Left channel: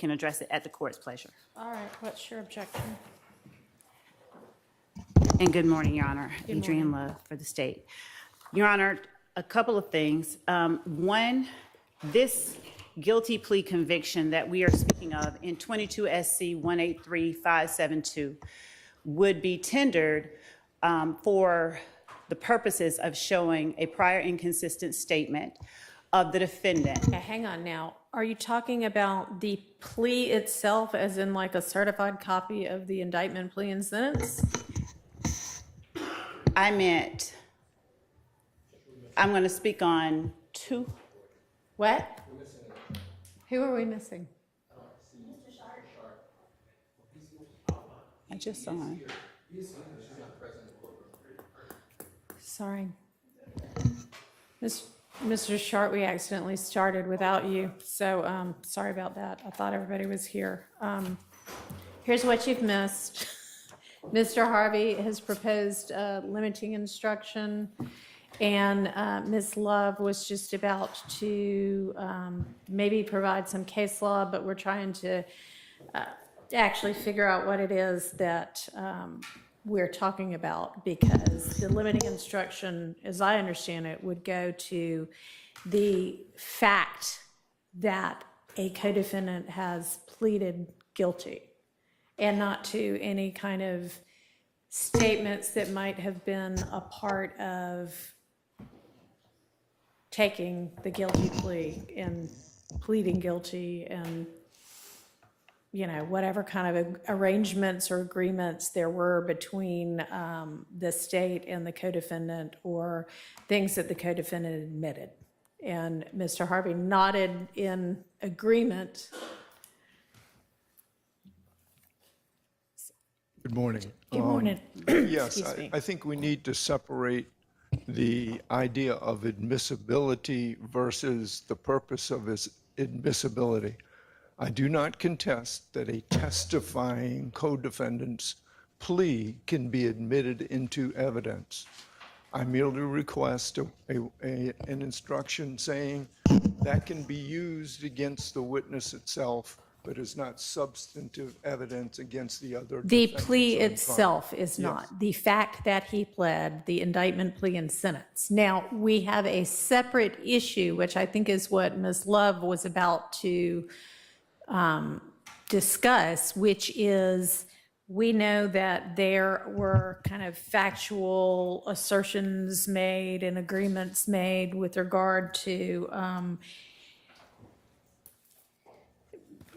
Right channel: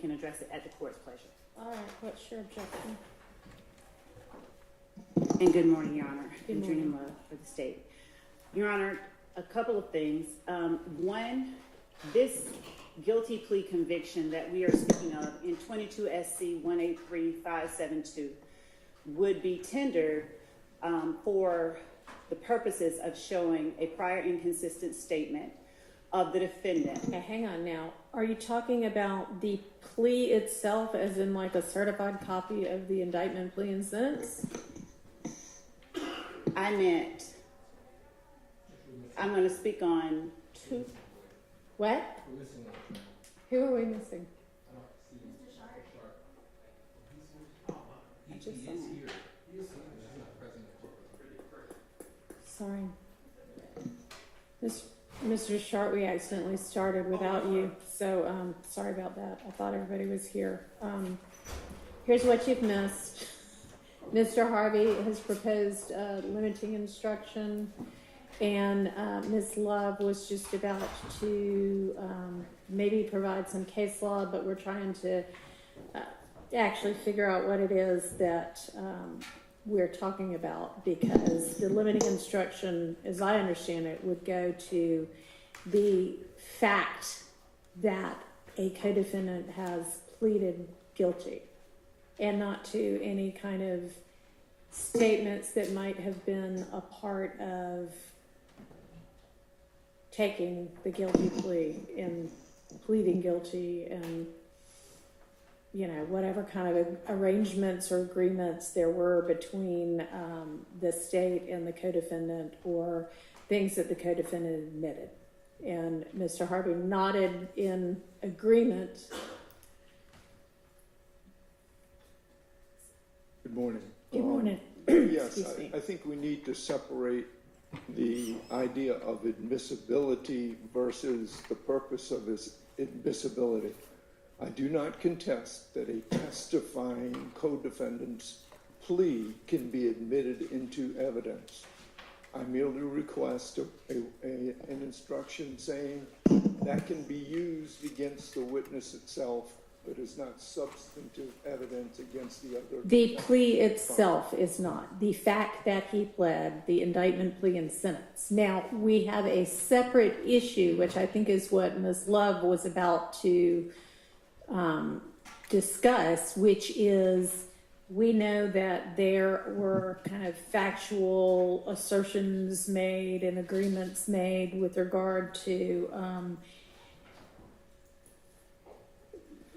can address it at the court's pleasure. All right, what's your objection? And good morning, Your Honor. Good Adrienne Love for the state. Your Honor, a couple of things. One, this guilty plea conviction that we are speaking of in 22 SC 183572 would be tendered for the purposes of showing a prior inconsistent statement of the defendant. Okay, hang on now. Are you talking about the plea itself as in like a certified copy of the indictment, plea, and sentence? I meant, I'm going to speak on two. What? Who are we missing? I just saw him. Sorry. Mr. Sharp, we accidentally started without you, so sorry about that. I thought everybody was here. Here's what you've missed. Mr. Harvey has proposed limiting instruction, and Ms. Love was just about to maybe provide some case law, but we're trying to actually figure out what it is that we're talking about, because the limiting instruction, as I understand it, would go to the fact that a co-defendant has pleaded guilty, and not to any kind of statements that might have been a part of taking the guilty plea and pleading guilty, and you know, whatever kind of arrangements or agreements there were between the state and the co-defendant, or things that the co-defendant admitted. And Mr. Harvey nodded in agreement. Good morning. Good morning. Yes, I think we need to separate the idea of admissibility versus the purpose of its admissibility. I do not contest that a testifying co-defendant's plea can be admitted into evidence. I merely request an instruction saying that can be used against the witness itself, but is not substantive evidence against the other. The plea itself is not. The fact that he pled, the indictment, plea, and sentence. Now, we have a separate issue, which I think is what Ms. Love was about to discuss, which is, we know that there were kind of factual assertions made and agreements made with regard to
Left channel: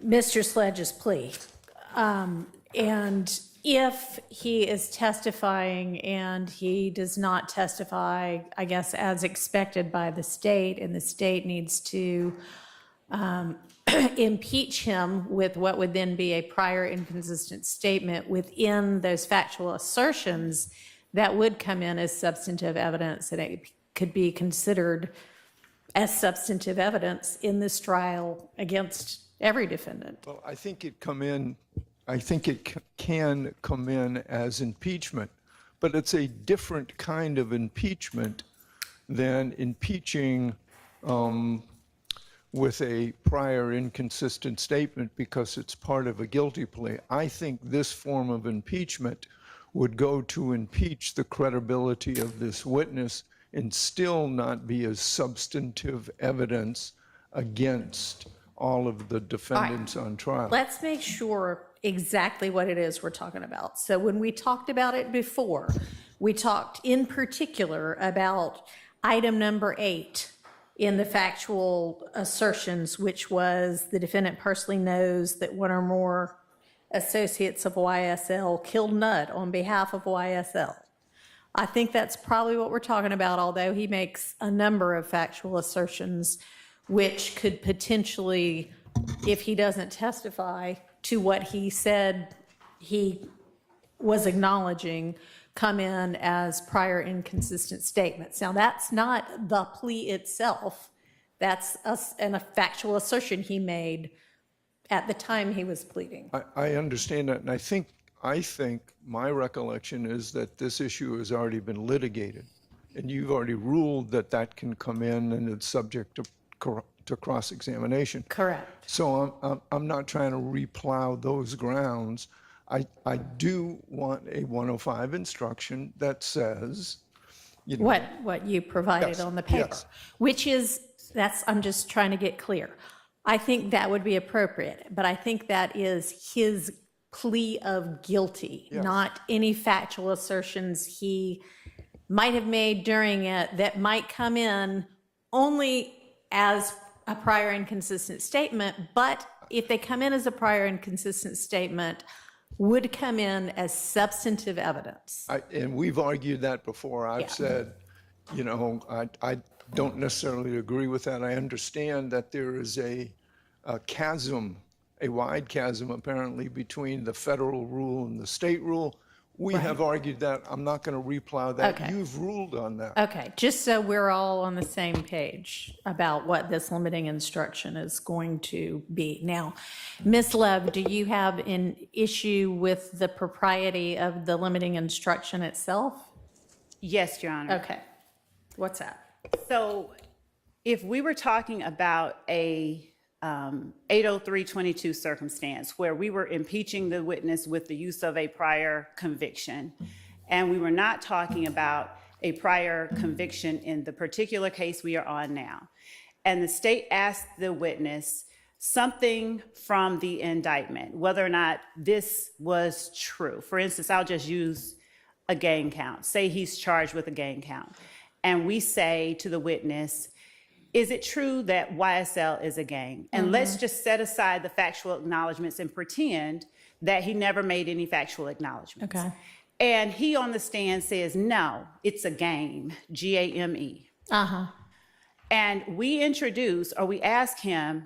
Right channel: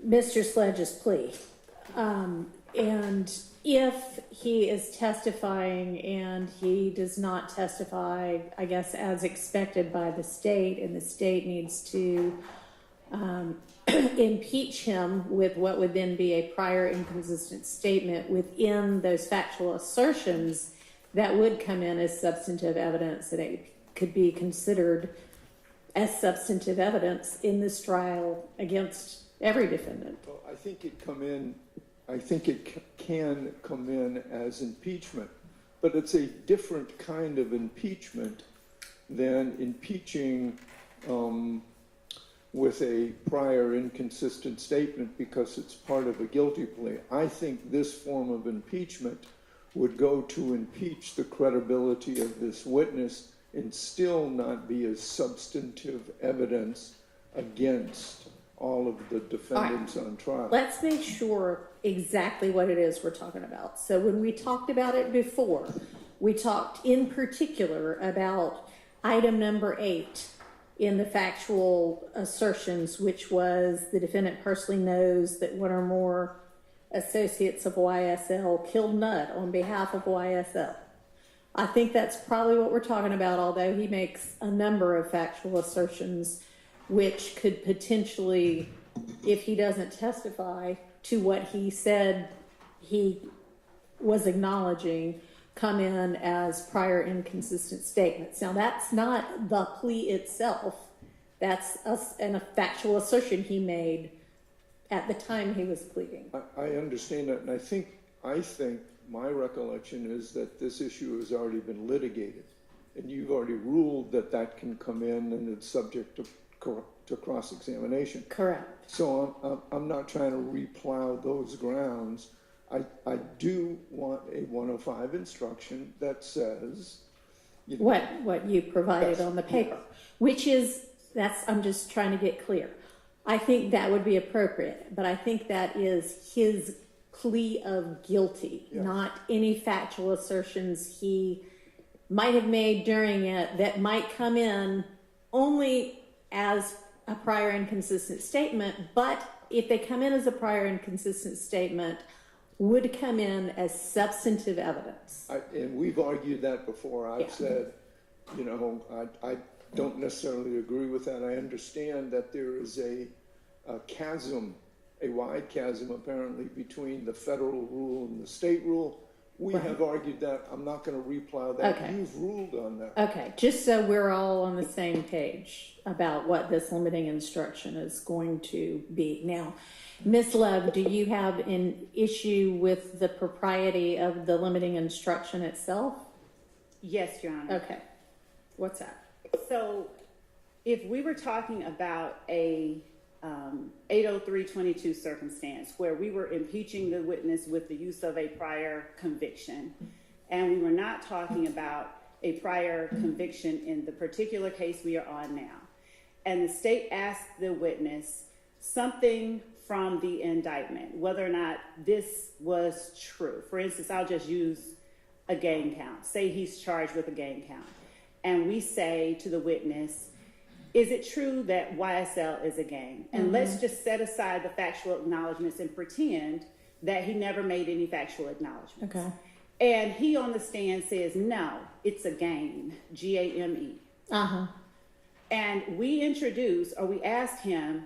Mr. Sledge's plea. And if he is testifying and he does not testify, I guess, as expected by the state, and the state needs to impeach him with what would then be a prior inconsistent statement within those factual assertions, that would come in as substantive evidence, and it could be considered as substantive evidence in this trial against every defendant. Well, I think it can come in as impeachment, but it's a different kind of impeachment than impeaching with a prior inconsistent statement because it's part of a guilty plea. I think this form of impeachment would go to impeach the credibility of this witness and still not be as substantive evidence against all of the defendants on trial. Let's make sure exactly what it is we're talking about. So when we talked about it before, we talked in particular about item number 8 in the factual assertions, which was the defendant personally knows that one or more associates of YSL killed Nudd on behalf of YSL. I think that's probably what we're talking about, although he makes a number of factual assertions which could potentially, if he doesn't testify to what he said he was acknowledging, come in as prior inconsistent statements. Now, that's not the plea itself. That's a factual assertion he made at the time he was pleading. I understand that, and I think my recollection is that this issue has already been litigated, and you've already ruled that that can come in and it's subject to cross-examination. Correct. So I'm not trying to replow those grounds. I do want a 105 instruction that says, you know. What you provided Yes, on the paper, yes. which is, I'm just trying to get clear. I think that would be appropriate, but I think that is his plea of guilty, Yes. not any factual assertions he might have made during it that might come in only as a prior inconsistent statement, but if they come in as a prior inconsistent statement, would come in as substantive evidence. And we've argued that before. I've Yeah. said, you know, I don't necessarily agree with that. I understand that there is a chasm, a wide chasm apparently between the federal rule and the state rule. We have argued that. I'm not going to replow that. Okay. You've ruled on that. Okay, just so we're all on the same page about what this limiting instruction is going to be. Now, Ms. Love, do you have an issue with the propriety of the limiting instruction itself? Yes, Your Honor. Okay, what's that? So if we were talking about a 80322 circumstance where we were impeaching the witness with the use of a prior conviction, and we were not talking about a prior conviction in the particular case we are on now, and the state asked the witness something from the indictment, whether or not this was true. For instance, I'll just use a gang count. Say he's charged with a gang count. And we say to the witness, is it true that YSL is a gang? And let's just set aside the factual acknowledgments and pretend that he never made any factual acknowledgments. Okay. And he on the stand says, no, it's a game, G-A-M-E. Uh-huh. And we introduce, or we ask him,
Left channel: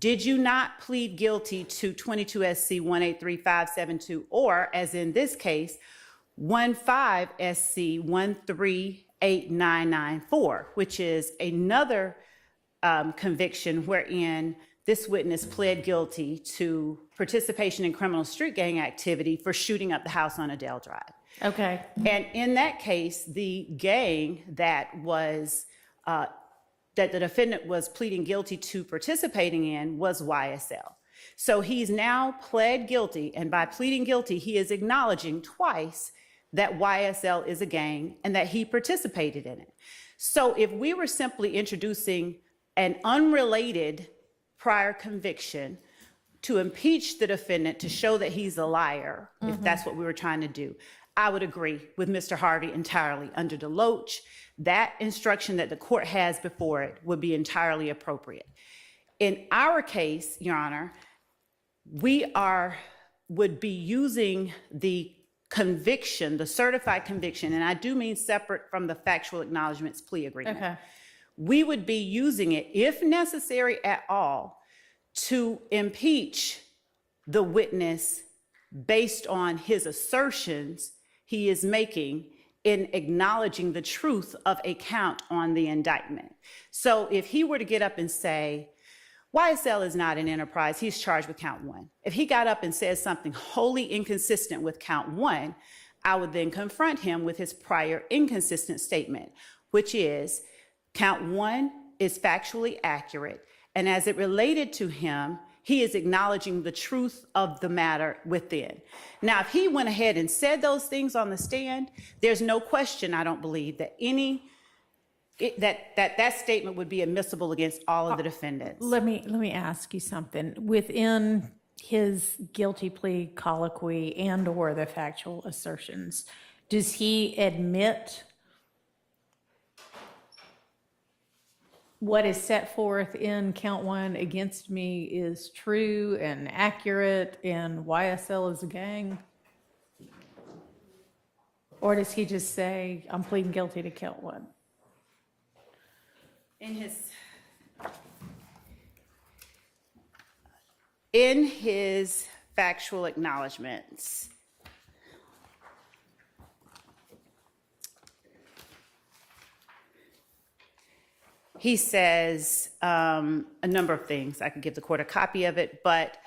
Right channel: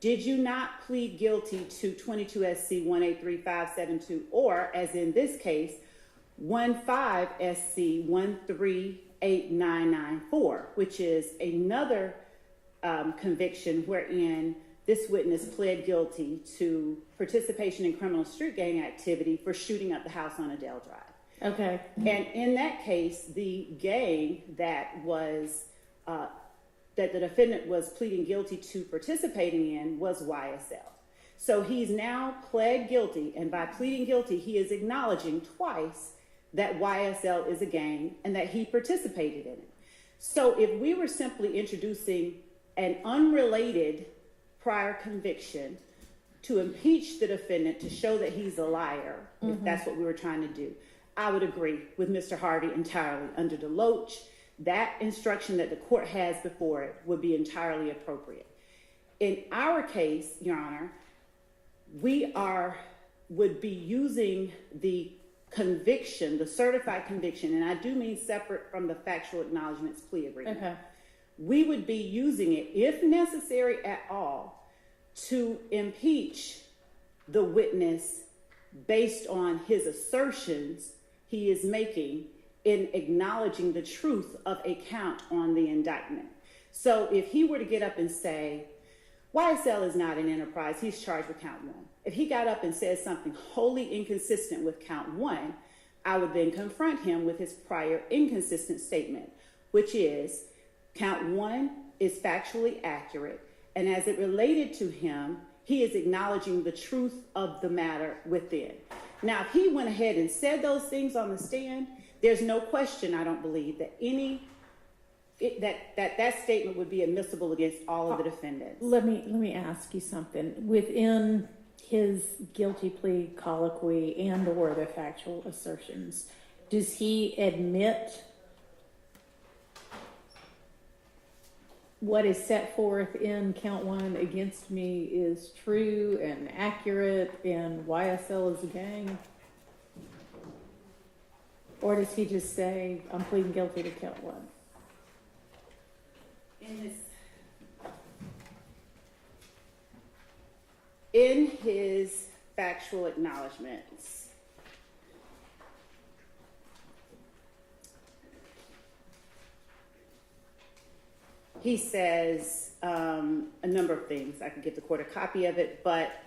did you not plead guilty to 22 SC 183-572, or as in this case, 15 SC 138994, which is another conviction wherein this witness pled guilty to participation in criminal street gang activity for shooting up the house on Adele Drive. Okay. And in that case, the gang that was that the defendant was pleading guilty to participating in was YSL. So he's now pled guilty, and by pleading guilty, he is acknowledging twice that YSL is a gang and that he participated in it. So if we were simply introducing an unrelated prior conviction to impeach the defendant to show that he's a liar, if that's what we were trying to do, I would agree with Mr. Harvey entirely. Under Deloach, that instruction that the court has before it would be entirely appropriate. In our case, Your Honor, we would be using the conviction, the certified conviction, and I do mean separate from the factual acknowledgments plea agreement. Okay. We would be using it, if necessary at all, to impeach the witness based on his assertions he is making in acknowledging the truth of a count on the indictment. So if he were to get up and say, YSL is not an enterprise, he's charged with count one. If he got up and said something wholly inconsistent with count one, I would then confront him with his prior inconsistent statement, which is count one is factually accurate, and as it related to him, he is acknowledging the truth of the matter within. Now, if he went ahead and said those things on the stand, there's no question, I don't believe, that that statement would be admissible against all of the defendants. Let me ask you something. Within his guilty plea colloquy and or the factual assertions, does he admit what is set forth in count one against me is true and accurate and YSL is a gang? Or does he just say, I'm pleading guilty to count one? In his factual acknowledgments, he says a number of things. I could give the court a copy of it, but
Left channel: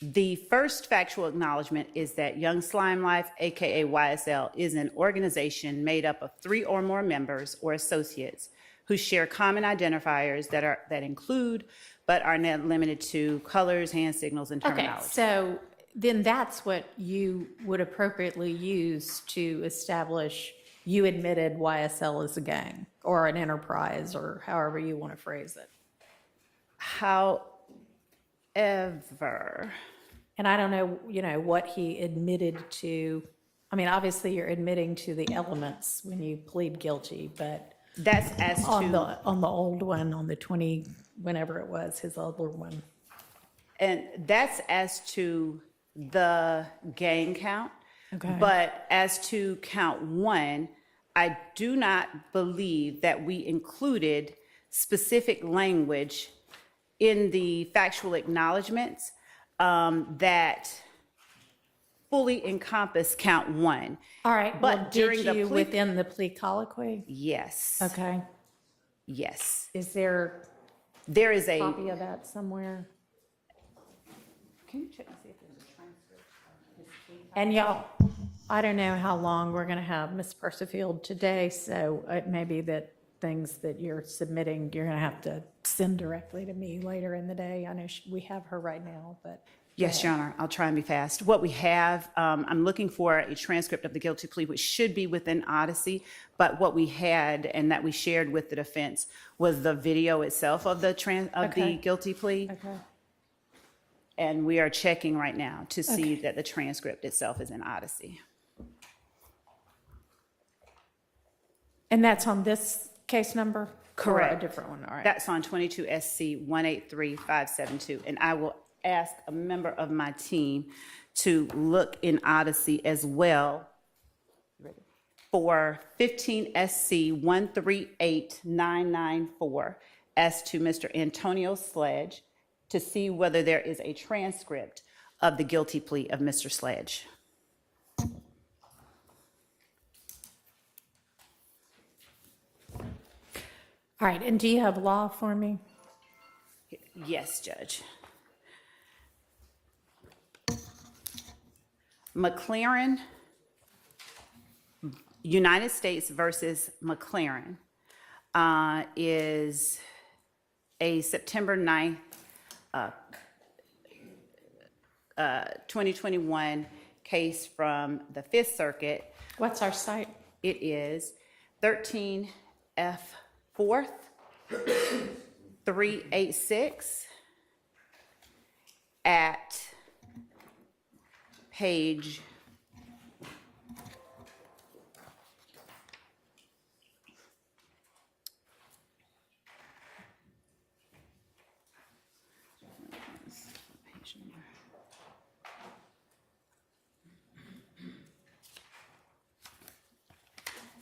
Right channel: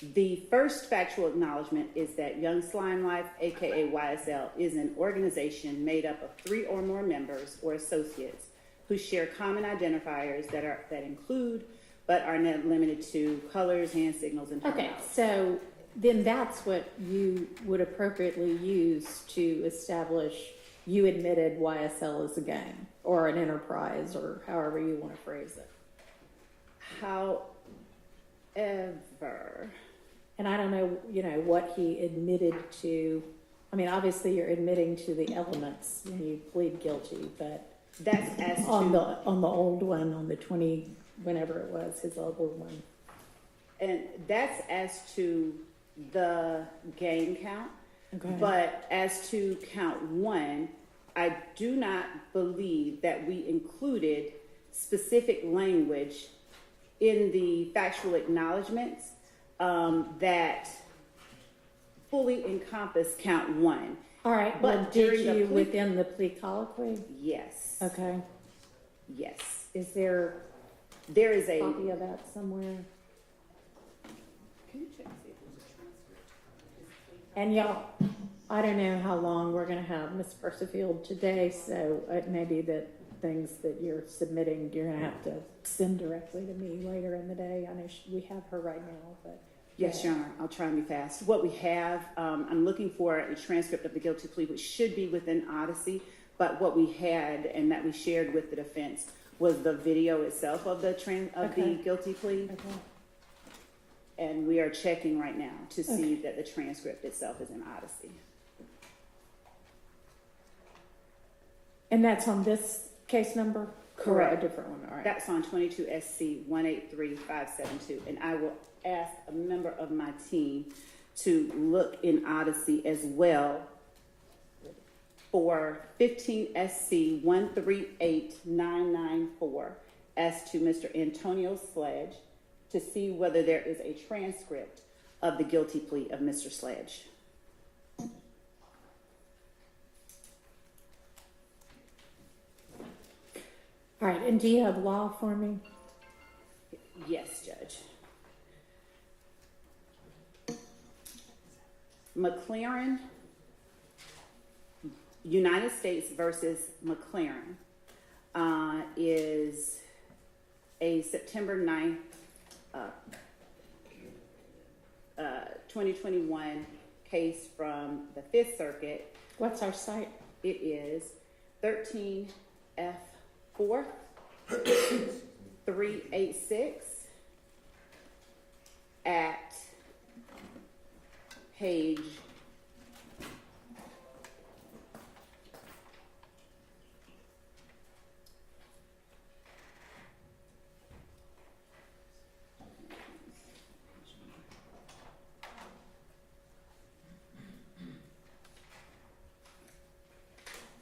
the first factual acknowledgement is that Young Slime Life, aka YSL, is an organization made up of 3 or more members or associates who share common identifiers that include but are not limited to colors, hand signals, and Okay, terminology. so then that's what you would appropriately use to establish you admitted YSL as a gang or an enterprise or however you want to phrase it. However, And I don't know, what he admitted to. I mean, obviously you're admitting to the elements when you plead guilty, but that's as on to, the old one, on the 20, whenever it was, his older one. and that's as to the gang count. Okay. But as to count 1, I do not believe that we included specific language in the factual acknowledgments that fully encompass count 1. All right, But well, during did the you plea- within the plea colloquy? Yes. Okay. Yes. Is there There is a a. copy of that somewhere? Can you check and see if there's a transcript? And y'all, I don't know how long we're gonna have Ms. Percifield today, so it may be that things that you're submitting, you're gonna have to send directly to me later in the day. I know we have her right now, but. Yes, Your Honor, I'll try and be fast. What we have, I'm looking for a transcript of the guilty plea, which should be within Odyssey, but what we had and that we shared with the defense was the video itself of the Okay. guilty plea. Okay. And we are checking right now to see Okay. that the transcript itself is in Odyssey. And that's on this case number? Correct. Or a different one, all right. That's on 22 SC 183572. And I will ask a member of my team to look in Odyssey as well for 15 SC 138994 as to Mr. Antonio Sledge to see whether there is a transcript of the guilty plea of Mr. Sledge. All right, and do you have law for me? Yes, Judge. McLaren, United States versus McLaren is a September 9th, 2021 case from the Fifth Circuit. What's our site? It is 13 F 4th 386 at page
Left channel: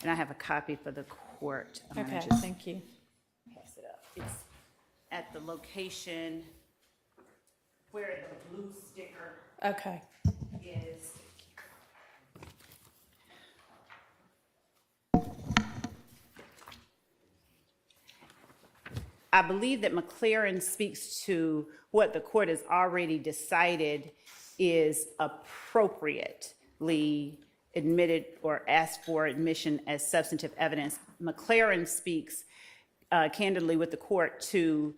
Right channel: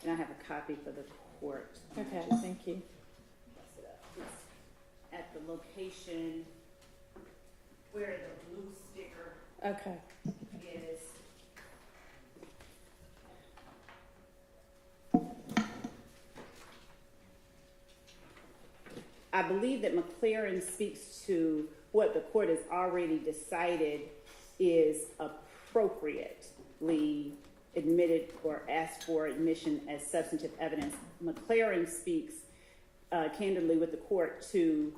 and I have a copy for the court. I'm gonna Okay, just thank you. pass it up. It's at the location where the blue sticker Okay. is. I believe that McLaren speaks to what the court has already decided is appropriately admitted or asked for admission as substantive evidence. McLaren speaks candidly with the court to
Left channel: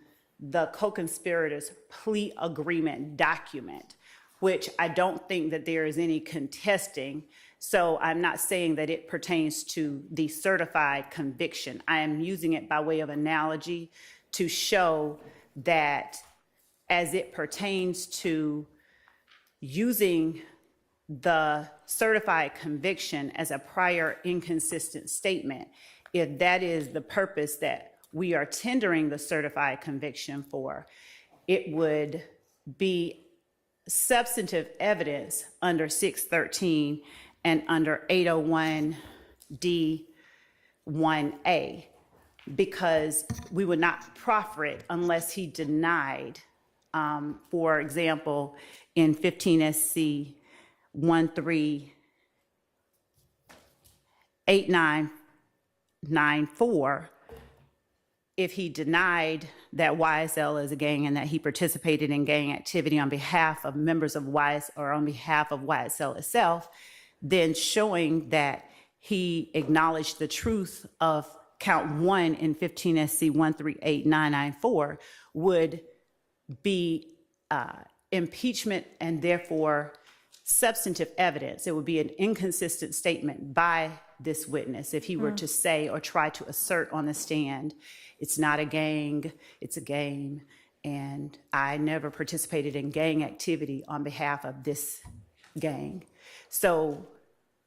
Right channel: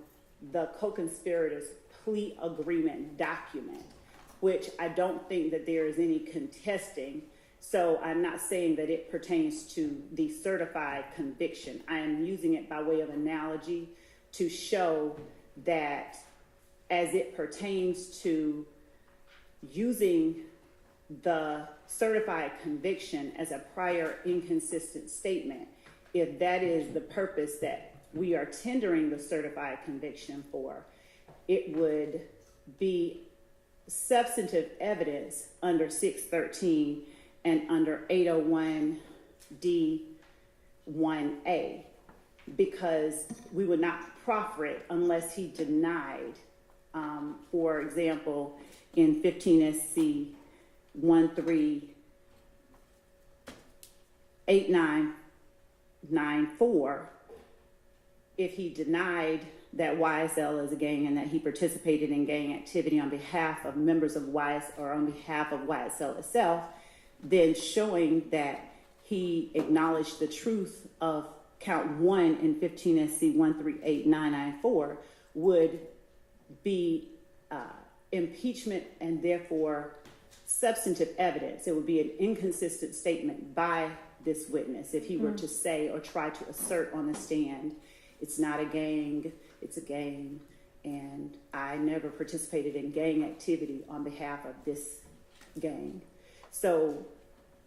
the co-conspirators plea agreement document, which I don't think that there is any contesting. So I'm not saying that it pertains to the certified conviction. I am using it by way of analogy to show that as it pertains to using the certified conviction as a prior inconsistent statement, if that is the purpose that we are tendering the certified conviction for, it would be substantive evidence under 613 and under 801D1A, because we would not proffer it unless he denied, for example, in 15 SC 138994, if he denied that YSL is a gang and that he participated in gang activity on behalf of members of YSL or on behalf of YSL itself, then showing that he acknowledged the truth of count 1 in 15 SC 138994 would be impeachment and therefore substantive evidence. It would be an inconsistent statement by this witness if he were to say or try to assert on the stand, it's not a gang, it's a game, and I never participated in gang activity on behalf of this gang. So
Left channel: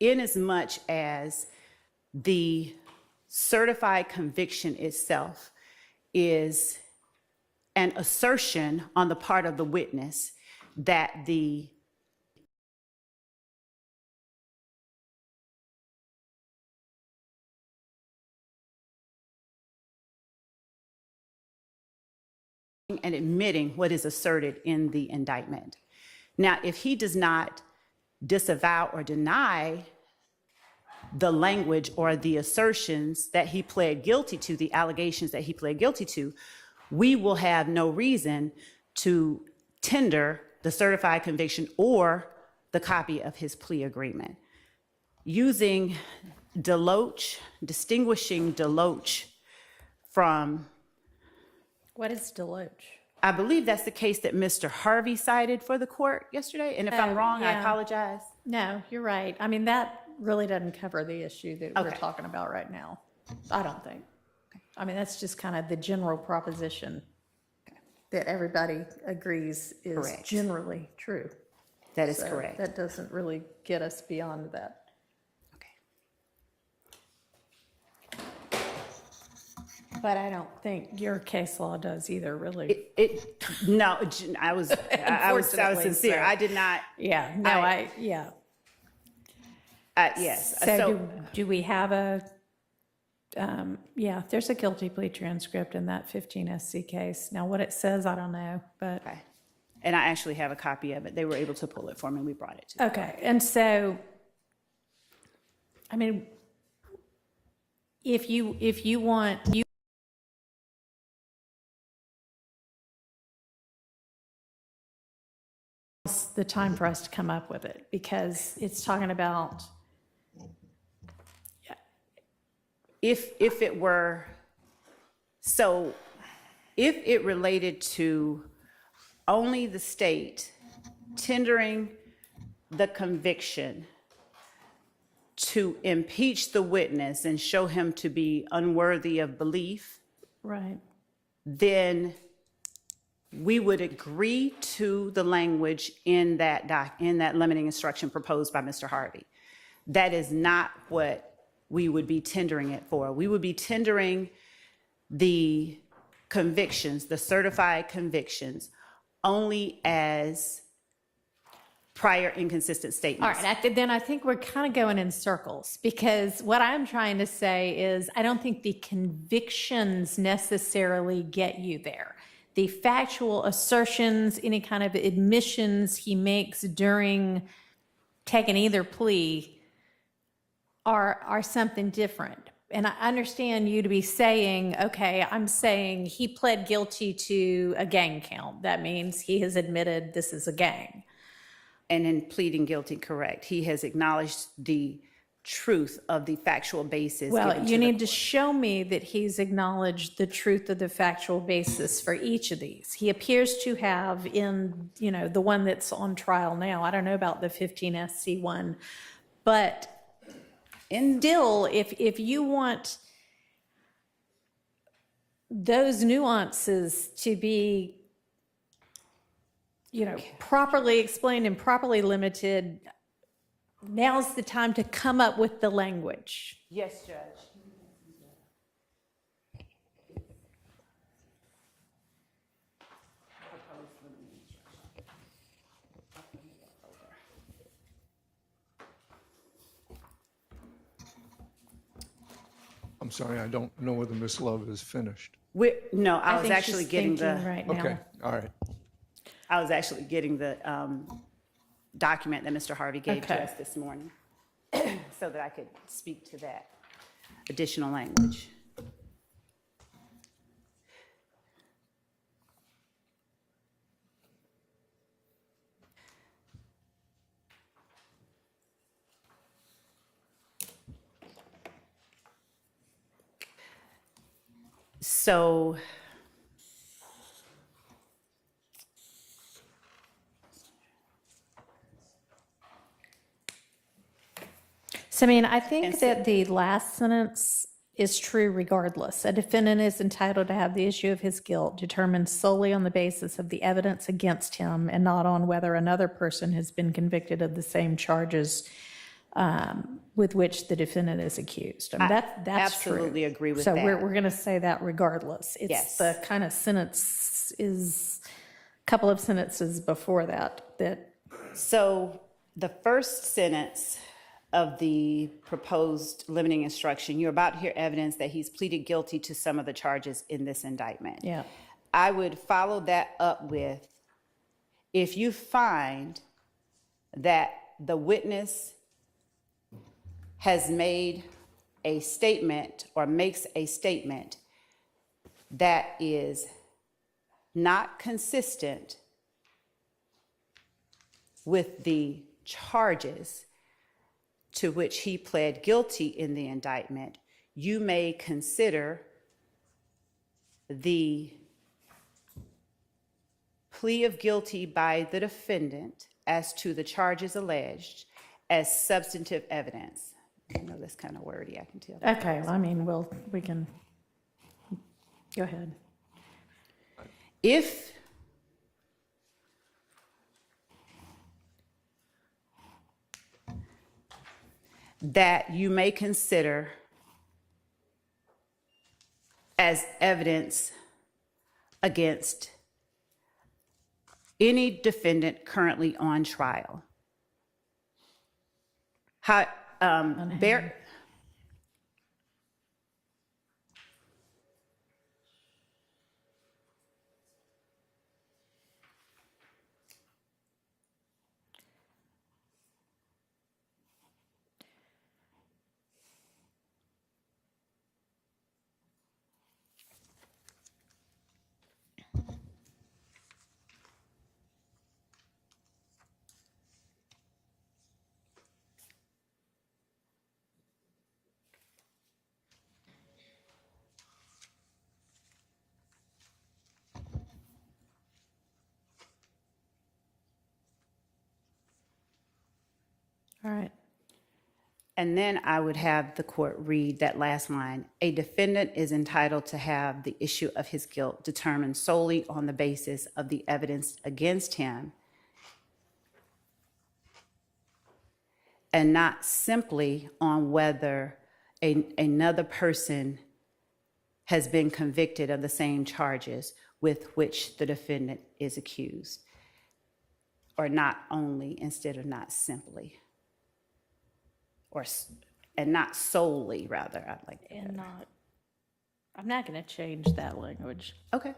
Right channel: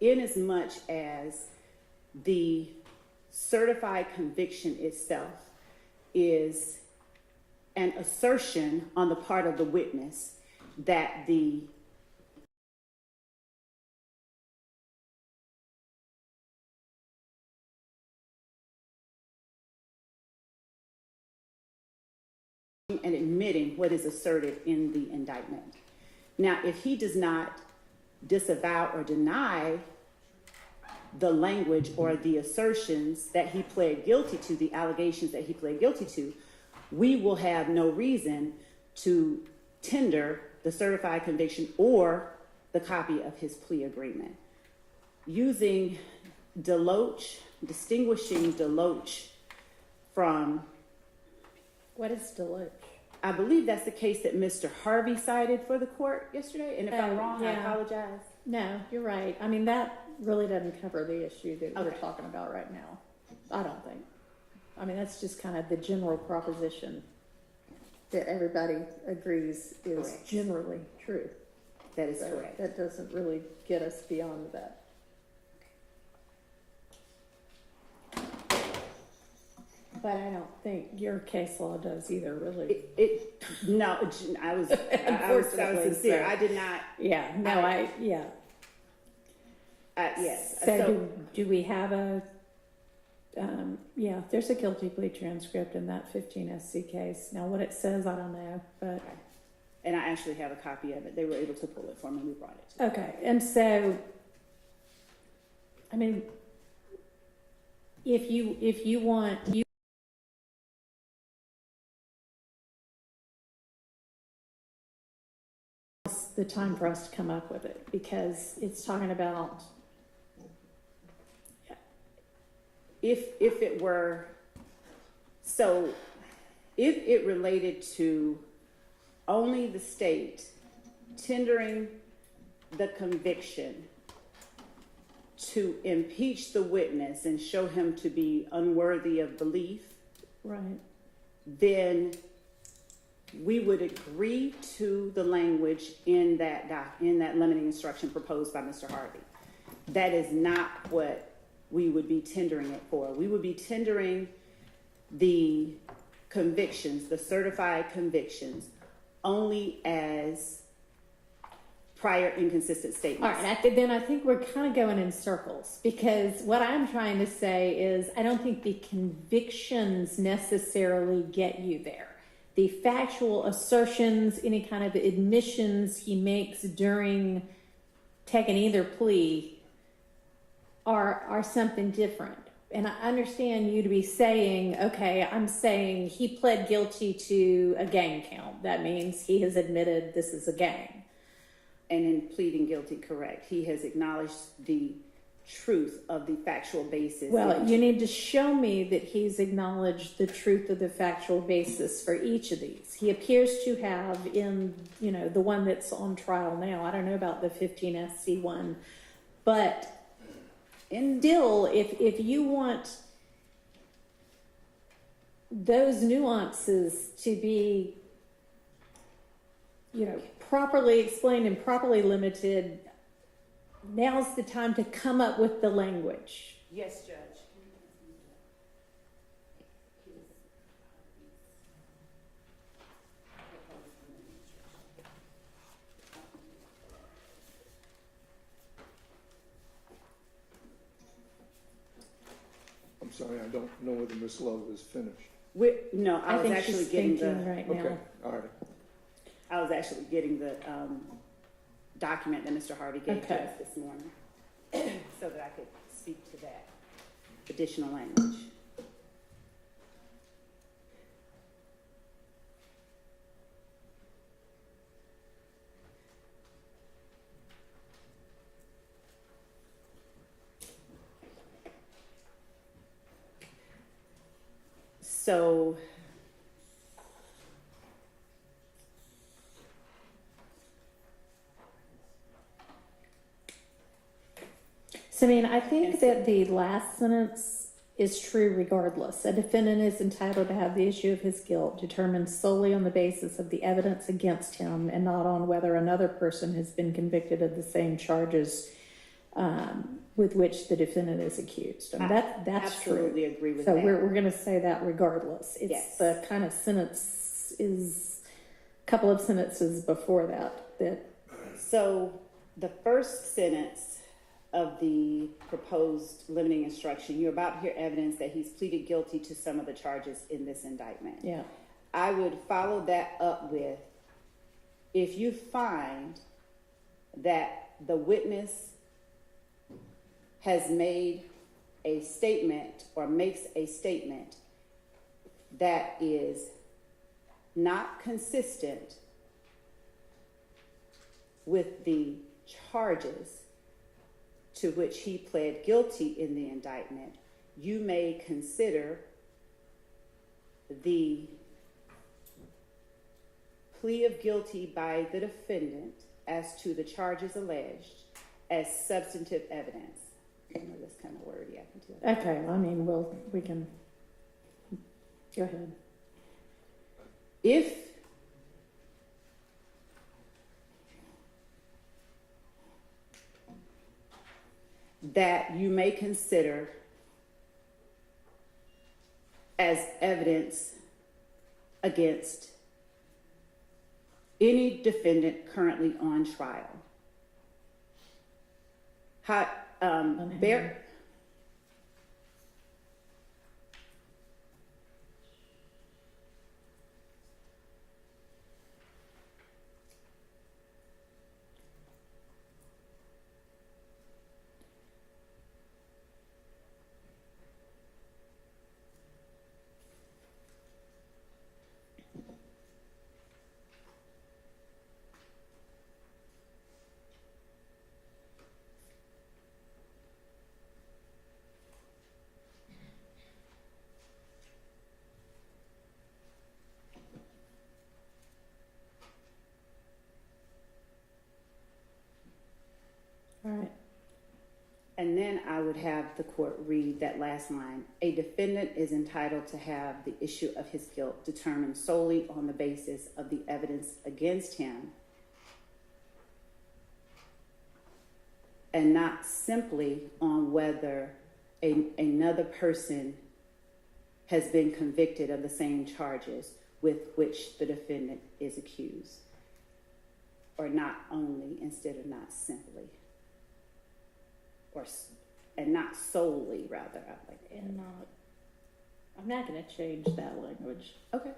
inasmuch as the certified conviction itself is an assertion on the part of the witness that the and admitting what is asserted in the indictment. Now, if he does not disavow or deny the language or the assertions that he pled guilty to, the allegations that he pled guilty to, we will have no reason to tender the certified conviction or the copy of his plea agreement. Using Deloach, distinguishing Deloach from, What is Deloach? I believe that's the case that Mr. Harvey cited for the court yesterday, and if I'm wrong, I yeah. apologize. No, you're right. I mean, that really doesn't cover the issue that we're Okay. talking about right now. I don't think. I mean, that's just kind of the general proposition that everybody agrees is Correct. generally true. That is So correct. That doesn't really get us beyond that. But I don't think your case law does either, really. No, I was Unfortunately, sincere. so- I did not, Yeah, no, yeah. yes. So do we have a, yeah, there's a guilty plea transcript in that 15 SC case. Now, what it says, I don't know, but. Okay. And I actually have a copy of it. They were able to pull it for me. We brought it to them. Okay, and so, I mean, if you want, the time for us to come up with it, because it's talking about, If it were, so if it related to only the state tendering the conviction to impeach the witness and show him to be unworthy of belief, right, then we would agree to the language in that limiting instruction proposed by Mr. Harvey. That is not what we would be tendering it for. We would be tendering the convictions, the certified convictions, only as prior inconsistent all statements. right, then I think we're kind of going in circles, because what I'm trying to say is I don't think the convictions necessarily get you there. The factual assertions, any kind of admissions he makes during taking either plea are something different. And I understand you to be saying, okay, I'm saying he pled guilty to a gang count. That means he has admitted this is a gang. And in pleading guilty, correct, he has acknowledged the truth of the factual basis. Well, given you the need to show me that he's acknowledged the truth of the factual basis for each of these. He appears to have in, the one that's on trial now. I don't know about the 15 SC one, but still, if you want those nuances to be, properly explained and properly limited, now's the time to come up with the language. Yes, Judge. I'm sorry, I don't know whether Ms. Love is finished. No, I was think actually she's getting thinking right now. Okay, all right. I was actually getting the document that Mr. Harvey gave to Okay. us this morning so that I could speak to that additional language. So So, I mean, I think that the last sentence is true regardless. A defendant is entitled to have the issue of his guilt determined solely on the basis of the evidence against him and not on whether another person has been convicted of the same charges with which the defendant is accused. I mean, that's absolutely true. agree with so that. we're going to say that regardless. It's Yes. the kind of sentence is a couple of sentences before that. So the first sentence of the proposed limiting instruction, you're about to hear evidence that he's pleaded guilty to some of the charges in this indictment. Yeah. I would follow that up with, if you find that the witness has made a statement or makes a statement that is not consistent with the charges to which he pled guilty in the indictment, you may consider the plea of guilty by the defendant as to the charges alleged as substantive evidence. I know that's kind of wordy, I can tell. Okay, well, I mean, we can go ahead. If that you may consider as evidence against any defendant currently on trial. All right. And then I would have the court read that last line. A defendant is entitled to have the issue of his guilt determined solely on the basis of the evidence against him and not simply on whether another person has been convicted of the same charges with which the defendant is accused. Or not only instead of not simply. And not solely, rather. I'd like that. And not, I'm not going to change that language. Okay.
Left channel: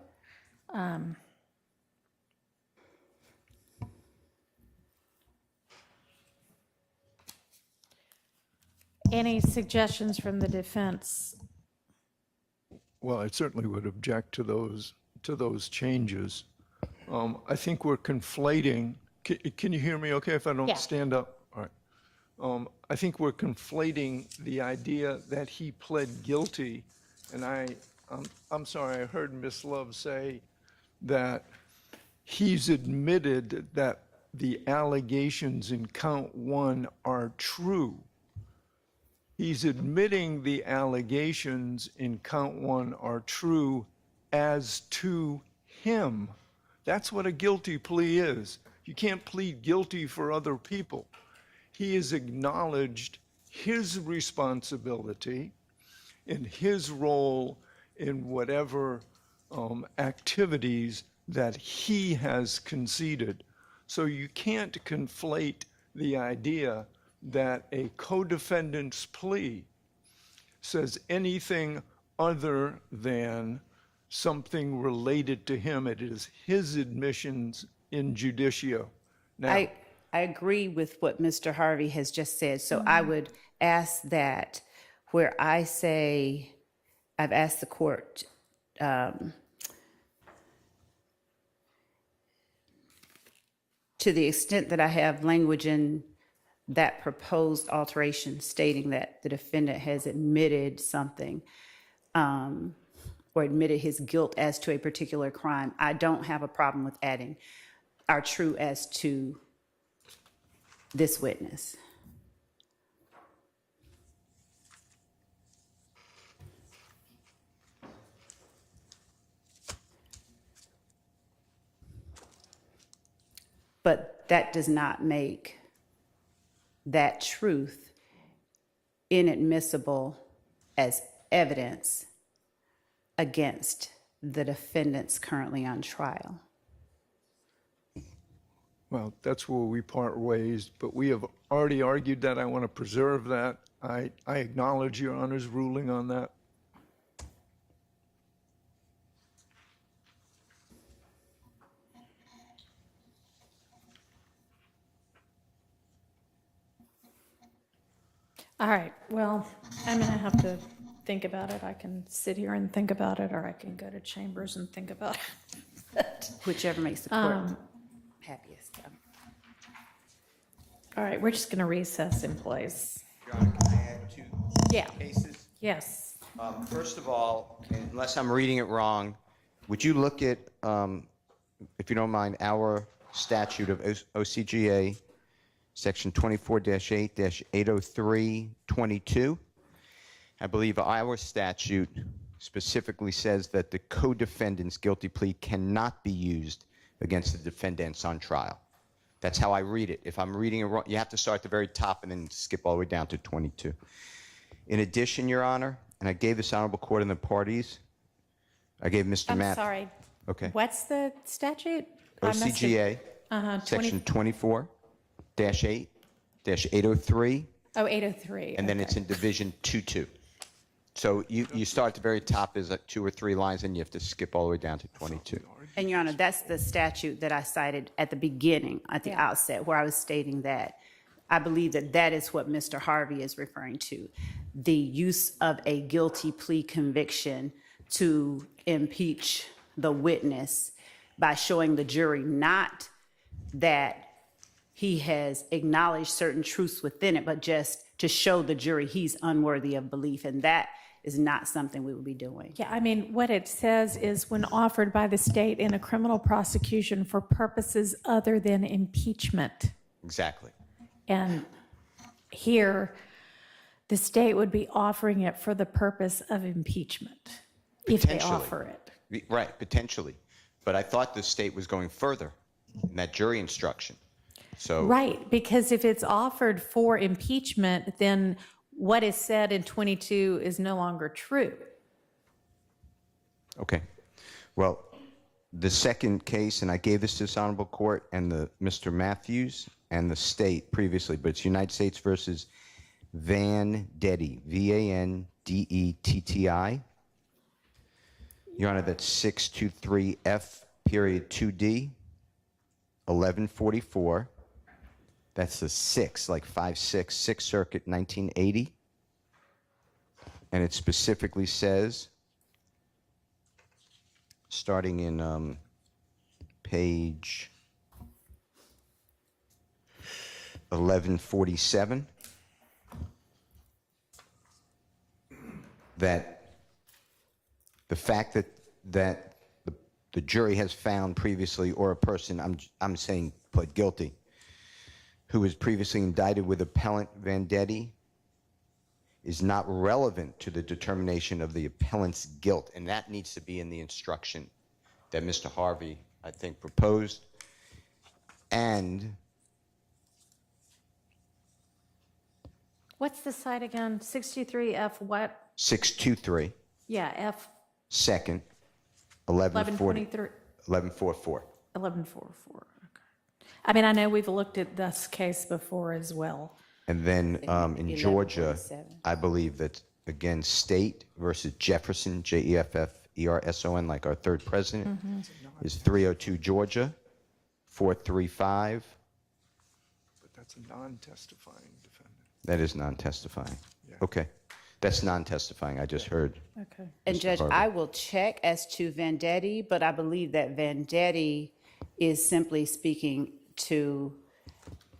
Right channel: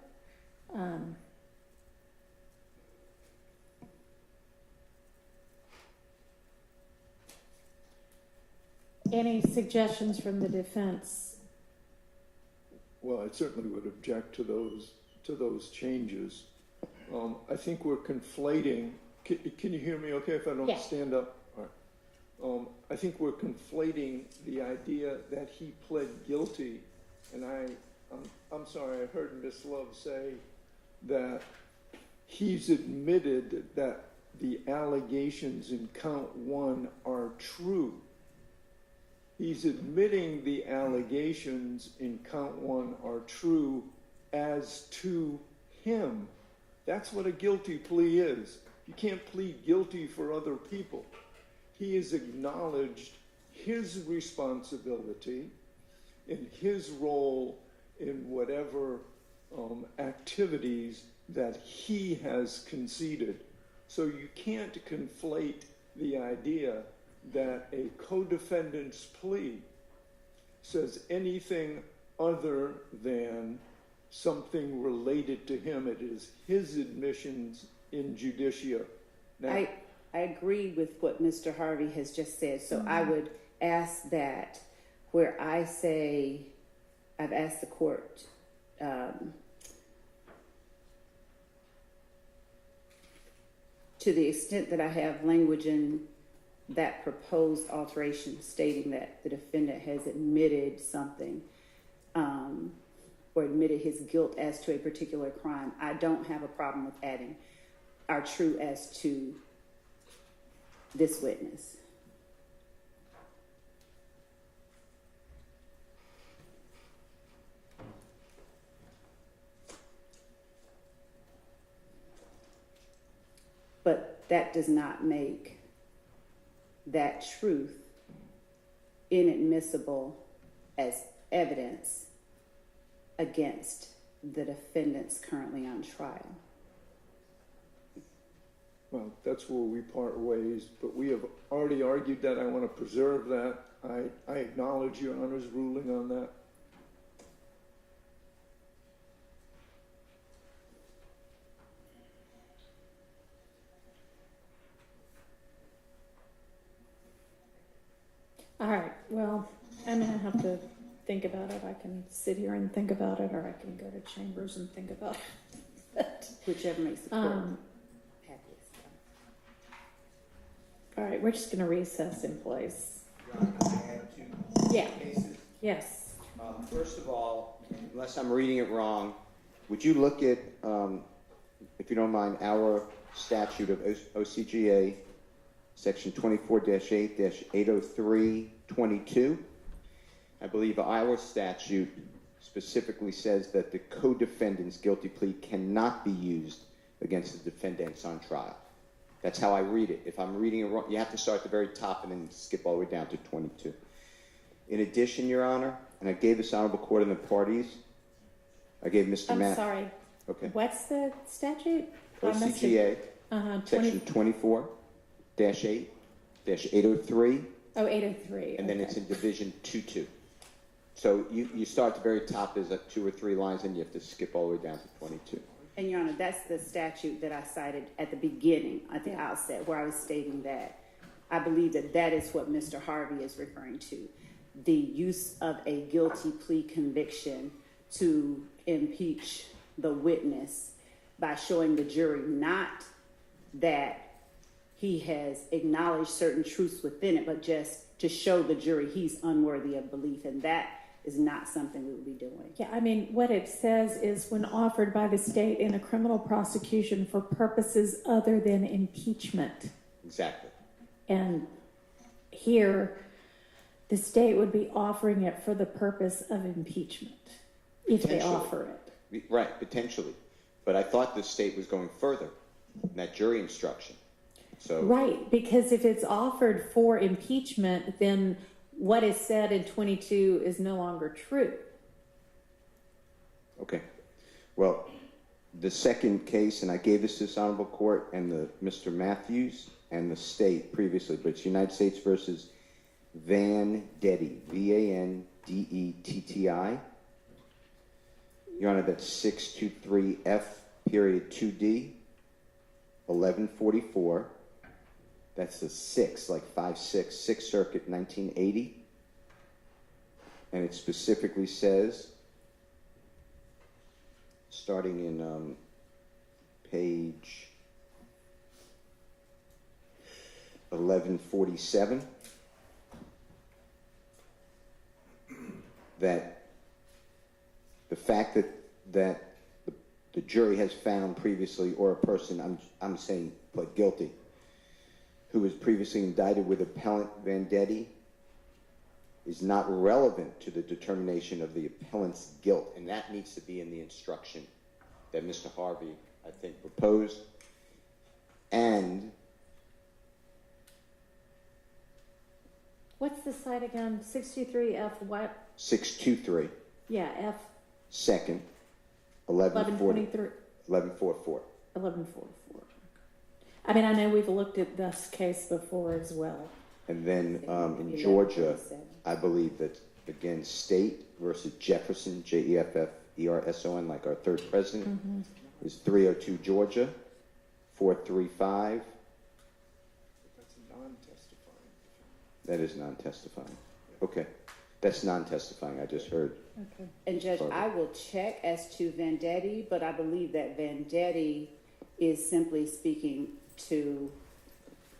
Any suggestions from the defense? Well, I certainly would object to those changes. I think we're conflating, can you hear me okay if I don't Yeah. stand up? All right. I think we're conflating the idea that he pled guilty, and I'm sorry, I heard Ms. Love say that he's admitted that the allegations in count 1 are true. He's admitting the allegations in count 1 are true as to him. That's what a guilty plea is. You can't plead guilty for other people. He has acknowledged his responsibility and his role in whatever activities that he has conceded. So you can't conflate the idea that a co-defendant's plea says anything other than something related to him. It is his admissions in judicio. Now, I agree with what Mr. Harvey has just said. So I would ask that where I say, I've asked the court to the extent that I have language in that proposed alteration stating that the defendant has admitted something, or admitted his guilt as to a particular crime, I don't have a problem with adding "are true as to this witness." But that does not make that truth inadmissible as evidence against the defendants currently on trial. Well, that's where we part ways, but we have already argued that. I want to preserve that. I acknowledge Your Honor's ruling on that. All right, well, I'm gonna have to think about it. I can sit here and think about it, or I can go to chambers and think about it. Whichever makes the court happiest. All right, we're just gonna recess in place. Your Honor, can I add two Yeah. cases? Yes. First of all, unless I'm reading it wrong, would you look at, if you don't mind, our statute of OCGA, section 24-8-803-22? I believe our statute specifically says that the co-defendant's guilty plea cannot be used against the defendants on trial. That's how I read it. If I'm reading it wrong, you have to start at the very top and then skip all the way down to 22. In addition, Your Honor, and I gave this honorable court and the parties, I gave Mr. I'm Matt. sorry. Okay. What's the statute? OCGA, section 24-8-803, Oh, 803. and then it's in division 2-2. So you start at the very top, there's like 2 or 3 lines, and you have to skip all the way down to 22. And Your Honor, that's the statute that I cited at the beginning, at the Yeah. outset, where I was stating that I believe that that is what Mr. Harvey is referring to. The use of a guilty plea conviction to impeach the witness by showing the jury not that he has acknowledged certain truths within it, but just to show the jury he's unworthy of belief. And that is not something we would be doing. Yeah, I mean, what it says is when offered by the state in a criminal prosecution for purposes other than impeachment. Exactly. And here, the state would be offering it for the purpose of impeachment, if they Potentially. offer it. Right, potentially. But I thought the state was going further in that jury instruction. So Right, because if it's offered for impeachment, then what is said in 22 is no longer true. Okay. Well, the second case, and I gave this to this honorable court and Mr. Matthews and the state previously, but it's United States versus Vandetti, Vandetti. Your Honor, that's 623F.2D, 1144. That's the 6, like 5-6, Sixth Circuit, 1980. And it specifically says, starting in page 1147, that the fact that the jury has found previously, or a person, I'm saying pled guilty, who was previously indicted with appellant Vandetti, is not relevant to the determination of the appellant's guilt, and that needs to be in the instruction that Mr. Harvey, I think, proposed. And What's the site again? 63F what? 623, Yeah, F second, 1140, 1123, 1144. 1144. Okay. I mean, I know we've looked at this case before as well. And then in Georgia, 1147. I believe that, again, State versus Jefferson, Jefferson, like our third president, is 302 Georgia, 435. But that's a non-testifying defendant. That is non-testifying. Okay. That's non-testifying, I just heard. Okay. And Mr. Judge, Harvey. I will check as to Vandetti, but I believe that Vandetti is simply speaking to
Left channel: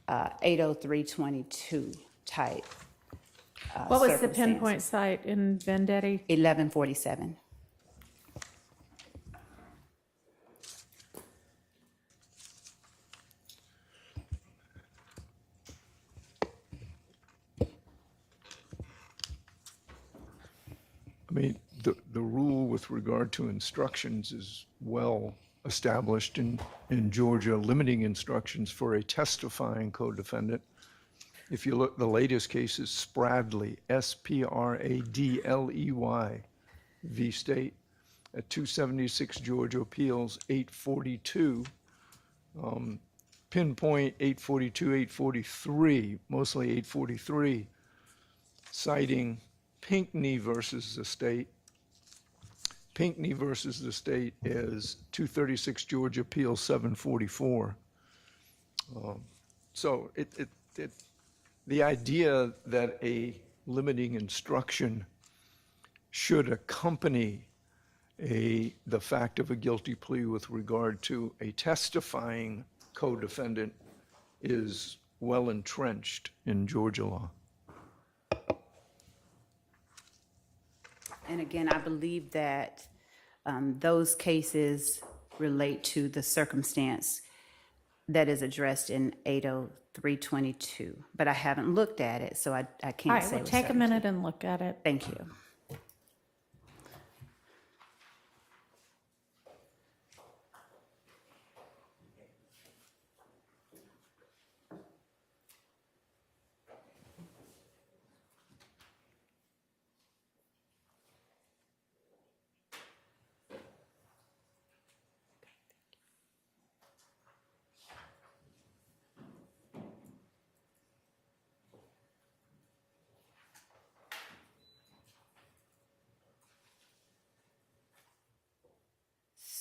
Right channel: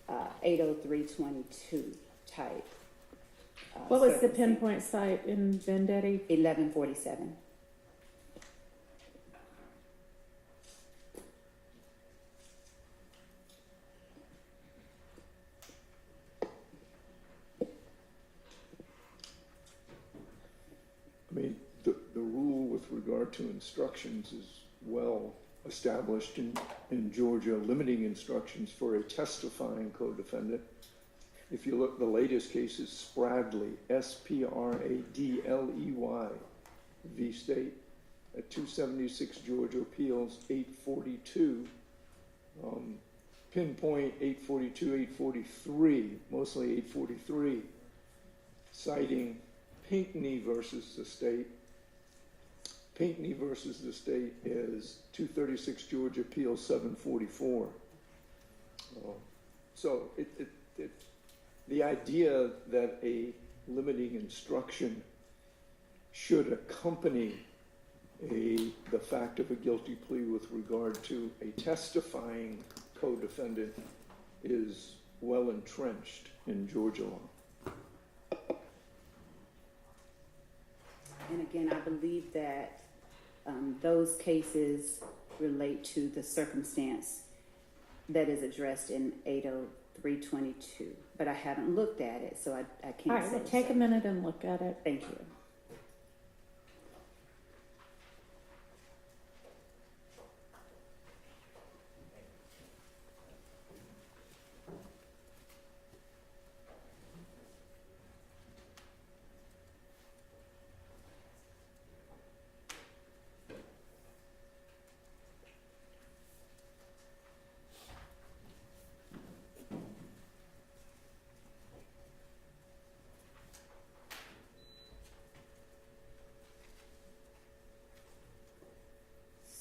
80322 type. What was the circumstances. pinpoint site in Vendetti? 1147. with regard to instructions is well established in Georgia, limiting instructions for a testifying co-defendant. If you look, the latest case is Spradley, S-P-R-A-D-L-E-Y, v. State, at 276 Georgia Appeals, 842. Pinpoint 842, 843, mostly 843, citing Pinckney versus the state. Pinckney versus the state is 236 Georgia Appeals 744. So the idea that a limiting instruction should accompany the fact of a guilty plea with regard to a testifying co-defendant is well entrenched in Georgia law. And again, I believe that those cases relate to the circumstance that is addressed in 80322, but I haven't looked at it, so I All can't right, say. well, with take a certainty. minute and look at it. Thank you.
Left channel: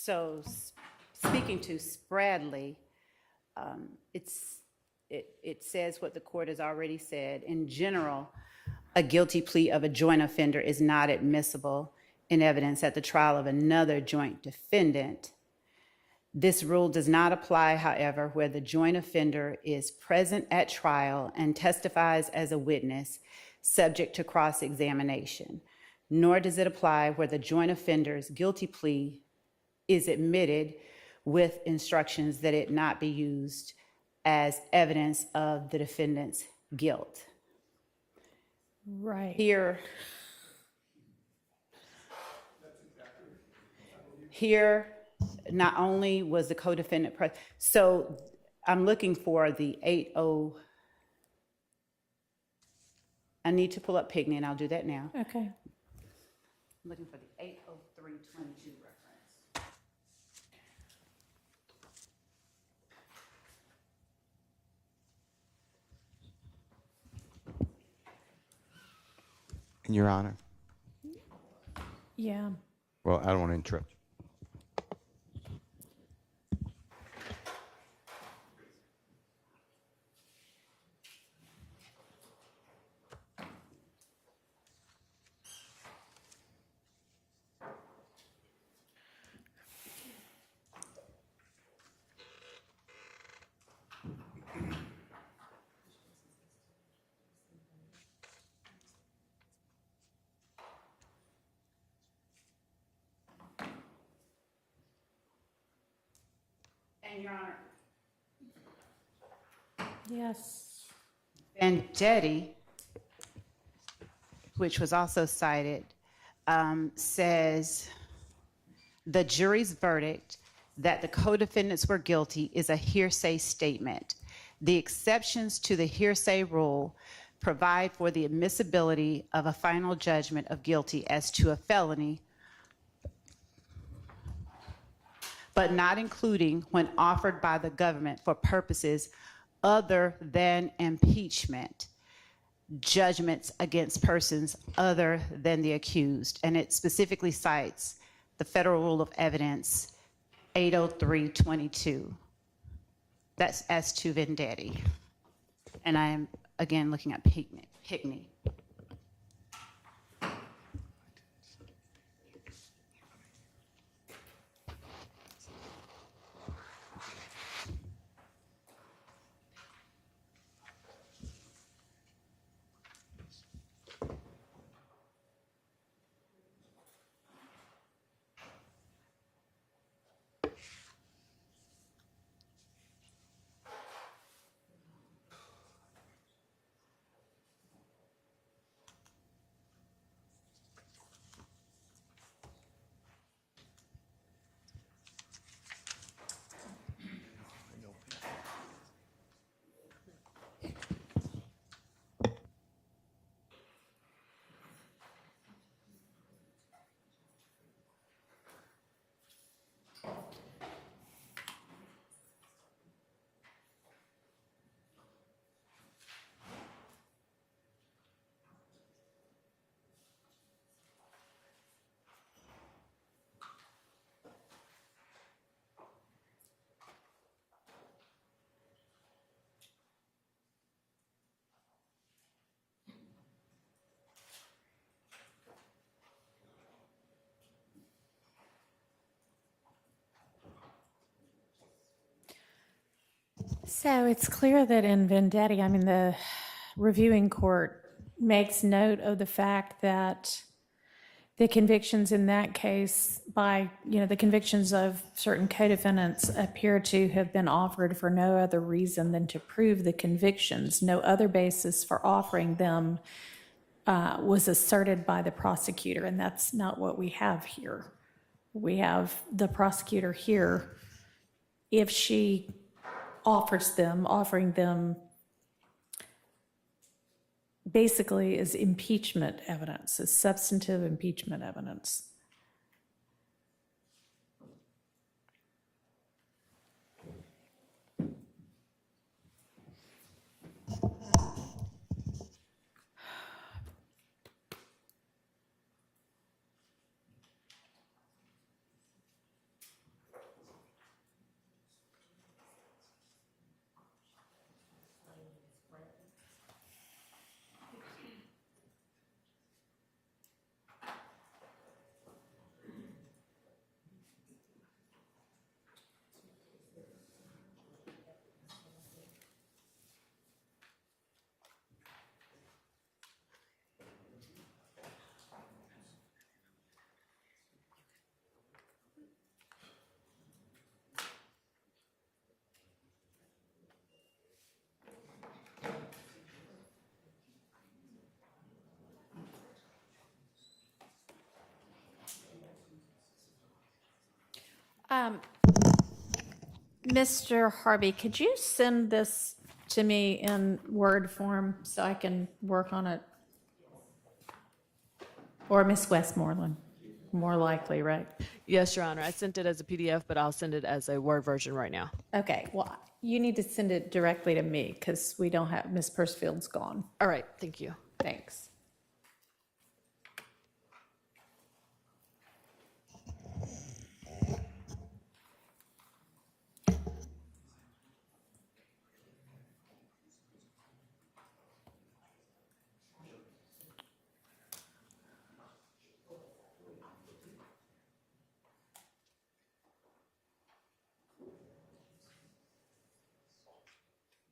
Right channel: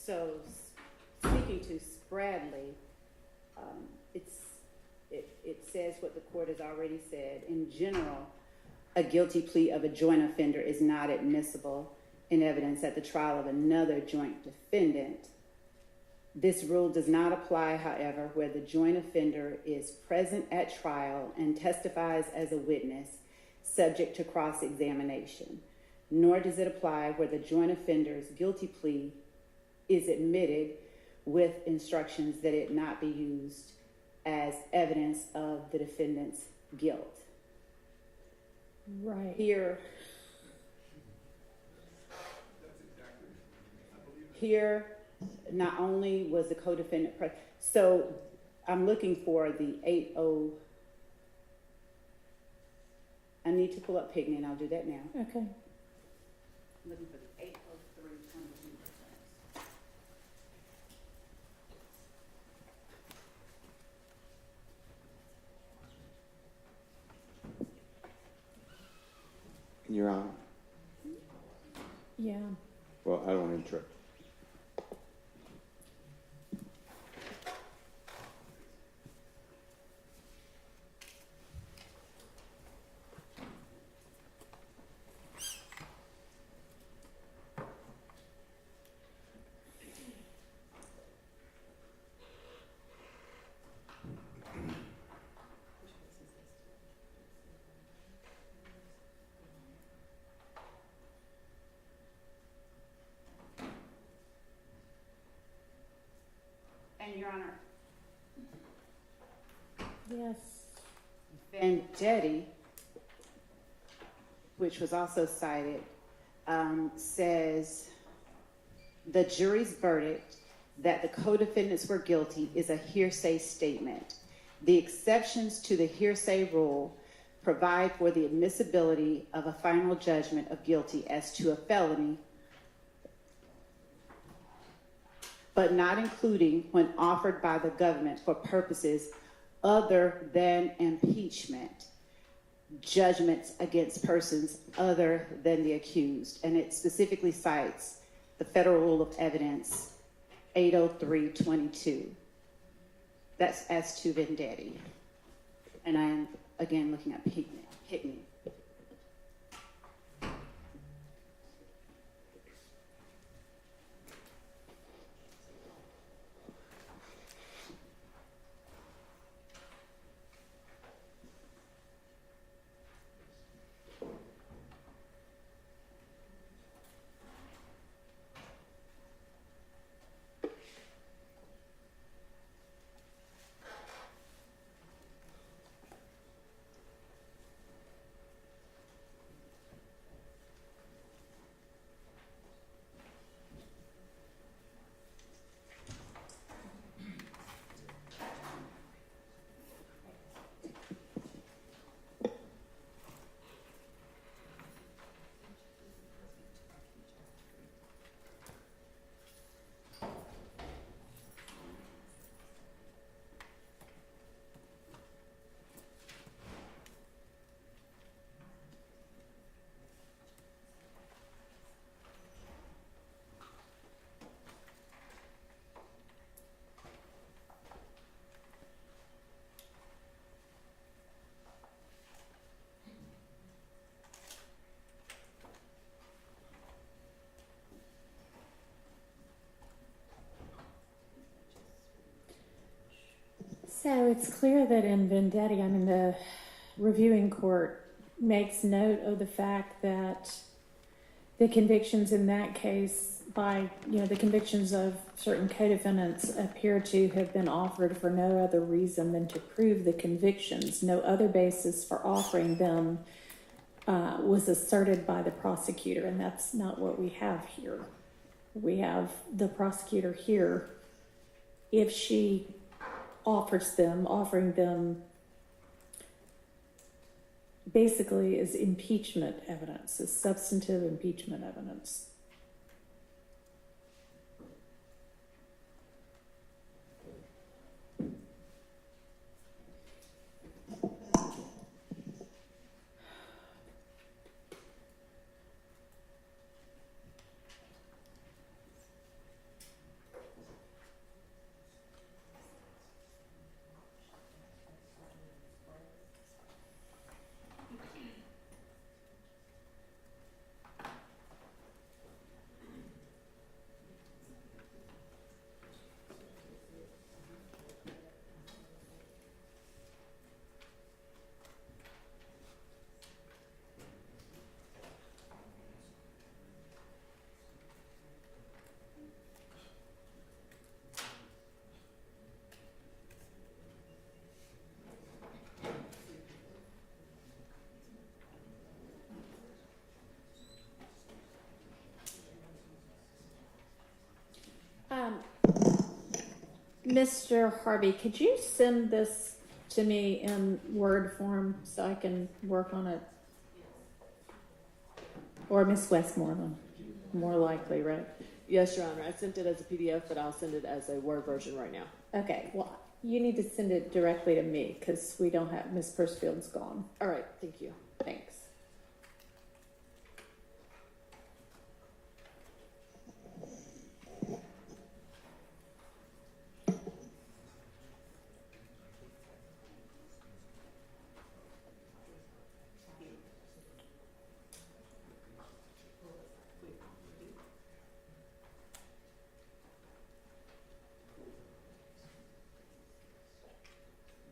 So, speaking to Spradley, it says what the court has already said. In general, a guilty plea of a joint offender is not admissible in evidence at the trial of another joint defendant. This rule does not apply, however, where the joint offender is present at trial and testifies as a witness, subject to cross-examination. Nor does it apply where the joint offender's guilty plea is admitted with instructions that it not be used as evidence of the defendant's guilt. Right. Here, not only was the co-defendant present, so I'm looking for the 80. I need to pull up Pinckney, and I'll do that now. Okay. I'm looking for the 80322 reference. Your Honor. Yeah. Well, I don't want to interrupt. And Your Honor, Yes. Vendetti, which was also cited, says the jury's verdict that the co-defendants were guilty is a hearsay statement. The exceptions to the hearsay rule provide for the admissibility of a final judgment of guilty as to a felony, but not including when offered by the government for purposes other than impeachment, judgments against persons other than the accused. And it specifically cites the Federal Rule of Evidence 80322. That's as to Vendetti. And I am, again, looking at Pinckney. So it's clear that in Vendetti, I mean, the reviewing court makes note of the fact that the convictions in that case the convictions of certain co-defendants appear to have been offered for no other reason than to prove the convictions. No other basis for offering them was asserted by the prosecutor, and that's not what we have here. We have the prosecutor here, if she offering them basically as impeachment evidence, as substantive impeachment evidence. Mr. Harvey, could you send this to me in Word form so I can work on it? Or Miss Westmoreland, more likely, right? Yes, Your Honor. I sent it as a PDF, but I'll send it as a Word version right now. Okay, well, you need to send it directly to me because we don't have, Miss Pursfield's gone. All right. Thank you. Thanks.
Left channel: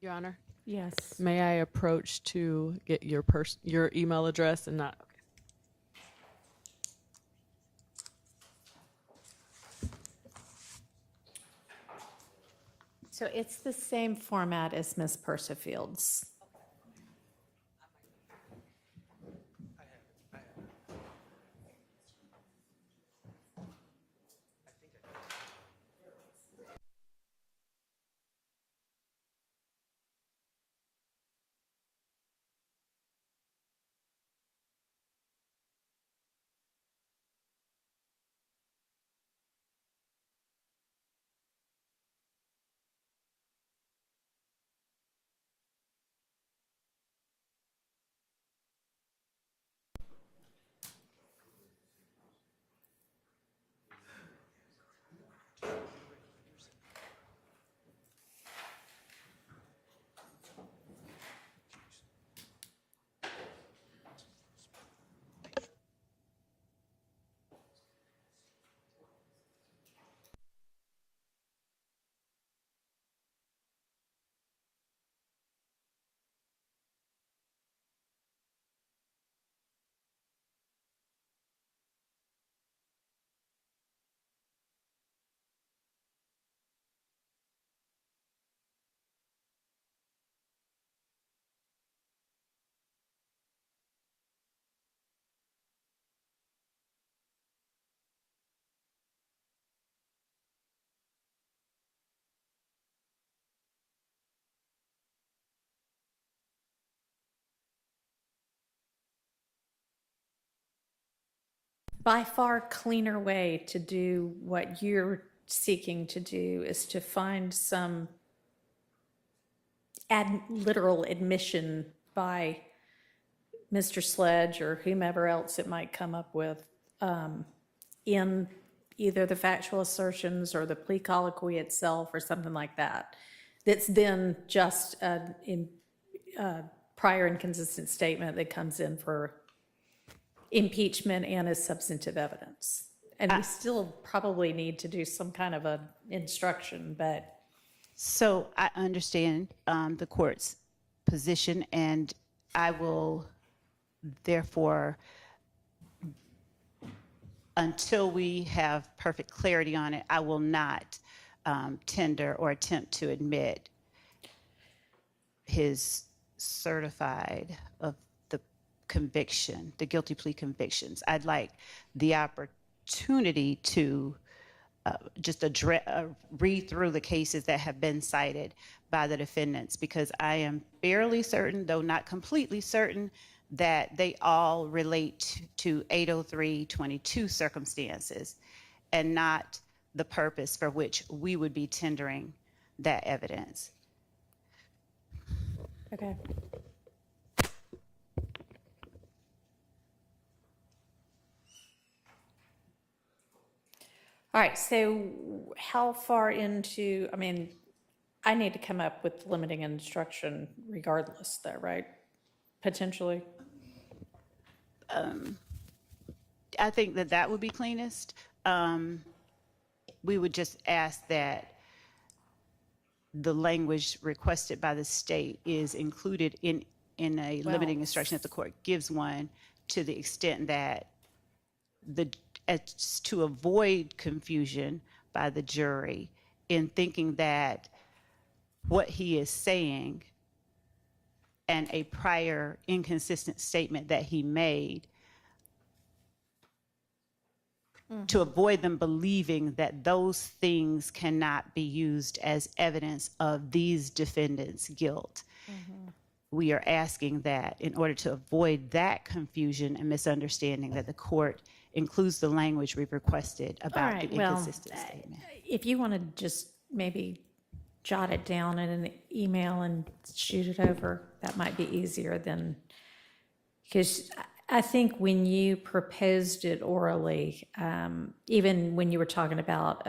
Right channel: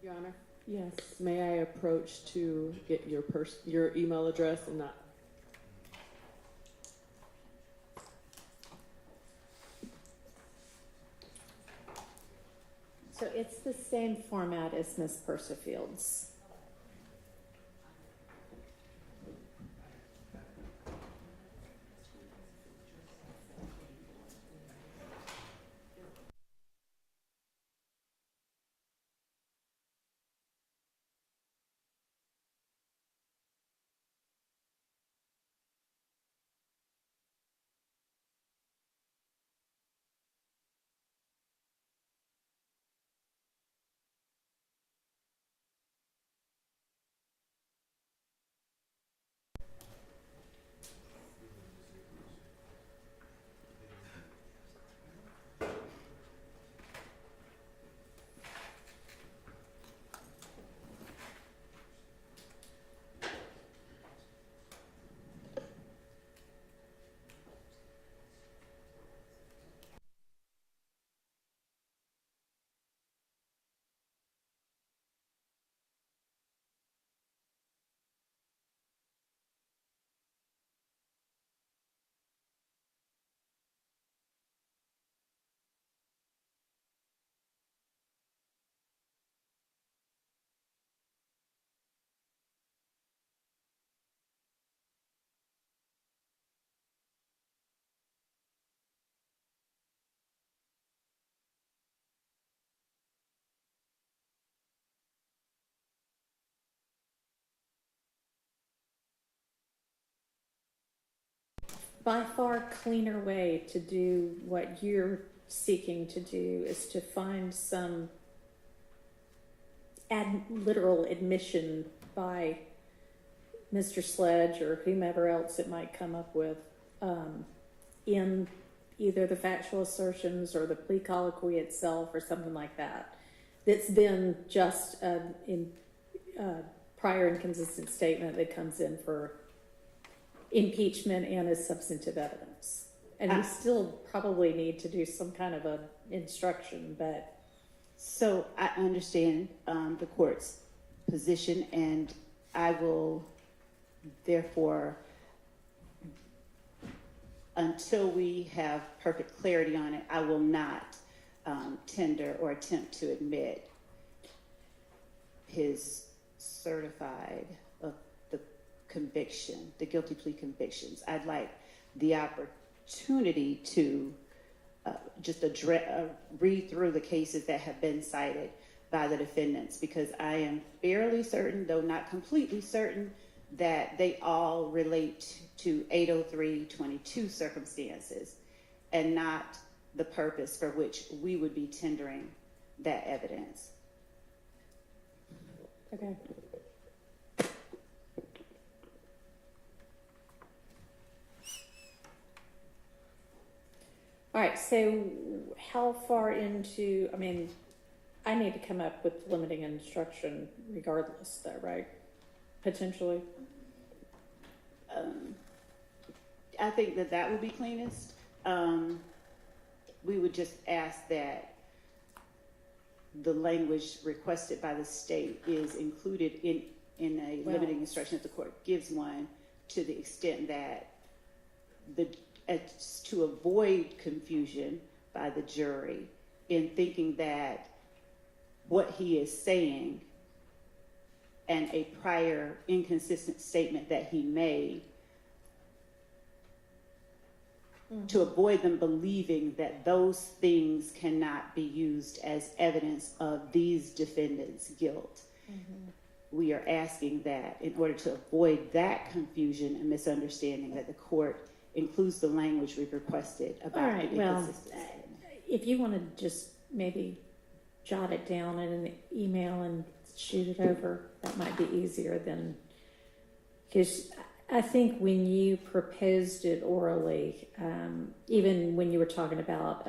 Your Honor, Yes. may I approach to get your email address and not? So it's the same format as Miss Pursfield's. By far cleaner way to do what you're seeking to do is to find some literal admission by Mr. Sledge or whomever else it might come up with in either the factual assertions or the plea colloquy itself or something like that. That's then just a prior inconsistent statement that comes in for impeachment and as substantive evidence. And we still probably need to do some kind of an instruction, but So I understand the court's position, and I will therefore, until we have perfect clarity on it, I will not tender or attempt to admit his certified of the conviction, the guilty plea convictions. I'd like the opportunity to just read through the cases that have been cited by the defendants, because I am fairly certain, though not completely certain, that they all relate to 803.22 circumstances and not the purpose for which we would be tendering that evidence. Okay. All right, so how far into, I mean, I need to come up with limiting instruction regardless though, right? Potentially? I think that that would be cleanest. We would just ask that the language requested by the state is included in a limiting instruction if the court gives one, to the extent that to avoid confusion by the jury in thinking that what he is saying and a prior inconsistent statement that he made, to avoid them believing that those things cannot be used as evidence of these defendants' guilt. We are asking that in order to avoid that confusion and misunderstanding, that the court includes the language we've requested about the inconsistent statement. If you want to just maybe jot it down in an email and shoot it over, that might be easier than, because I think when you proposed it orally, even when you were talking about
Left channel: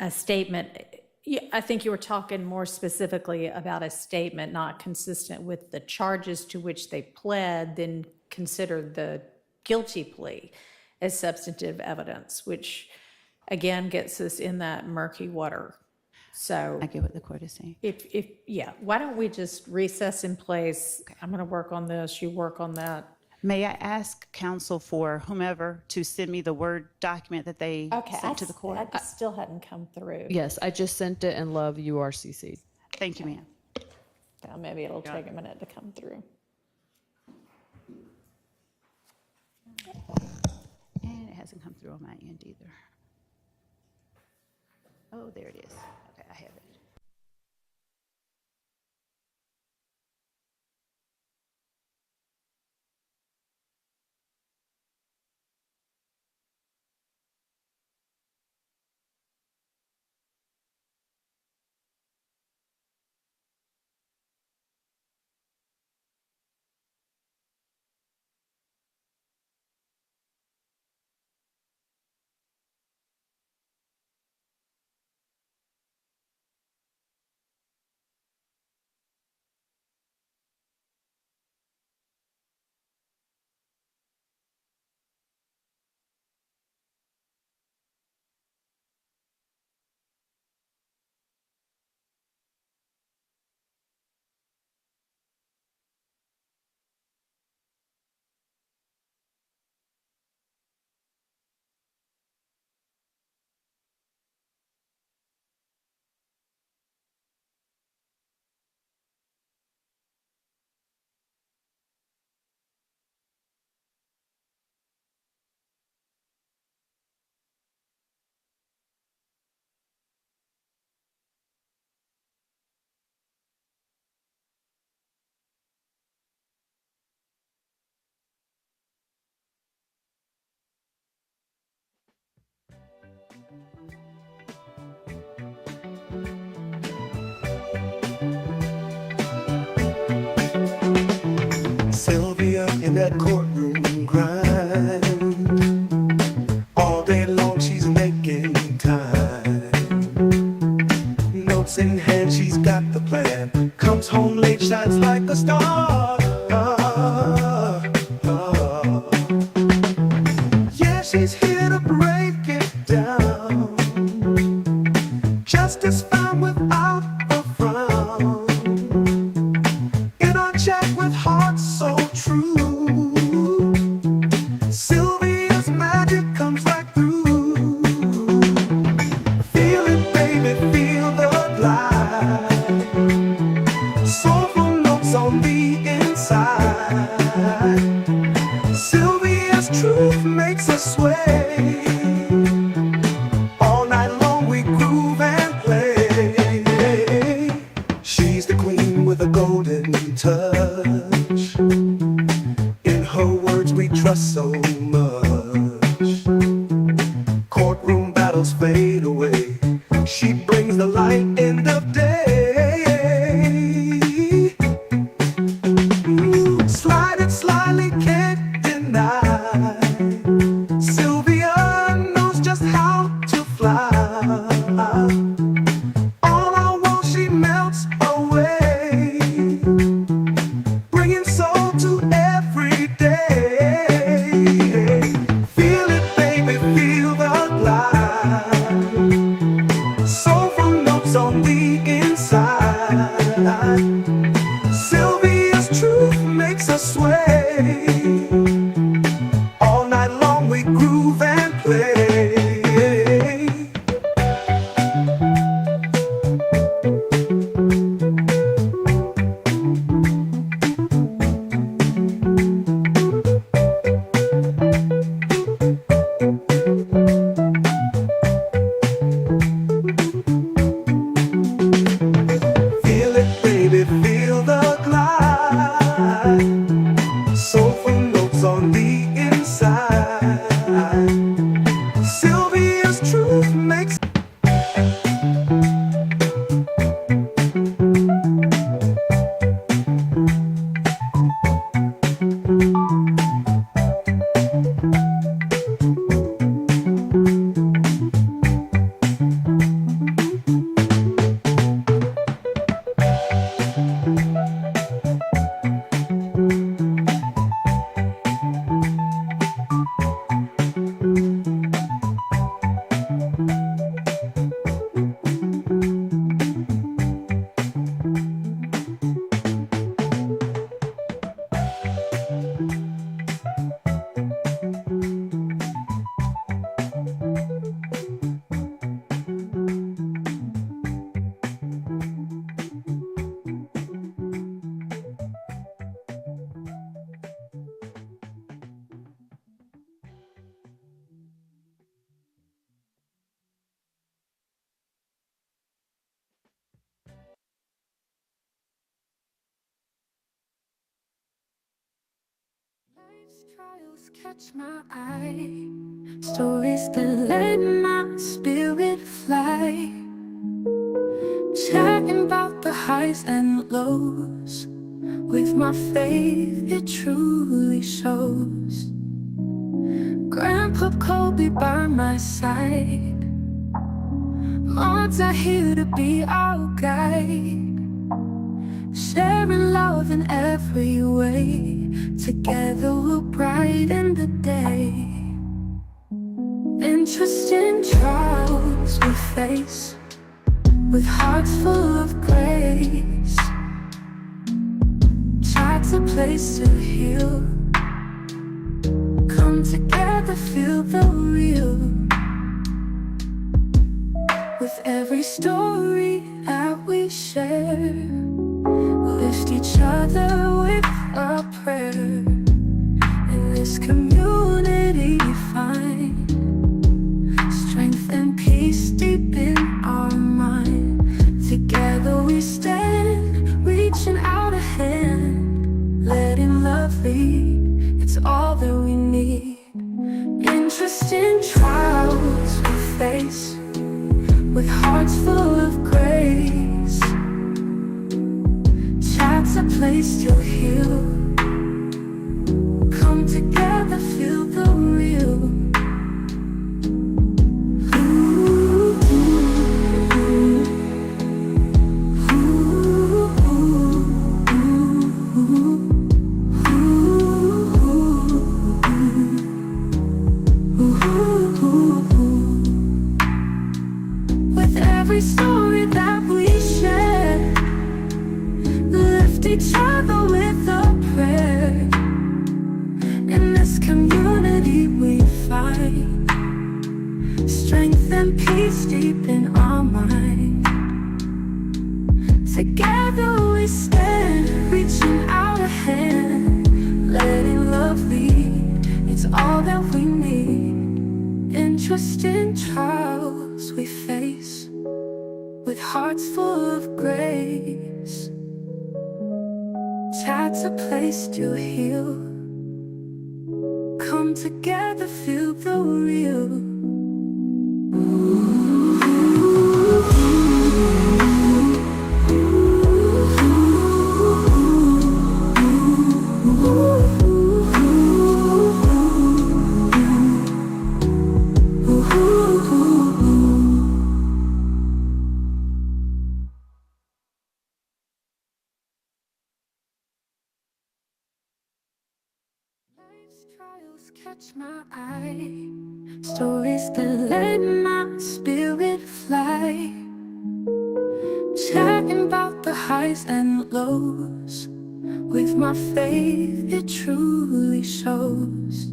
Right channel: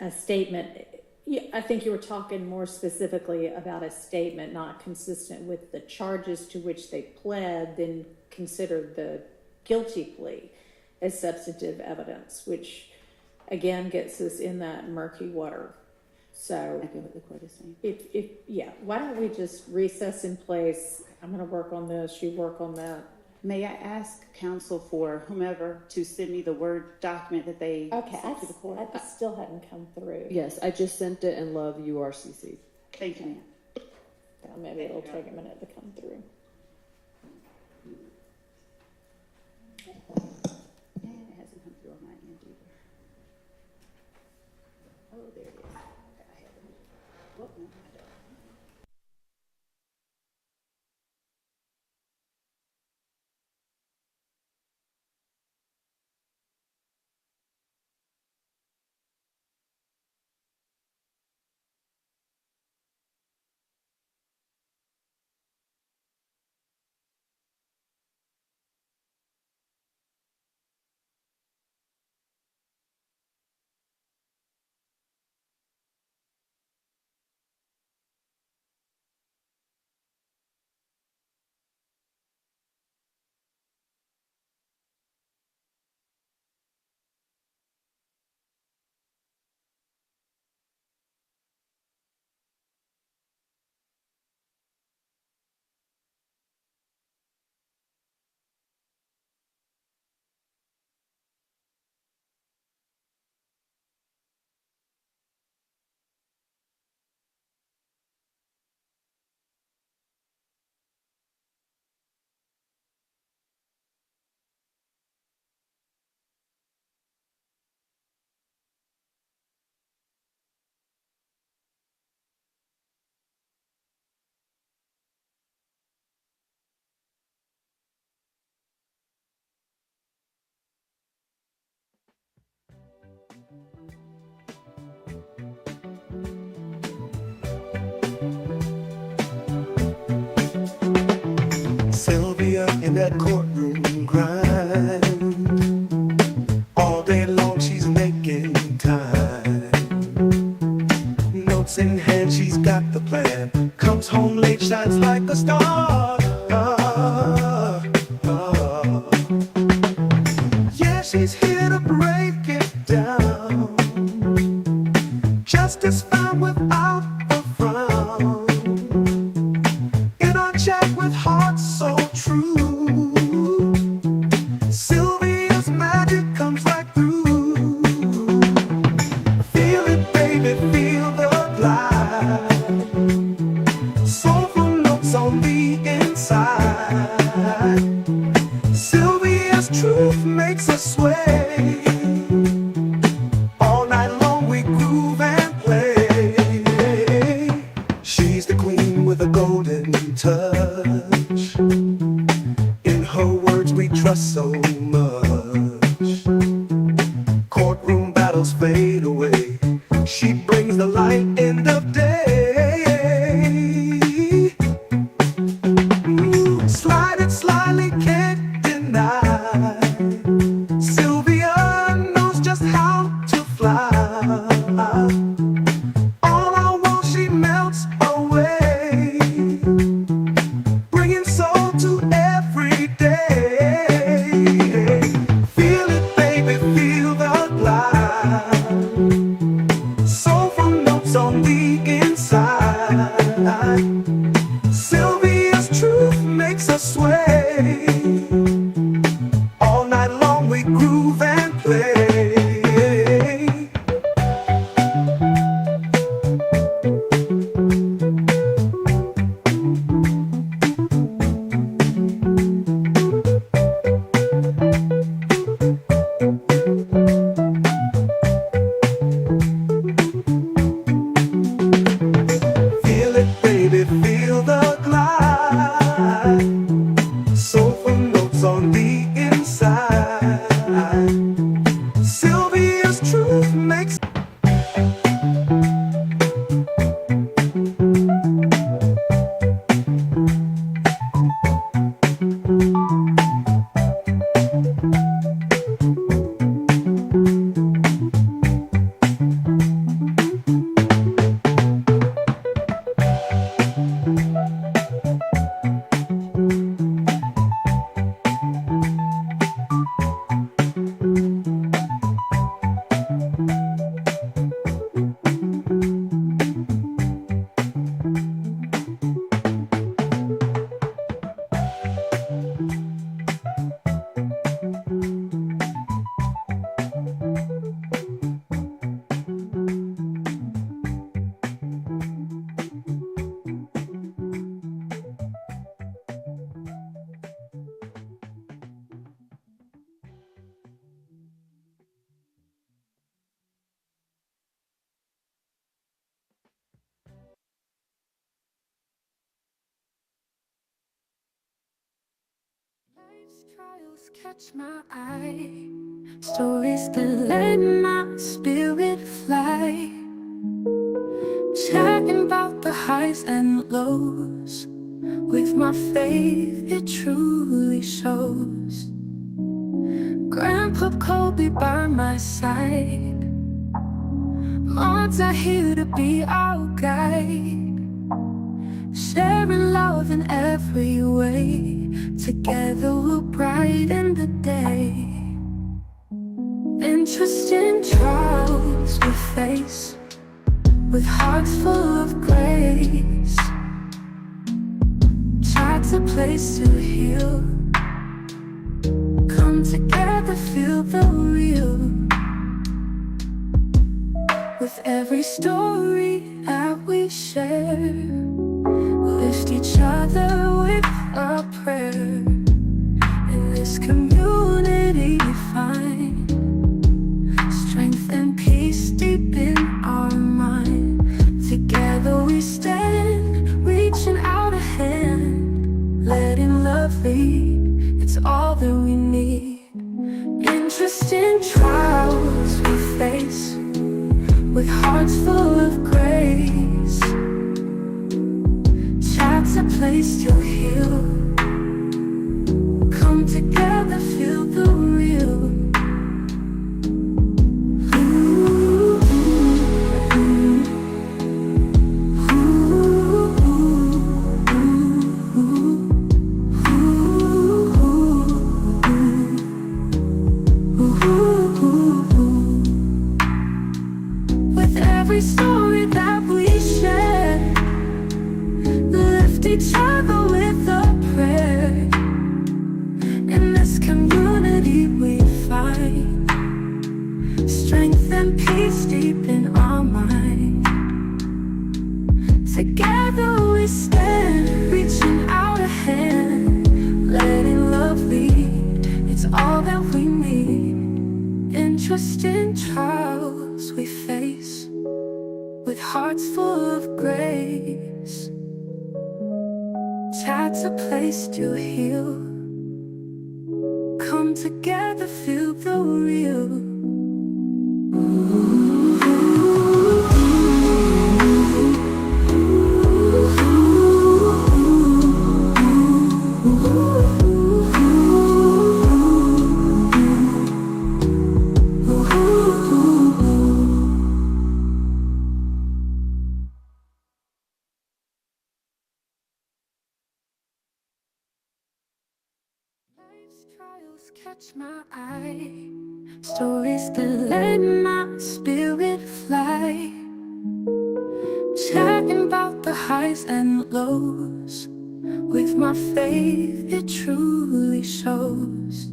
a statement, I think you were talking more specifically about a statement not consistent with the charges to which they pled, then considered the guilty plea as substantive evidence, which again gets us in that murky water. So I get what the court is saying. Yeah, why don't we just recess in place? Okay. I'm going to work on this, you work on that. May I ask counsel for whomever to send me the Word document that they sent to the court? I still hadn't come through. Yes, I just sent it, and love, you are CC'd. Thank you, ma'am. Well, maybe it'll take a minute to come through. And it hasn't come through on my end either. Oh, there it is. Okay, I have it. Oh, no, I don't. Sylvia in that courtroom grind. All day long she's making time. Notes in hand, she's got the plan. Comes home late, shines like a star. Yeah, she's here to break it down. Justice found without with a golden touch. In her words we trust so much. Courtroom battles fade away. She brings the light end of day. Slide it slyly, can't deny. Sylvia knows just how to fly. All I want, she melts away, bringing soul to every day. Feel it, baby, feel the glide. Soulful notes on the inside. Sylvia's truth makes us sway. All night long we groove and play. Feel it, baby, feel the glide. Soulful notes on the inside. Sylvia's truth makes Life's trials catch my eye. Stories that let my spirit fly. Chatting about the highs and lows. With my faith, it truly shows. Grandpa Kobe by my side. Moms are here to be our guide. Sharing love in every way. Together we'll brighten the day. Interesting trials we face, with hearts full of grace. Tried a place to heal. Come together, feel the real. With every story that we share, lift each other with a prayer. In this community find strength and peace deep in our mind. Together we stand, reaching out a hand, letting love lead, it's all that we need. Interesting trials we face, with hearts full of grace. Chat's a place to heal. Come together, feel the real. With every story that we share, lift each other with a prayer. In this community we find strength and peace deep in our mind. Together we stand, reaching out a hand, letting love lead, it's all that we need. Interesting trials we face, with hearts full of grace. Chat's a place to heal. Come together, feel the real. Life's trials catch my eye, stories that let my spirit fly. Chatting about the highs and lows, with my faith it truly shows.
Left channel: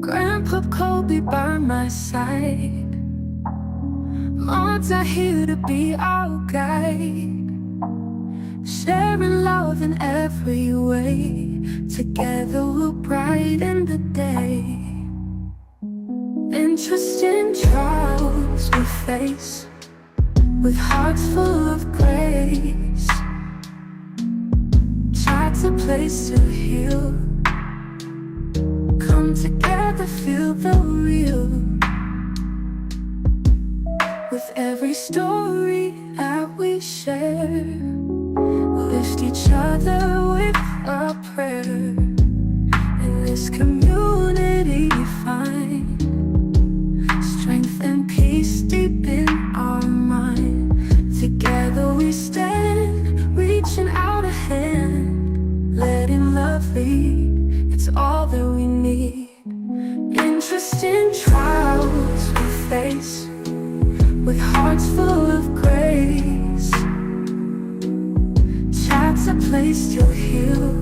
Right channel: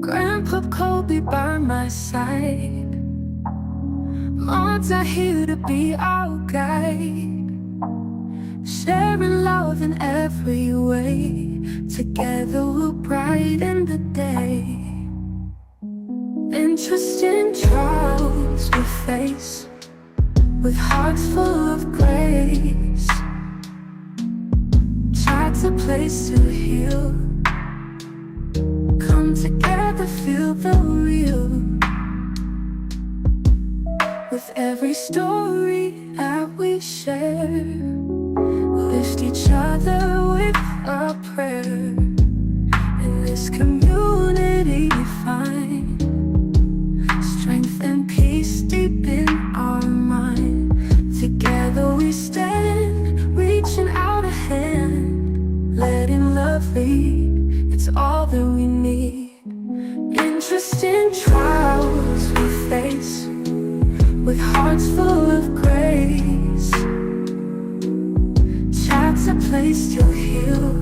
Grandpa Kobe by my side, mods are here to be our guide. Sharing love in every way, together we'll brighten the day. Interesting trials we face, with hearts full of grace. Chat's a place to heal. Come together, feel the real. With every story that we share, lift each other with a prayer. In this community find strength and peace deep in our mind. Together we stand, reaching out a hand, letting love lead, it's all that we need. Interesting trials we face, with hearts full of grace. Chat's a place to heal.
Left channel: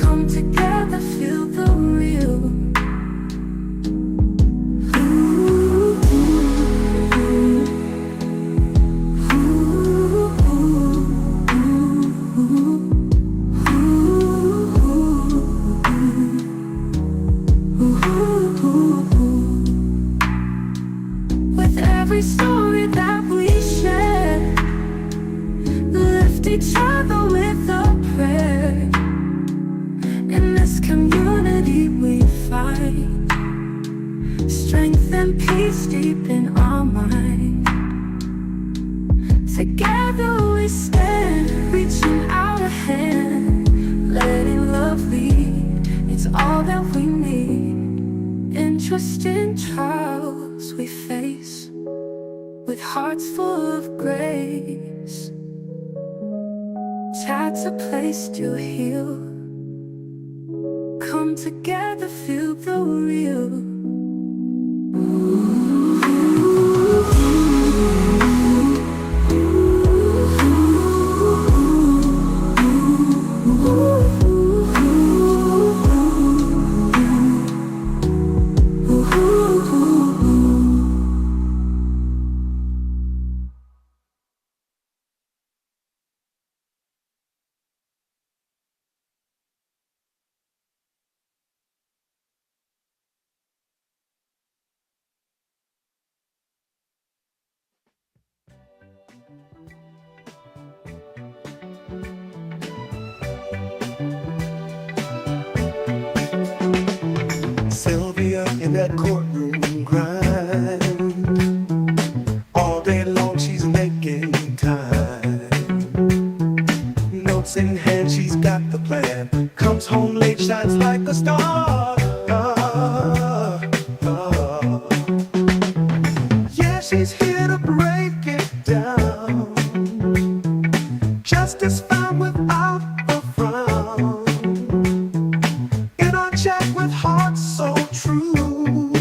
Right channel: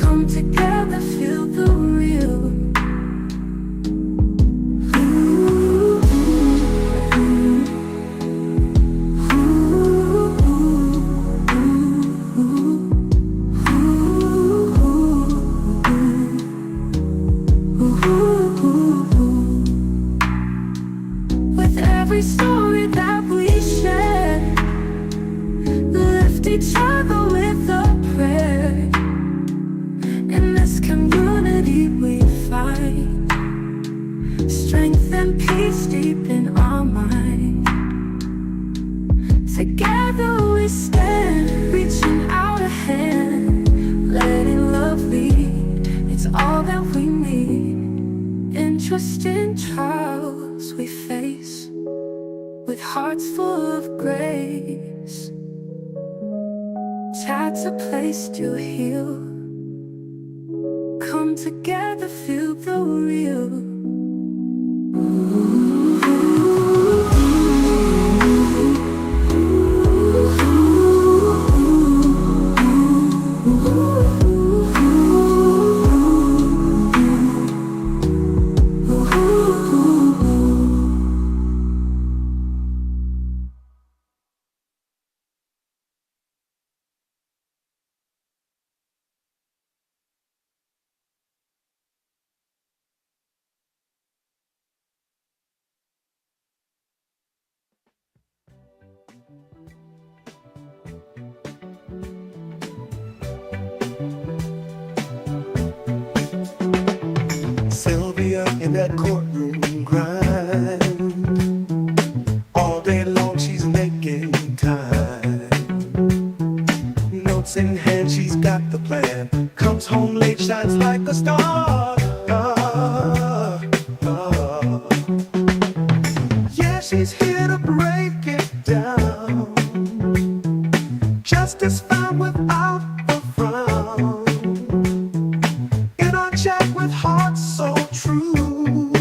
Come together, feel the real. With every story that we share, lift each other with a prayer. In this community we find strength and peace deep in our mind. Together we stand, reaching out a hand, letting love lead, it's all that we need. Interesting trials we face, with hearts full of grace. Chat's a place to heal. Come together, feel the real. Sylvia in that courtroom grind. All day long she's making time. Notes in hand, she's got the plan. Comes home late, shines like a star. Yeah, she's here to break it down. Justice found without a frown. In our chat with hearts so true,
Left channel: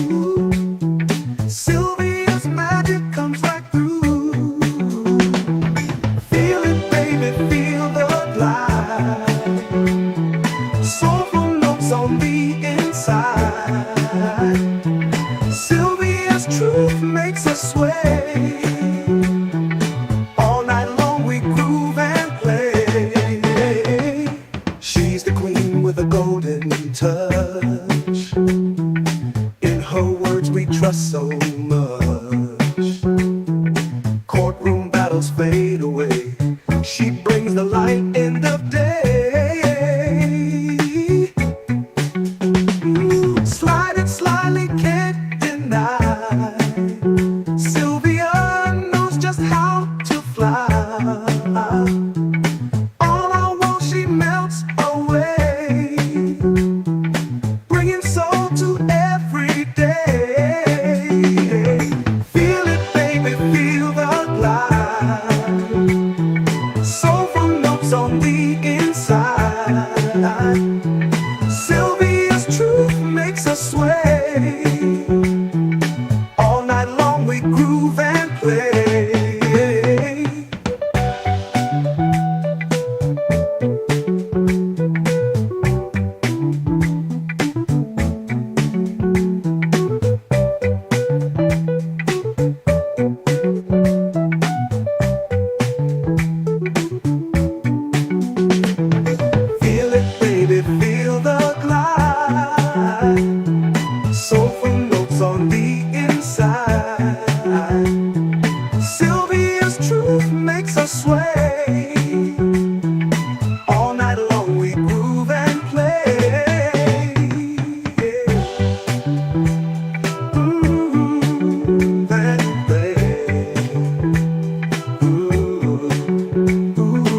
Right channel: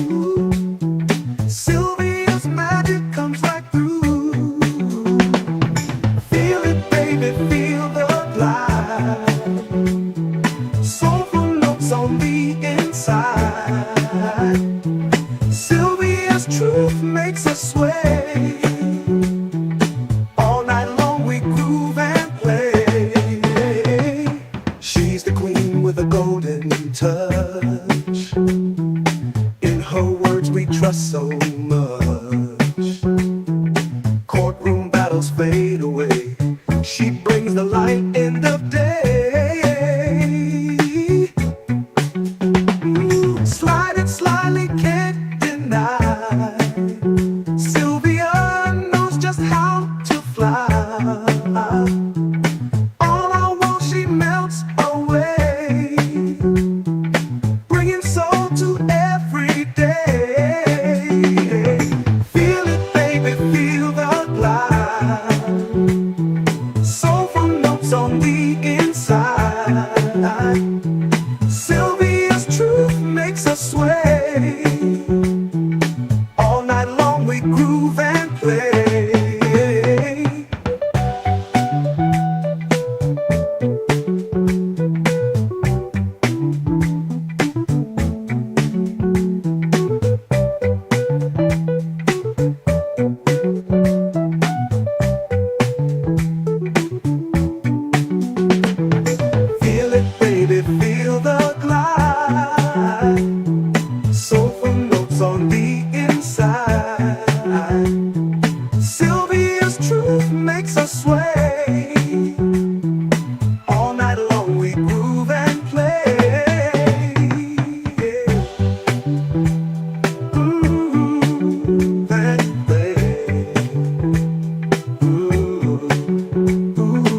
Sylvia's magic comes right through. Feel it, baby, feel the light. Soulful notes on the inside. Sylvia's truth makes us sway. All night long we groove and play. brings the light in the day. Slide it slyly, can't deny. Sylvia knows just how to fly. All I want, she melts away, bringing soul to every day. Feel it, baby, feel the glide. Soulful notes on the inside. Sylvia's truth makes us sway. All night long we groove and play. Feel it, baby, feel the glide. Soulful notes on the inside. Sylvia's truth makes us sway. All night long we groove and play. Groove and play. Ooh, ooh,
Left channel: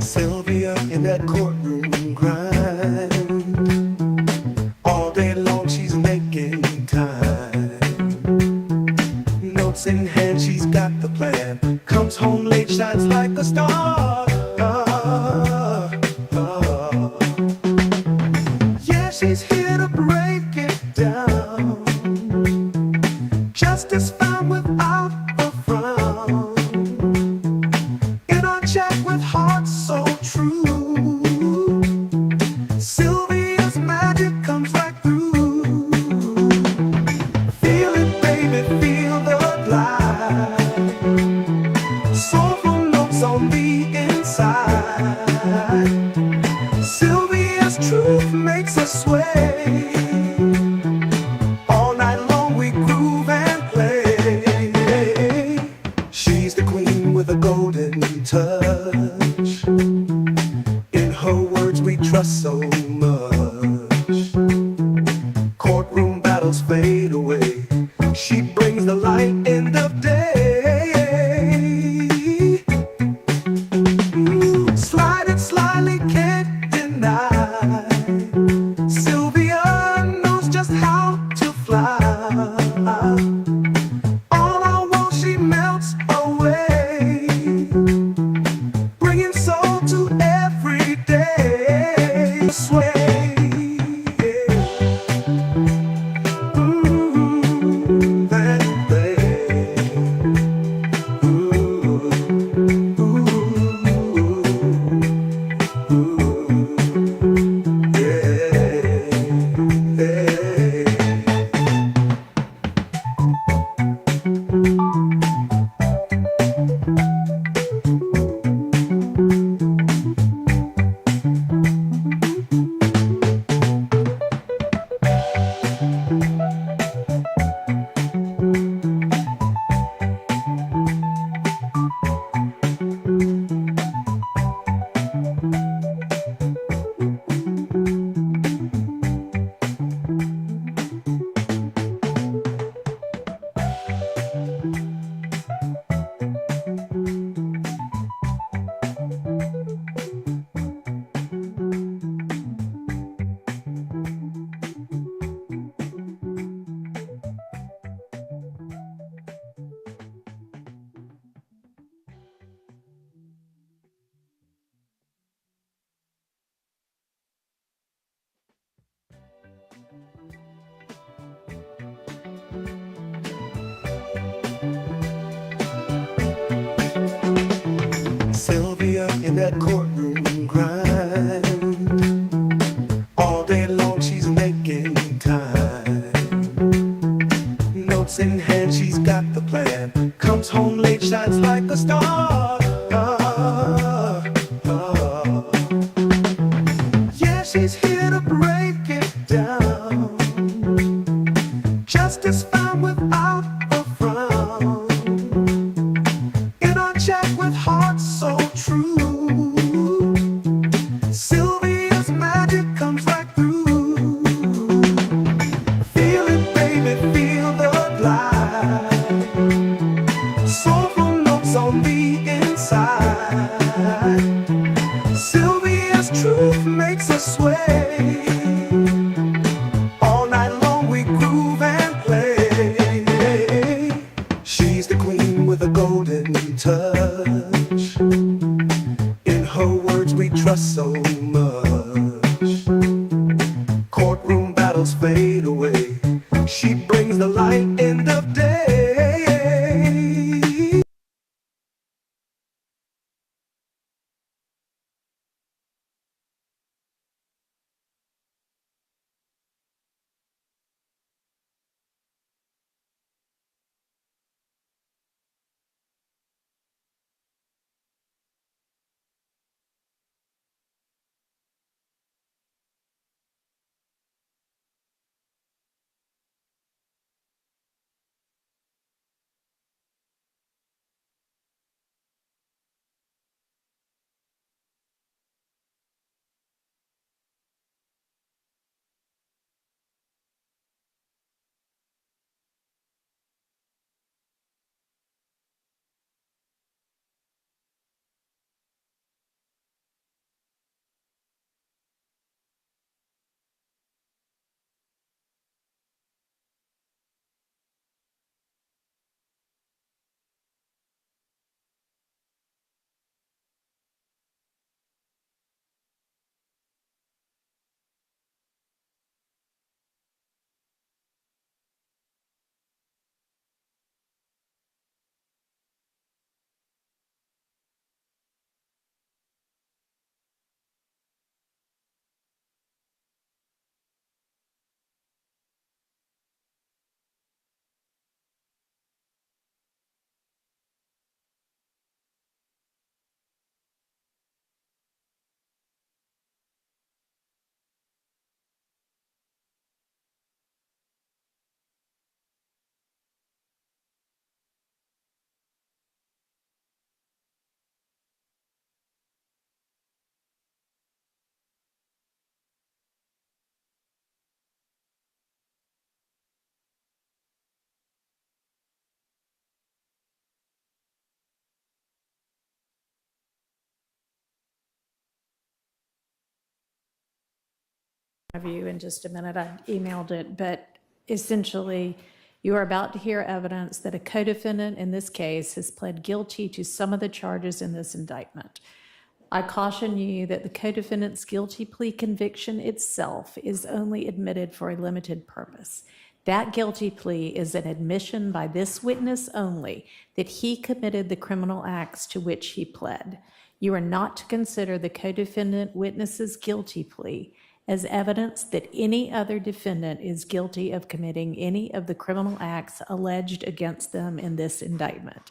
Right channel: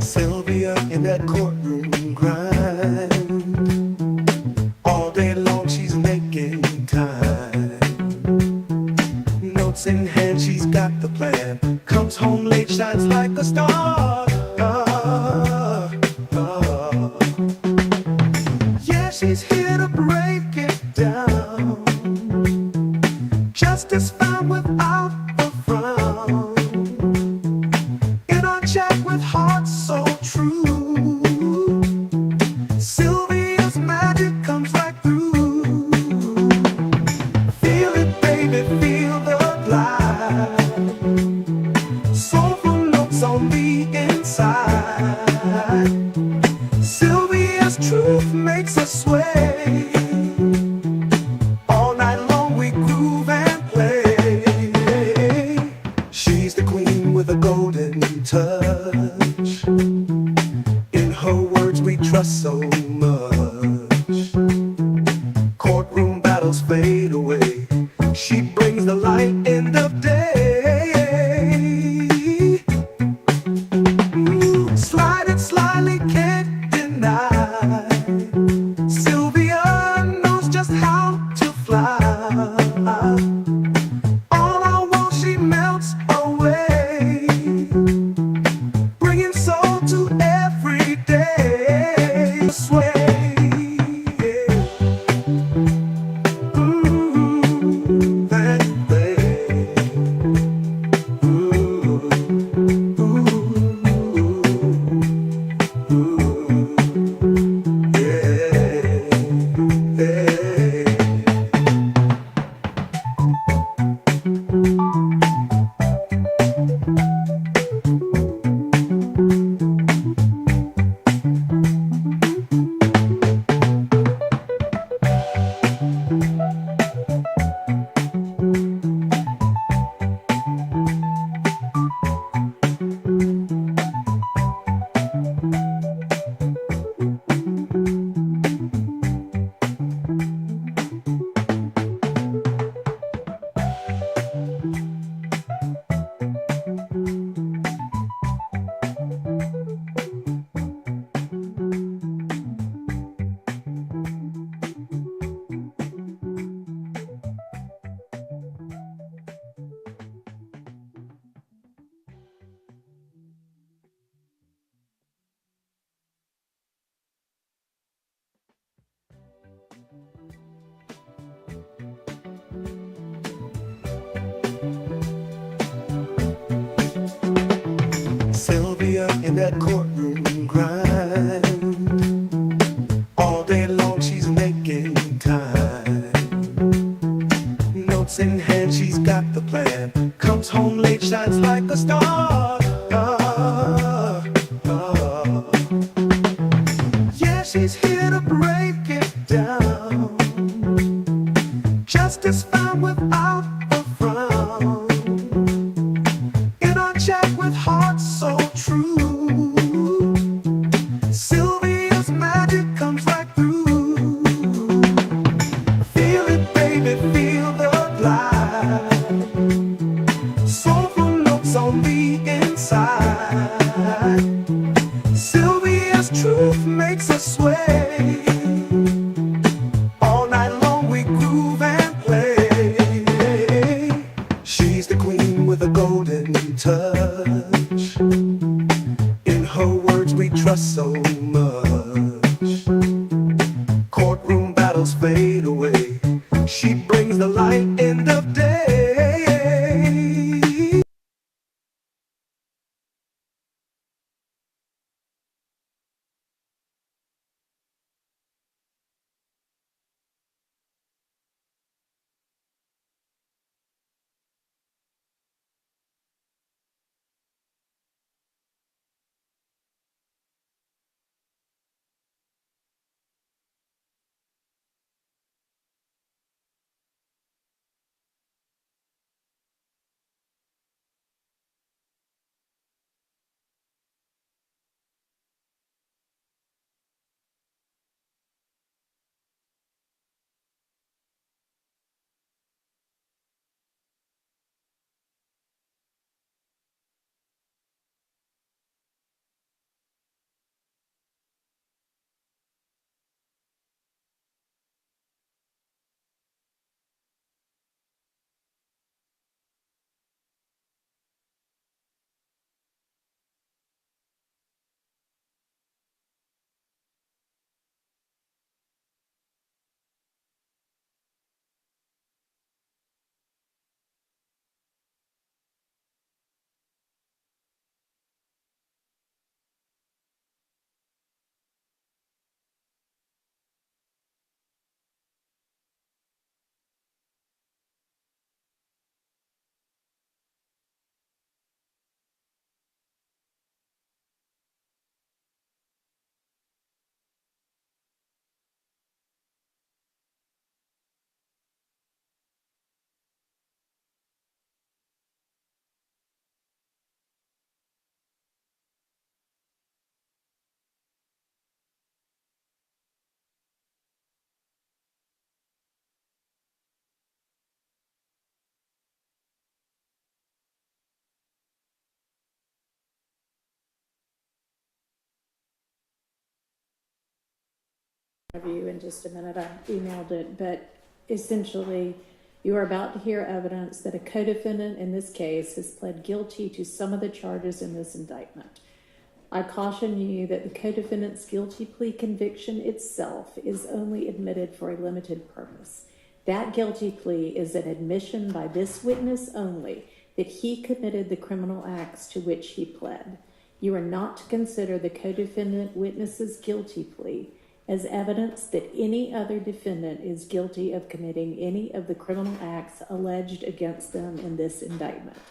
Sylvia in that courtroom grind. All day long she's making time. Notes in hand, she's got the plan. Comes home late, shines like a star. Yeah, she's here to break it down. Justice found without a frown. In our chat with hearts so true, Sylvia's magic comes right through. Feel it, baby, feel the glide. Soulful notes on the inside. Sylvia's truth makes us sway. All night long we groove and play. She's the queen with a golden touch. In her words we trust so much. Courtroom battles fade away. She brings the light in the day. Slide it slyly, can't deny. Sylvia knows just how to fly. All I want, she melts away, bringing soul to every day. Sway. Ooh, that way. Ooh, ooh, ooh, yeah. that courtroom grind. All day long she's making time. Notes in hand, she's got the plan. Comes home late, shines like a star. Yeah, she's here to break it down. Justice found without a frown. In our chat with hearts so true, Sylvia's magic comes right through. Feel it, baby, feel the glide. Soulful notes on the inside. Sylvia's truth makes us sway. All night long we groove and play. She's the queen with a golden touch. In her words we trust so much. Courtroom battles fade away. She brings the light end of day. Of you in just a minute. I emailed it, but essentially, you are about to hear evidence that a co-defendant in this case has pled guilty to some of the charges in this indictment. I caution you that the co-defendant's guilty plea conviction itself is only admitted for a limited purpose. That guilty plea is an admission by this witness only that he committed the criminal acts to which he pled. You are not to consider the co-defendant witness's guilty plea as evidence that any other defendant is guilty of committing any of the criminal acts alleged against them in this indictment.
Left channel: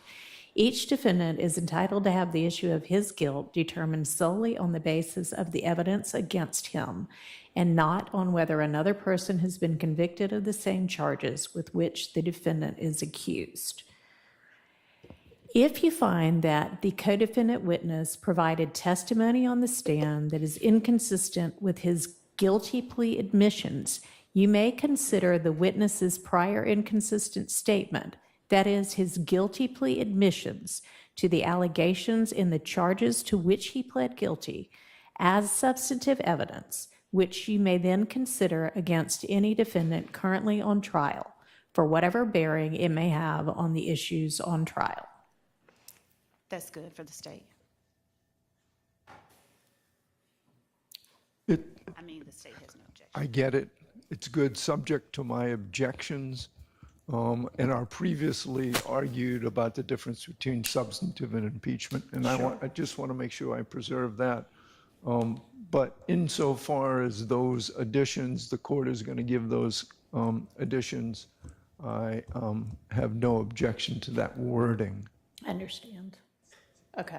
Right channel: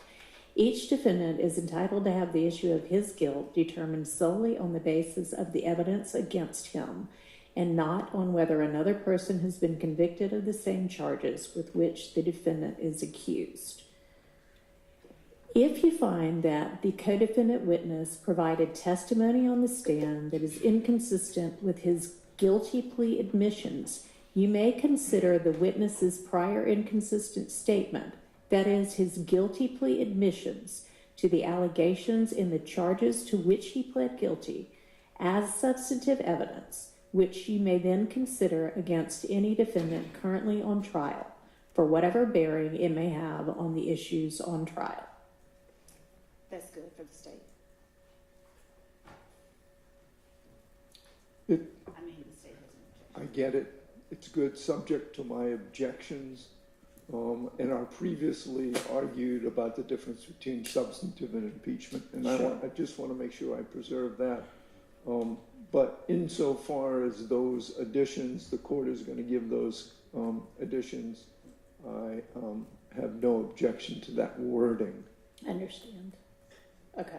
Each defendant is entitled to have the issue of his guilt determined solely on the basis of the evidence against him, and not on whether another person has been convicted of the same charges with which the defendant is accused. If you find that the co-defendant witness provided testimony on the stand that is inconsistent with his guilty plea admissions, you may consider the witness's prior inconsistent statement, that is, his guilty plea admissions to the allegations in the charges to which he pled guilty, as substantive evidence, which you may then consider against any defendant currently on trial, for whatever bearing it may have on the issues on trial. That's good for the state. It, I mean, the state has no objection. I get it. It's good, subject to my objections. and our previously argued about the difference between substantive and impeachment, and I just want to make sure I preserve that. But insofar as those additions, the court is going to give those additions, I have no objection to that wording. Understand. Okay.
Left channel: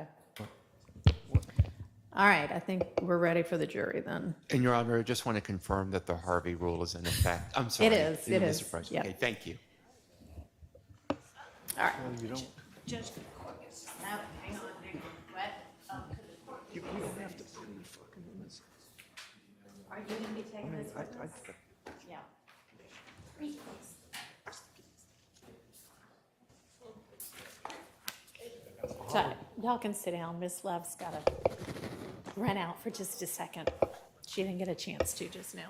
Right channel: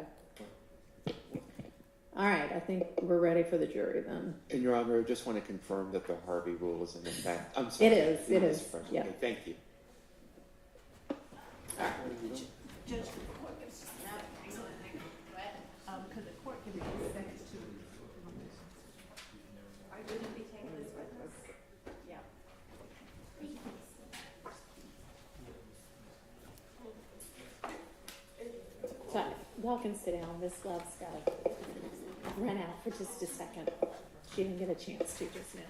All right, I think we're ready for the jury then. And Your Honor, I just want to confirm that the Harvey rule is in effect. I'm sorry. It is, it is, Mr. Price. yeah. Okay, thank you. All right. Judge, hang on, what? Because the court can Are you going to be taking this with us? Yeah. So y'all can sit down. Miss Love's got to run out for just a second. She didn't get a chance to just now.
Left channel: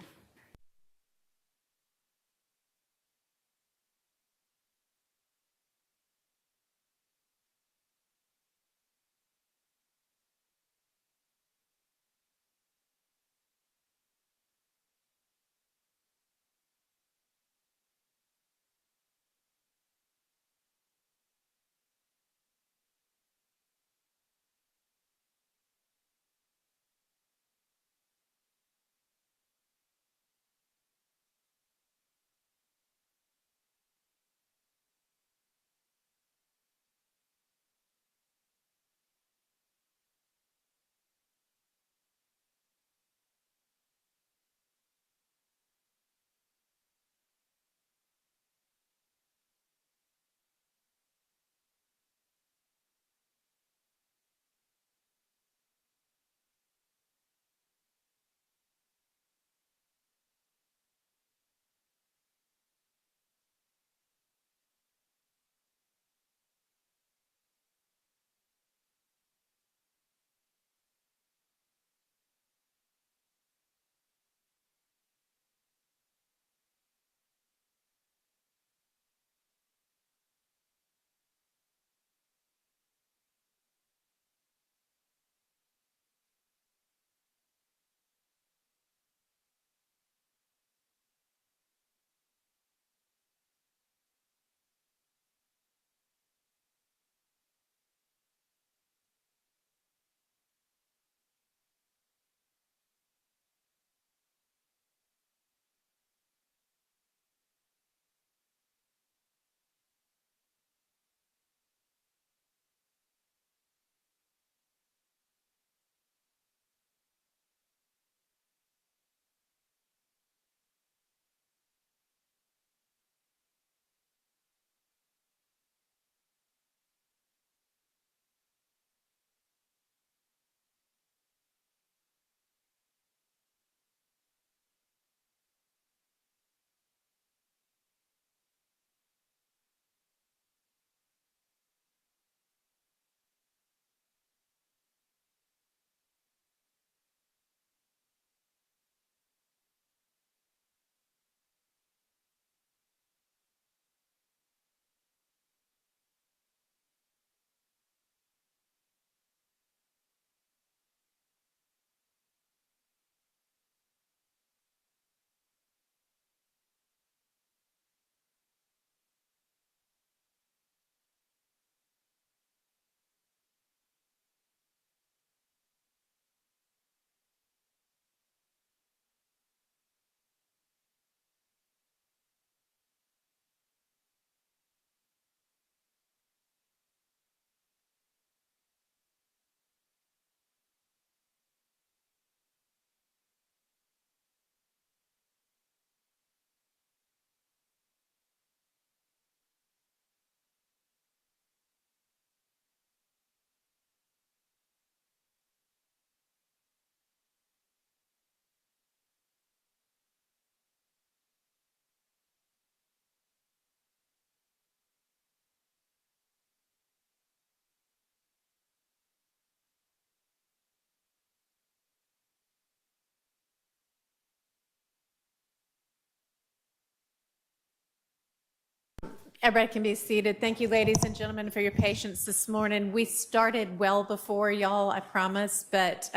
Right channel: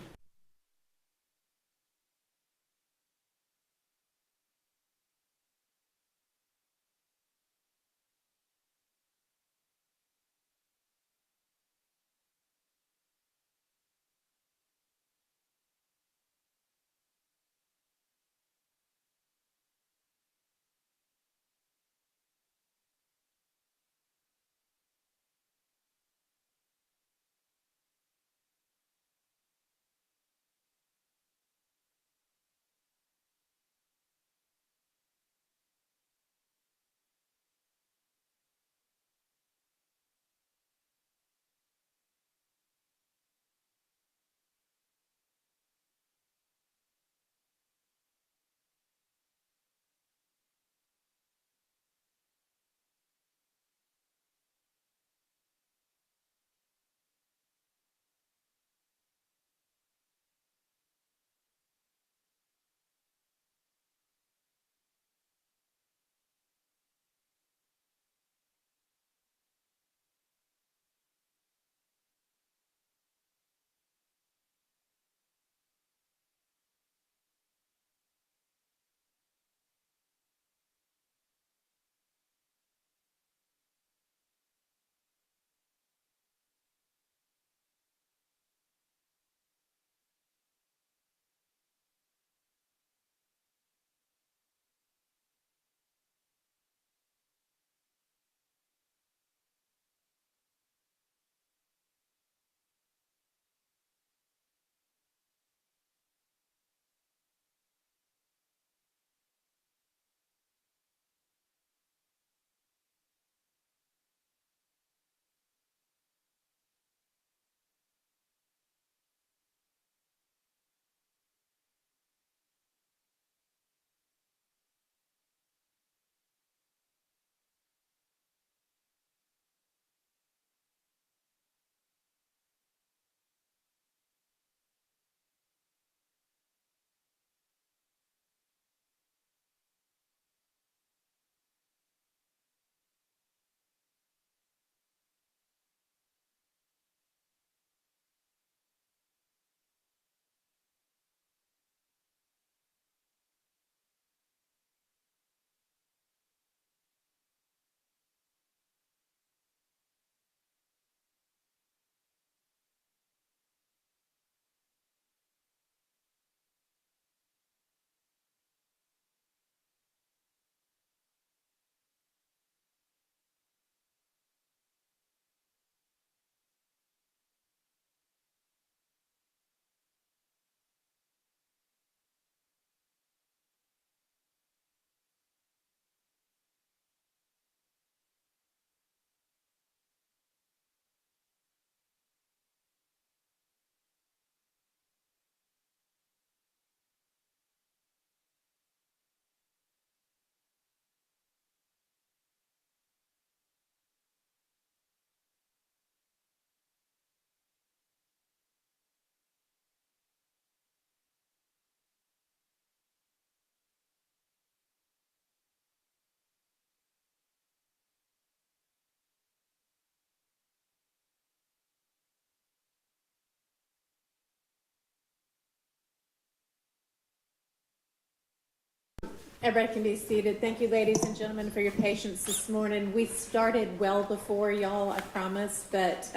Everybody can be seated. Thank you, ladies and gentlemen, for your patience this morning. We started well before y'all, I promise, but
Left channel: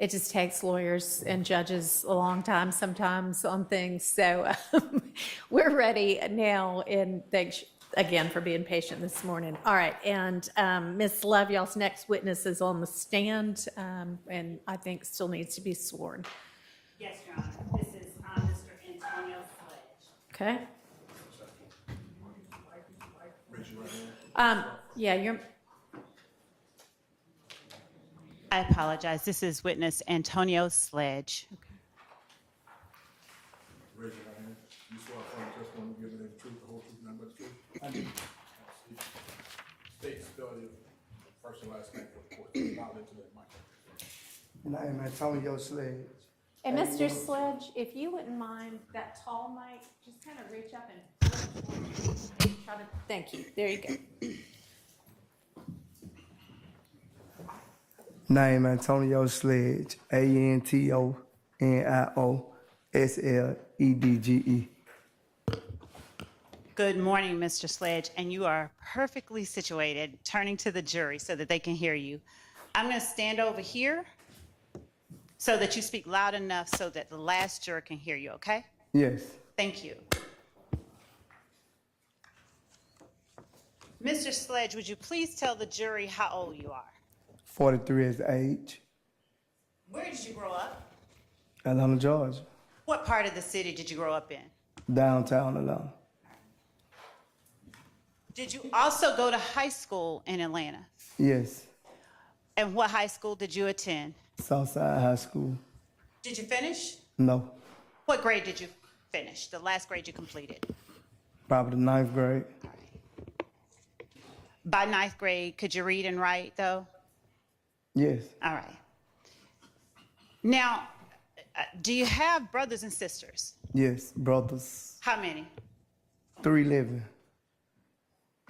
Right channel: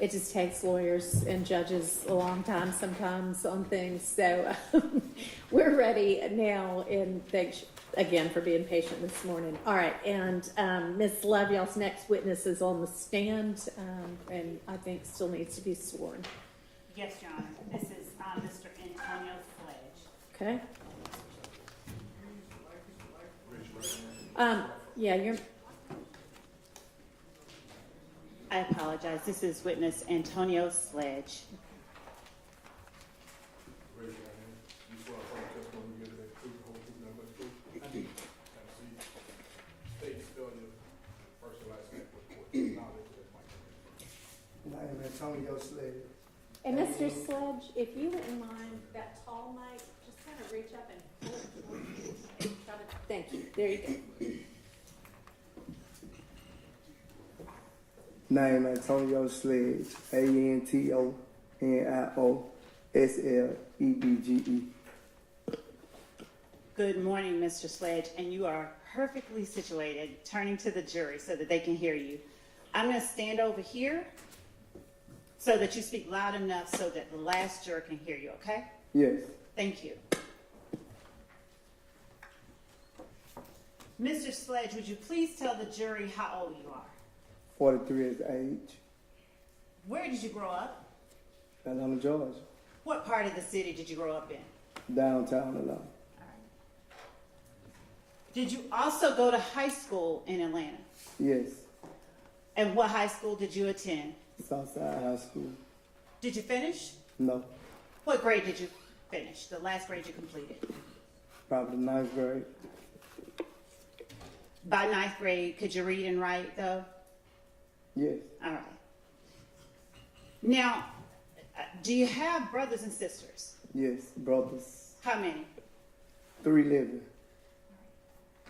It just takes lawyers and judges a long time sometimes on things. So we're ready now, and thanks again for being patient this morning. All right, and Ms. Love, y'all's next witness is on the stand, and I think still needs to be sworn. Yes, Your Honor. This is Mr. Antonio Sledge. Okay? Yeah, you're. I apologize. This is witness Antonio Sledge. Raise your right hand. You swear upon the testimony you give in the truth, the whole truth, and nothing but the truth? I do. State and spell your first and last name for the court. Knowledge of that mic. Name Antonio Sledge. And Mr. Sledge, if you wouldn't mind that tall mic, just kind of reach up and try to, thank you. There you go. Name Antonio Sledge. ANTONIOSLEDGE. Good morning, Mr. Sledge, and you are perfectly situated, turning to the jury so that they can hear you. I'm going to stand over here so that you speak loud enough so that the last juror can hear you, okay? Yes. Thank you. Mr. Sledge, would you please tell the jury how old you are? 43 is the age. Where did you grow up? Atlanta, Georgia. What part of the city did you grow up in? Downtown Atlanta. Did you also go to high school in Atlanta? Yes. And what high school did you attend? Southside High School. Did you finish? No. What grade did you finish? The last grade you completed? Probably the 9th grade. By 9th grade, could you read and write though? Yes. All right. Now, do you have brothers and sisters? Yes. Brothers. How many? 3 living.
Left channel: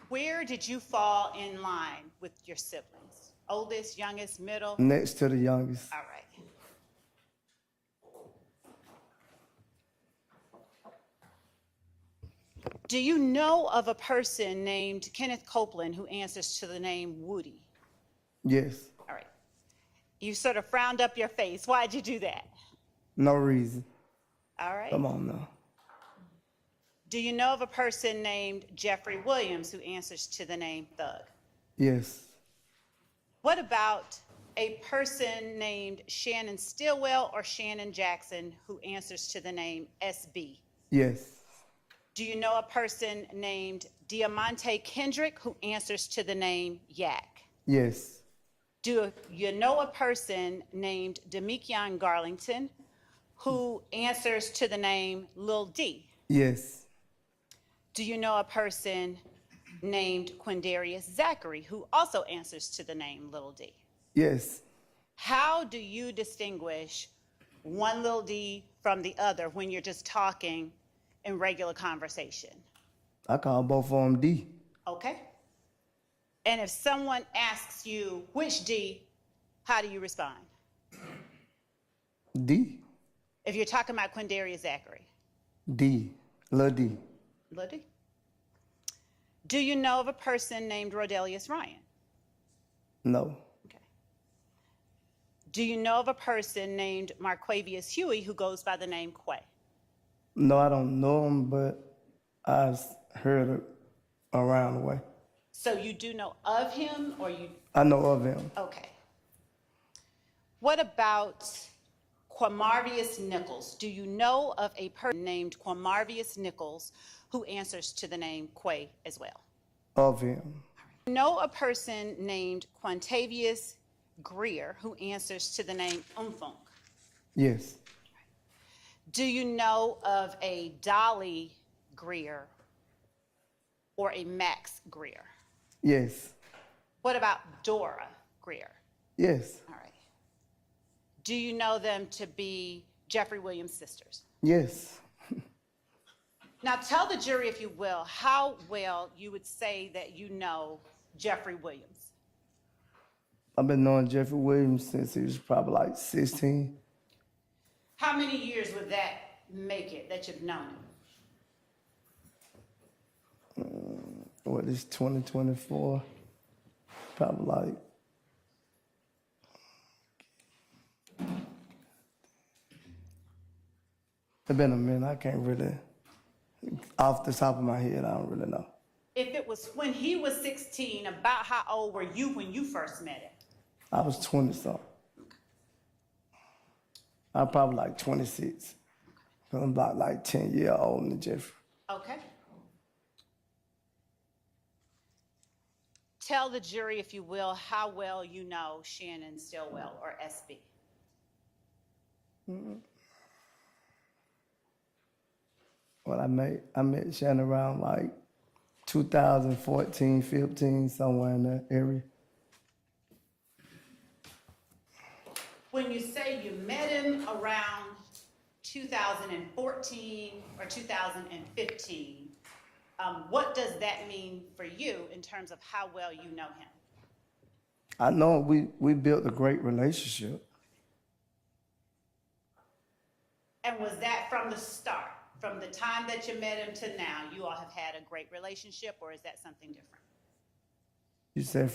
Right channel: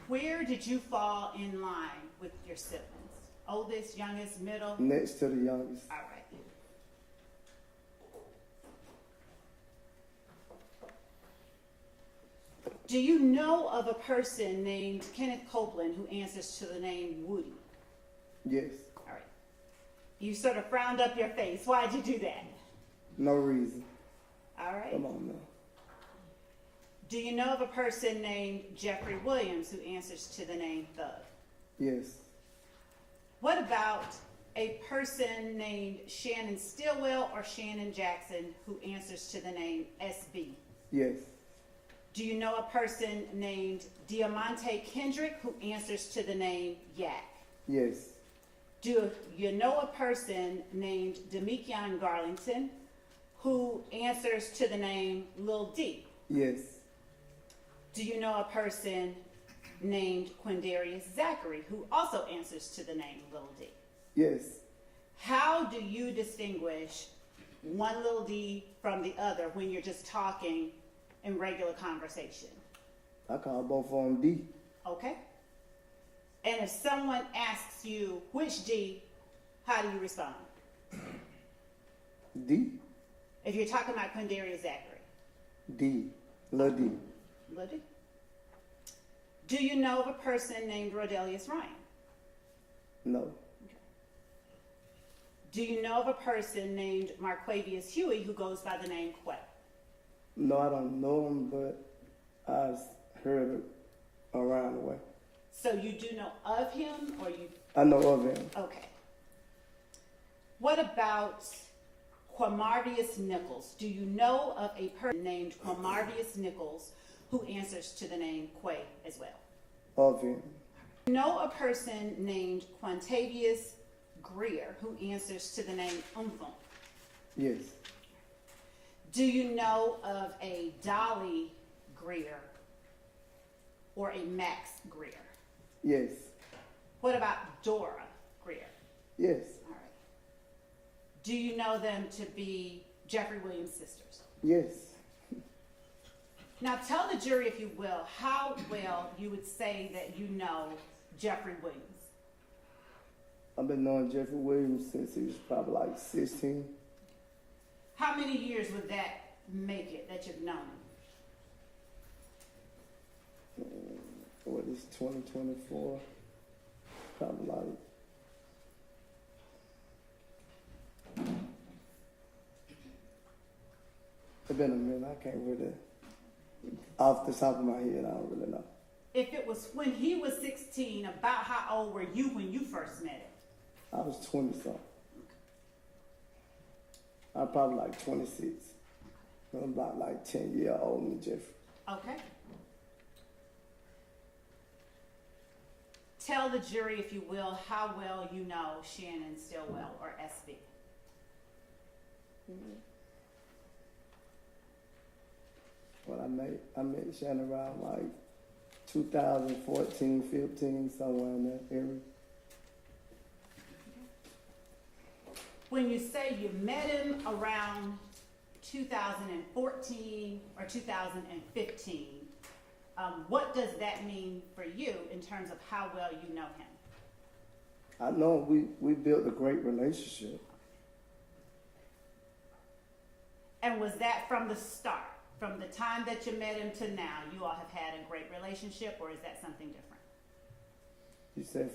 Where did you fall in line with your siblings? Oldest, youngest, middle? Next to the youngest. All right. Do you know of a person named Kenneth Copeland who answers to the name Woody? Yes. All right. You sort of frowned up your face. Why'd you do that? No reason. All right. Come on now. Do you know of a person named Jeffrey Williams who answers to the name Thug? Yes. What about a person named Shannon Stillwell or Shannon Jackson who answers to the name SB? Yes. Do you know a person named Diamante Kendrick who answers to the name Yak? Yes. Do you know a person named Demikion Garlington who answers to the name Lil D? Yes. Do you know a person named Quindarius Zachary who also answers to the name Lil D? Yes. How do you distinguish one Lil D from the other when you're just talking in regular conversation? I call both of them D. Okay. And if someone asks you which D, how do you respond? D. If you're talking about Quindarius Zachary. D. Lil D. Lil D. Do you know of a person named Rodelius Ryan? No. Okay. Do you know of a person named Marquavius Huey who goes by the name Quay? No, I don't know him, but I've heard it around the way. So you do know of him, or you? I know of him. Okay. What about Quamarvius Nichols? Do you know of a person named Quamarvius Nichols who answers to the name Quay as well? Of him. Know a person named Quantavius Greer who answers to the name Umfunk? Yes. Do you know of a Dolly Greer or a Max Greer? Yes. What about Dora Greer? Yes. All right. Do you know them to be Jeffrey Williams' sisters? Yes. Now tell the jury, if you will, how well you would say that you know Jeffrey Williams. I've been knowing Jeffrey Williams since he was probably like 16. How many years would that make it that you've known him? What is 2024? Probably like It's been a minute. I can't really, off the top of my head, I don't really know. If it was when he was 16, about how old were you when you first met him? I was 20 something. I was probably like 26. I'm about like 10 years older than Jeffrey. Okay. Tell the jury, if you will, how well you know Shannon Stillwell, or SB. Well, I met Shannon around like 2014, 15, somewhere in that area. When you say you met him around 2014 or 2015, what does that mean for you in terms of how well you know him? I know we built a great relationship. And was that from the start? From the time that you met him to now, you all have had a great relationship, or is that something different? You said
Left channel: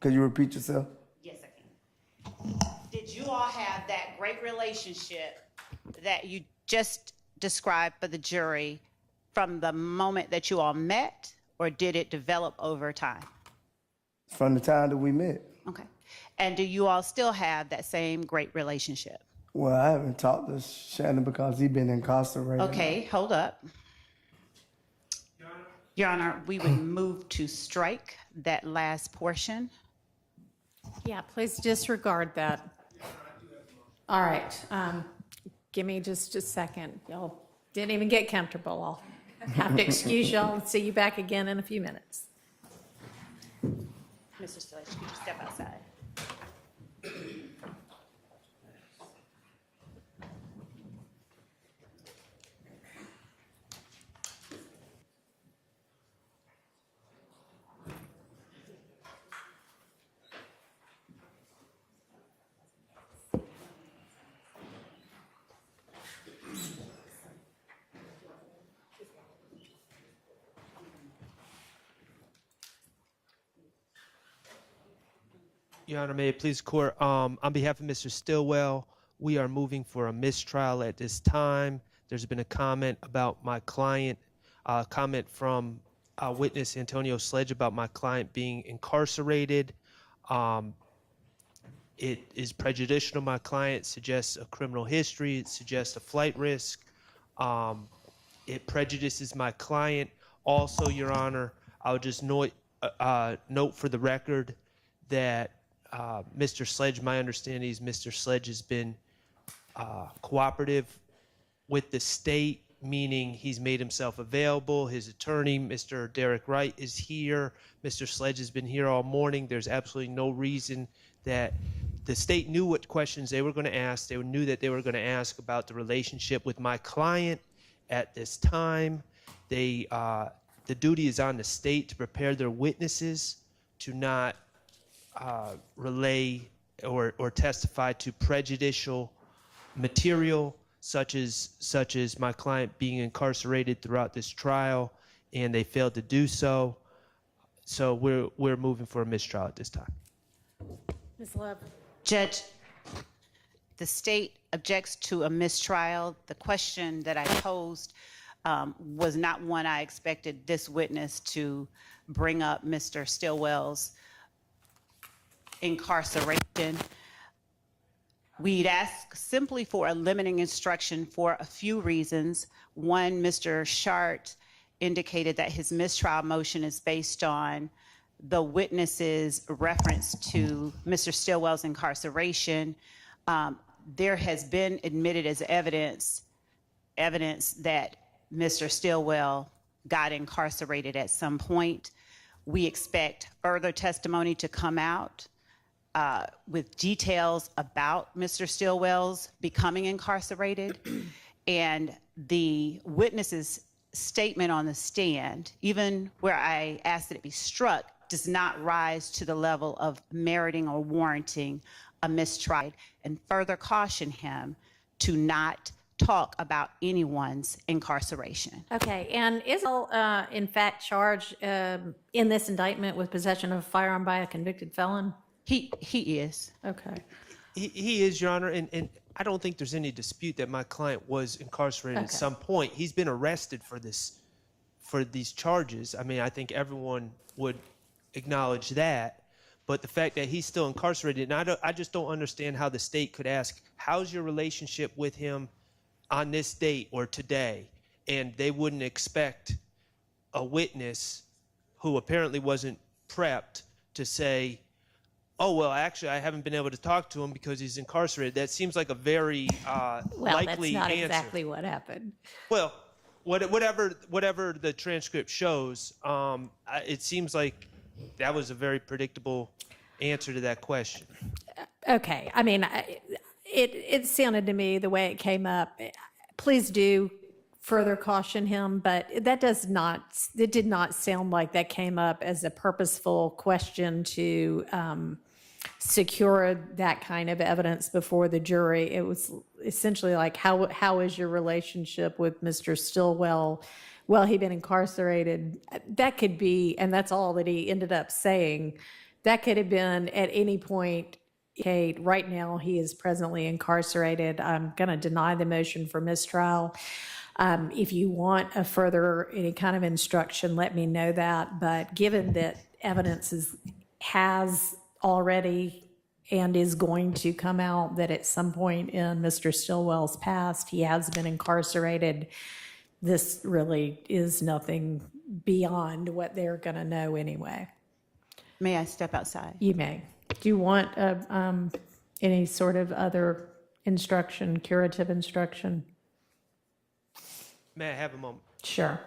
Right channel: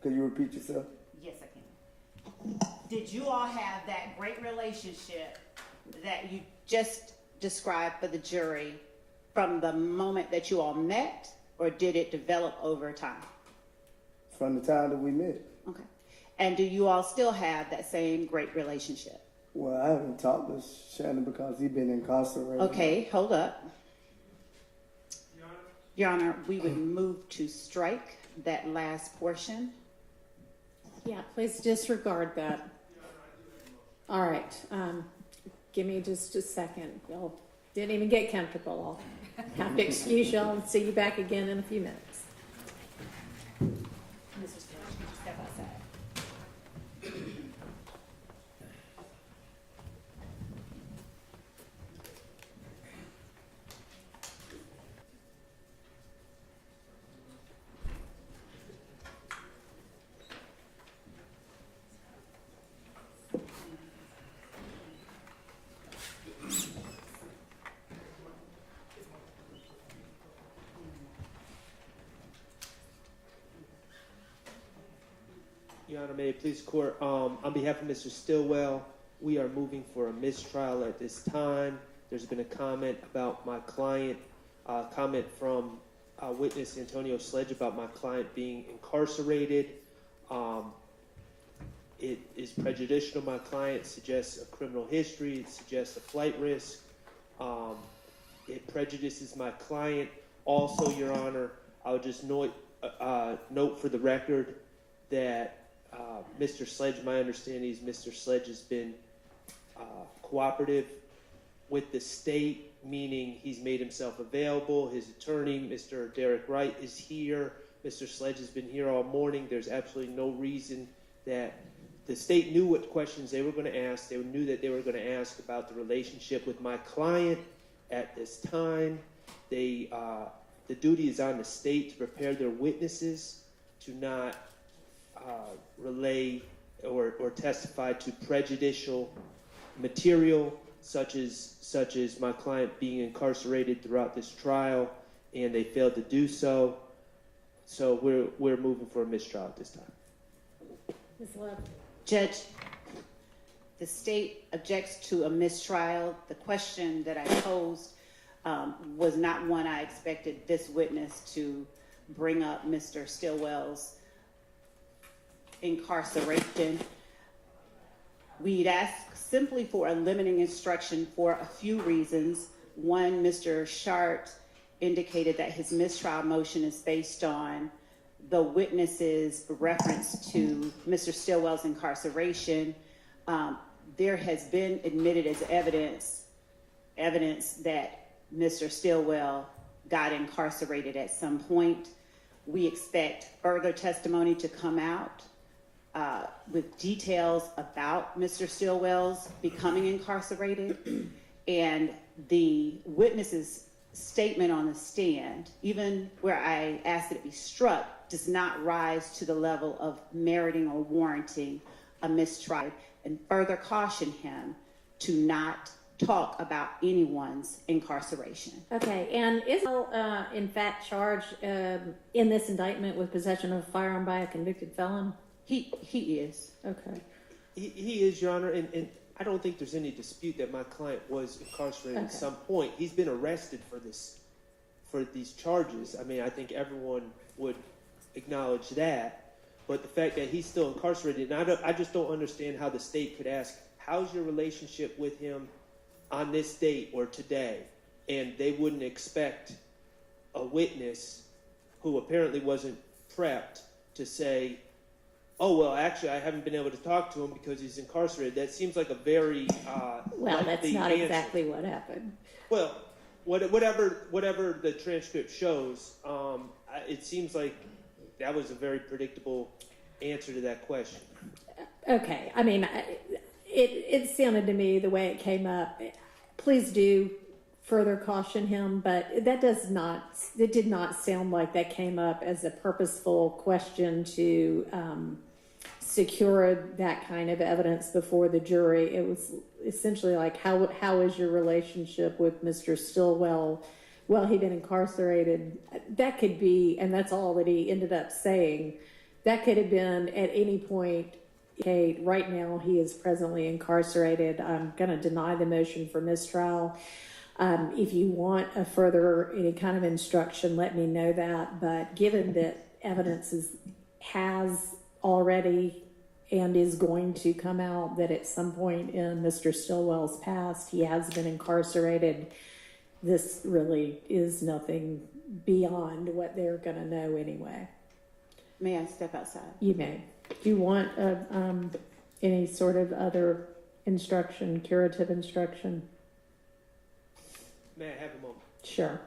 could you repeat yourself? Yes, I can. Did you all have that great relationship that you just described for the jury from the moment that you all met, or did it develop over time? From the time that we met. Okay. And do you all still have that same great relationship? Well, I haven't talked to Shannon because he's been incarcerated. Okay, hold up. Your Honor, we would move to strike that last portion. Yeah, please disregard that. All right, give me just a second. Y'all didn't even get comfortable. I'll have to excuse y'all and see you back again in a few minutes. Mr. Sledge, could you step outside? Your Honor, may it please court, on behalf of Mr. Stillwell, we are moving for a mistrial at this time. There's been a comment about my client, comment from witness Antonio Sledge about my client being incarcerated. It is prejudicial to my client, suggests a criminal history, it suggests a flight risk. It prejudices my client. Also, Your Honor, I would just note for the record that Mr. Sledge, my understanding is Mr. Sledge has been cooperative with the state, meaning he's made himself available. His attorney, Mr. Derek Wright, is here. Mr. Sledge has been here all morning. There's absolutely no reason that the state knew what questions they were going to ask. They knew that they were going to ask about the relationship with my client at this time. The duty is on the state to prepare their witnesses to not relay or testify to prejudicial material such as my client being incarcerated throughout this trial, and they failed to do so. So we're moving for a mistrial at this time. Ms. Love. Judge, the state objects to a mistrial. The question that I posed was not one I expected this witness to bring up Mr. Stillwell's incarceration. We'd ask simply for a limiting instruction for a few reasons. One, Mr. Shart indicated that his mistrial motion is based on the witness's reference to Mr. Stillwell's incarceration. There has been admitted as evidence that Mr. Stillwell got incarcerated at some point. We expect further testimony to come out with details about Mr. Stillwell's becoming incarcerated, and the witness's statement on the stand, even where I asked that it be struck, does not rise to the level of meriting or warranting a mistrial, and further caution him to not talk about anyone's incarceration. Okay, and is in fact charged in this indictment with possession of a firearm by a convicted felon? He is. Okay. He is, Your Honor, and I don't think there's any dispute that my client was incarcerated Okay. at some point. He's been arrested for these charges. I mean, I think everyone would acknowledge that. But the fact that he's still incarcerated, and I just don't understand how the state could ask, how's your relationship with him on this date or today? And they wouldn't expect a witness who apparently wasn't prepped to say, oh, well, actually, I haven't been able to talk to him because he's incarcerated. That seems like a very Well, that's likely not answer. exactly what happened. Well, whatever the transcript shows, it seems like that was a very predictable answer to that question. Okay, I mean, it sounded to me the way it came up. Please do further caution him, but it did not sound like that came up as a purposeful question to secure that kind of evidence before the jury. It was essentially like, how is your relationship with Mr. Stillwell? Well, he'd been incarcerated. That could be, and that's all that he ended up saying. That could have been at any point, Kate, right now he is presently incarcerated. I'm going to deny the motion for mistrial. If you want any kind of instruction, let me know that. But given that evidence has already and is going to come out that at some point in Mr. Stillwell's past, he has been incarcerated, this really is nothing beyond what they're going to know anyway. May I step outside? You may. Do you want any sort of other instruction, curative instruction? May I have a moment? Sure.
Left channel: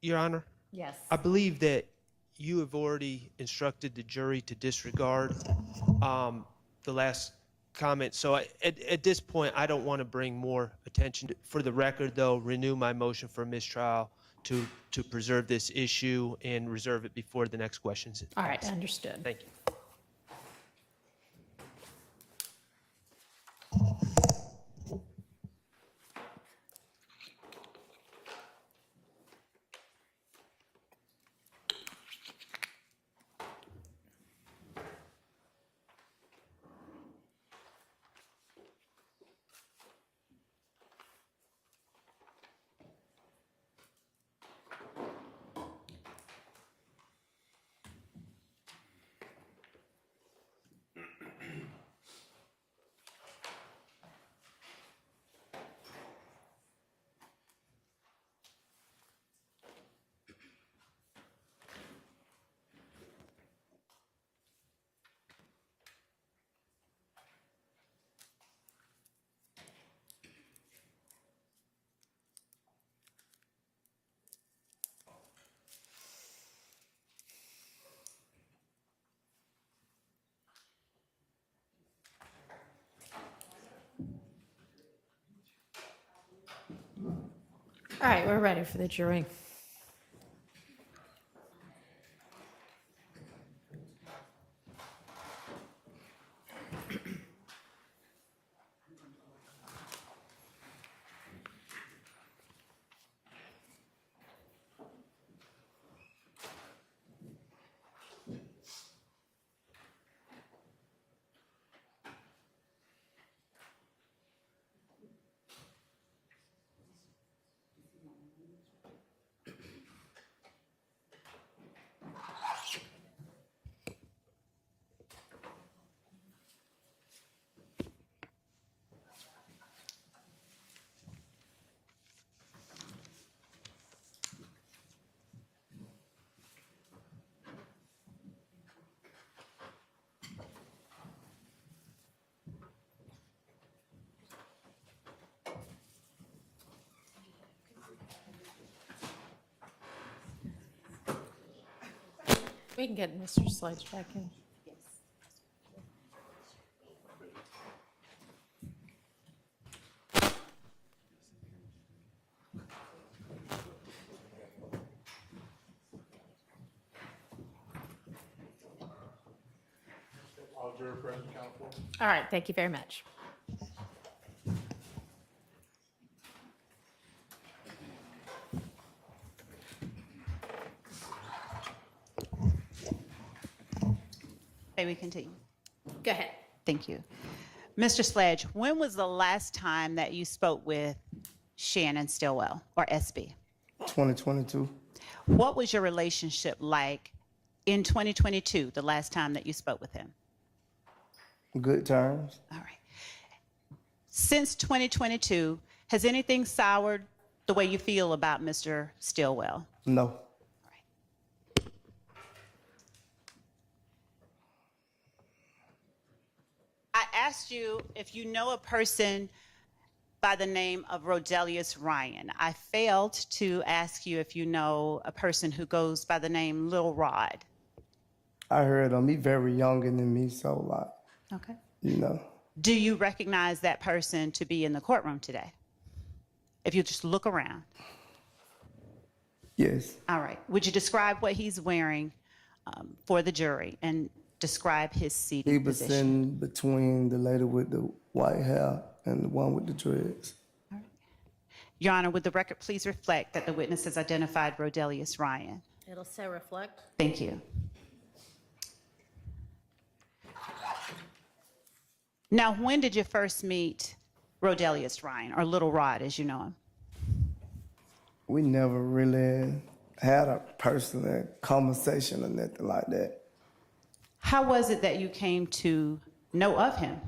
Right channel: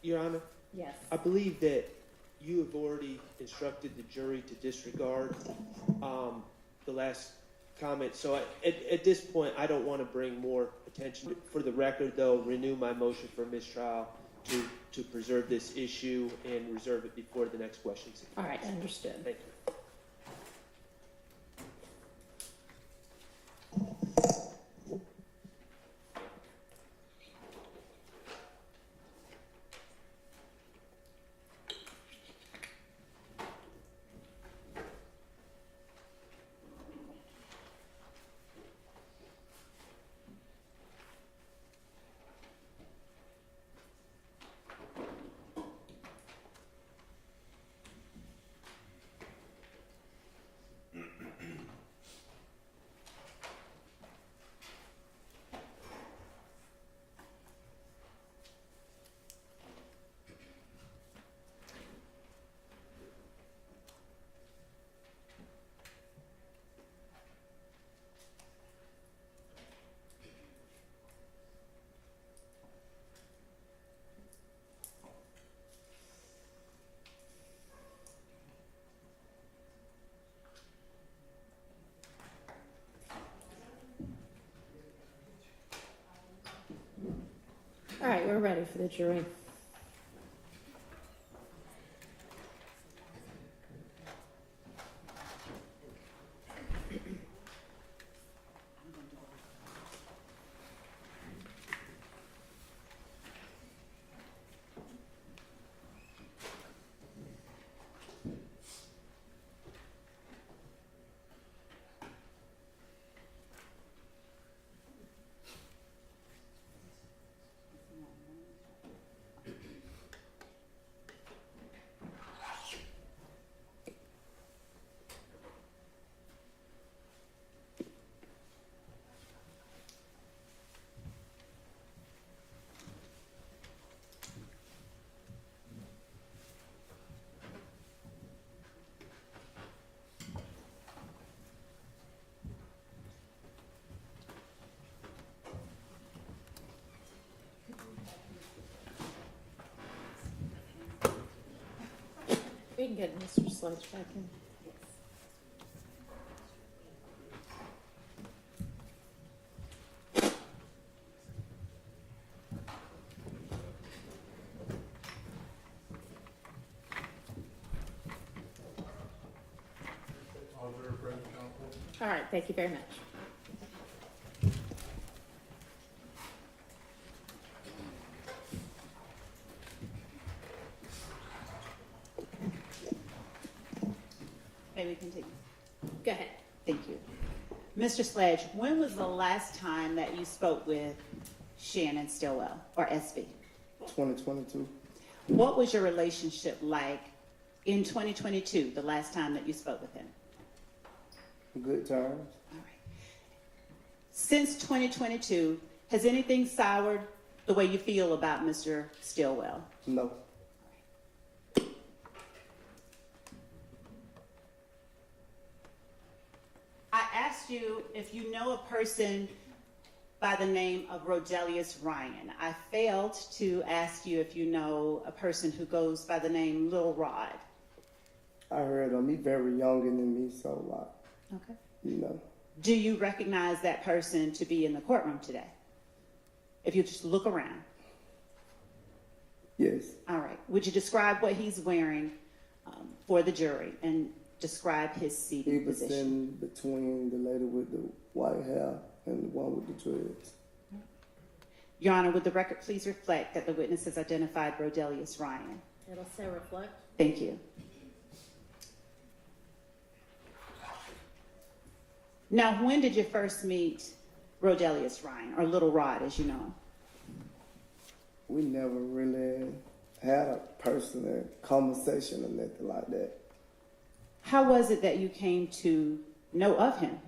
Your Honor, Yes. I believe that you have already instructed the jury to disregard the last comment. So at this point, I don't want to bring more attention. For the record, though, renew my motion for mistrial to preserve this issue and reserve it before the next questions. All right, understood. Thank you. All right, we're ready for the jury. We can get Mr. Sledge back in. very present, Councilwoman. All right, thank you very much. May we continue? Go ahead. Thank you. Mr. Sledge, when was the last time that you spoke with Shannon Stillwell, or SB? 2022. What was your relationship like in 2022, the last time that you spoke with him? Good terms. All right. Since 2022, has anything soured the way you feel about Mr. Stillwell? No. I asked you if you know a person by the name of Rodelius Ryan. I failed to ask you if you know a person who goes by the name Lil Rod. I heard him. He very younger than me, so like, Okay. you know. Do you recognize that person to be in the courtroom today? If you just look around. Yes. All right. Would you describe what he's wearing for the jury and describe his seating He was position? sitting between the lady with the white hair and the one with the dreads. Your Honor, would the record please reflect that the witness has identified Rodelius Ryan? It'll say reflect. Thank you. Now, when did you first meet Rodelius Ryan, or Little Rod as you know him? We never really had a personal conversation or nothing like that. How was it that you came to know of him?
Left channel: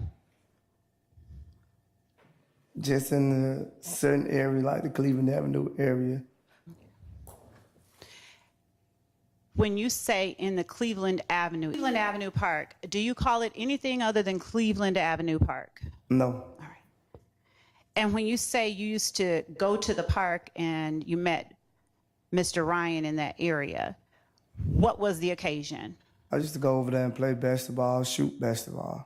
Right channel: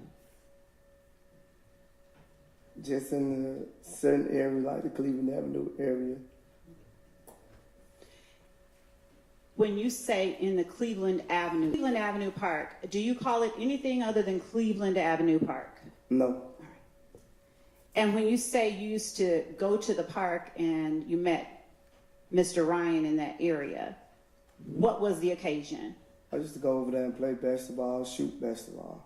Just in a certain area, like the Cleveland Avenue area. When you say in the Cleveland Avenue Park, do you call it anything other than Cleveland Avenue Park? No. All right. And when you say you used to go to the park and you met Mr. Ryan in that area, what was the occasion? I used to go over there and play basketball, shoot basketball.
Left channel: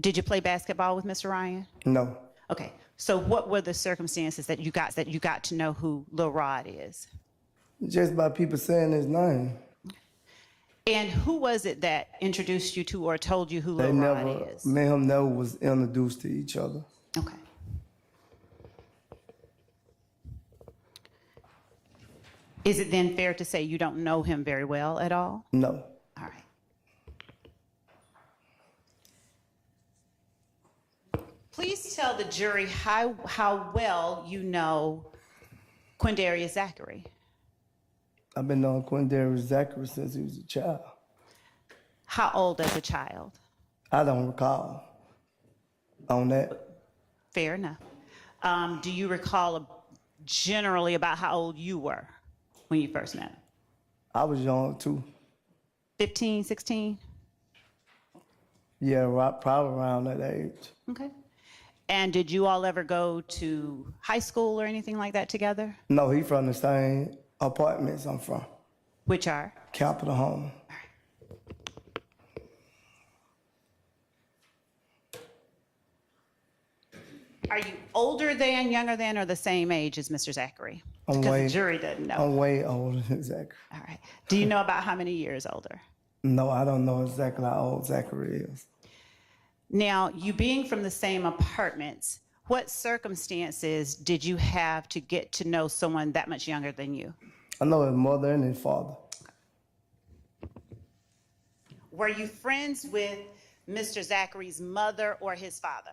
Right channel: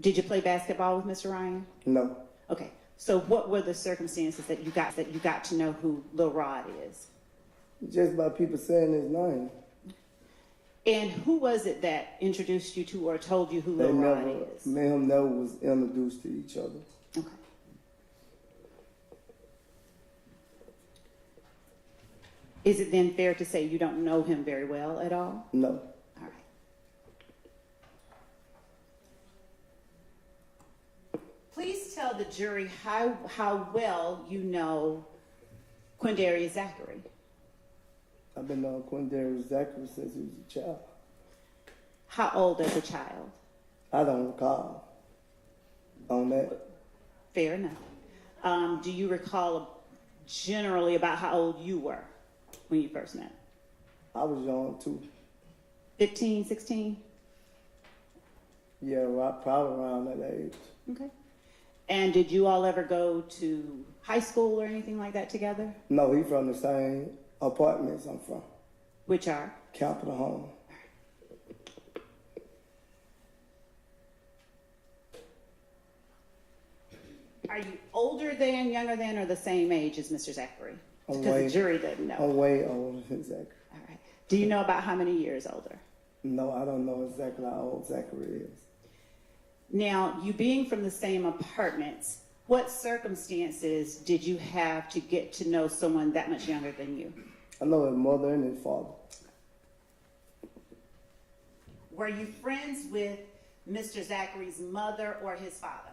Did you play basketball with Mr. Ryan? No. Okay. So what were the circumstances that you got to know who Lil Rod is? Just by people saying his name. And who was it that introduced you to or told you who Lil Rod is? Me and him never was introduced to each other. Okay. Is it then fair to say you don't know him very well at all? No. All right. Please tell the jury how well you know Quindarius Zachary. I've been knowing Quindarius Zachary since he was a child. How old as a child? I don't recall on that. Fair enough. Do you recall generally about how old you were when you first met him? I was young too. 15, 16? Yeah, probably around that age. Okay. And did you all ever go to high school or anything like that together? No, he from the same apartments I'm from. Which are? Capitol Home. Are you older than, younger than, or the same age as Mr. Zachary? I'm Because way- the jury doesn't know. I'm way older than Zachary. All right. Do you know about how many years older? No, I don't know exactly how old Zachary is. Now, you being from the same apartments, what circumstances did you have to get to know someone that much younger than you? I know his mother and his father. Were you friends with Mr. Zachary's mother or his father?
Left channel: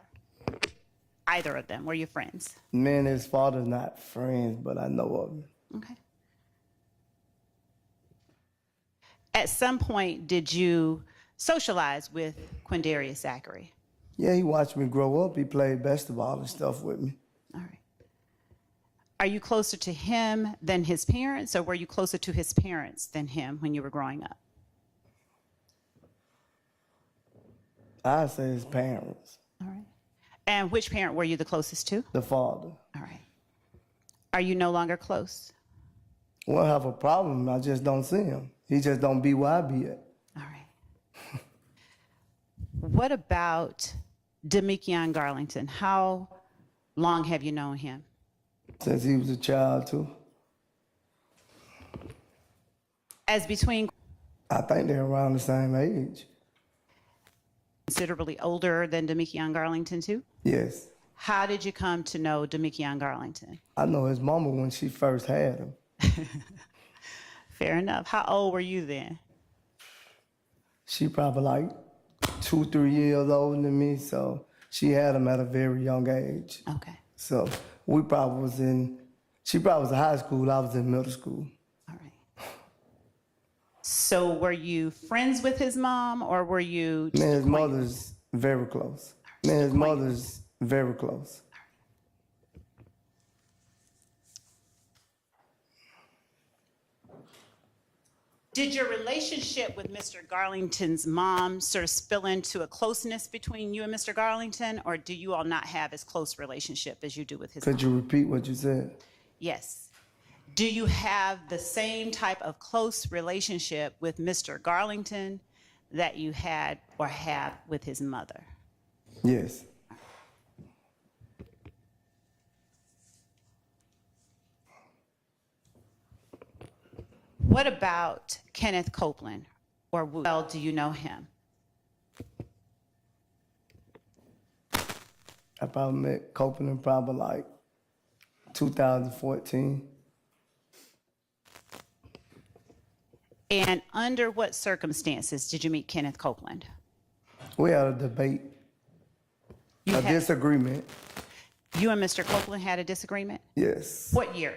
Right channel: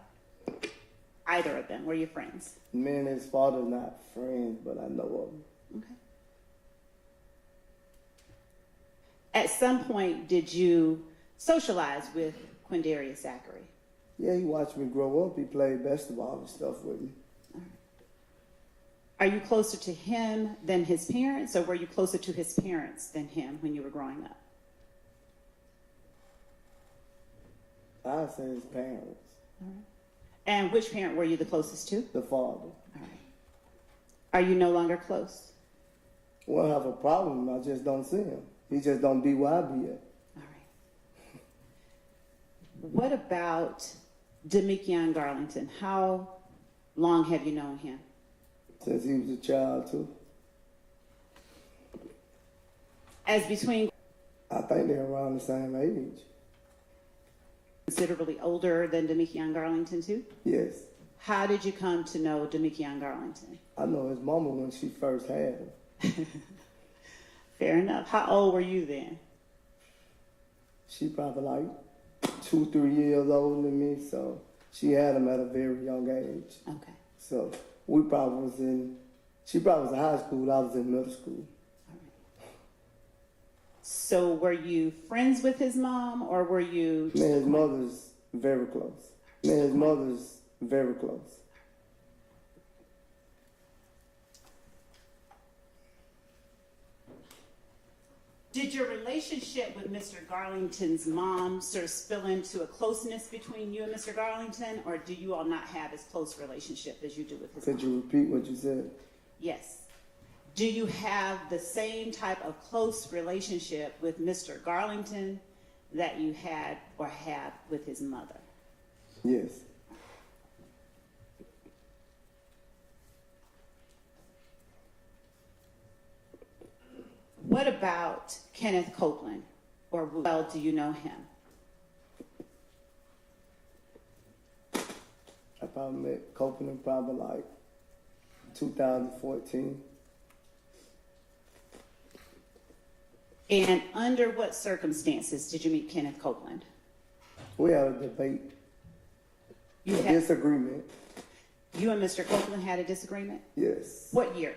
Either of them. Were you friends? Me and his father not friends, but I know of him. Okay. At some point, did you socialize with Quindarius Zachary? Yeah, he watched me grow up. He played basketball and stuff with me. All right. Are you closer to him than his parents, or were you closer to his parents than him when you were growing up? I say his parents. All right. And which parent were you the closest to? The father. All right. Are you no longer close? We don't have a problem. I just don't see him. He just don't be where I be at. All right. What about Demikion Garlington? How long have you known him? Since he was a child too. As between I think they're around the same age. considerably older than Demekion Garlington too? Yes. How did you come to know Demekion Garlington? I know his mama when she first had him. Fair enough. How old were you then? She probably like 2, 3 years older than me, so she had him at a very young age. Okay. So she probably was in high school, I was in middle school. All right. So were you friends with his mom, or were you Me and his acquainted? mother's very close. Me and his mother's very close. Did your relationship with Mr. Garlington's mom sort of spill into a closeness between you and Mr. Garlington, or do you all not have as close relationship as you do with his mom? Could you repeat what you said? Yes. Do you have the same type of close relationship with Mr. Garlington that you had or have with his mother? Yes. What about Kenneth Copeland, or well do you know him? I probably met Copeland probably like 2014. And under what circumstances did you meet Kenneth Copeland? We had a debate, You a had- disagreement. You and Mr. Copeland had a disagreement? Yes. What year?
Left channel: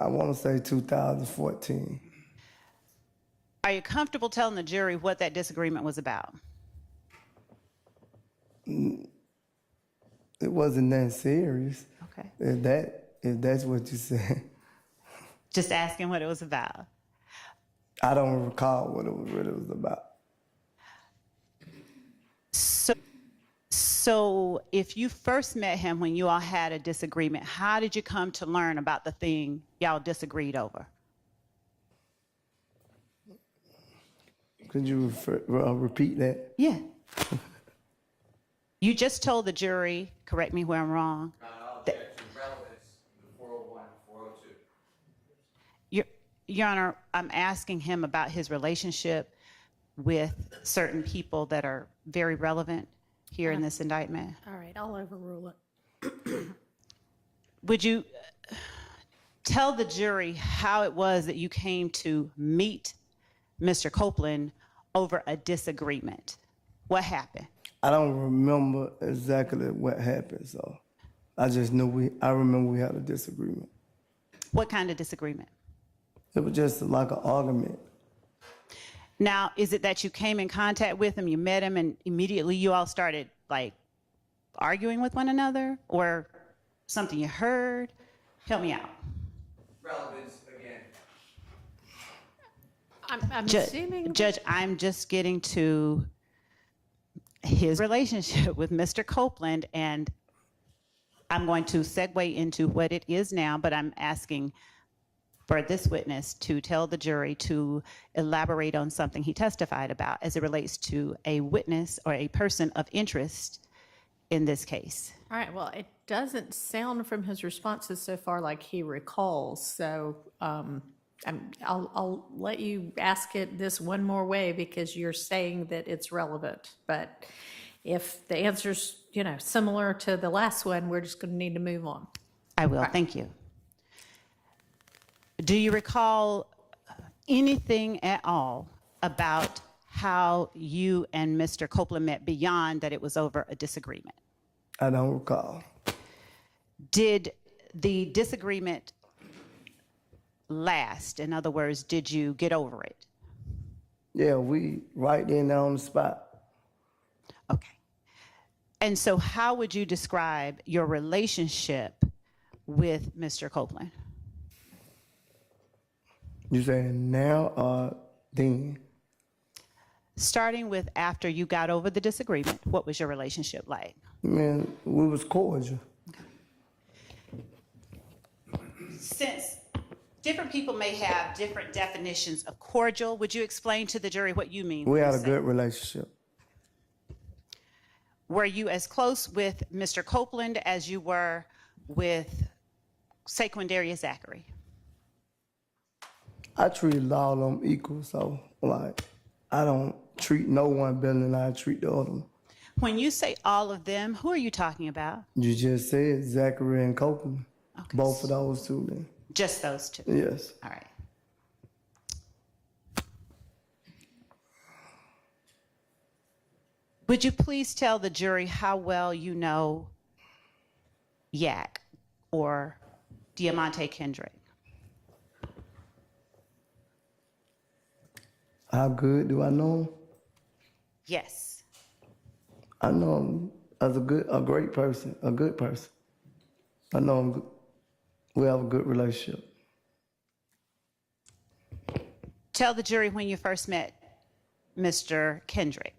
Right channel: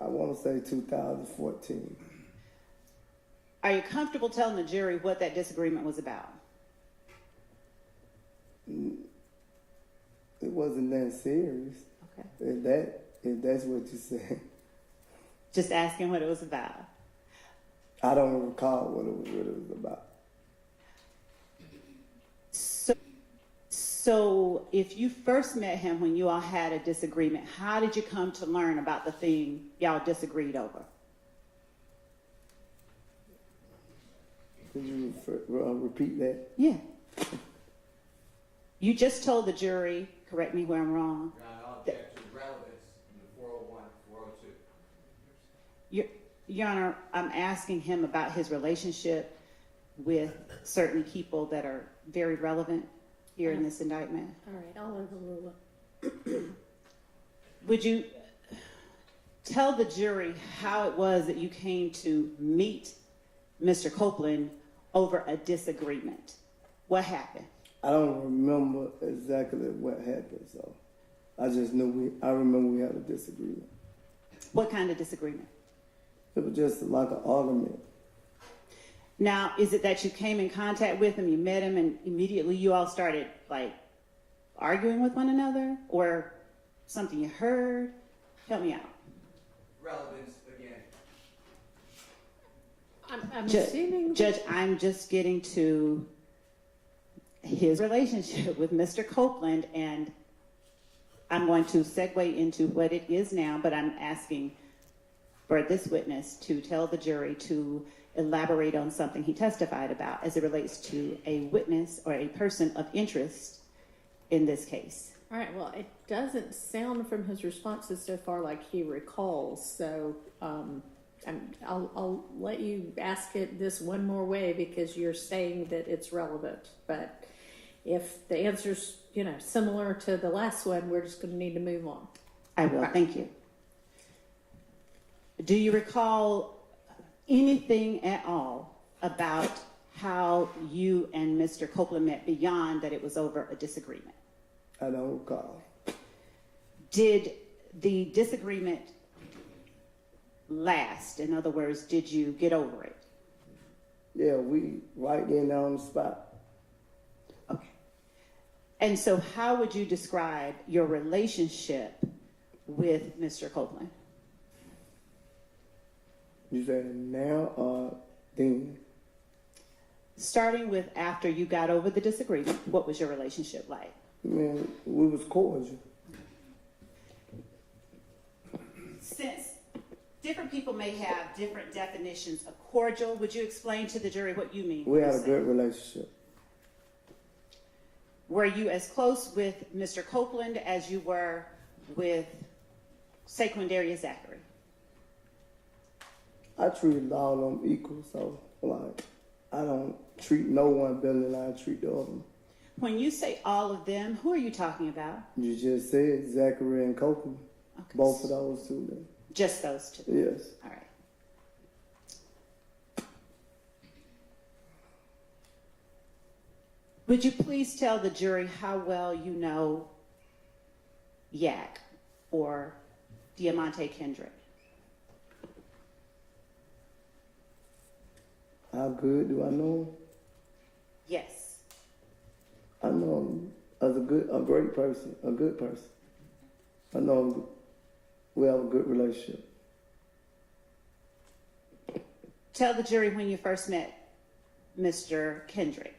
I want to say 2014. Are you comfortable telling the jury what that disagreement was about? It wasn't that serious. Okay. If that's what you said. Just asking what it was about. I don't recall what it was about. So if you first met him when you all had a disagreement, how did you come to learn about the thing y'all disagreed over? Could you repeat that? Yeah. You just told the jury, correct me where I'm wrong. Your Honor, I'm asking him about his relationship with certain people that are very relevant here in this indictment. All right, I'll overrule it. Would you tell the jury how it was that you came to meet Mr. Copeland over a disagreement? What happened? I don't remember exactly what happened, so I just know I remember we had a disagreement. What kind of disagreement? It was just like an argument. Now, is it that you came in contact with him, you met him, and immediately you all started like arguing with one another, or something you heard? Help me out. Relevance again. I'm assuming. Judge, I'm just getting to his relationship with Mr. Copeland, and I'm going to segue into what it is now, but I'm asking for this witness to tell the jury to elaborate on something he testified about as it relates to a witness or a person of interest in this case. All right, well, it doesn't sound from his responses so far like he recalls, so I'll let you ask it this one more way because you're saying that it's relevant. But if the answer's, similar to the last one, we're just going to need to move on. I will, thank you. Do you recall anything at all about how you and Mr. Copeland met beyond that it was over a disagreement? I don't recall. Did the disagreement last? In other words, did you get over it? Yeah, we right in there on the spot. Okay. And so how would you describe your relationship with Mr. Copeland? You saying now or then? Starting with after you got over the disagreement, what was your relationship like? Man, we was cordial. Since different people may have different definitions of cordial, would you explain to the jury what you mean? We had a good relationship. Were you as close with Mr. Copeland as you were with Sequindaria Zachary? I treated all of them equal, so I don't treat no one better than I treat the other one. When you say all of them, who are you talking about? You just said Zachary and Copeland. Okay. Both of those two then. Just those two? Yes. All right. Would you please tell the jury how well you know Yak or Diamante Kendrick? How good do I know him? Yes. I know him as a great person, a good person. I know him. We have a good relationship. Tell the jury when you first met Mr. Kendrick.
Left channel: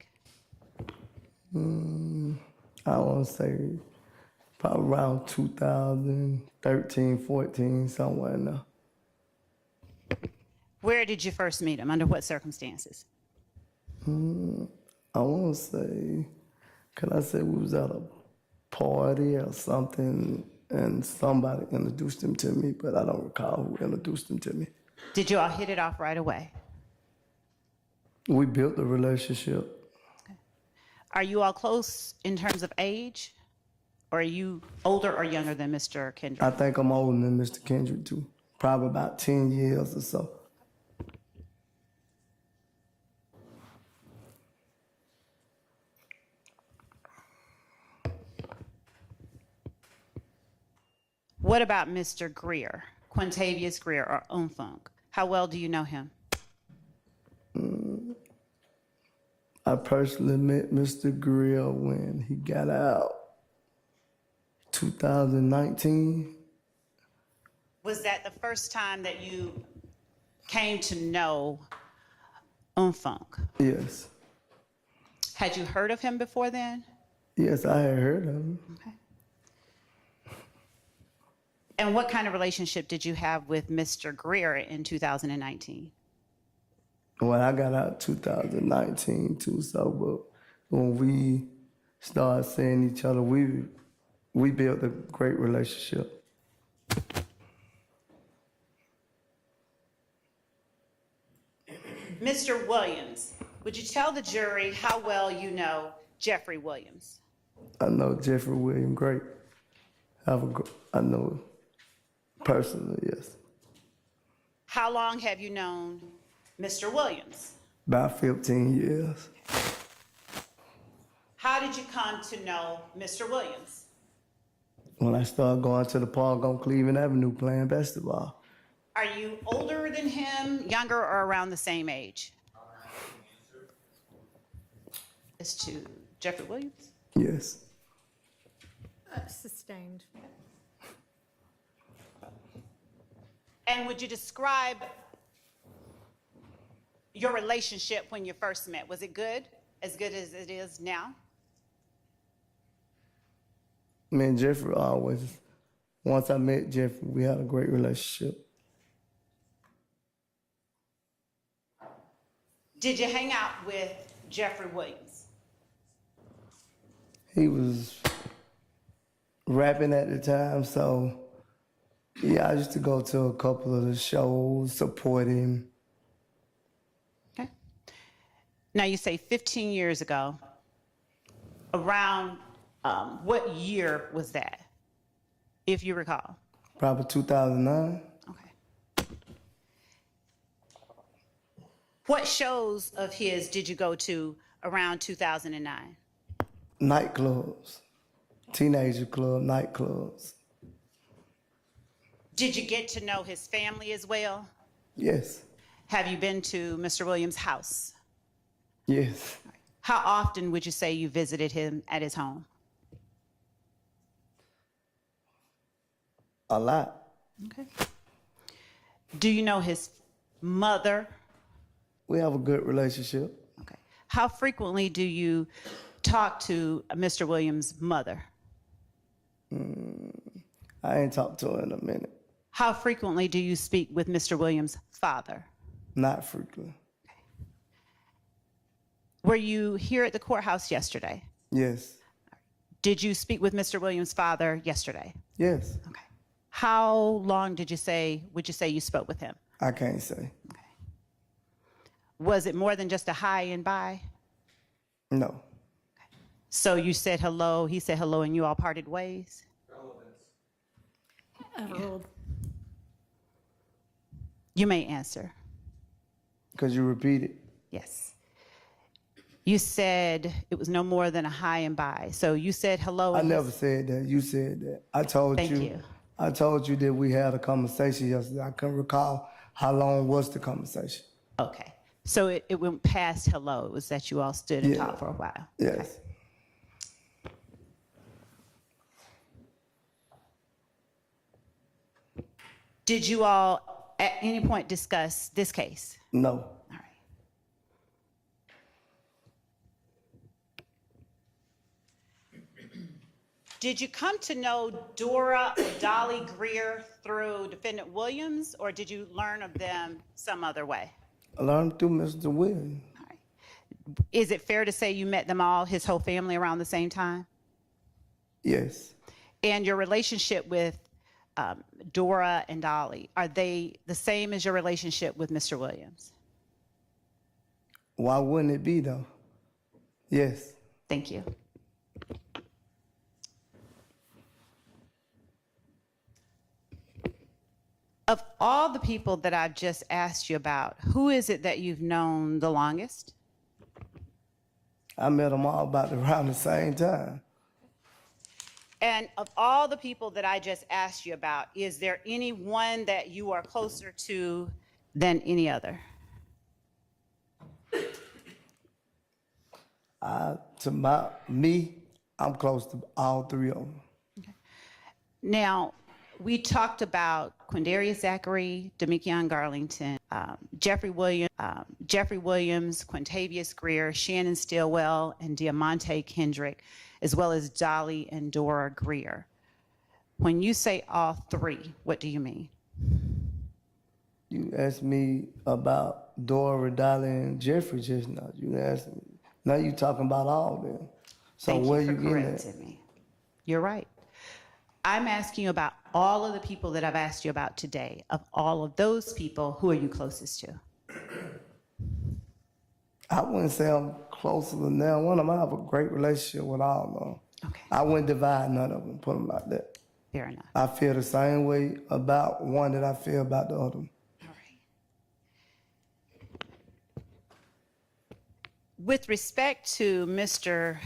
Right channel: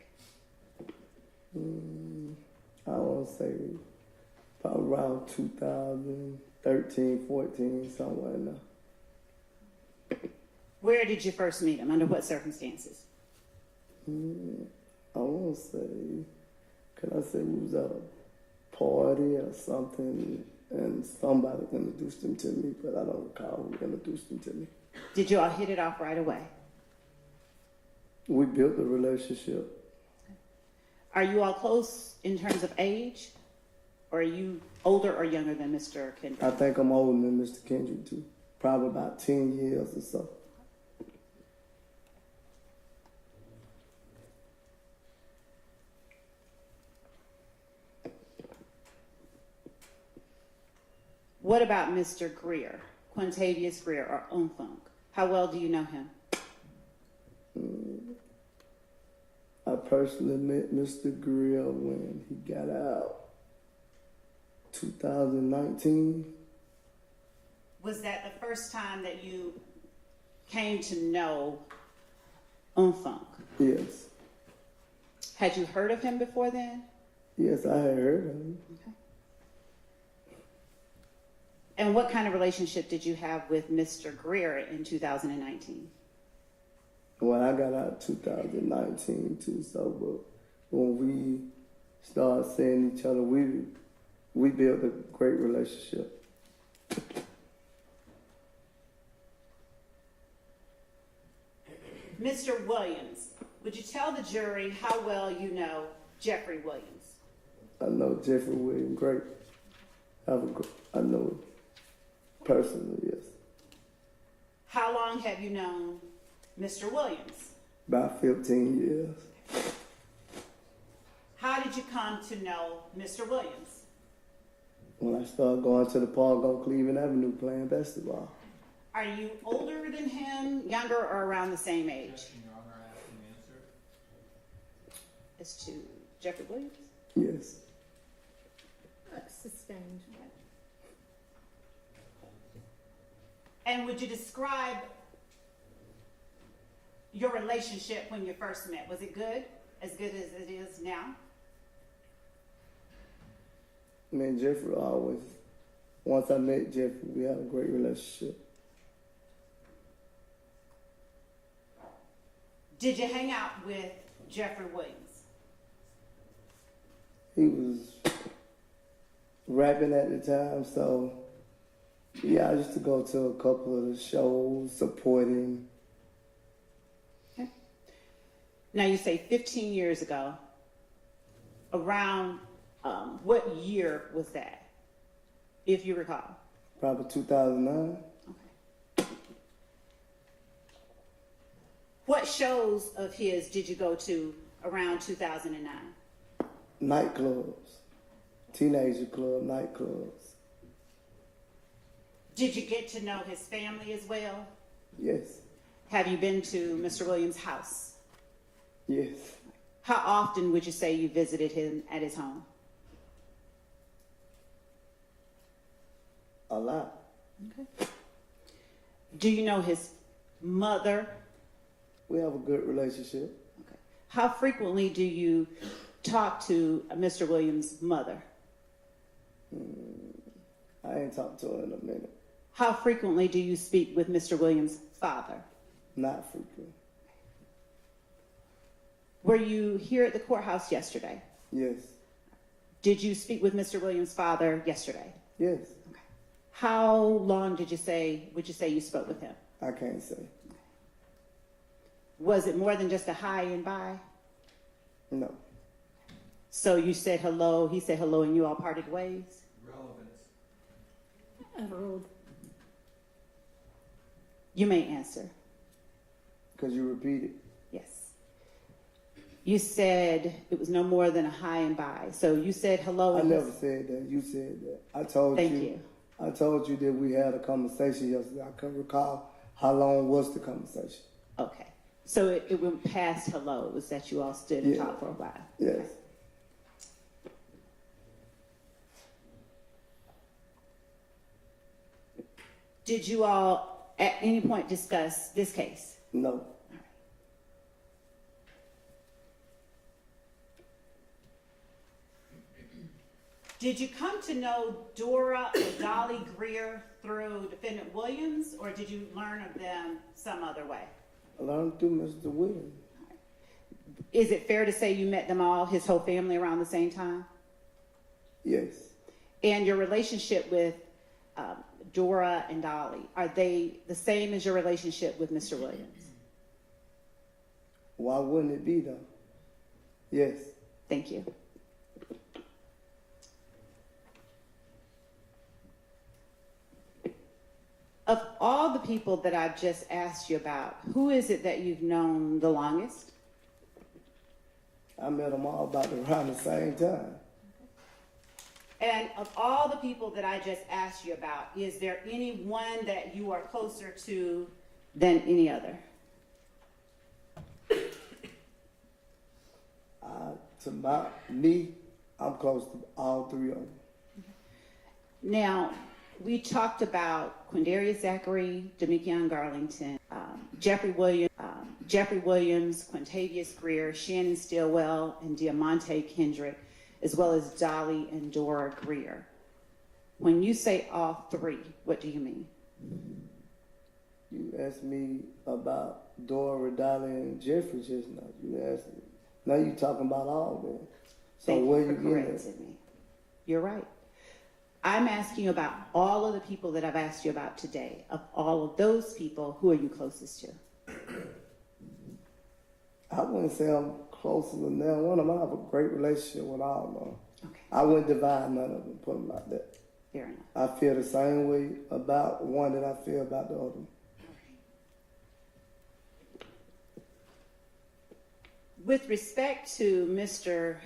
I want to say probably around 2013, 14, somewhere in there. Where did you first meet him? Under what circumstances? I want to say, can I say we was at a party or something and somebody introduced him to me, but I don't recall who introduced him to me. Did you all hit it off right away? We built a relationship. Are you all close in terms of age? Or are you older or younger than Mr. Kendrick? I think I'm older than Mr. Kendrick too, probably about 10 years or so. What about Mr. Greer, Quintavious Greer or MOUNK? How well do you know him? I personally met Mr. Greer when he got out, 2019. Was that the first time that you came to know MOUNK? Yes. Had you heard of him before then? Yes, I had heard of him. Okay. And what kind of relationship did you have with Mr. Greer in 2019? Well, I got out 2019 too, so but when we started seeing each other, we built a great relationship. Mr. Williams, would you tell the jury how well you know Jeffrey Williams? I know Jeffrey Williams great. I know him personally, yes. How long have you known Mr. Williams? About 15 years. How did you come to know Mr. Williams? When I started going to the park on Cleveland Avenue playing basketball. Are you older than him, younger, or around the same age? As to Jeffrey Williams? Yes. Sustained. And would you describe your relationship when you first met? Was it good? As good as it is now? Me and Jeffrey always, once I met Jeffrey, we had a great relationship. Did you hang out with Jeffrey Williams? He was rapping at the time, so yeah, I used to go to a couple of the shows, support him. Okay. Now you say 15 years ago. Around what year was that, if you recall? Probably 2009. Okay. What shows of his did you go to around 2009? Nightclubs, teenager club, nightclubs. Did you get to know his family as well? Yes, Have you been to Mr. Williams' house? yes. How often would you say you visited him at his home? A lot. Okay. Do you know his mother? We have a good relationship. Okay. How frequently do you talk to Mr. Williams' mother? I ain't talked to her in a minute. How frequently do you speak with Mr. Williams' father? Not frequently. Were you here at the courthouse yesterday? Yes, Did you speak with Mr. Williams' father yesterday? yes. Okay. How long would you say you spoke with him? I can't say. Was it more than just a hi and bye? No. So you said hello, he said hello, and you all parted ways? You may answer. Because you repeated. Yes. You said it was no more than a hi and bye. So you said hello. I and never said that. You said that. I told Thank you. you. I told you that we had a conversation yesterday. I couldn't recall how long was the conversation. Okay. So it went past hello. It was that you all stood and Yeah. talked for a while. Yes. Okay. Did you all at any point discuss this case? No. All right. Did you come to know Dora and Dolly Greer through Defendant Williams, or did you learn of them some other way? I learned through Mr. Williams. All right. Is it fair to say you met them all, his whole family, around the same time? Yes. And your relationship with Dora and Dolly, are they the same as your relationship with Mr. Williams? Why wouldn't it be though? Yes. Thank you. Of all the people that I've just asked you about, who is it that you've known the longest? I met them all about around the same time. And of all the people that I just asked you about, is there any one that you are closer to than any other? I'm close to all three of them. Now, we talked about Quindarius Zachary, Demekion Garlington, Jeffrey Williams, Quintavious Greer, Shannon Stillwell, and Diamante Kendrick, as well as Dolly and Dora Greer. When you say all three, what do you mean? You asked me about Dora, Dolly, and Jeffrey just now. You asked me. Now you talking about all of them. So Thank where you you for getting correcting at? me. You're right. I'm asking you about all of the people that I've asked you about today. Of all of those people, who are you closest to? I wouldn't say I'm closer than them. One of them, I have a great relationship with all of them. Okay, I wouldn't divide none of them, put them like that. fair enough. I feel the same way about one that I feel about the other one. All right. With respect to Mr.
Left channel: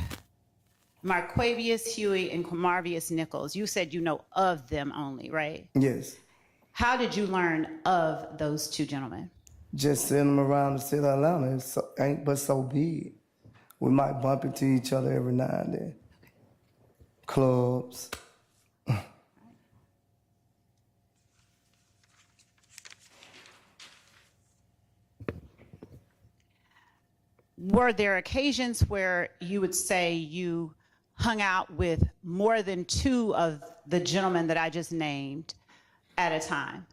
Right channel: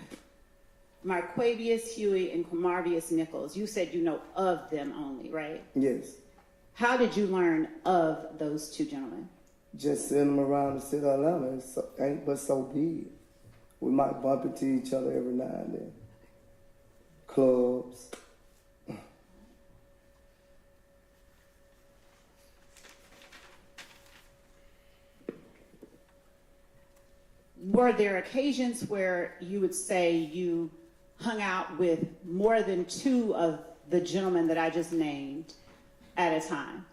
Marquavius Huey and Quamarvius Nichols, you said you know of them only, right? Yes. How did you learn of those two gentlemen? Just seeing them around the city of Atlanta ain't but so big. We might bump into each other every now and then. Clubs. Were there occasions where you would say you hung out with more than two of the gentlemen that I just named at a time?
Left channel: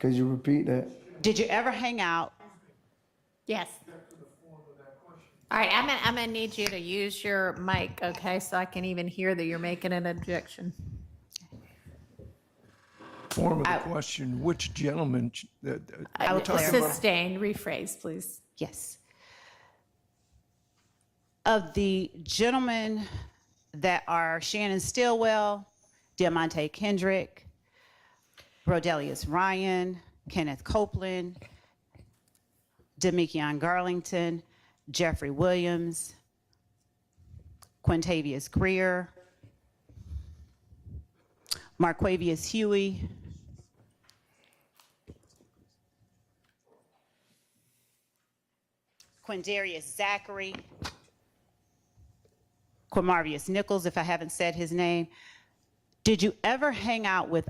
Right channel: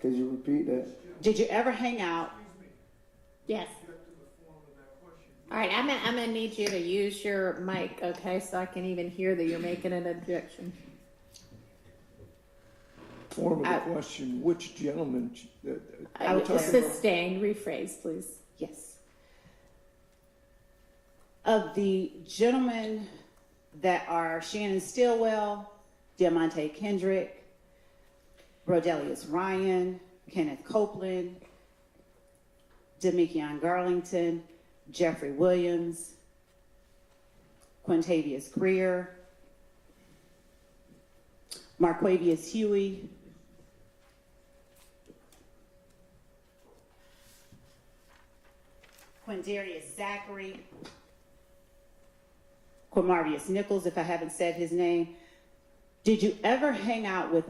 Could you repeat that? Did you ever hang out? Yes. All right, I'm gonna need you to use your mic, okay, so I can even hear that you're making an objection. Form of the question, which gentleman? We're talking about. Sustained, rephrase, please. Yes. Of the gentlemen that are Shannon Stillwell, Diamante Kendrick, Rodelius Ryan, Kenneth Copeland, Demekion Garlington, Jeffrey Williams, Quintavious Greer, Marquavius Huey, Quindarius Zachary, Quamarvius Nichols, if I haven't said his name. Did you ever hang out with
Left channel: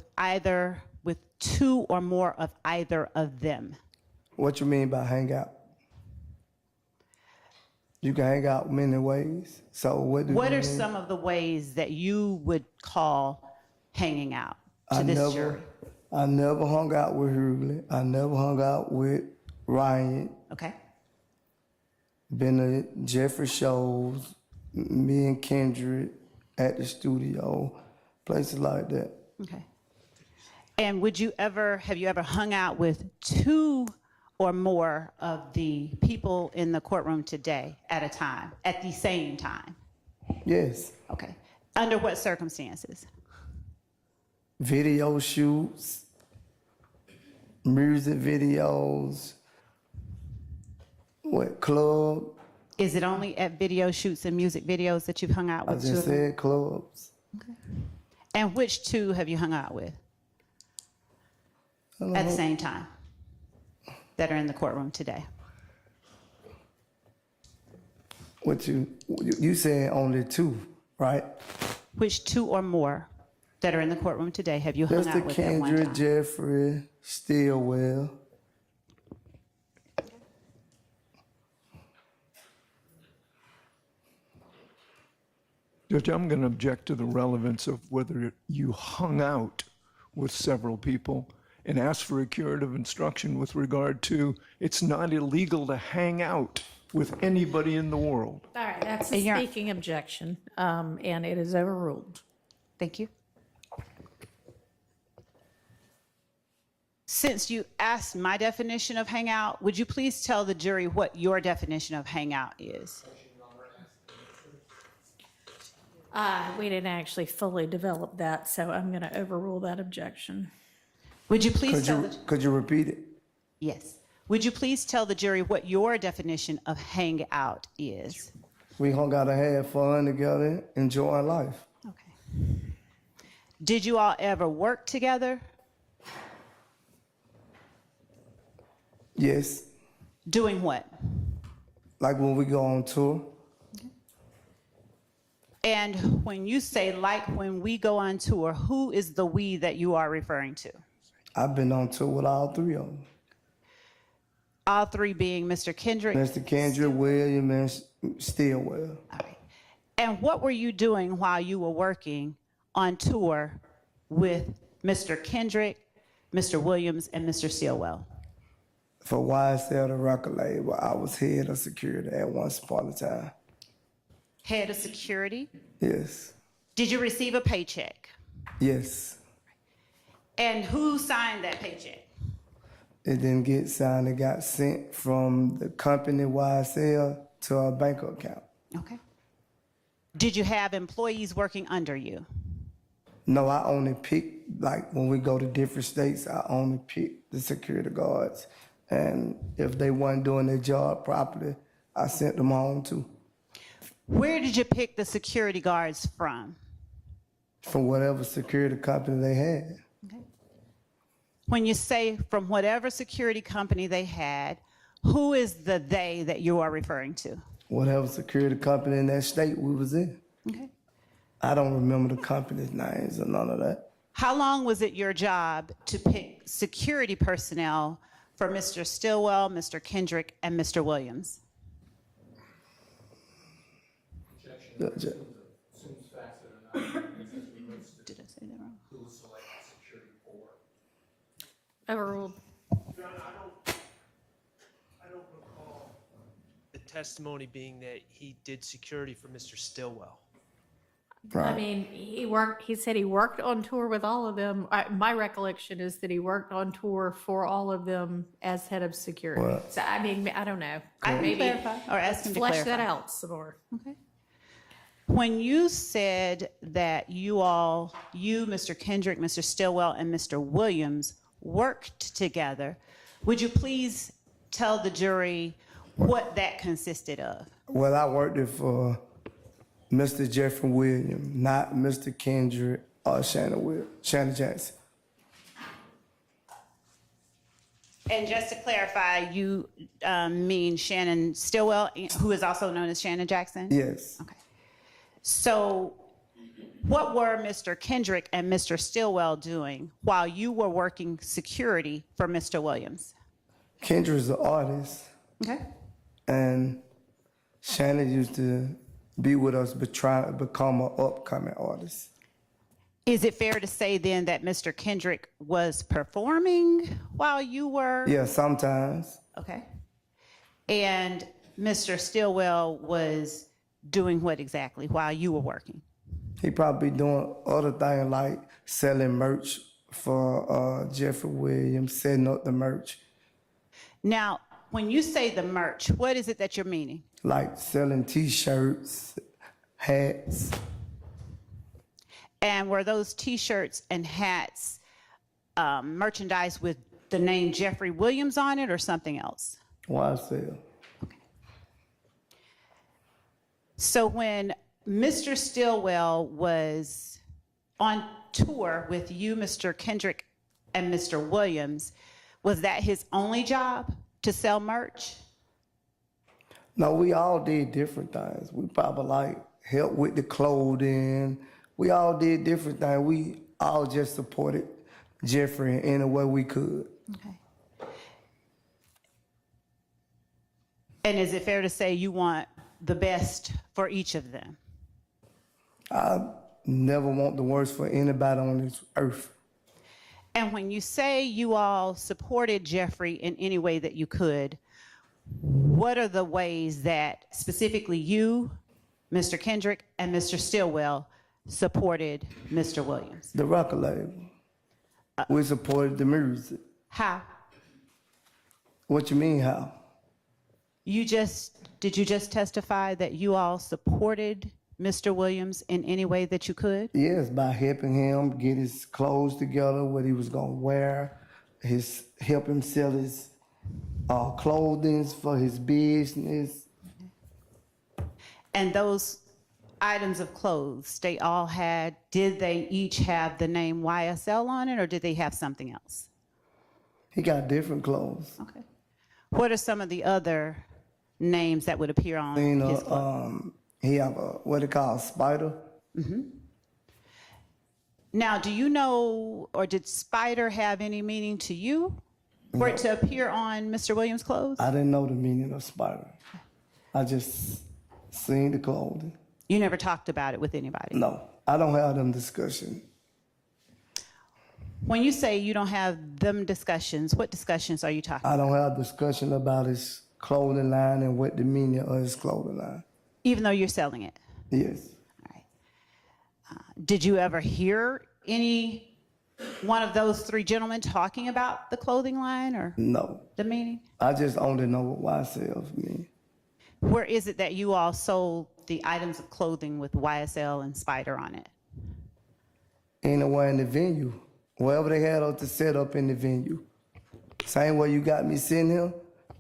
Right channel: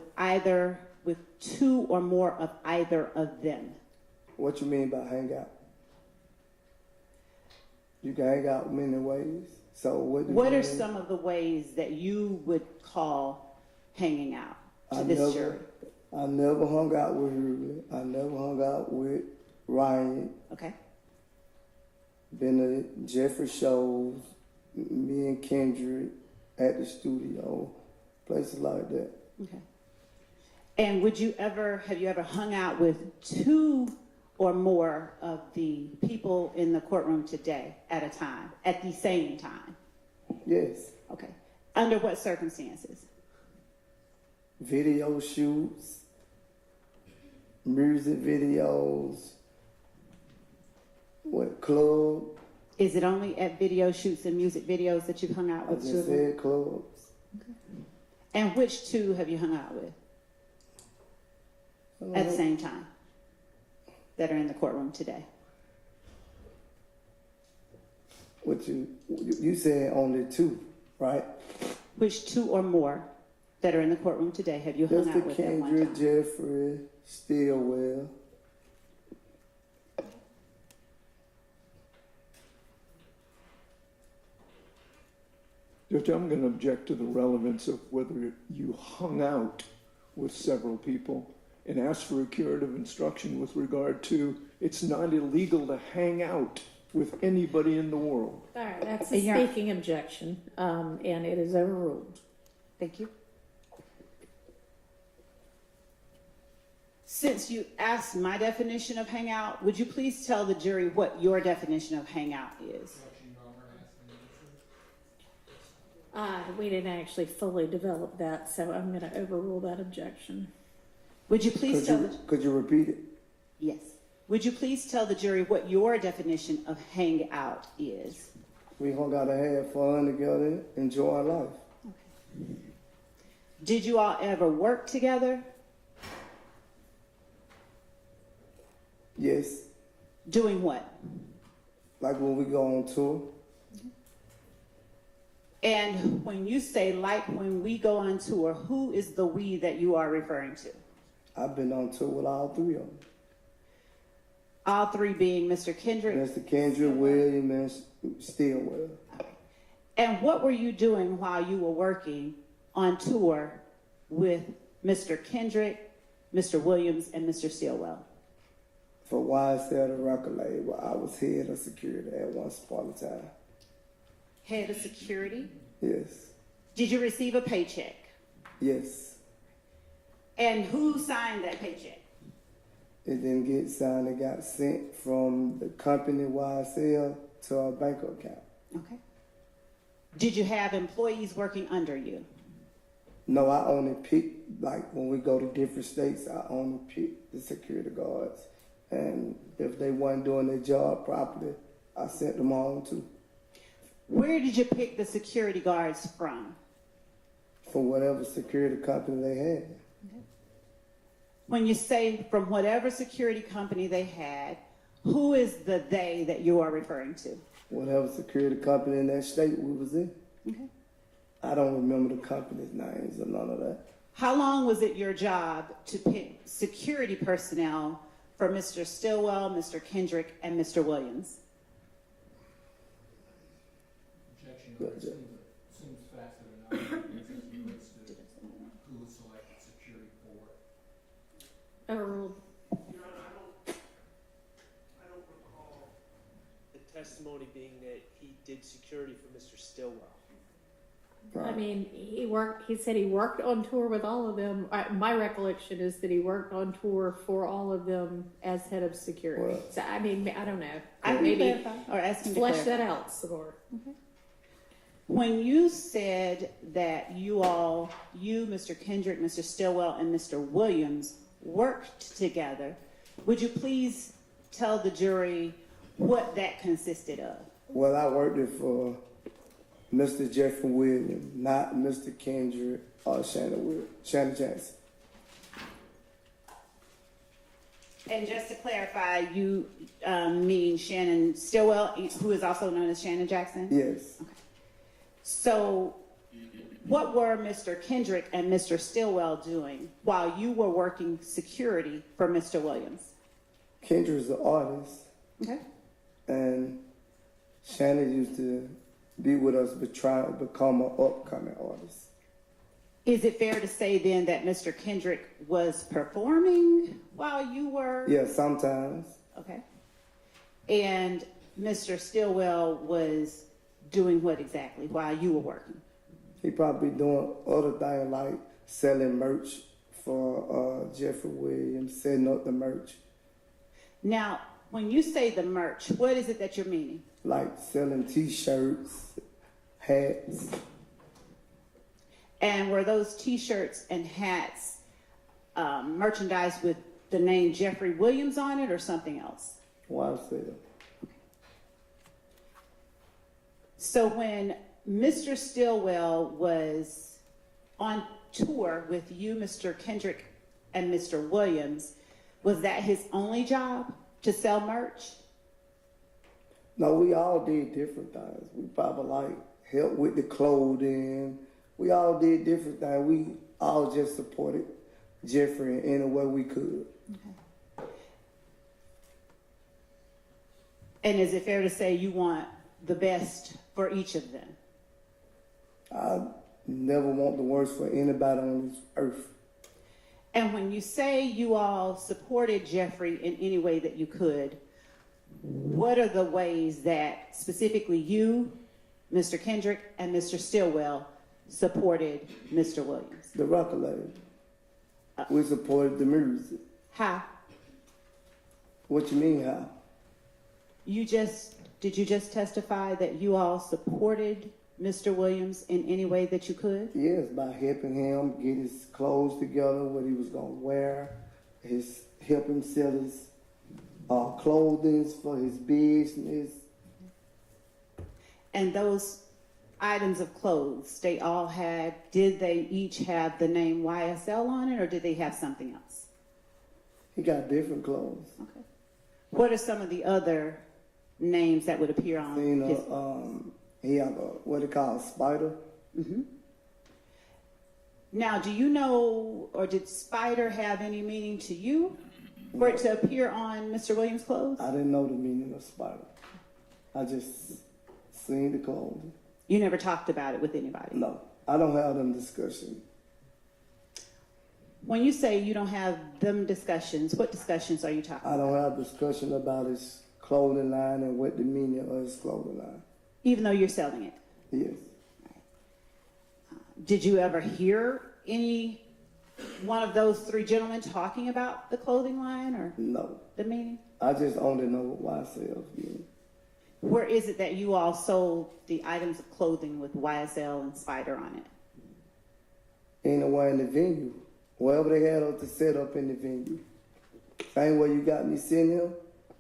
two or more of either of them? What you mean by hang out? You can hang out many ways. So what do What you are mean? some of the ways that you would call hanging out to this jury? I never hung out with Hurley. I never hung out with Ryan. Okay. Been to Jeffrey shows, me and Kendrick at the studio, places like that. Okay. And have you ever hung out with two or more of the people in the courtroom today at a time, at the same time? Yes. Okay. Under what circumstances? Video shoots, music videos, club. Is it only at video shoots and music videos that you've hung out I with just children? said clubs. And which two have you hung out with I don't at the know. same time that are in the courtroom today? What you said only two, right? Which two or more that are in the courtroom today have you hung Mr. out with at one Kendrick, time? Jeffrey, Stillwell. Judge, I'm going to object to the relevance of whether you hung out with several people and ask for a curative instruction with regard to it's not illegal to hang out with anybody in the world. All right, that's a Your- speaking objection, and it is overruled. Thank you. Since you asked my definition of hangout, would you please tell the jury what your definition of hangout is? We didn't actually fully develop that, so I'm going to overrule that objection. Would you please tell the, Could you repeat it? yes. Would you please tell the jury what your definition of hangout is? We hung out and had fun together, enjoying life. Okay. Did you all ever work together? Yes, Doing what? like when we go on tour. And when you say like when we go on tour, who is the we that you are referring to? I've been on tour with all three of them. All three being Mr. Kendrick. Mr. Kendrick, William, and Stillwell. All right. And what were you doing while you were working on tour with Mr. Kendrick, Mr. Williams, and Mr. Stillwell? For YSL, the record label, I was head of security at once upon a time. Head of security. Yes, Did you receive a paycheck? yes. And who signed that paycheck? It didn't get signed. It got sent from the company YSL to our bank account. Okay. Did you have employees working under you? No, I only pick, like when we go to different states, I only pick the security guards. And if they weren't doing their job properly, I sent them home too. Where did you pick the security guards from? From whatever security company they had. When you say from whatever security company they had, who is the they that you are referring to? Whatever security company in that state we was in. Okay. I don't remember the company's names or none of that. How long was it your job to pick security personnel for Mr. Stillwell, Mr. Kendrick, and Mr. Williams? Objection. Seems facts that are not exactly relates to Did I say that wrong? who selected security for. Overruled. I don't recall the testimony being that he did security for Mr. Stillwell. I Right. mean, he said he worked on tour with all of them. My recollection is that he worked on tour for all of them as head of security. Well- So, I mean, I don't know. I can Maybe clarify or ask him to flesh clarify. that out some more. Okay. When you said that you all, you, Mr. Kendrick, Mr. Stillwell, and Mr. Williams worked together, would you please tell the jury what that consisted of? Well, I worked it for Mr. Jeffrey Williams, not Mr. Kendrick or Shannon Jackson. And just to clarify, you mean Shannon Stillwell, who is also known as Shannon Jackson? Yes. Okay. So what were Mr. Kendrick and Mr. Stillwell doing while you were working security for Mr. Williams? Kendrick's an artist, Okay. and Shannon used to be with us but trying to become an upcoming artist. Is it fair to say then that Mr. Kendrick was performing while you were? Yeah, sometimes. Okay. And Mr. Stillwell was doing what exactly while you were working? He probably doing other things like selling merch for Jeffrey Williams, setting up the merch. Now, when you say the merch, what is it that you're meaning? Like selling T-shirts, hats. And were those T-shirts and hats merchandise with the name Jeffrey Williams on it or something else? YSL. So when Mr. Stillwell was on tour with you, Mr. Kendrick, and Mr. Williams, was that his only job to sell merch? No, we all did different things. We probably like helped with the clothing. We all did different things. We all just supported Jeffrey in any way we could. Okay. And is it fair to say you want the best for each of them? I never want the worst for anybody on this earth. And when you say you all supported Jeffrey in any way that you could, what are the ways that specifically you, Mr. Kendrick, and Mr. Stillwell supported Mr. Williams? The record label. We supported the music. How? What you mean how? Did you just testify that you all supported Mr. Williams in any way that you could? Yes, by helping him get his clothes together, what he was gonna wear, help him sell his clothing for his business. And those items of clothes, did they each have the name YSL on it, or did they have something else? He got different clothes. Okay. What are some of the other names that would appear on his clothes? He have what they call spider. Mm-hmm. Now, do you know, or did spider have any meaning to you for it to appear on Mr. Williams' clothes? I didn't know the meaning of spider. I just seen the clothing. You never talked about it with anybody? No, I don't have them discussions. When you say you don't have them discussions, what discussions are you talking about? I don't have discussion about his clothing line and what the meaning of his clothing line. Even though you're selling it? Yes. Did you ever hear any one of those three gentlemen talking about the clothing line or No. the meaning? I just only know what YSL mean. Where is it that you all sold the items of clothing with YSL and Spider on it? Anywhere in the venue. Wherever they had us to set up in the venue. Same way you got me sitting here,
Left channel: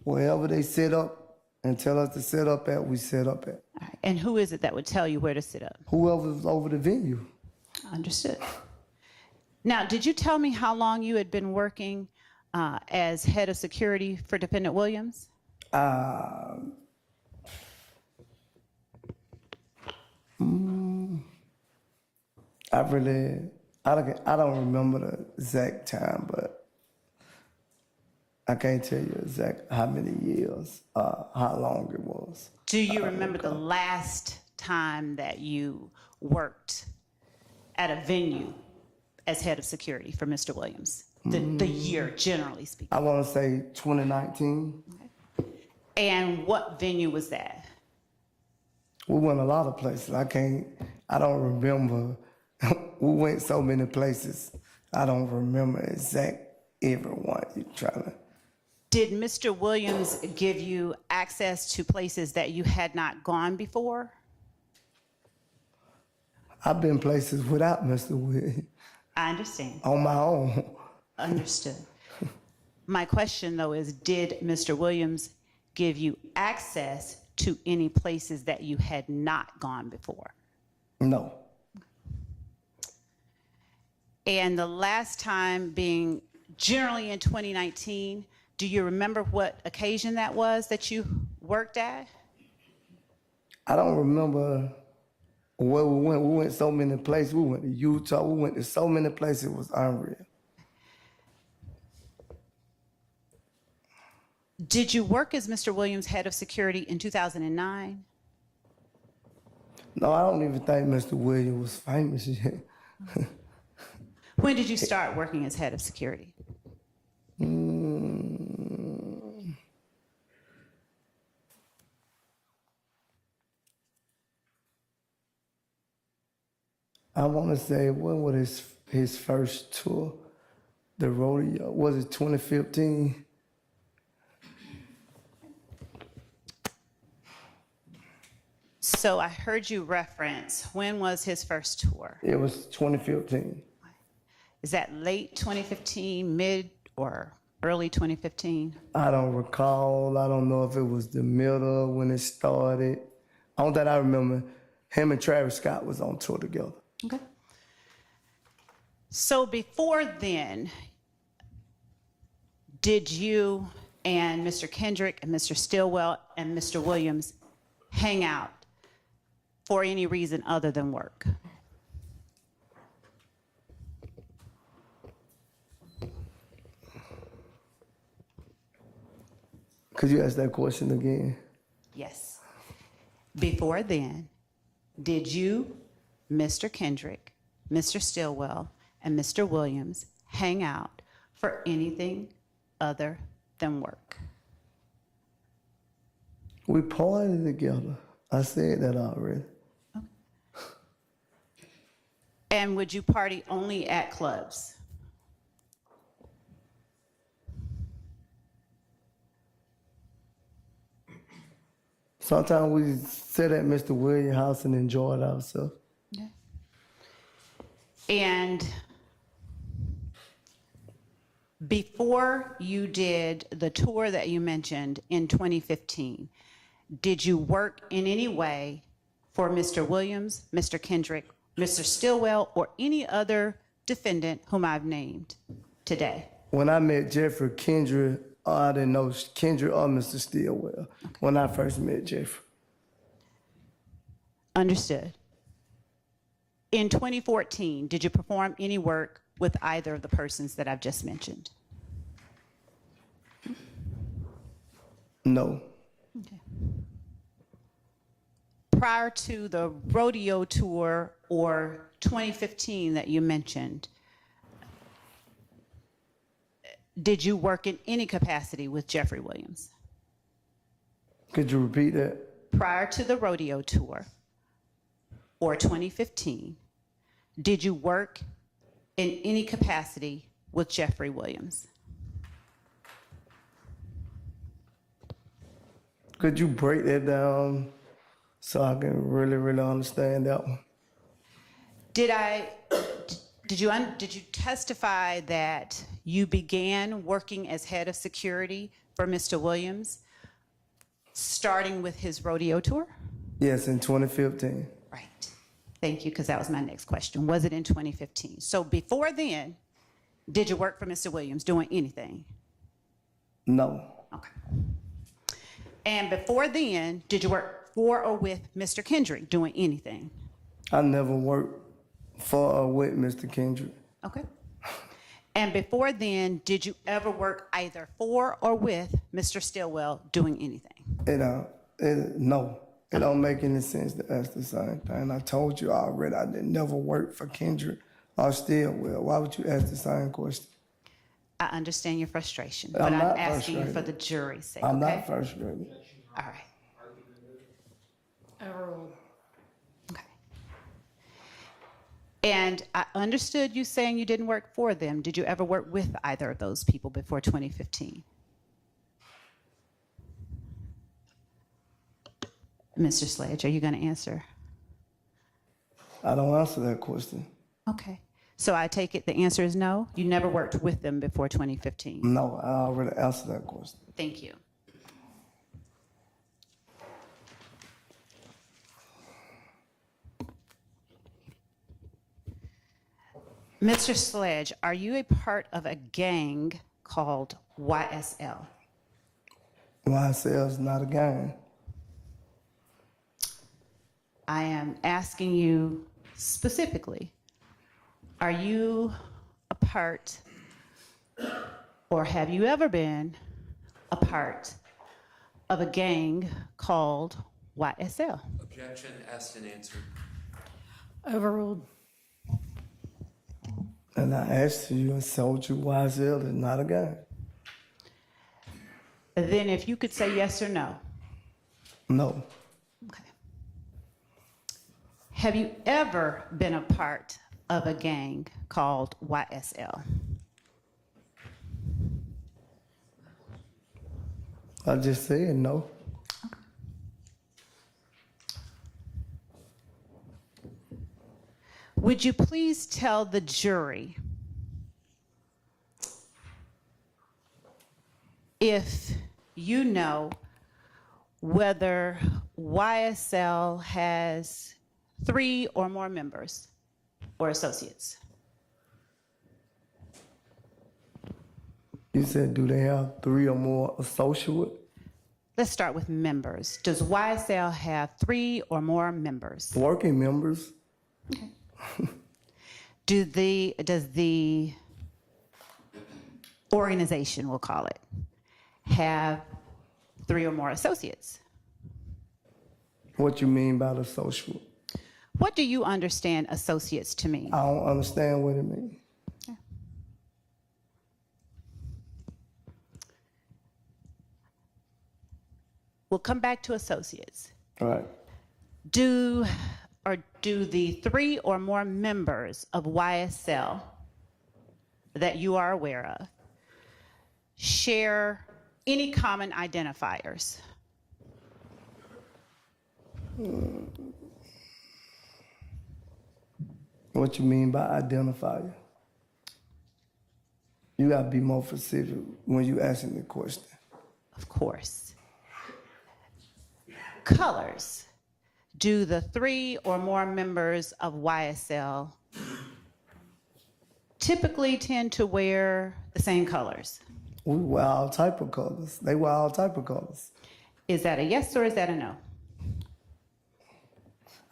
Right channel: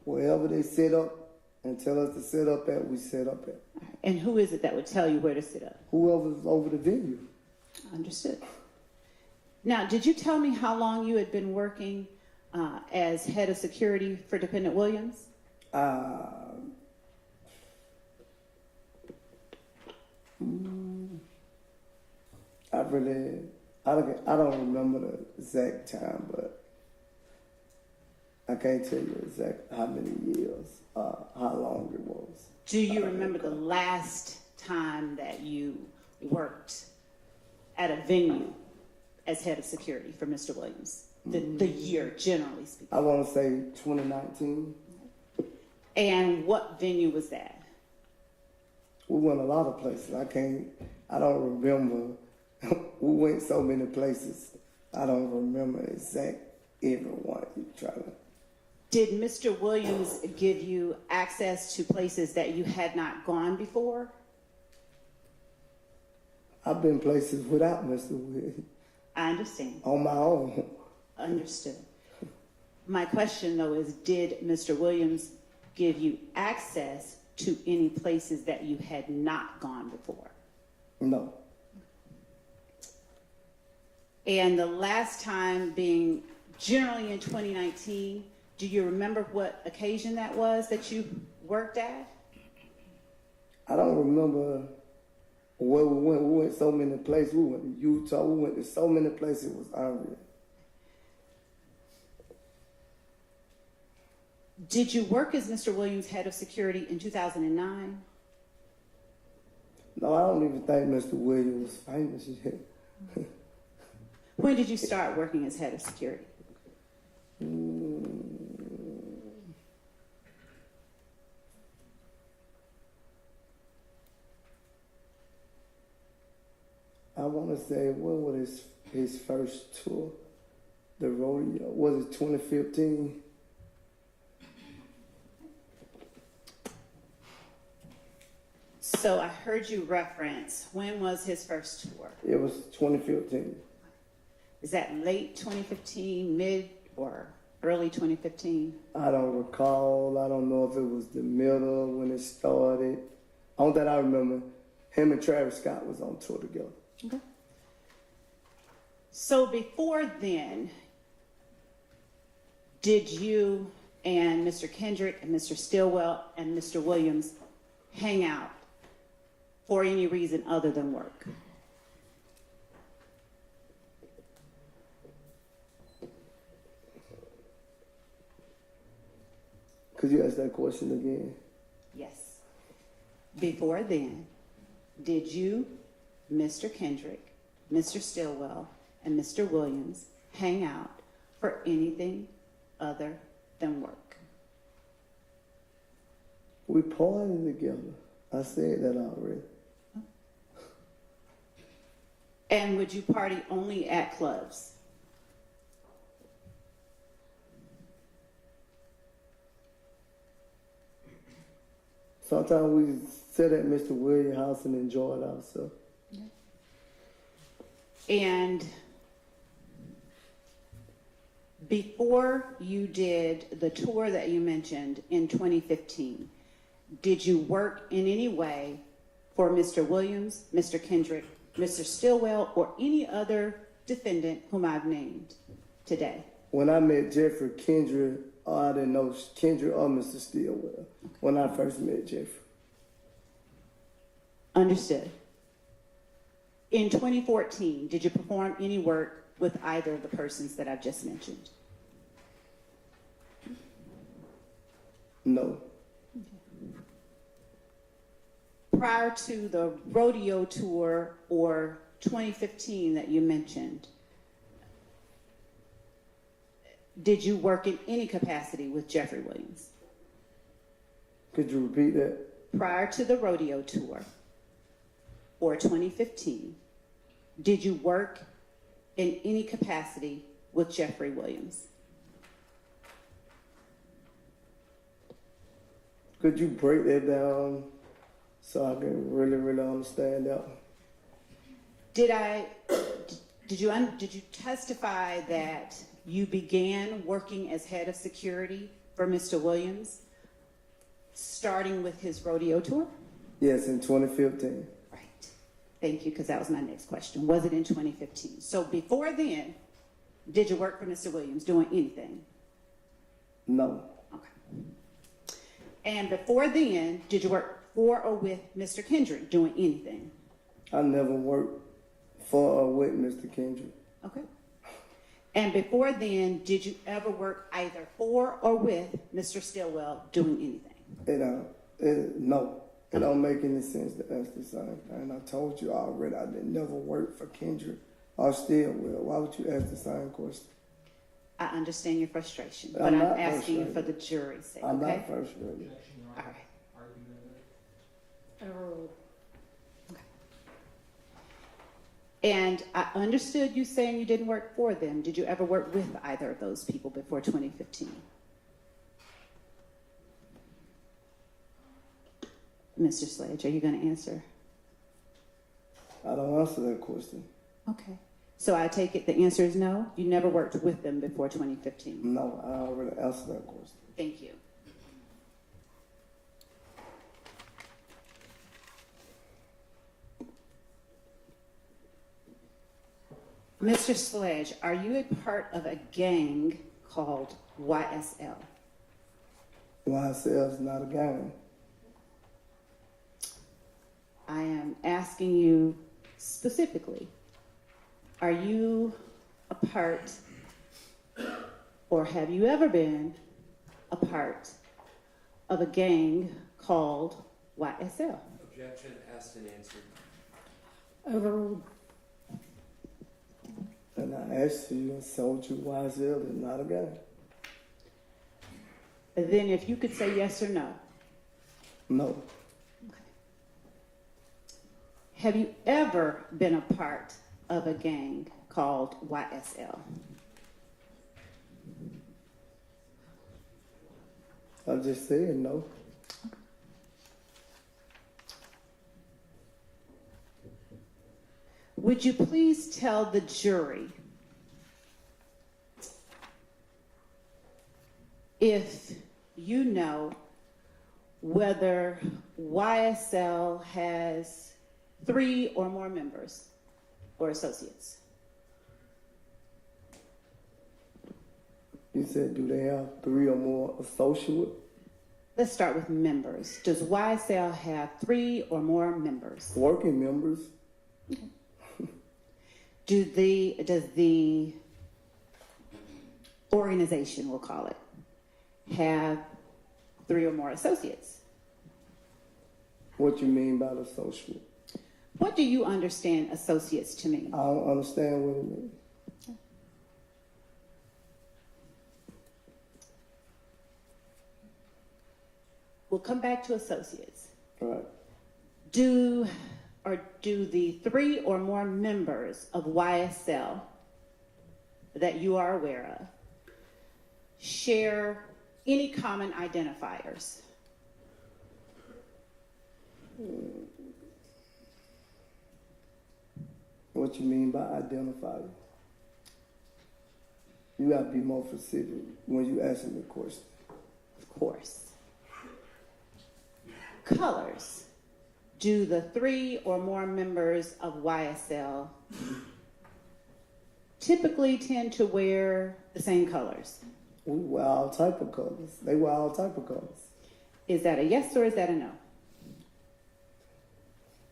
wherever they set up and tell us to set up at, we set up at. All right. And who is it that would tell you where to sit up? Whoever's over the venue. Understood. Now, did you tell me how long you had been working as head of security for Dependent Williams? I don't remember the exact time, but I can't tell you exact how many years, how long it was. Do you remember the last time that you worked at a venue as head of security for Mr. Williams? The year, generally speaking. I want to say 2019. And what venue was that? We went a lot of places. I don't remember. We went so many places. I don't remember exact everyone you're trying to. Did Mr. Williams give you access to places that you had not gone before? I've been places without Mr. Williams. I understand. On my own. Understood. My question, though, is did Mr. Williams give you access to any places that you had not gone before? No. And the last time being generally in 2019, do you remember what occasion that was that you worked at? I don't remember where we went. We went so many places. We went to Utah. We went to so many places. It was unreal. Did you work as Mr. Williams' head of security in 2009? No, I don't even think Mr. Williams was famous yet. When did you start working as head of security? I want to say, when was his first tour? The rodeo, was it 2015? So I heard you reference, when was his first tour? It was 2015. Is that late 2015, mid or early 2015? I don't recall. I don't know if it was the middle when it started. All that I remember, him and Travis Scott was on tour together. Okay. So before then, did you and Mr. Kendrick and Mr. Stillwell and Mr. Williams hang out for any reason other than work? Could you ask that question again? Yes. Before then, did you, Mr. Kendrick, Mr. Stillwell, and Mr. Williams hang out for anything other than work? We partied together. I said that already. And would you party only at clubs? Sometimes we sit at Mr. Williams' house and enjoyed ourselves. And before you did the tour that you mentioned in 2015, did you work in any way for Mr. Williams, Mr. Kendrick, Mr. Stillwell, or any other defendant whom I've named today? When I met Jeffrey Kendrick, I didn't know Kendrick or Mr. Stillwell when I first met Jeffrey. Understood. In 2014, did you perform any work with either of the persons that I've just mentioned? No. Prior to the rodeo tour or 2015 that you mentioned, did you work in any capacity with Jeffrey Williams? Could you repeat that? Prior to the rodeo tour or 2015, did you work in any capacity with Jeffrey Williams? Could you break that down so I can really understand that one? Did you testify that you began working as head of security for Mr. Williams, starting with his rodeo tour? Yes, in 2015. Right. Thank you, because that was my next question. Was it in 2015? So before then, did you work for Mr. Williams doing anything? No. Okay. And before then, did you work for or with Mr. Kendrick doing anything? I never worked for or with Mr. Kendrick. Okay. And before then, did you ever work either for or with Mr. Stillwell doing anything? No. It don't make any sense to ask the same thing. I told you already I didn't never work for Kendrick or Stillwell. Why would you ask the same question? I understand your frustration, but I'm I'm not asking you frustrated. for the jury's sake, I'm okay? not frustrated. All right. Overruled. Okay. And I understood you saying you didn't work for them. Did you ever work with either of those people before 2015? Mr. Sledge, are you going to answer? I don't answer that question. Okay. So I take it the answer is no? You never worked with them before 2015? No, I already answered that question. Thank you. Mr. Sledge, are you a part of a gang called YSL? YSL is not a gang. I am asking you specifically, are you a part, or have you ever been a part of a gang called YSL? Objection, asked and answered. Overruled. And I asked you and told you YSL is not a gang. Then if you could say yes or no. No. Okay. Have you ever been a part of a gang called YSL? I just said no. Would you please tell the jury if you know whether YSL has 3 or more members or associates? You said, do they have 3 or more associates? Let's start with members. Does YSL have 3 or more members? Working members? Does the organization, we'll call it, have 3 or more associates? What you mean by the associate? What do you understand associates to mean? I don't understand what it means. We'll come back to associates. All right. Do the 3 or more members of YSL that you are aware of share any common identifiers? What you mean by identifier? You gotta be more specific when you asking the question. Of course. Colors. Do the 3 or more members of YSL typically tend to wear the same colors? We wear all type of colors. They wear all type of colors. Is that a yes or is that a no?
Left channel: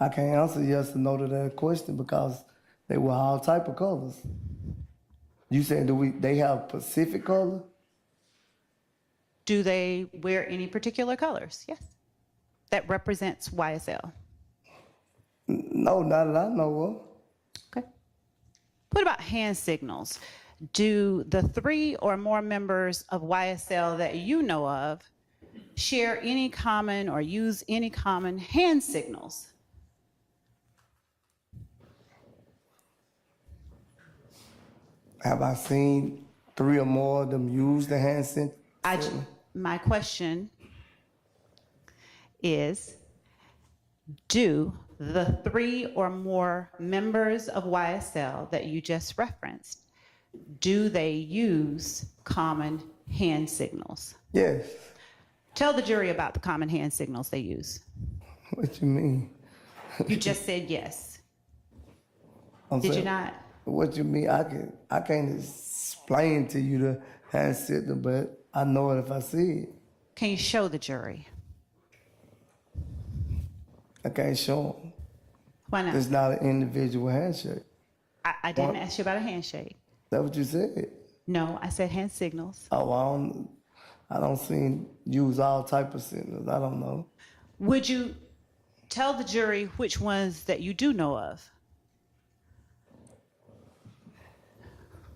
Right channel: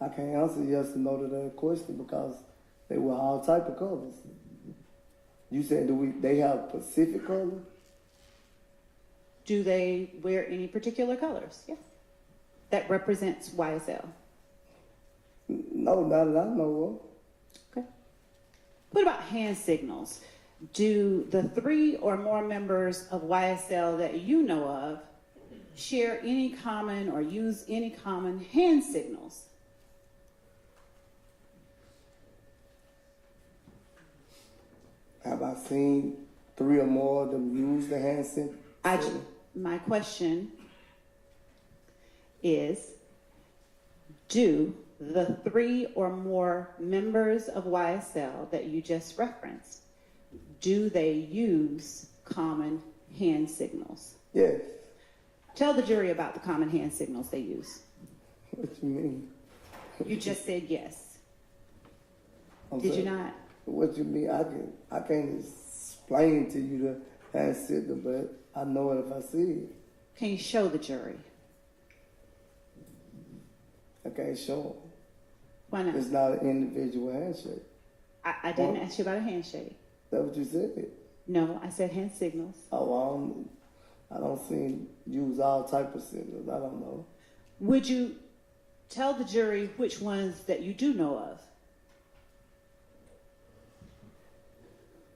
I can't answer yes or no to that question because they wear all type of colors. You said they have specific color? Do they wear any particular colors? Yes. That represents YSL. No, not that I know of. Okay. What about hand signals? Do the 3 or more members of YSL that you know of share any common or use any common hand signals? Have I seen 3 or more of them use the hand signal? My question is, do the 3 or more members of YSL that you just referenced, do they use common hand signals? Yes. Tell the jury about the common hand signals they use. What you mean? You just said yes. I'm Did you saying, not? What you mean? I can't explain to you the hand signal, but I know it if I see it. Can you show the jury? I can't show them. Why not? It's not an individual handshake. I didn't ask you about a handshake. That's what you said. No, I said hand signals. Oh, I don't see use all type of signals. I don't know. Would you tell the jury which ones that you do know of?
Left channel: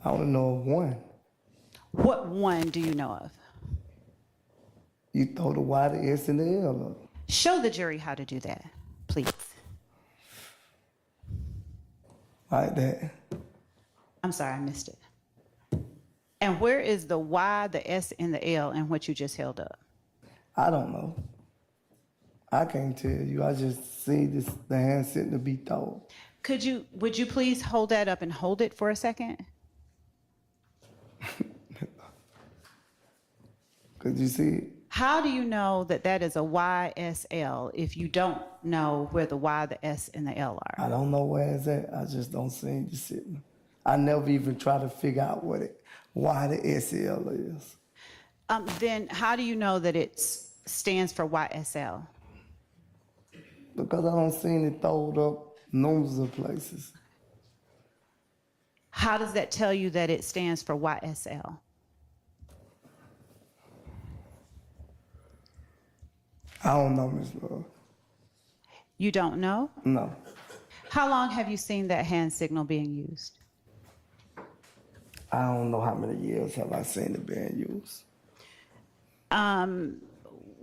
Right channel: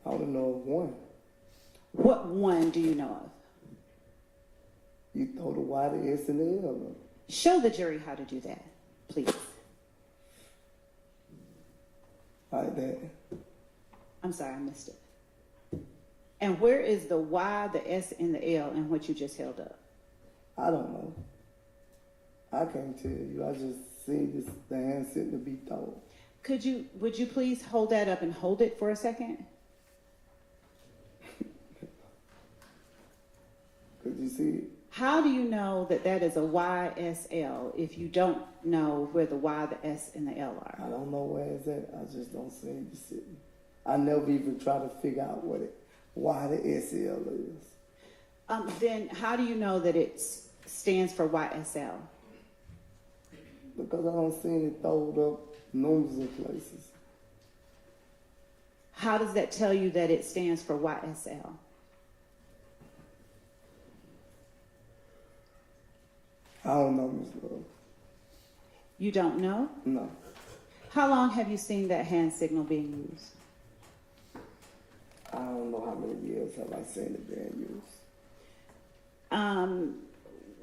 I only know of one. What one do you know of? You throw the Y, the S, and the L up. Show the jury how to do that, please. Like that. I'm sorry, I missed it. And where is the Y, the S, and the L in what you just held up? I don't know. I can't tell you. I just see the hand signal be thrown. Would you please hold that up and hold it for a second? Could you see it? How do you know that that is a YSL if you don't know where the Y, the S, and the L are? I don't know where it's at. I just don't see the signal. I never even try to figure out why the SL is. Then how do you know that it stands for YSL? Because I don't see it throwed up numbers of places. How does that tell you that it stands for YSL? I don't know, Ms. Love. You don't know? No. How long have you seen that hand signal being used? I don't know how many years have I seen it being used.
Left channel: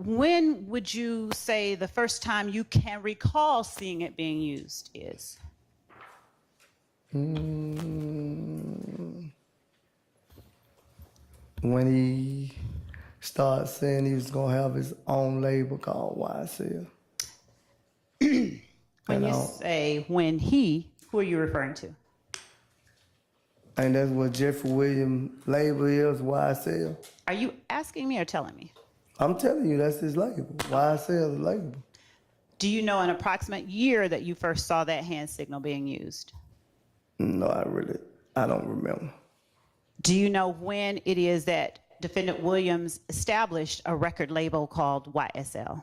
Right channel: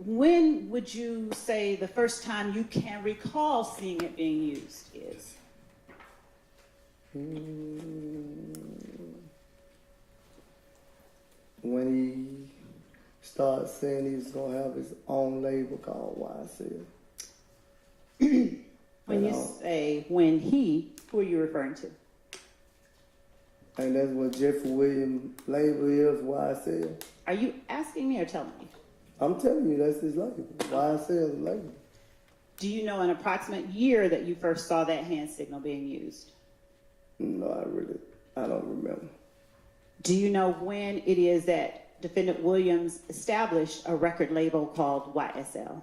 When would you say the first time you can recall seeing it being used is? When he started saying he was going to have his own label called YSL. When you say when he Who are you referring to? And that's what Jeffrey Williams label is, YSL. Are you asking me or telling me? I'm telling you, that's his label. YSL is label. Do you know an approximate year that you first saw that hand signal being used? No, I don't remember. Do you know when it is that Defendant Williams established a record label called YSL?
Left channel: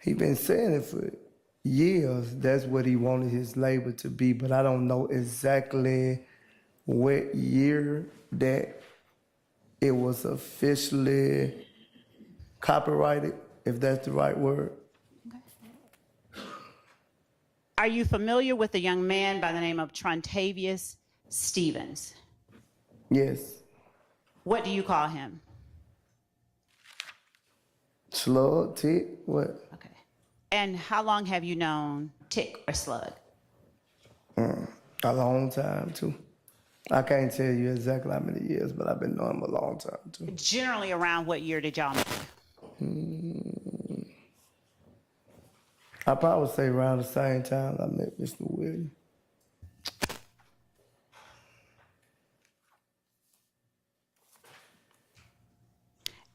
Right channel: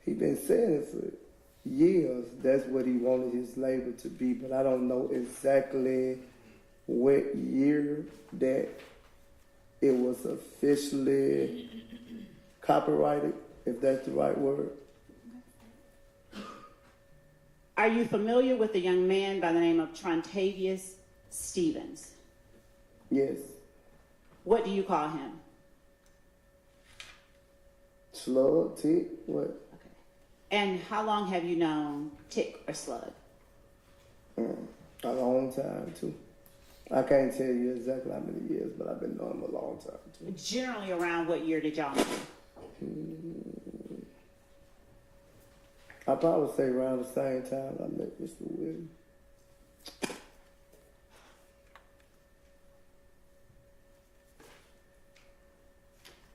He been saying it for years. That's what he wanted his label to be, but I don't know exactly what year that it was officially copyrighted, if that's the right word. Are you familiar with a young man by the name of Trontavious Stevens? Yes. What do you call him? Slug, tick, what? Okay. And how long have you known Tick or Slug? A long time, too. I can't tell you exactly how many years, but I've been knowing him a long time, too. Generally around what year did y'all meet? I probably say around the same time I met Mr. Williams.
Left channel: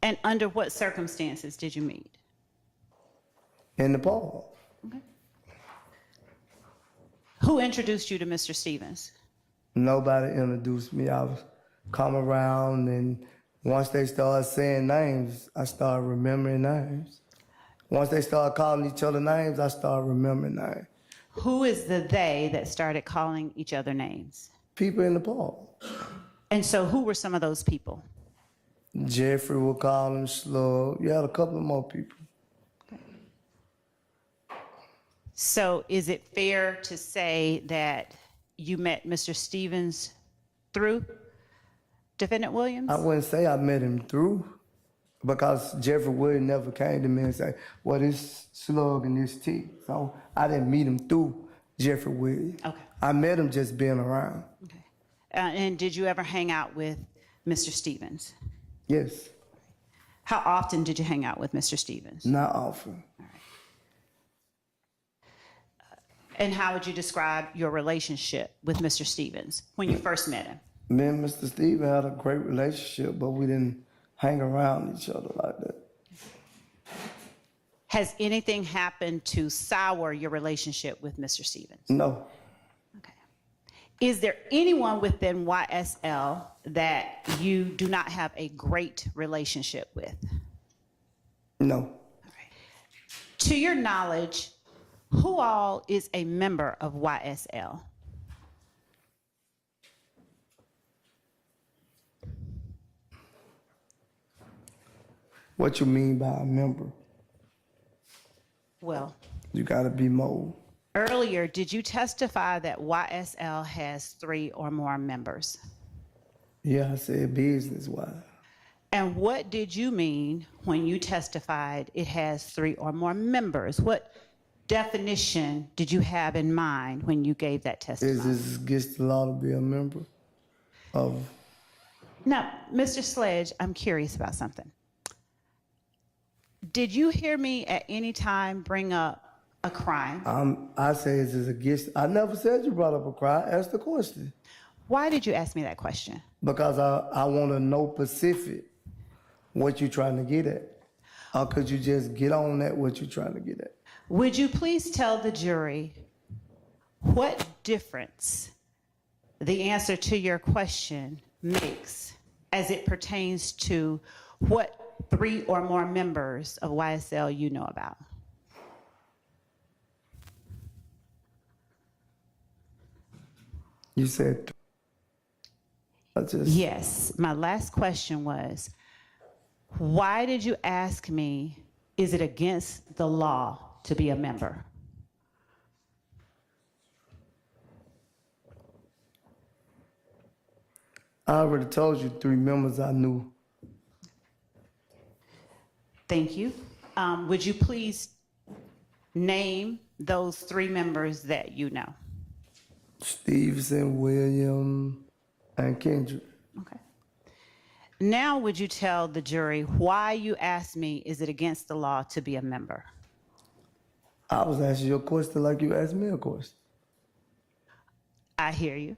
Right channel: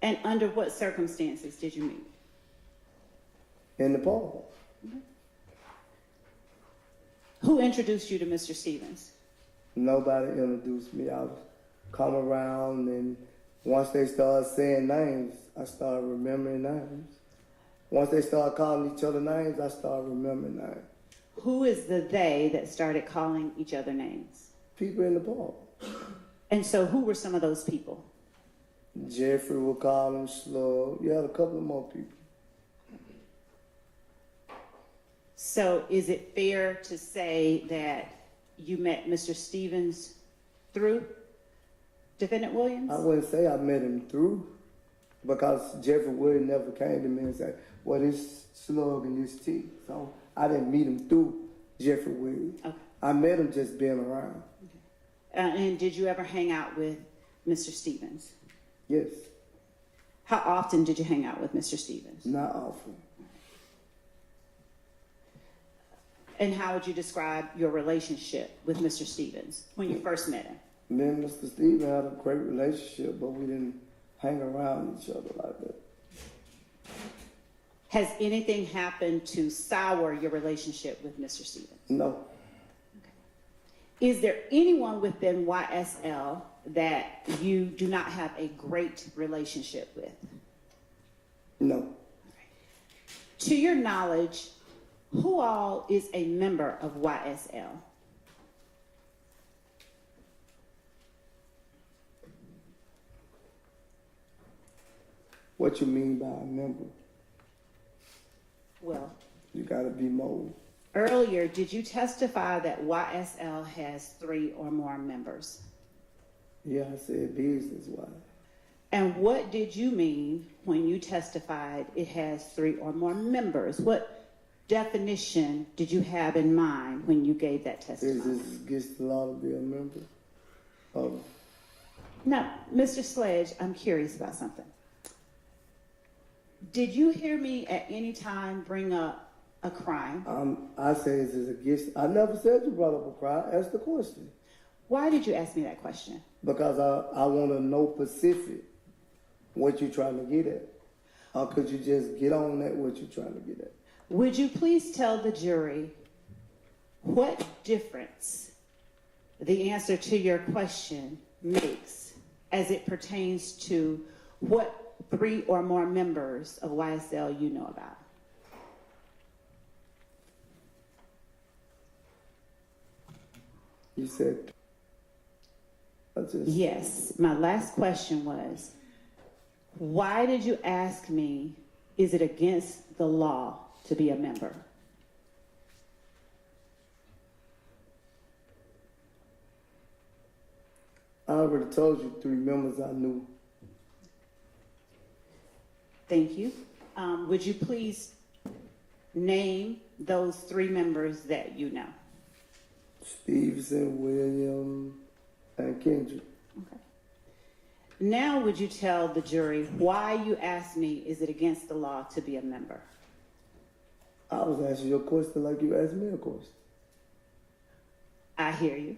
And under what circumstances did you meet? In the park. Who introduced you to Mr. Stevens? Nobody introduced me. I was come around, and once they started saying names, I started remembering names. Once they started calling each other names, I started remembering names. Who is the they that started calling each other names? People in the park. And so who were some of those people? Jeffrey would call him Slug. You had a couple of more people. So is it fair to say that you met Mr. Stevens through Defendant Williams? I wouldn't say I met him through, because Jeffrey Williams never came to me and said, well, this Slug and this T. So I didn't meet him through Jeffrey Williams. Okay. I met him just being around. Okay. And did you ever hang out with Mr. Stevens? Yes. How often did you hang out with Mr. Stevens? Not often. And how would you describe your relationship with Mr. Stevens when you first met him? Me and Mr. Stevens had a great relationship, but we didn't hang around each other like that. Has anything happened to sour your relationship with Mr. Stevens? No. Okay. Is there anyone within YSL that you do not have a great relationship with? No. All right. To your knowledge, who all is a member of YSL? What you mean by a member? Well, You gotta be more. earlier, did you testify that YSL has 3 or more members? Yeah, I said business-wise. And what did you mean when you testified it has 3 or more members? What definition did you have in mind when you gave that Is testimony? this against the law to be a member of? Now, Mr. Sledge, I'm curious about something. Did you hear me at any time bring up a crime? I say is this against? I never said you brought up a crime. Ask the question. Why did you ask me that question? Because I want to know specific what you're trying to get at. Or could you just get on at what you're trying to get at? Would you please tell the jury what difference the answer to your question makes as it pertains to what 3 or more members of YSL you know about? You said, Yes, my last question was, why did you ask me, is it against the law to be a member? I already told you 3 members I knew. Thank you. Would you please name those 3 members that you know? Stevenson, William, and Kendrick. Okay. Now would you tell the jury why you asked me, is it against the law to be a member? I was asking you a question like you asked me a question. I hear you.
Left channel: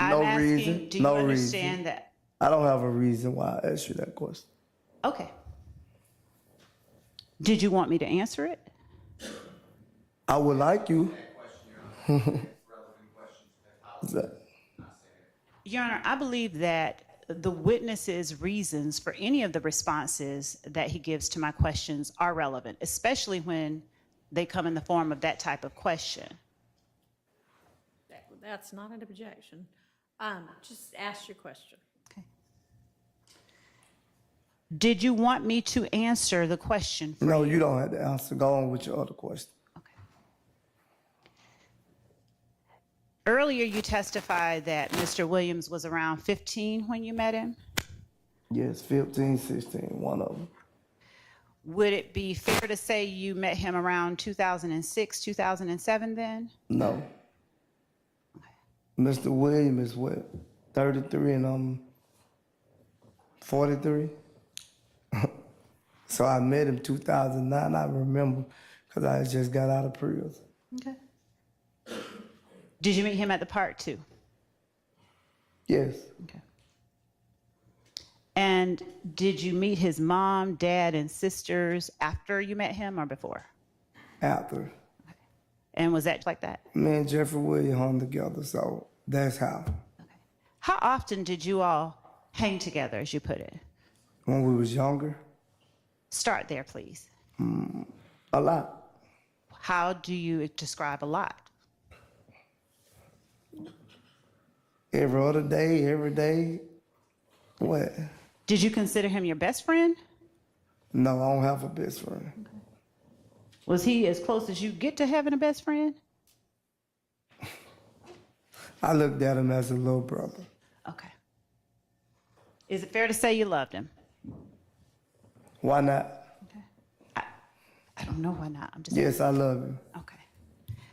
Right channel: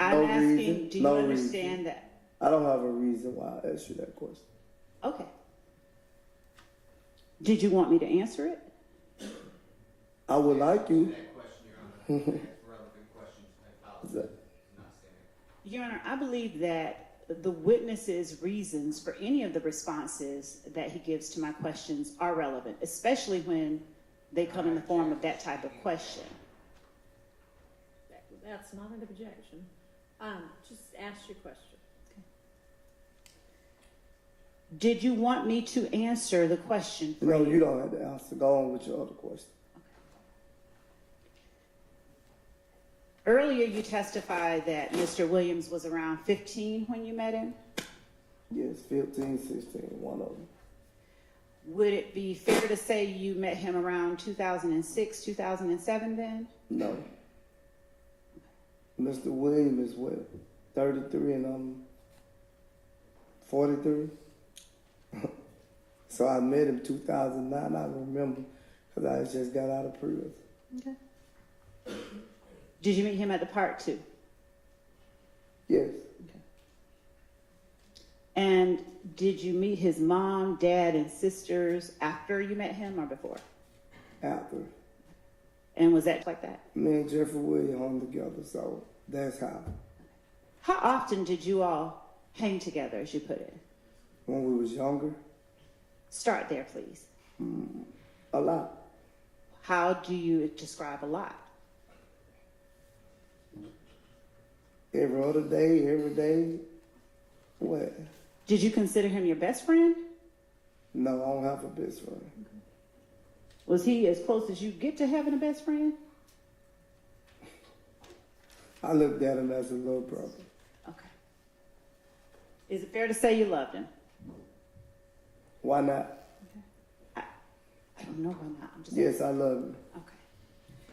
No I'm asking, reason, do you no understand reason. that? I don't have a reason why I asked you that question. Okay. Did you want me to answer it? I would like you. What's that? Your Honor, I believe that the witness's reasons for any of the responses that he gives to my questions are relevant, especially when they come in the form of that type of question. That's not an objection. Just ask your question. Okay. Did you want me to answer the question? No, you don't have to answer. Go on with your other question. Earlier, you testified that Mr. Williams was around 15 when you met him. Yes, 15, 16, one of them. Would it be fair to say you met him around 2006, 2007 then? No. Mr. Williams is what, 33 and I'm 43? So I met him 2009, I remember, because I had just got out of prison. Okay. Did you meet him at the park too? Yes, Okay. And did you meet his mom, dad, and sisters after you met him or before? after. And was that like that? Me and Jeffrey Williams hung together, so that's how. How often did you all hang together, as you put it? When we was younger, Start there, please. a lot. How do you describe a lot? Every other day, every day. What? Did you consider him your best friend? No, I don't have a best friend. Was he as close as you get to having a best friend? I looked at him as a little brother. Okay. Is it fair to say you loved him? Why not? I don't know why not. I'm just Yes, I love him. Okay.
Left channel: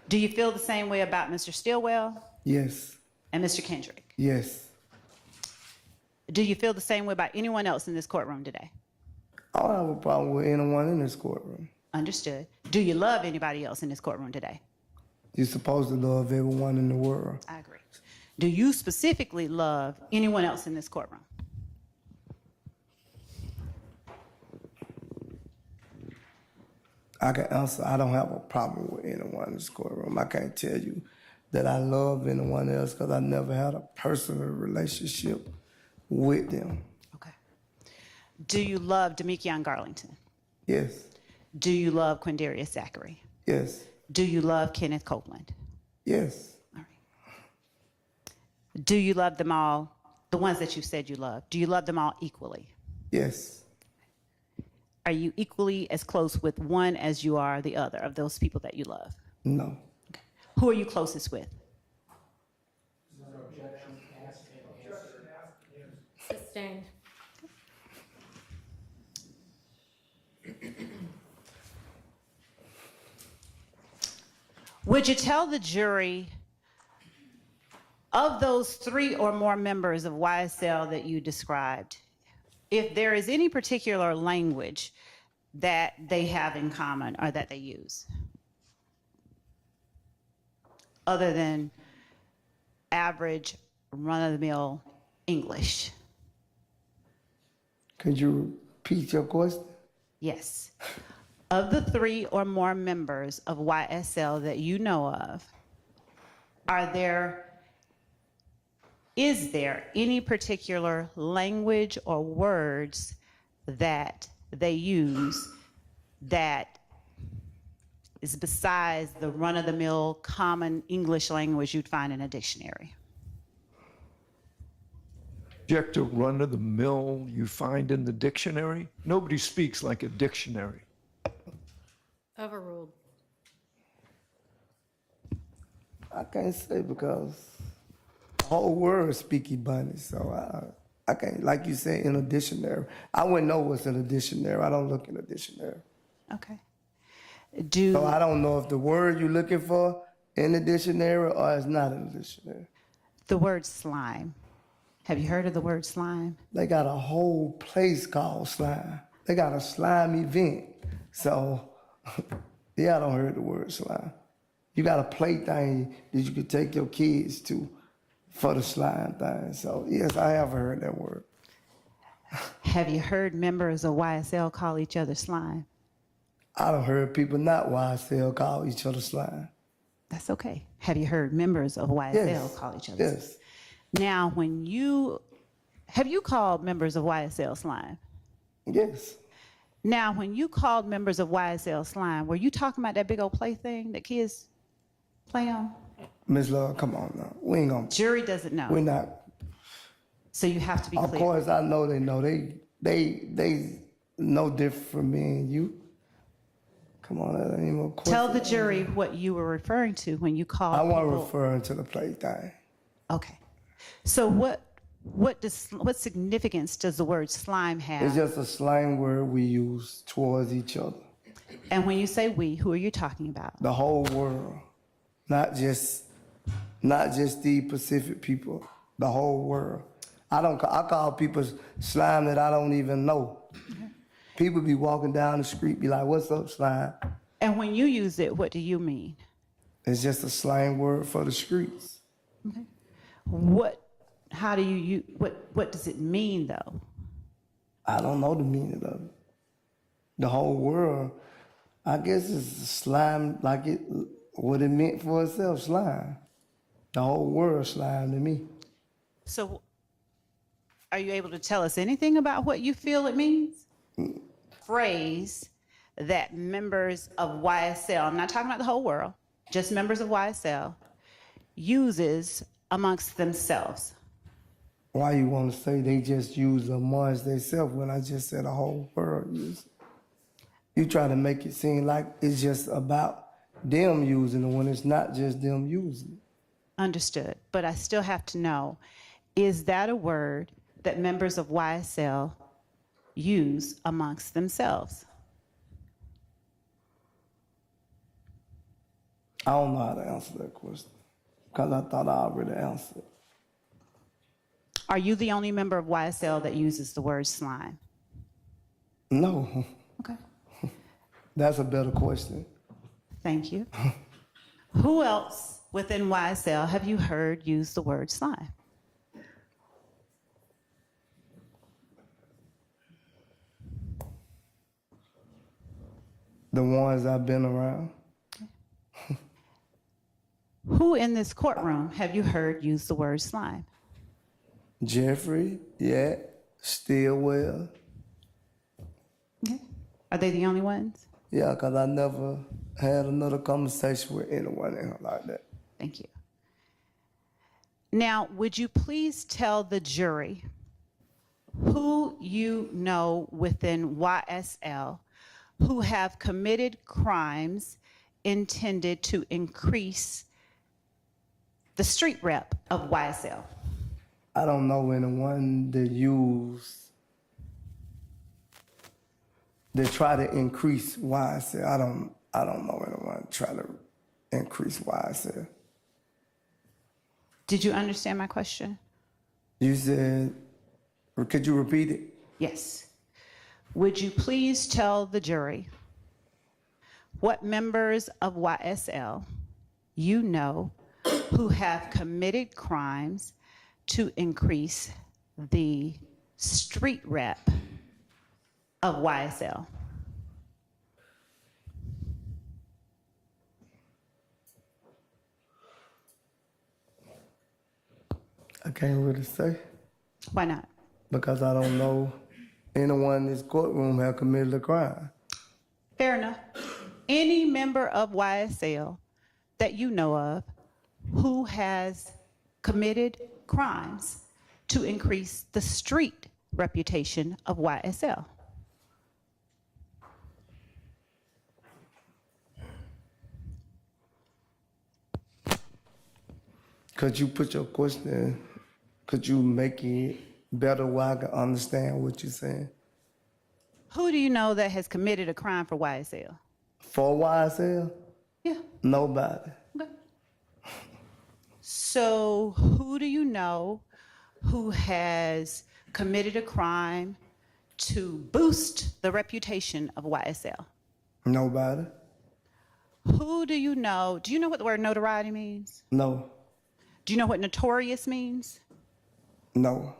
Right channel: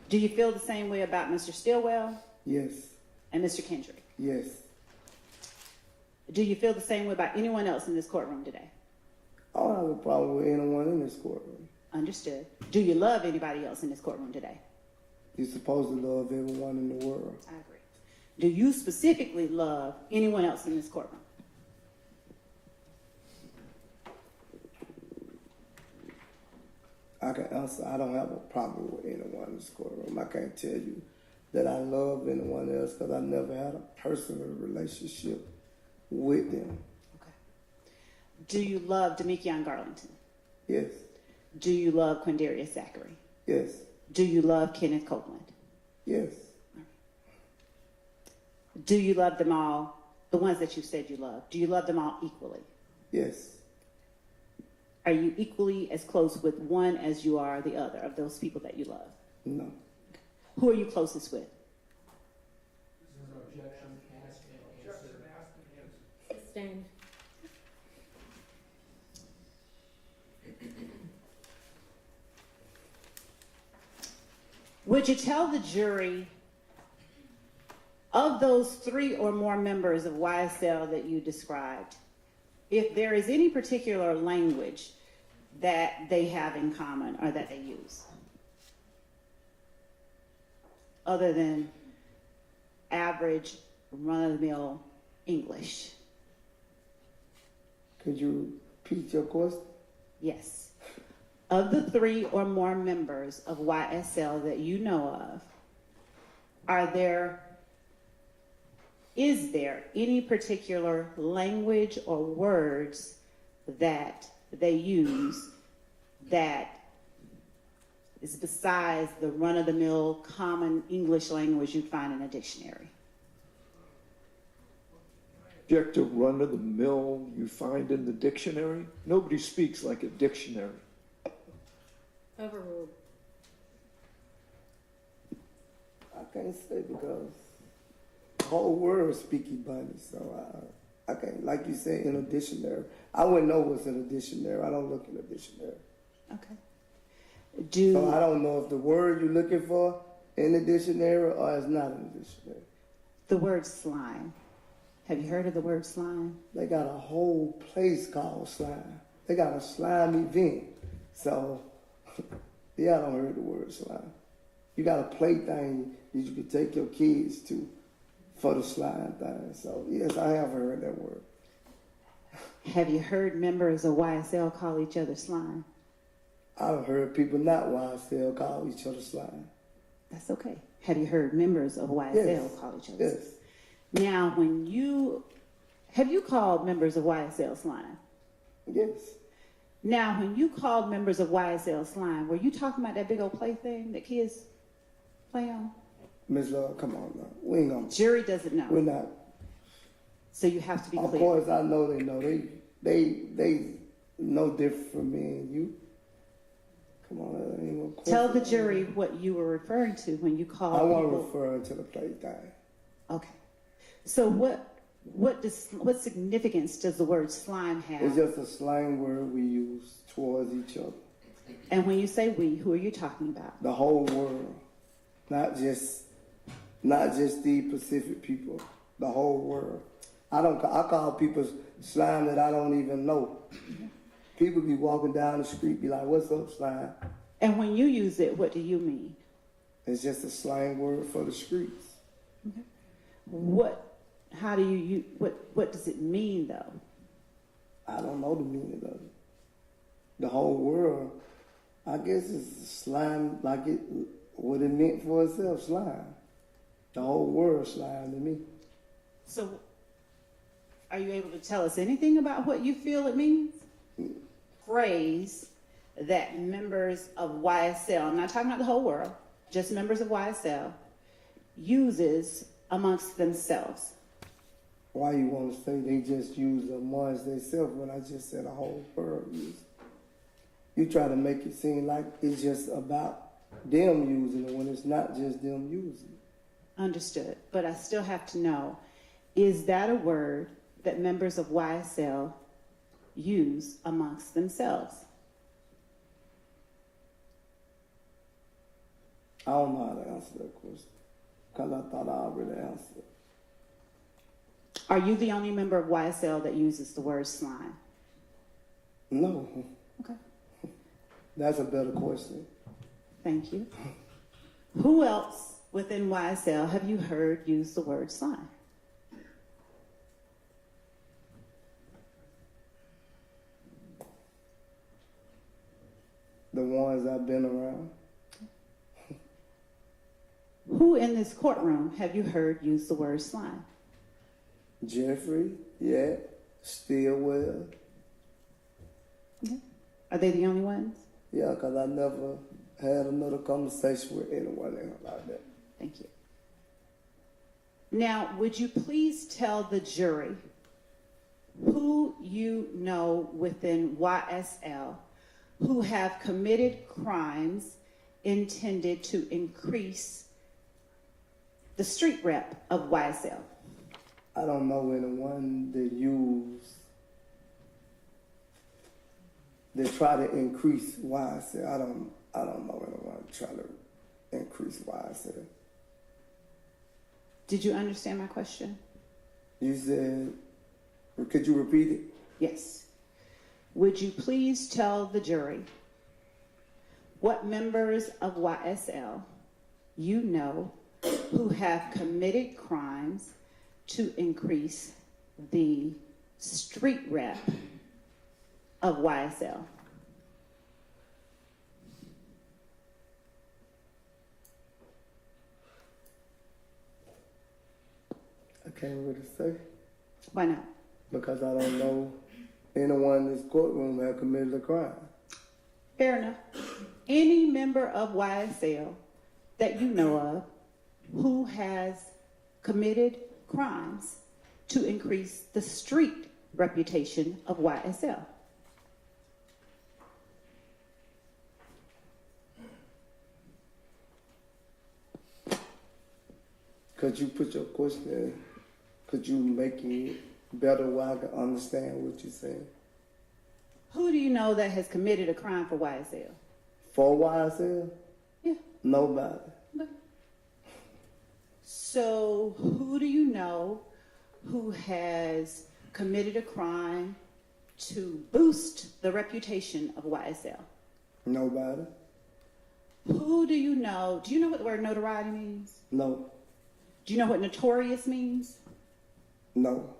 Do you feel the same way about Mr. Stillwell Yes, and Mr. Kendrick? yes. Do you feel the same way about anyone else in this courtroom today? I don't have a problem with anyone in this courtroom. Understood. Do you love anybody else in this courtroom today? You're supposed to love everyone in the world. I agree. Do you specifically love anyone else in this courtroom? I can answer, I don't have a problem with anyone in this courtroom. I can't tell you that I love anyone else because I never had a personal relationship with them. Okay. Do you love Demekion Garlington? Yes, Do you love Quindarius Zachary? yes, Do you love Kenneth Copeland? yes, All right. Do you love them all, the ones that you said you love? Do you love them all equally? yes. Are you equally as close with one as you are the other of those people that you love? No. Who are you closest with? Sustained. Would you tell the jury of those 3 or more members of YSL that you described, if there is any particular language that they have in common or that they use, other than average run-of-the-mill English? Could you repeat your question? Yes. Of the 3 or more members of YSL that you know of, is there any particular language or words that they use that is besides the run-of-the-mill common English language you'd find in a dictionary? Object to run-of-the-mill you find in the dictionary? Nobody speaks like a dictionary. Overruled. I can't say because the whole world speak Ebonics, so I can't, like you said, in a dictionary. I wouldn't know what's in a dictionary. I don't look in a dictionary. Okay. So I don't know if the word you're looking for in the dictionary or it's not in the dictionary. The word slime. Have you heard of the word slime? They got a whole place called slime. They got a slime event. So Yeah, I don't heard the word slime. You got a plaything that you could take your kids to for the slime thing. So yes, I have heard that word. Have you heard members of YSL call each other slime? I done heard people not YSL call each other slime. That's okay. Have you heard members of YSL Yes. call each other? Yes. Now, have you called members of YSL slime? Yes. Now, when you called members of YSL slime, were you talking about that big old plaything that kids play on? Miss Love, come on now. We ain't gonna. Jury doesn't know. We're not. So you have to be Of clear. course, I know they know. They no different from me and you. Come on, that ain't no question. Tell the jury what you were referring to when you called I wasn't people. referring to the plaything. Okay. So what significance does the word slime have? It's just a slang word we use towards each other. And when you say we, who are you talking about? The whole world, not just the Pacific people. The whole world. I call people slime that I don't even know. People be walking down the street, be like, "What's up, slime?" And when you use it, what do you mean? It's just a slang word for the streets. How do you use, what does it mean though? I don't know the meaning of it. The whole world, I guess it's slime like what it meant for itself, slime. The whole world slime to me. So are you able to tell us anything about what you feel it means? Phrase that members of YSL, I'm not talking about the whole world, just members of YSL, uses amongst themselves. Why you want to say they just use amongst themselves when I just said the whole world use? You try to make it seem like it's just about them using it when it's not just them using it. Understood, but I still have to know, is that a word that members of YSL use amongst themselves? I don't know how to answer that question because I thought I already answered. Are you the only member of YSL that uses the word slime? No, Okay, that's a better question. thank you. Who else within YSL have you heard use the word slime? The ones I've been around. Who in this courtroom have you heard use the word slime? Jeffrey, yeah, Stillwell. Okay. Are they the only ones? Yeah, because I never had another conversation with anyone in like that. Thank you. Now, would you please tell the jury who you know within YSL who have committed crimes intended to increase the street rep of YSL? I don't know anyone that try to increase YSL. I don't know anyone try to increase YSL. Did you understand my question? You said, could you repeat it? Yes. Would you please tell the jury what members of YSL you know who have committed crimes to increase the street rep of YSL? I can't really say Why not? because I don't know anyone in this courtroom have committed a crime. Fair enough. Any member of YSL that you know of who has committed crimes to increase the street reputation of YSL? Could you put your question, could you make it better where I can understand what you're saying? Who do you know that has committed a crime for YSL? For YSL? Yeah. Nobody. Okay. So who do you know who has committed a crime to boost the reputation of YSL? Nobody. Who do you know? Do you know what the word notoriety means? No, Do you know what notorious means? no,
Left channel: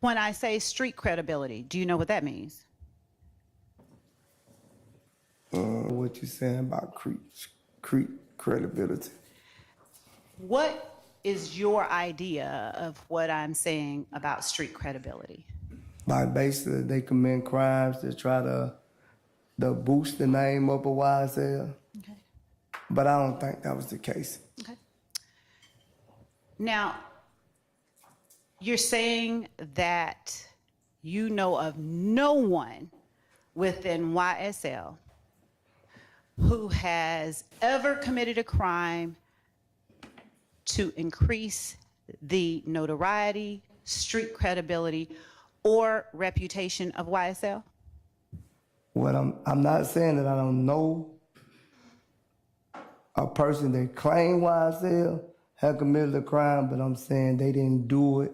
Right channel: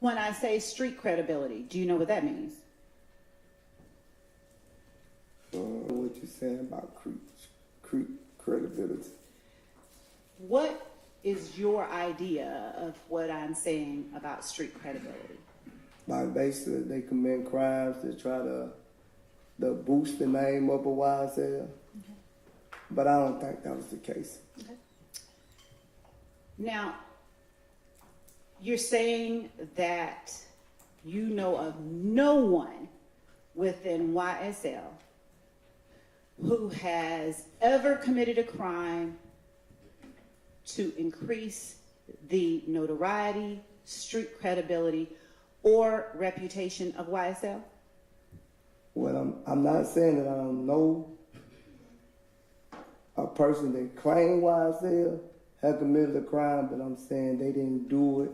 When I say street credibility, do you know what that means? what you saying about credibility? What is your idea of what I'm saying about street credibility? Like basically they commit crimes to try to boost the name up of YSL. But I don't think that was the case. Okay. Now, you're saying that you know of no one within YSL who has ever committed a crime to increase the notoriety, street credibility, or reputation of YSL? What I'm not saying that I don't know a person that claimed YSL had committed a crime, but I'm saying they didn't do it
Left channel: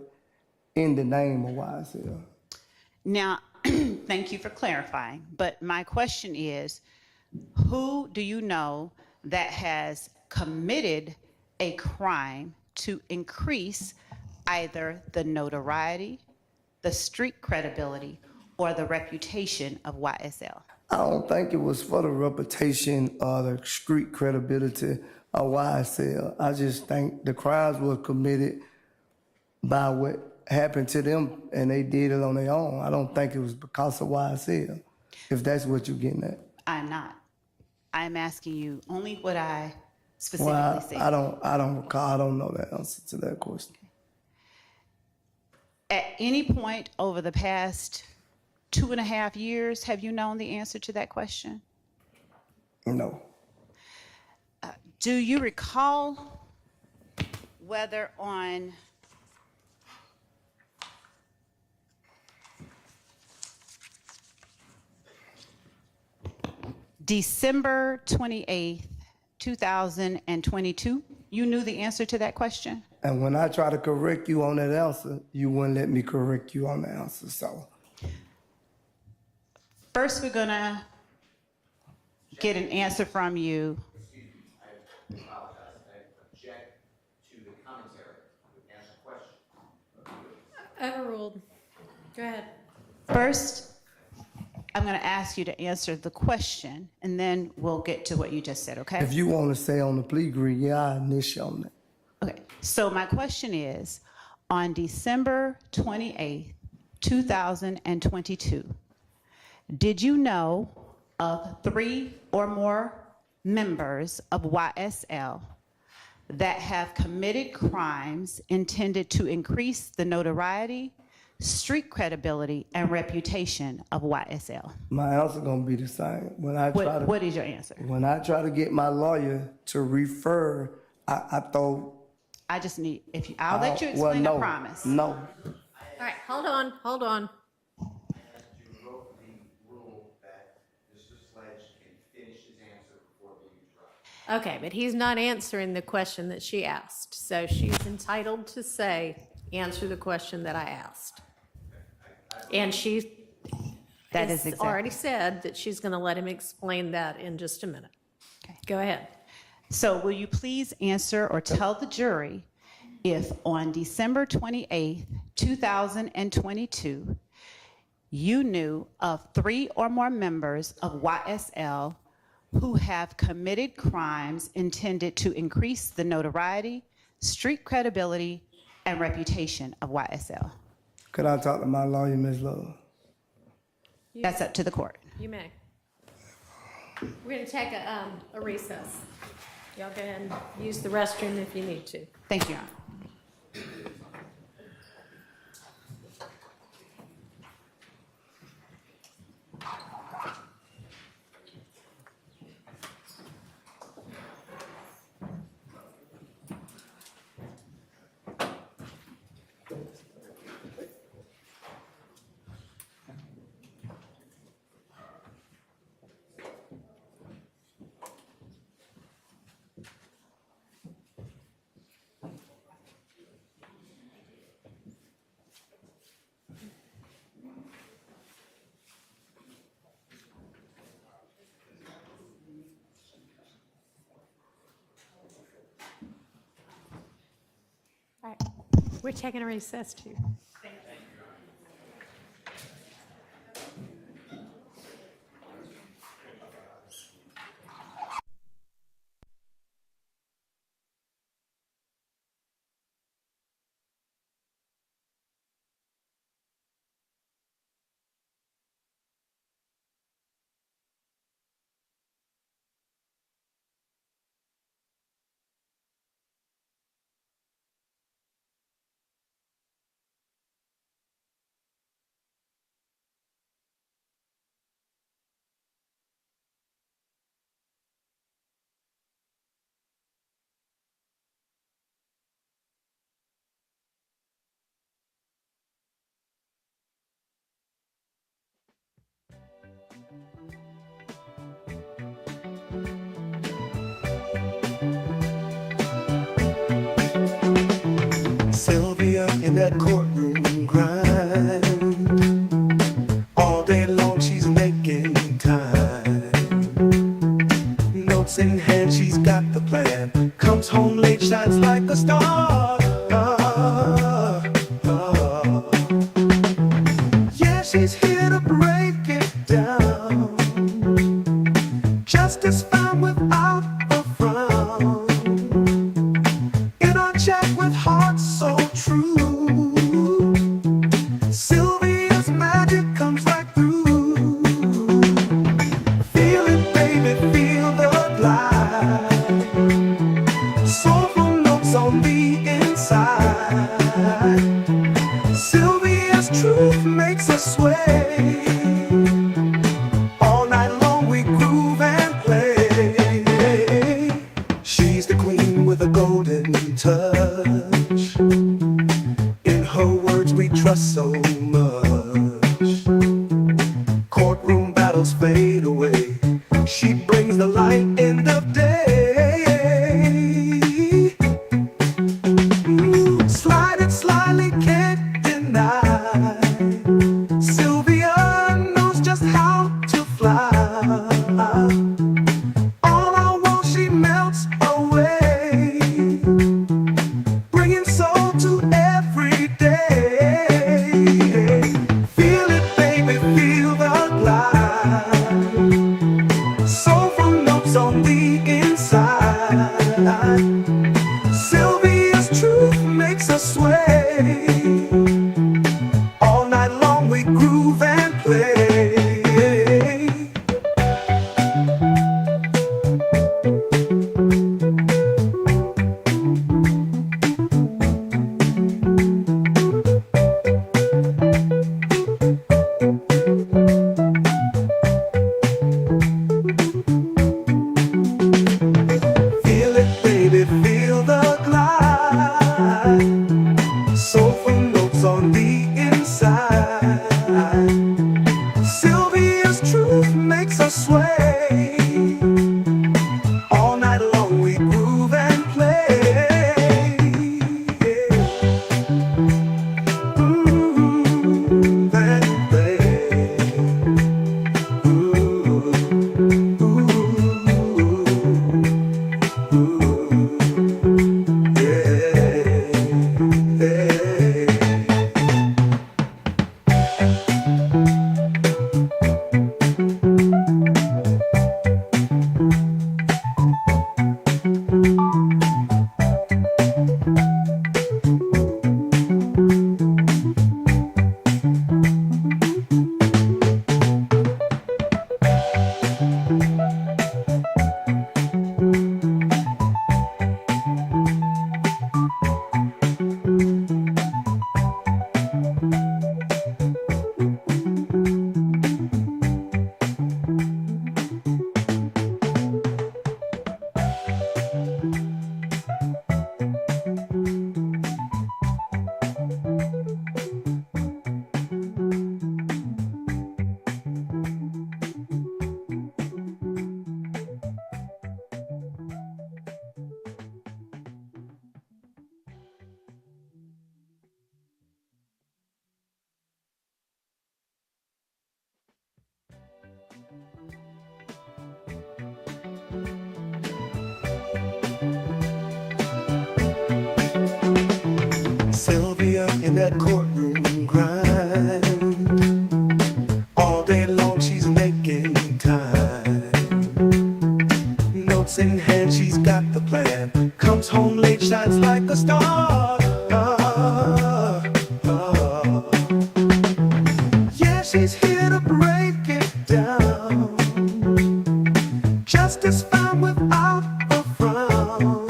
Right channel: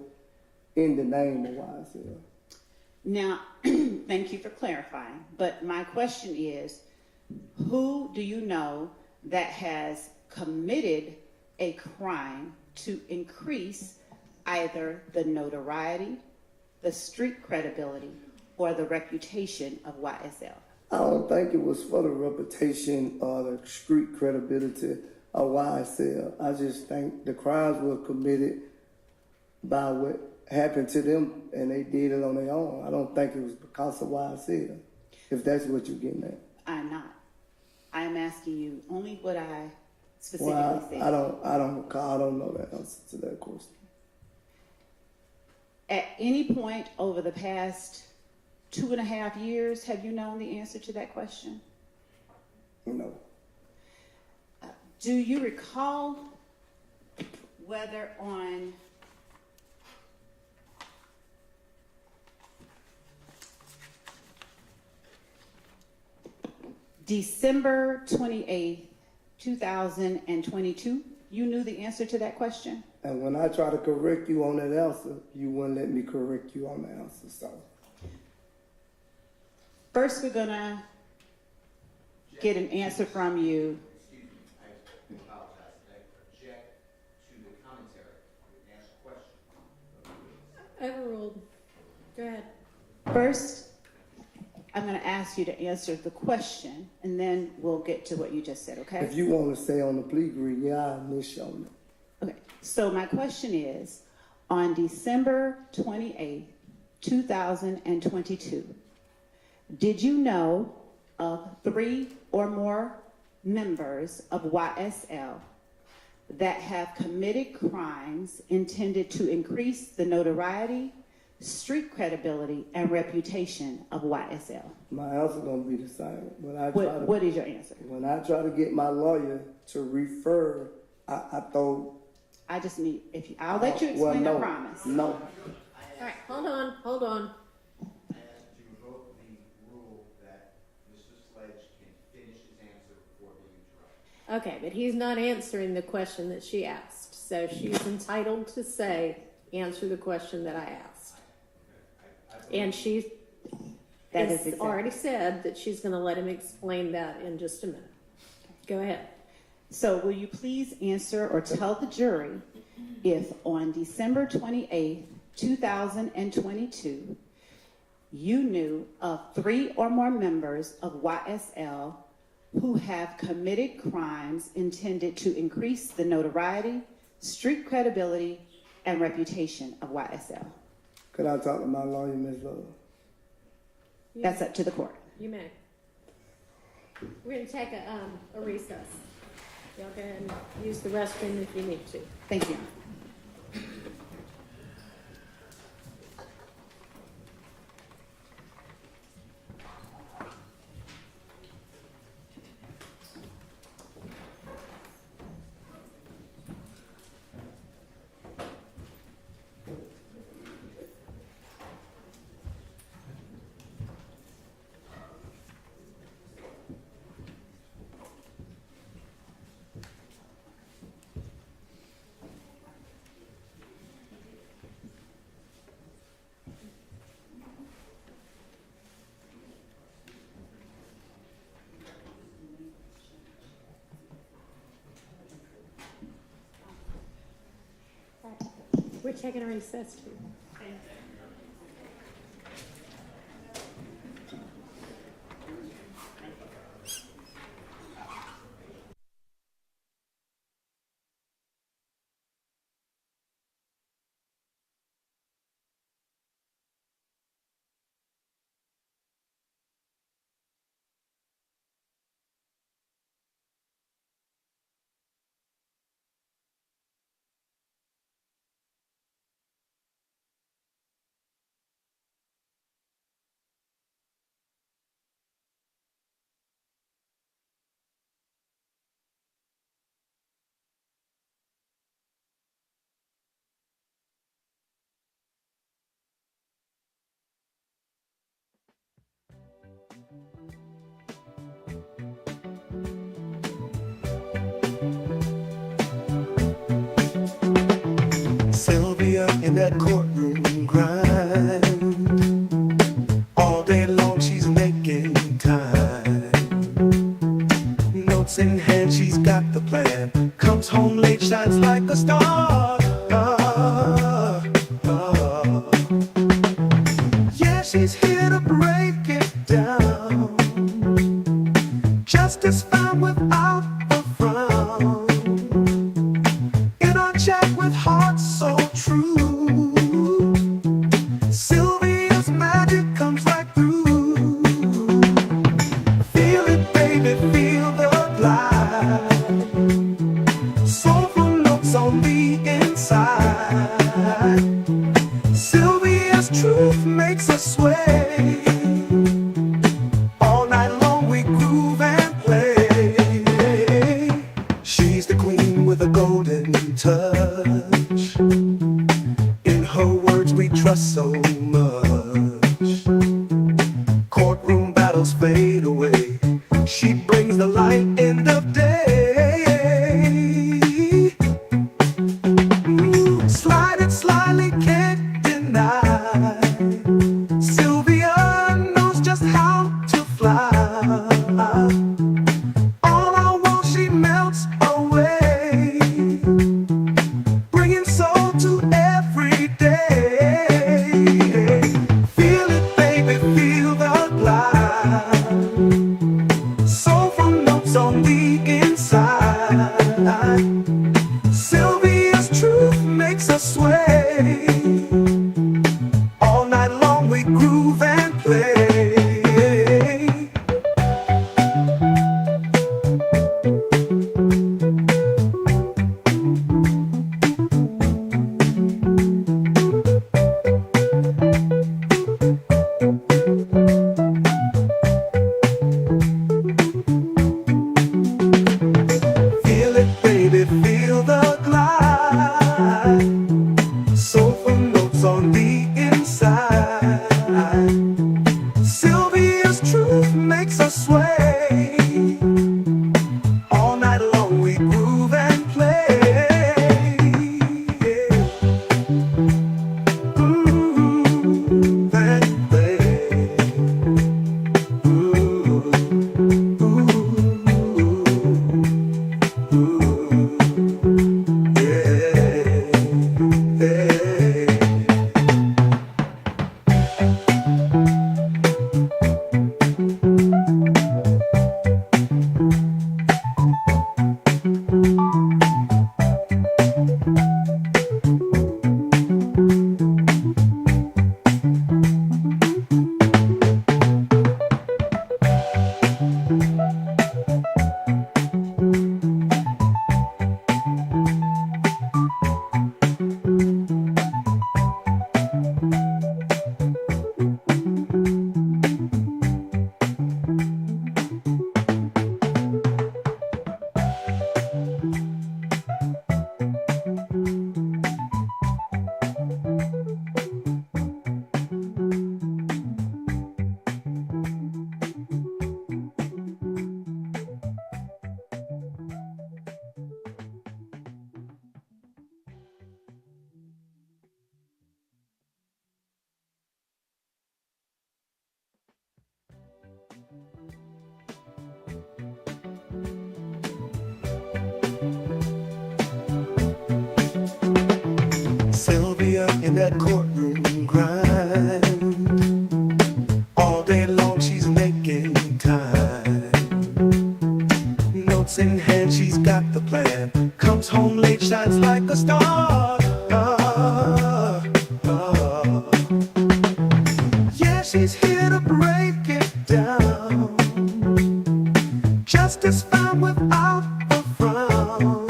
in the name of YSL. Now, thank you for clarifying, but my question is, who do you know that has committed a crime to increase either the notoriety, the street credibility, or the reputation of YSL? I don't think it was for the reputation or the street credibility of YSL. I just think the crimes were committed by what happened to them and they did it on their own. I don't think it was because of YSL, if that's what you're getting at. I'm not. I'm asking you only what I specifically said. I don't recall. I don't know the answer to that question. At any point over the past 2.5 years, have you known the answer to that question? No. Do you recall whether on December 28th, 2022, you knew the answer to that question? And when I try to correct you on that answer, you wouldn't let me correct you on the answer, so. First, we're gonna get an answer from you. Excuse me, I apologize. I object to the commentary. I would ask a question. Overruled. Go ahead. First, I'm gonna ask you to answer the question, and then we'll get to what you just said, okay? If you want to say on the plea agreement, yeah, I initiate on that. Okay, so my question is, on December 28th, 2022, did you know of 3 or more members of YSL that have committed crimes intended to increase the notoriety, street credibility, and reputation of YSL? My answer gonna be the same. What is your answer? When I try to get my lawyer to refer, I throw. I just need, I'll let you explain, no, I promise. No. All right, hold on. I have to revoke the rule that Mr. Sledge can finish his answer before being interrupted. Okay, but he's not answering the question that she asked. So she's entitled to say, answer the question that I asked. And she That has is exactly. already said that she's going to let him explain that in just a minute. Okay. Go ahead. So will you please answer or tell the jury if on December 28th, 2022, you knew of 3 or more members of YSL who have committed crimes intended to increase the notoriety, street credibility, and reputation of YSL? Could I talk to my lawyer, Ms. Love? That's up to the court. You may. We're going to take a recess. Y'all go ahead and use the restroom if you need to. Thank you, Your Honor. taking a recess too? Sylvia in that courtroom grind. All day long she's making time. Notes in hand, she's got the plan. Comes home late, shines like a star. Yeah, she's here to break it down. Justice found without a frown. In our chat with hearts so true, Sylvia's magic comes right through. Feel it, baby, feel the glide. Soulful notes on the inside. Sylvia's truth makes us sway. All night long we groove and play. She's the queen with a golden touch. In her words we trust so much. Courtroom battles fade away. She brings the light end of day. Slide it slyly, can't deny. Sylvia knows just how to fly. All I want, she melts away, bringing soul to every day. Feel it, baby, feel the glide. Soulful notes on the inside. Sylvia's truth makes us sway. All night long we groove and play. Feel it, baby, feel in that courtroom grind. All day long she's making time. Notes in hand, she's got the plan. Comes home late, shines like a star. Yeah, she's here to break it down. Justice found without a frown.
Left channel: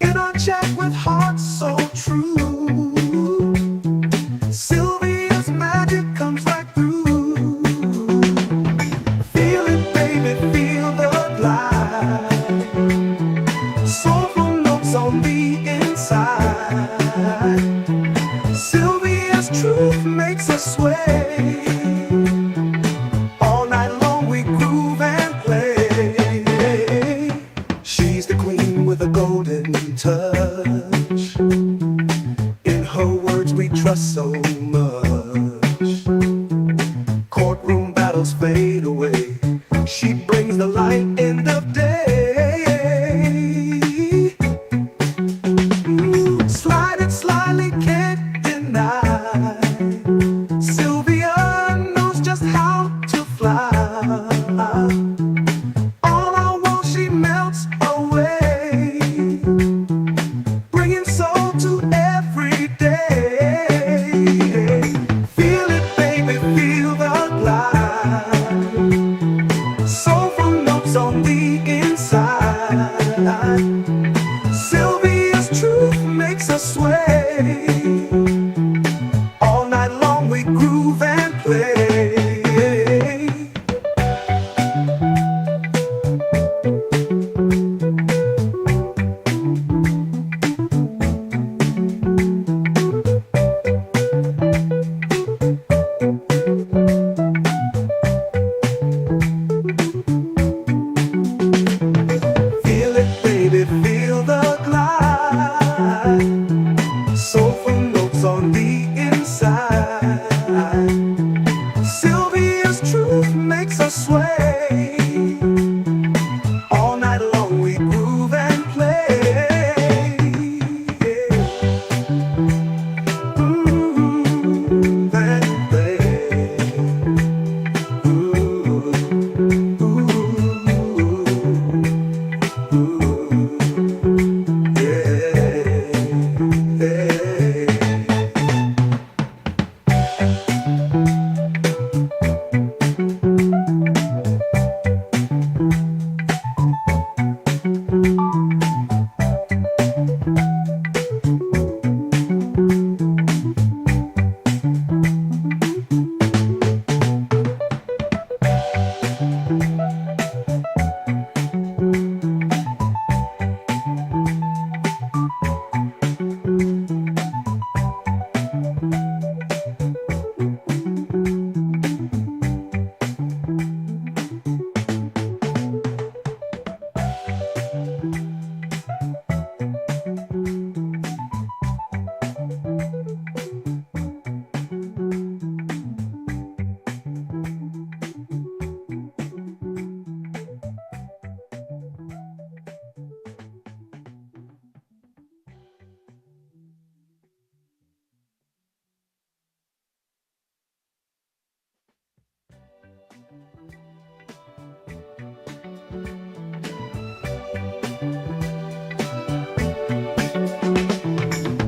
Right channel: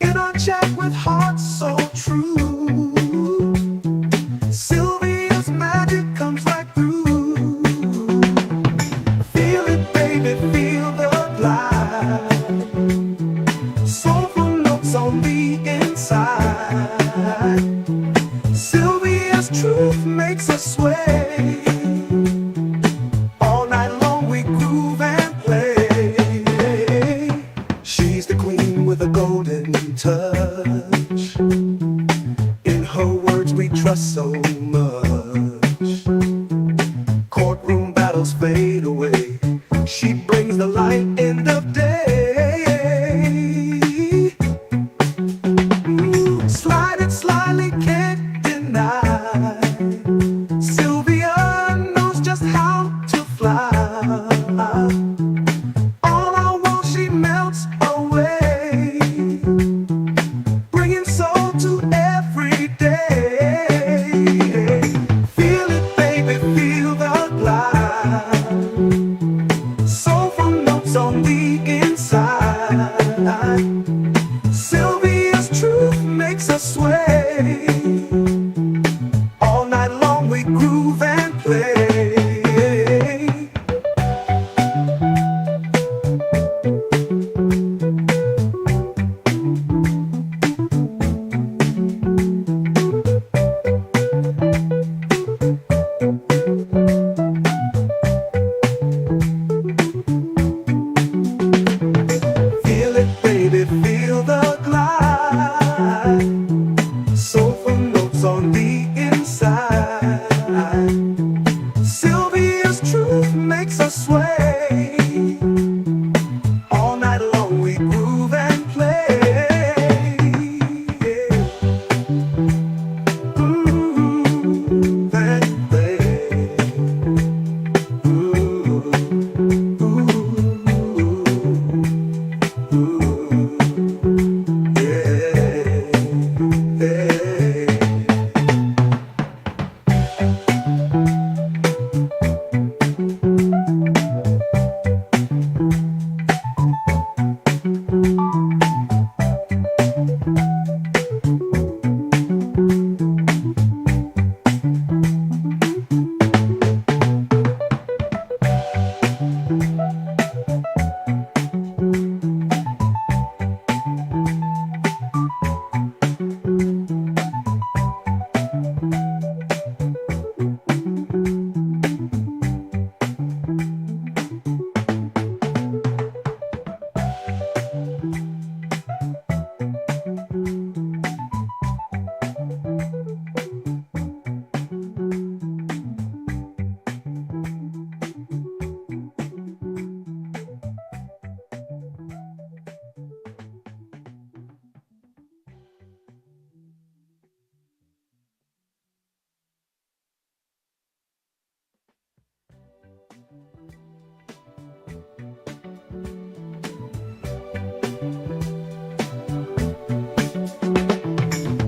In our chat with hearts so true, Sylvia's magic comes right through. Feel it, baby, feel the glide. Soulful notes on the inside. Sylvia's truth makes us sway. All night long we groove and play. She's the queen with a golden touch. In her words we trust so much. Courtroom battles fade away. She brings the light end of day. Slide it slyly, can't deny. Sylvia knows just how to fly. All I want, she melts away, bringing soul to every day. Feel it, baby, feel the glide. Soulful notes on the inside. Sylvia's truth makes us sway. All night long we groove and play. Feel it, baby, feel the glide. Soulful notes on the inside. Sylvia's truth makes us sway. All night long we groove and play. Groove and play. Ooh, ooh,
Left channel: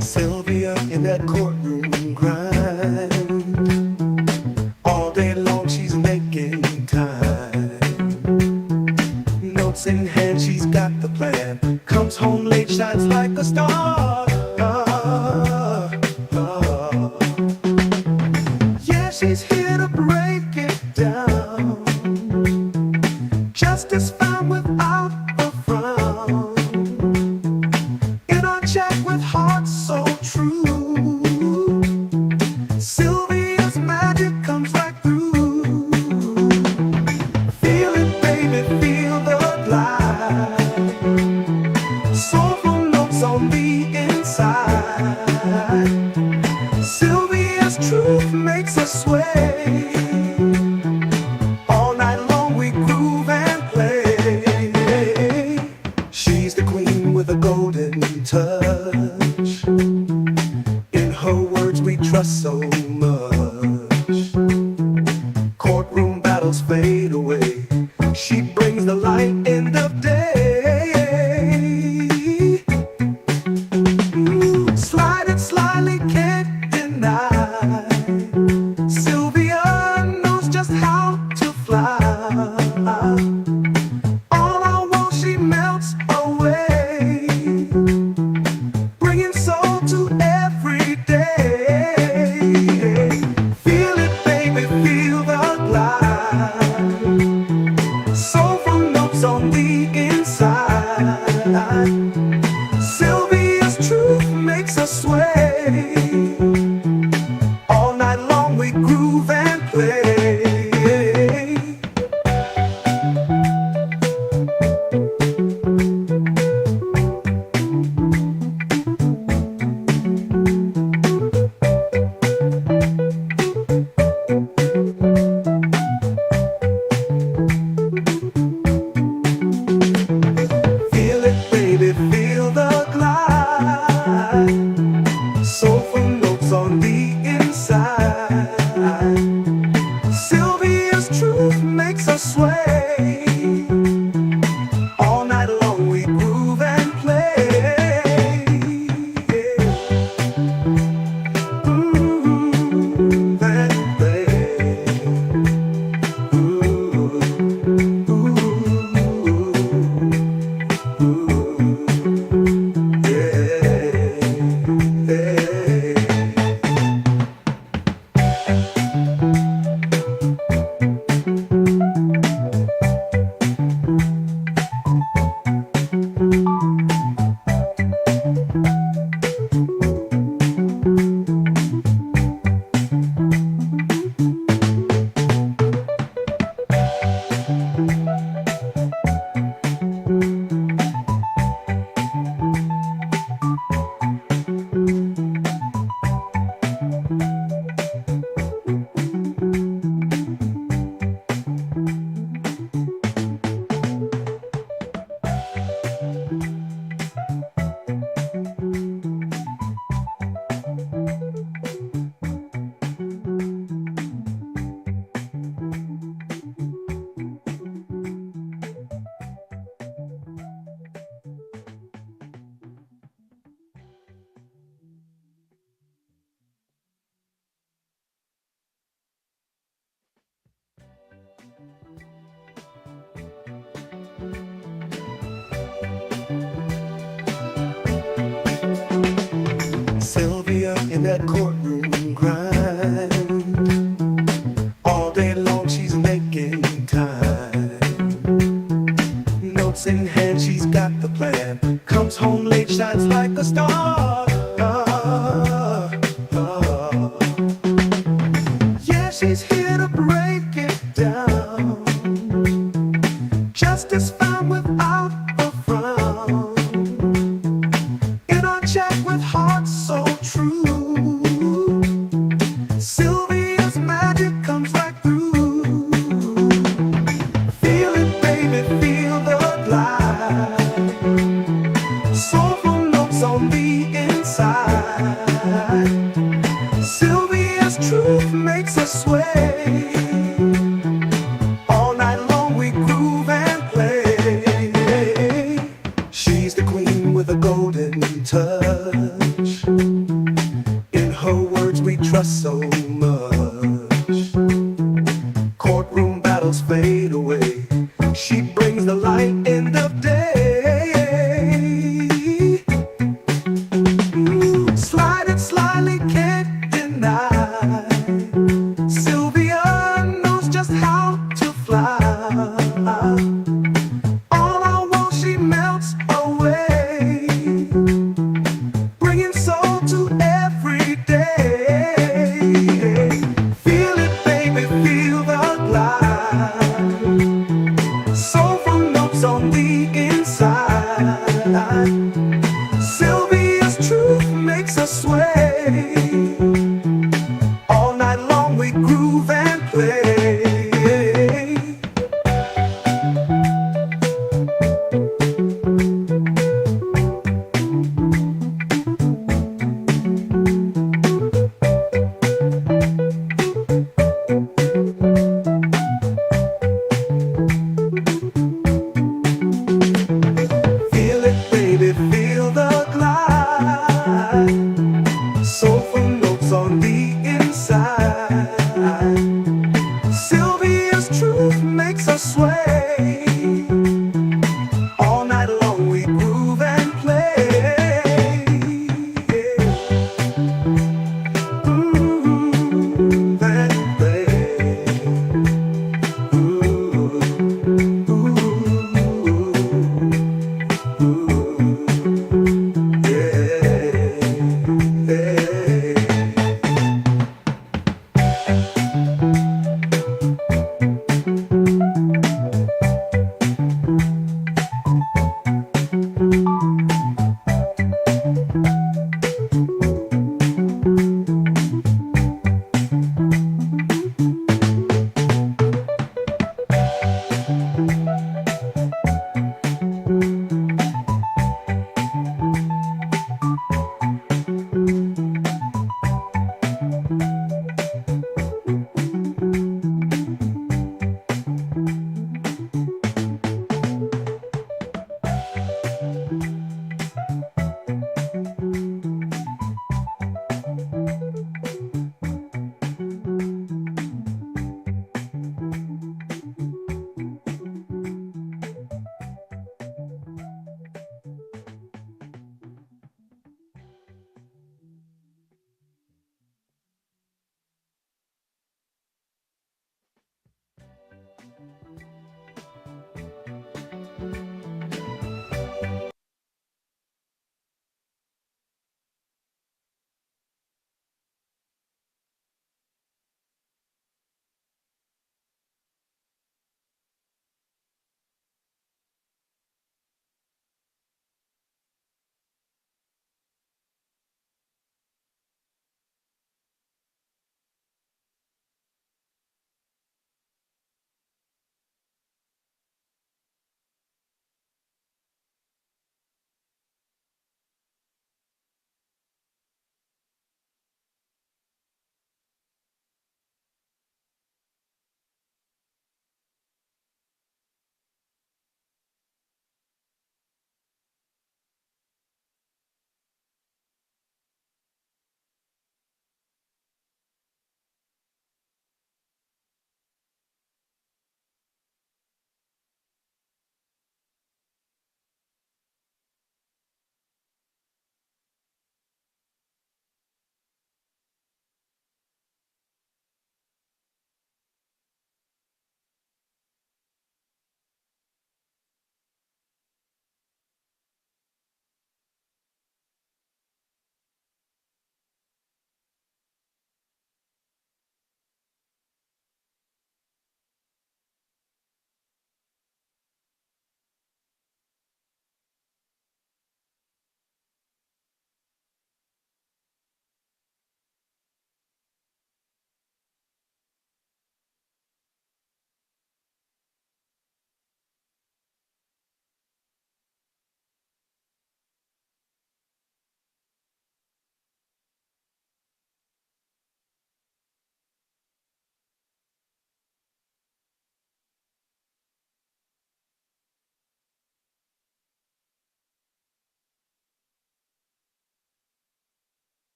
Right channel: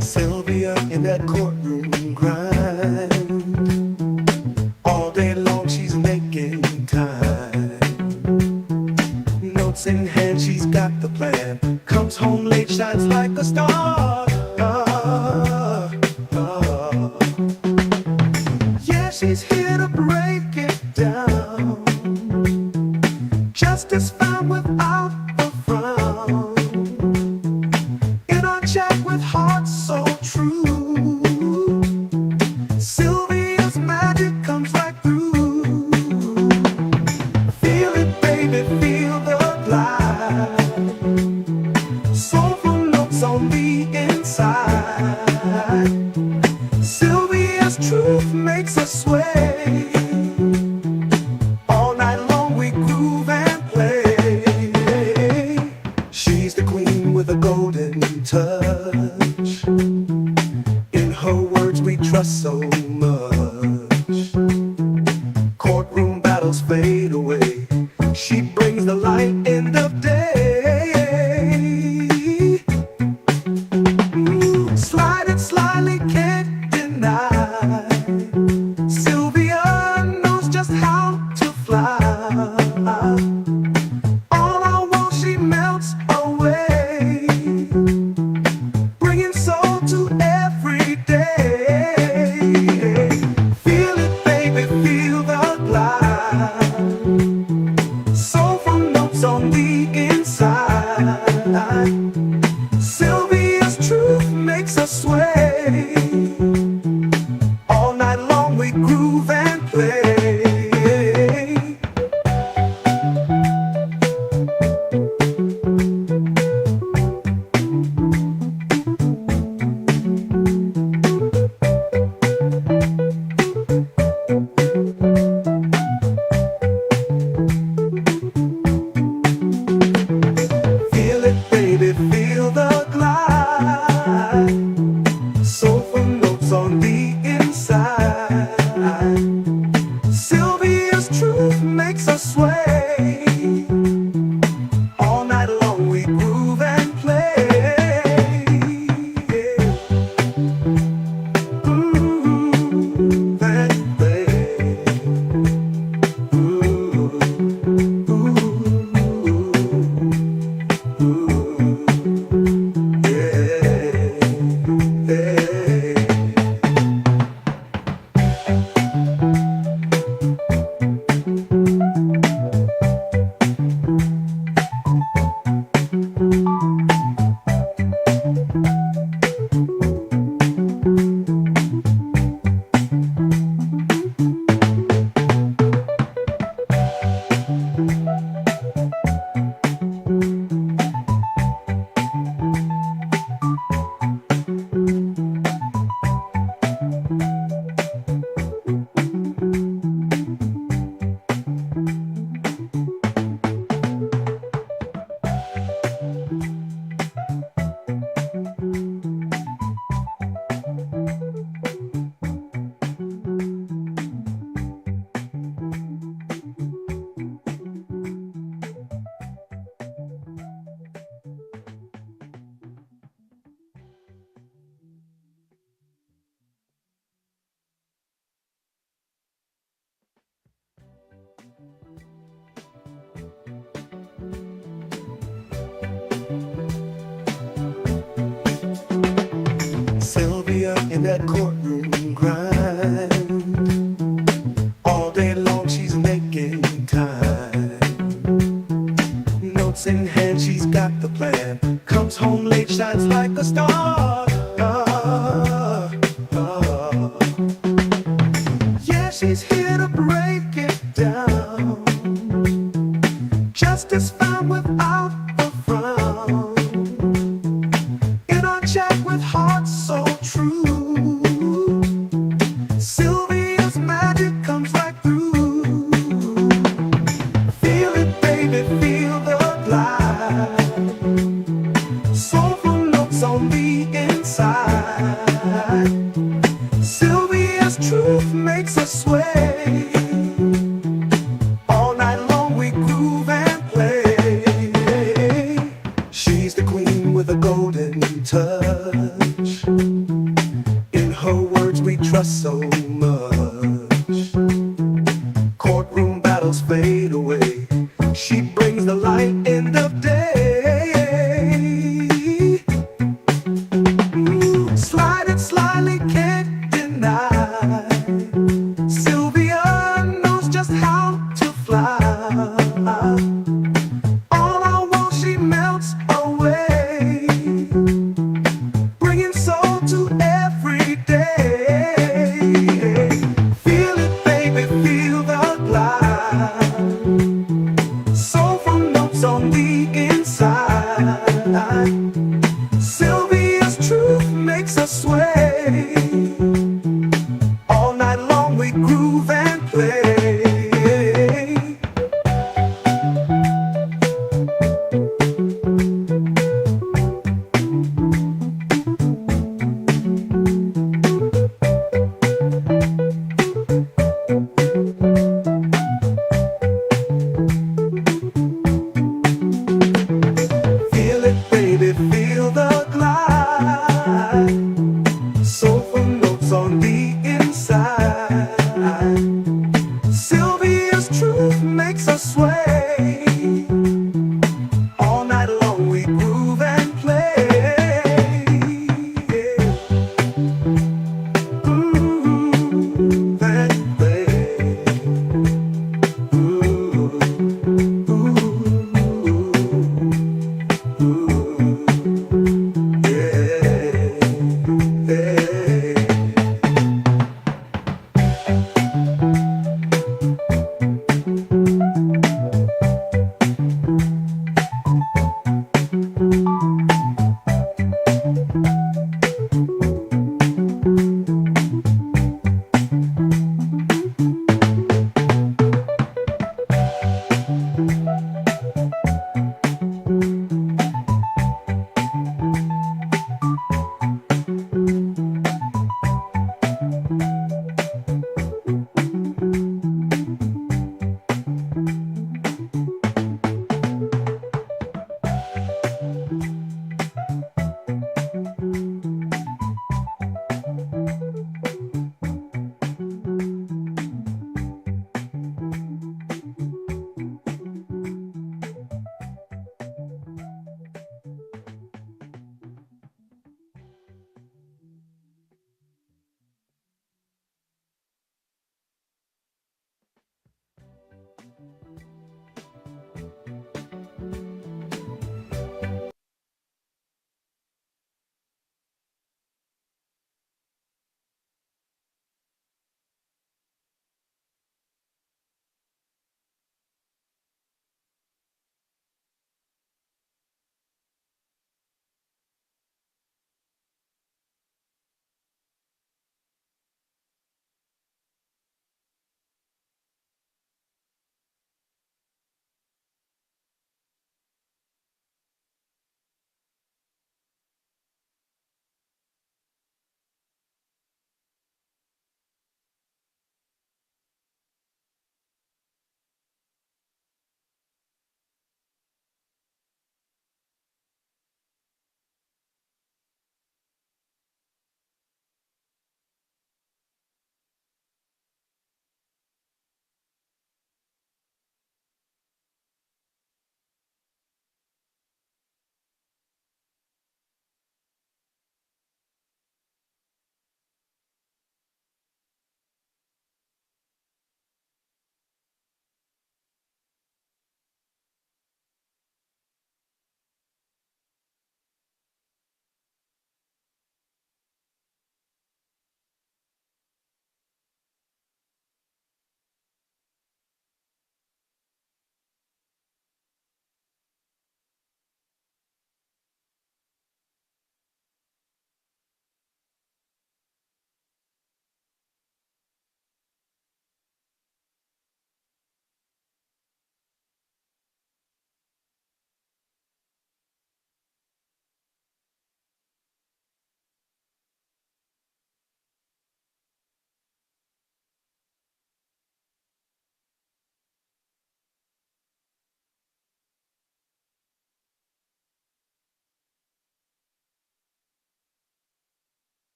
Sylvia in that courtroom grind. All day long she's making time. Notes in hand, she's got the plan. Comes home late, shines like a star. Yeah, she's here to break it down. Justice found without a frown. In our chat with hearts so true, Sylvia's magic comes right through. Feel it, baby, feel the glide. Soulful notes on the inside. Sylvia's truth makes us sway. All night long we groove and play. She's the queen with a golden touch. Sylvia's truth makes us sway. All night long we groove and play. Feel it, baby, feel the glide. Soulful notes on the inside. Sylvia's truth makes us sway. All night long we groove and play. Groove and play. Ooh, ooh, Sylvia in that courtroom grind. All day long she's making time. Notes in hand, she's got the plan. Comes home late, shines like a star. Yeah, she's here to break it down. Justice found without a frown. In our chat with hearts so true, Sylvia's magic comes right through. Feel it, baby, feel the glide. Soulful notes on the inside. Sylvia's truth makes us sway. All night long we groove and play. She's the queen with a golden touch. In her words we trust so much. Courtroom battles fade away. She brings the light end of day. Slide it slyly, can't deny. Sylvia knows just how to fly. All I want, she melts away, bringing soul to every day. Feel it, baby, feel the glide. Soulful notes on the inside. Sylvia's truth makes us sway. All night long we groove and play. Feel it, baby, feel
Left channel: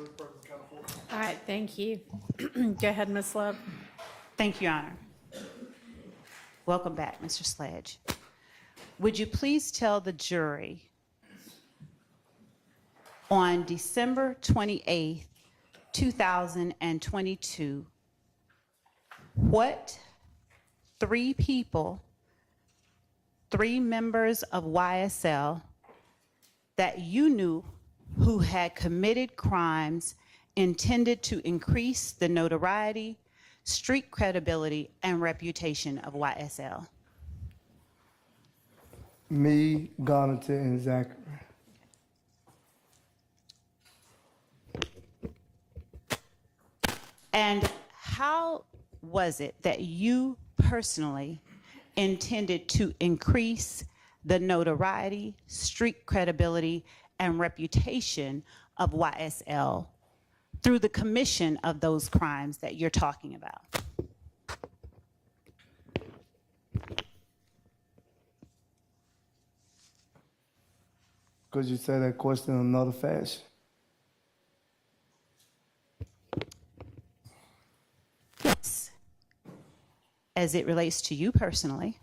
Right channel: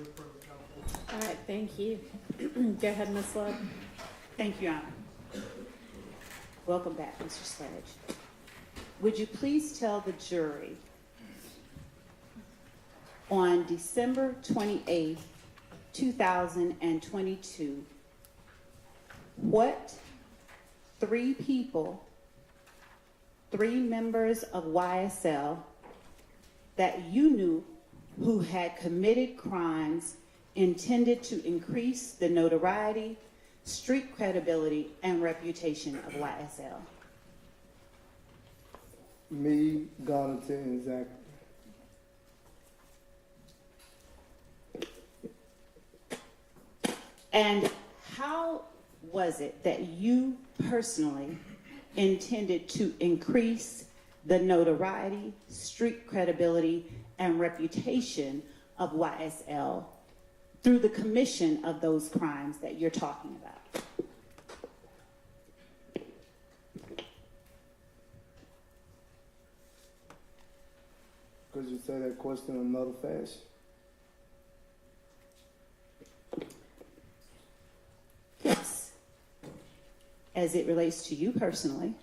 All right, thank you. Go ahead, Ms. Love. Thank you, Your Honor. Welcome back, Mr. Sledge. Would you please tell the jury on December 28th, 2022, what three people, three members of YSL that you knew who had committed crimes intended to increase the notoriety, street credibility, and reputation of YSL? Me, Garnett, and Zachary. And how was it that you personally intended to increase the notoriety, street credibility, and reputation of YSL through the commission of those crimes that you're talking about? Could you say that question in another fashion? Yes. As it relates to you personally,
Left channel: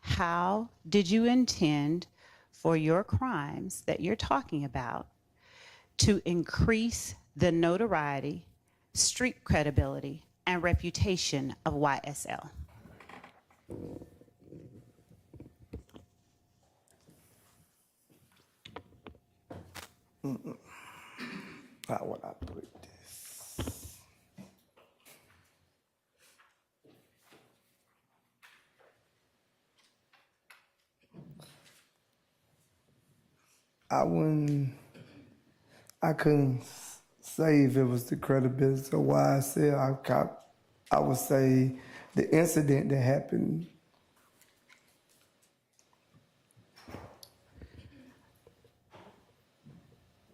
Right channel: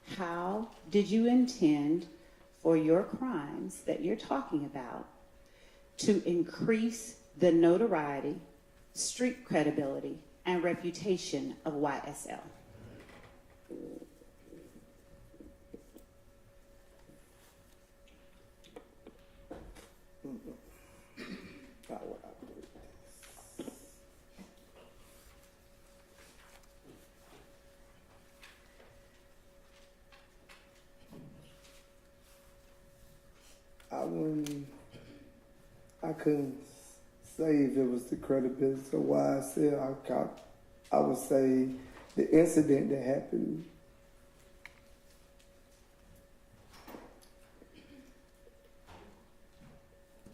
how did you intend for your crimes that you're talking about to increase the notoriety, street credibility, and reputation of YSL? How would I put this? I couldn't say if it was the credibility of YSL. I would say the incident that happened.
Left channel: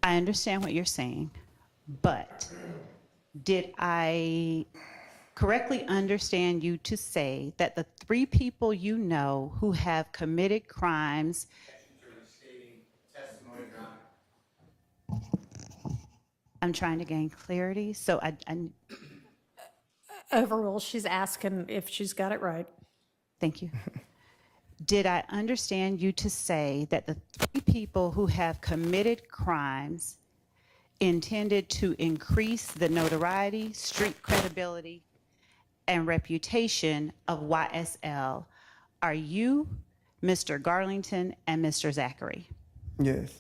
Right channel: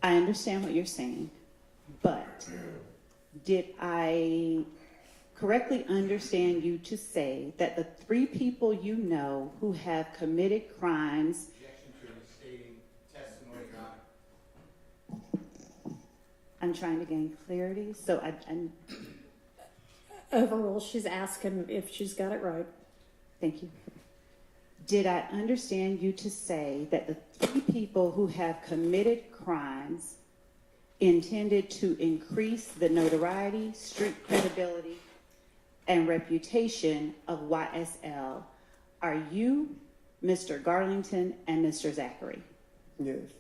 I understand what you're saying, but did I correctly understand you to say that the three people you know who have committed crimes? I'm trying to gain clarity, so I Overall, she's asking if she's got it right. thank you. Did I understand you to say that the three people who have committed crimes intended to increase the notoriety, street credibility, and reputation of YSL are you, Mr. Garlington, and Mr. Zachary? Yes.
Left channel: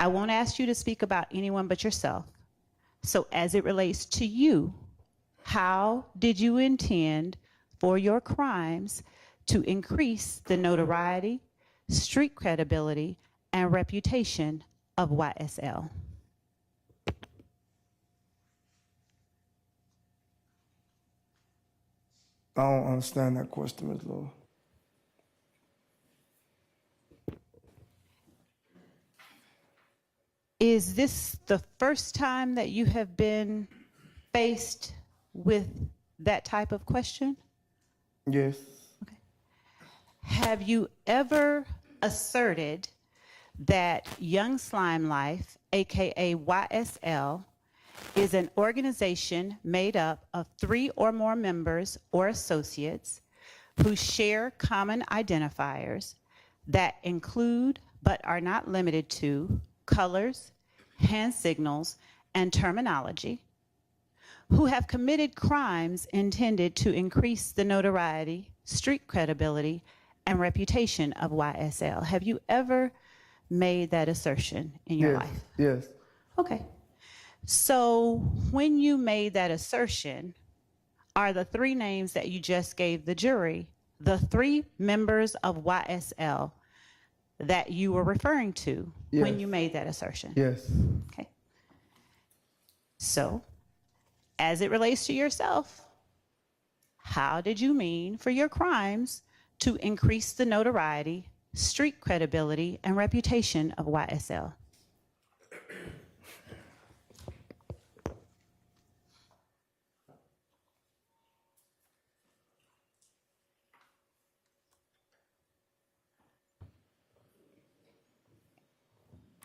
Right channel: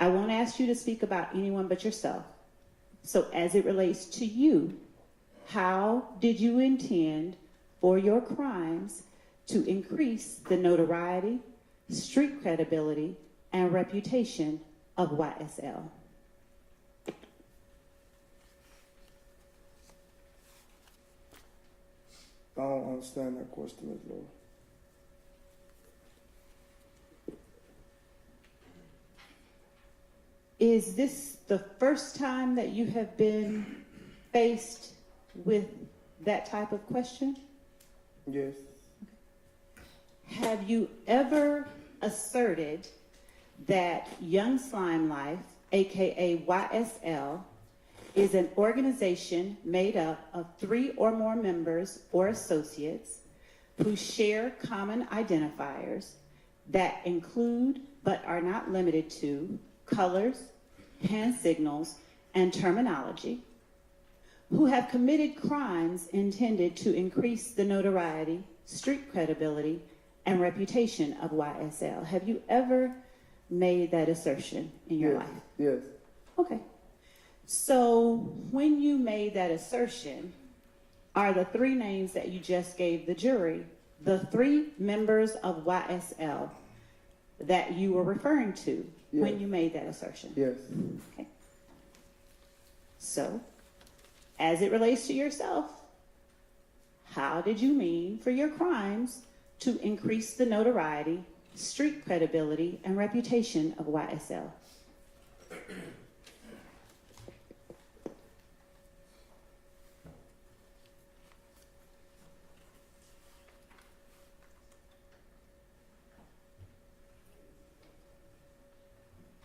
I won't ask you to speak about anyone but yourself. So as it relates to you, how did you intend for your crimes to increase the notoriety, street credibility, and reputation of YSL? I don't understand that question, Ms. Lord. Is this the first time that you have been faced with that type of question? Yes. Have you ever asserted that Young Slime Life, aka YSL, is an organization made up of 3 or more members or associates who share common identifiers that include but are not limited to colors, hand signals, and terminology, who have committed crimes intended to increase the notoriety, street credibility, and reputation of YSL? Have you ever made that assertion in your life? Yes. Okay. So when you made that assertion, are the 3 names that you just gave the jury the 3 members of YSL that you were referring to when Yes. you made that assertion? Yes. Okay. So, as it relates to yourself, how did you mean for your crimes to increase the notoriety, street credibility, and reputation of YSL?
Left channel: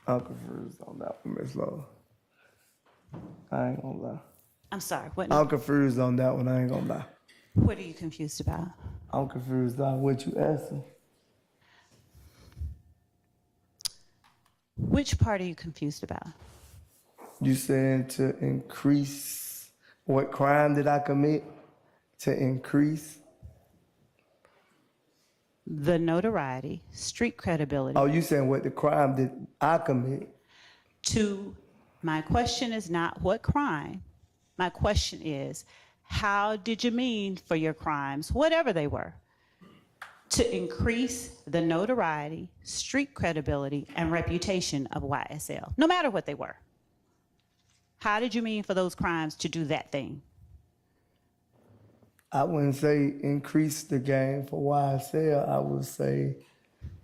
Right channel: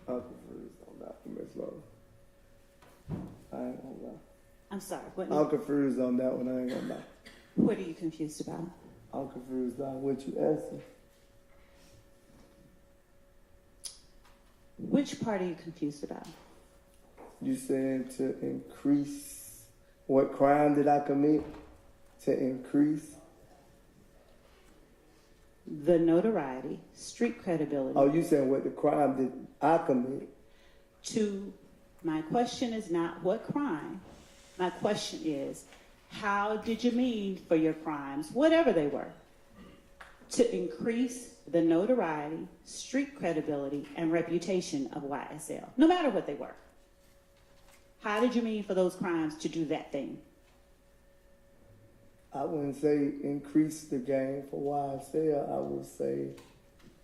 I'm confused on that one, Miss Lola. I ain't gonna lie. I'm sorry, what, I'm confused on that one, I ain't gonna lie. what are you confused about? I'm confused on what you asking. Which part are you confused about? You saying to increase, what crime did I commit? To increase? The notoriety, street credibility. Oh, you saying what the crime did I commit? My question is not what crime. My question is, how did you mean for your crimes, whatever they were, to increase the notoriety, street credibility, and reputation of YSL, no matter what they were? How did you mean for those crimes to do that thing? I wouldn't say increase the game for YSL. I would say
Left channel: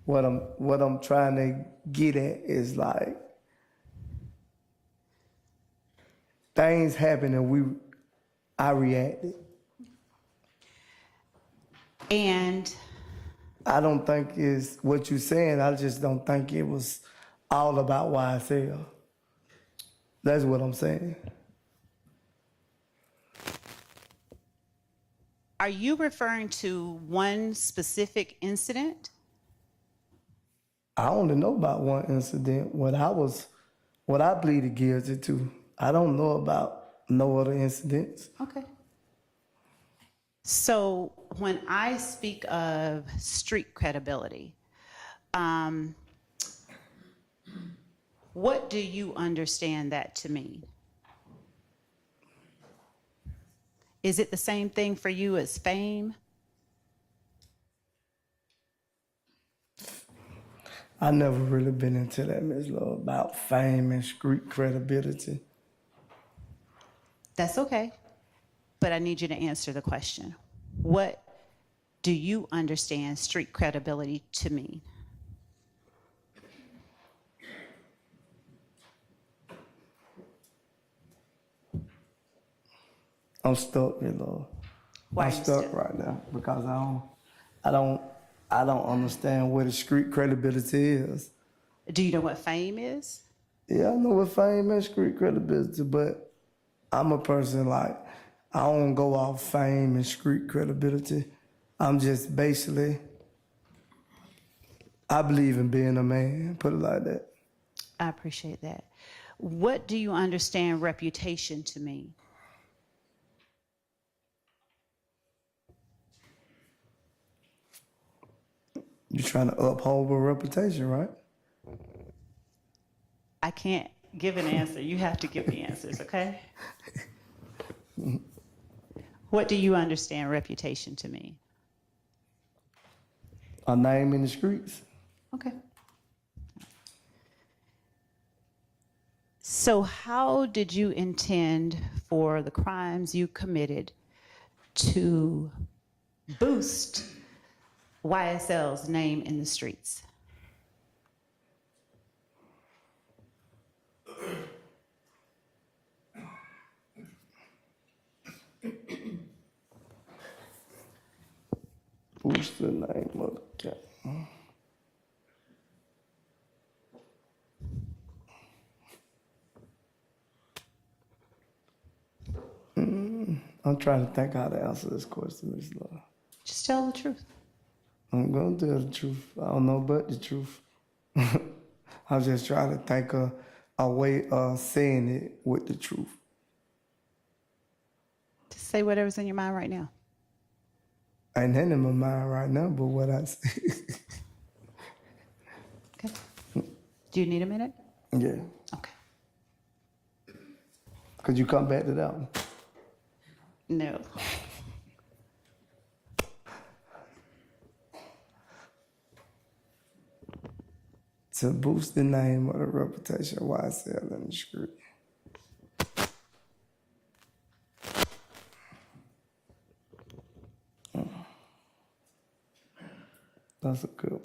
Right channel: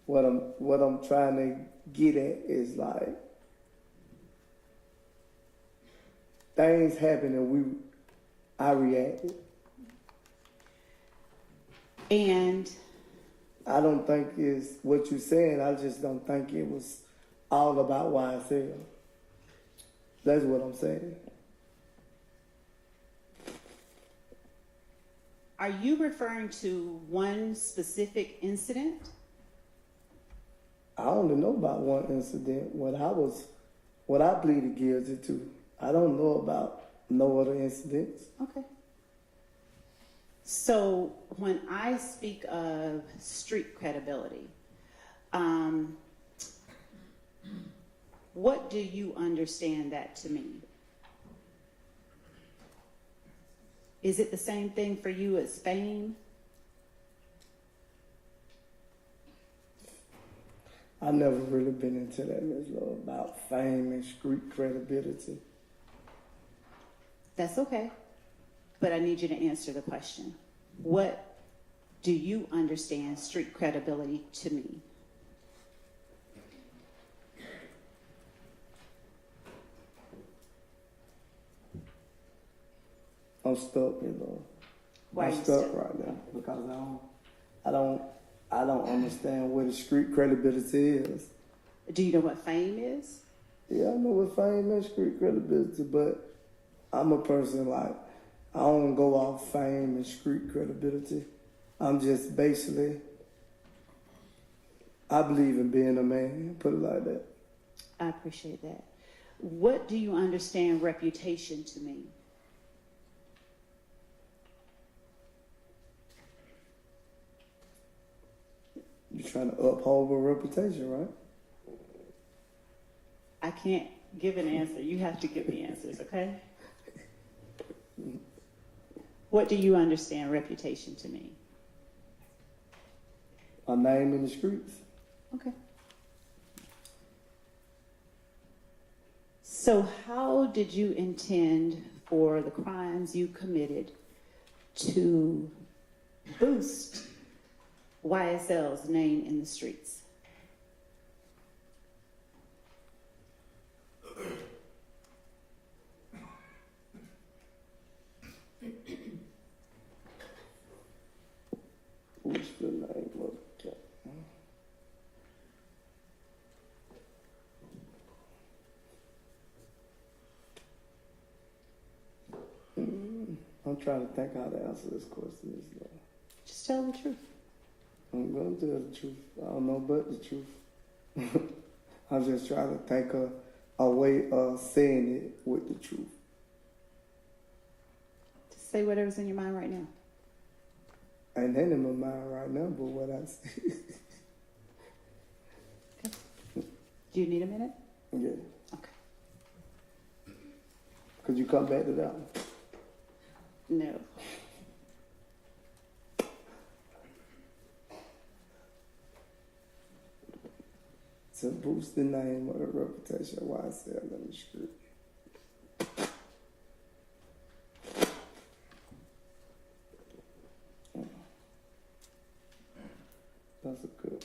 what I'm trying to get at is like things happen and I reacted. And I don't think it's what you're saying. I just don't think it was all about YSL. That's what I'm saying. are you referring to one specific incident? I only know about one incident. What I pleaded guilty to. I don't know about no other incidents. Okay. So when I speak of street credibility, what do you understand that to mean? Is it the same thing for you as fame? I never really been into that, Ms. Love, about fame and street credibility. That's okay, but I need you to answer the question. What do you understand street credibility to mean? I'm stuck, Ms. Love. Why I'm are you stuck stuck? right now because I don't understand what a street credibility is. Do you know what fame is? Yeah, I know what fame and street credibility, but I'm a person like, I don't go off fame and street credibility. I'm just basically, I believe in being a man, put it like that. I appreciate that. What do you understand reputation to mean? You're trying to uphold a reputation, right? I can't give an answer. You have to give the answers, okay? What do you understand reputation to mean? A name in the streets. Okay. So how did you intend for the crimes you committed to boost YSL's name in the streets? What's the name of the cat? I'm trying to think how to answer this question, Ms. Love. Just tell the truth. I'm gonna tell the truth. I don't know but the truth. I'm just trying to think of a way of saying it with the truth. Just say whatever's in your mind right now. Ain't nothing in my mind right now but what I say. Okay. Do you need a minute? Yeah. Okay. Could you come back to that one? No. To boost the name or the reputation of YSL in the street. That's a good one.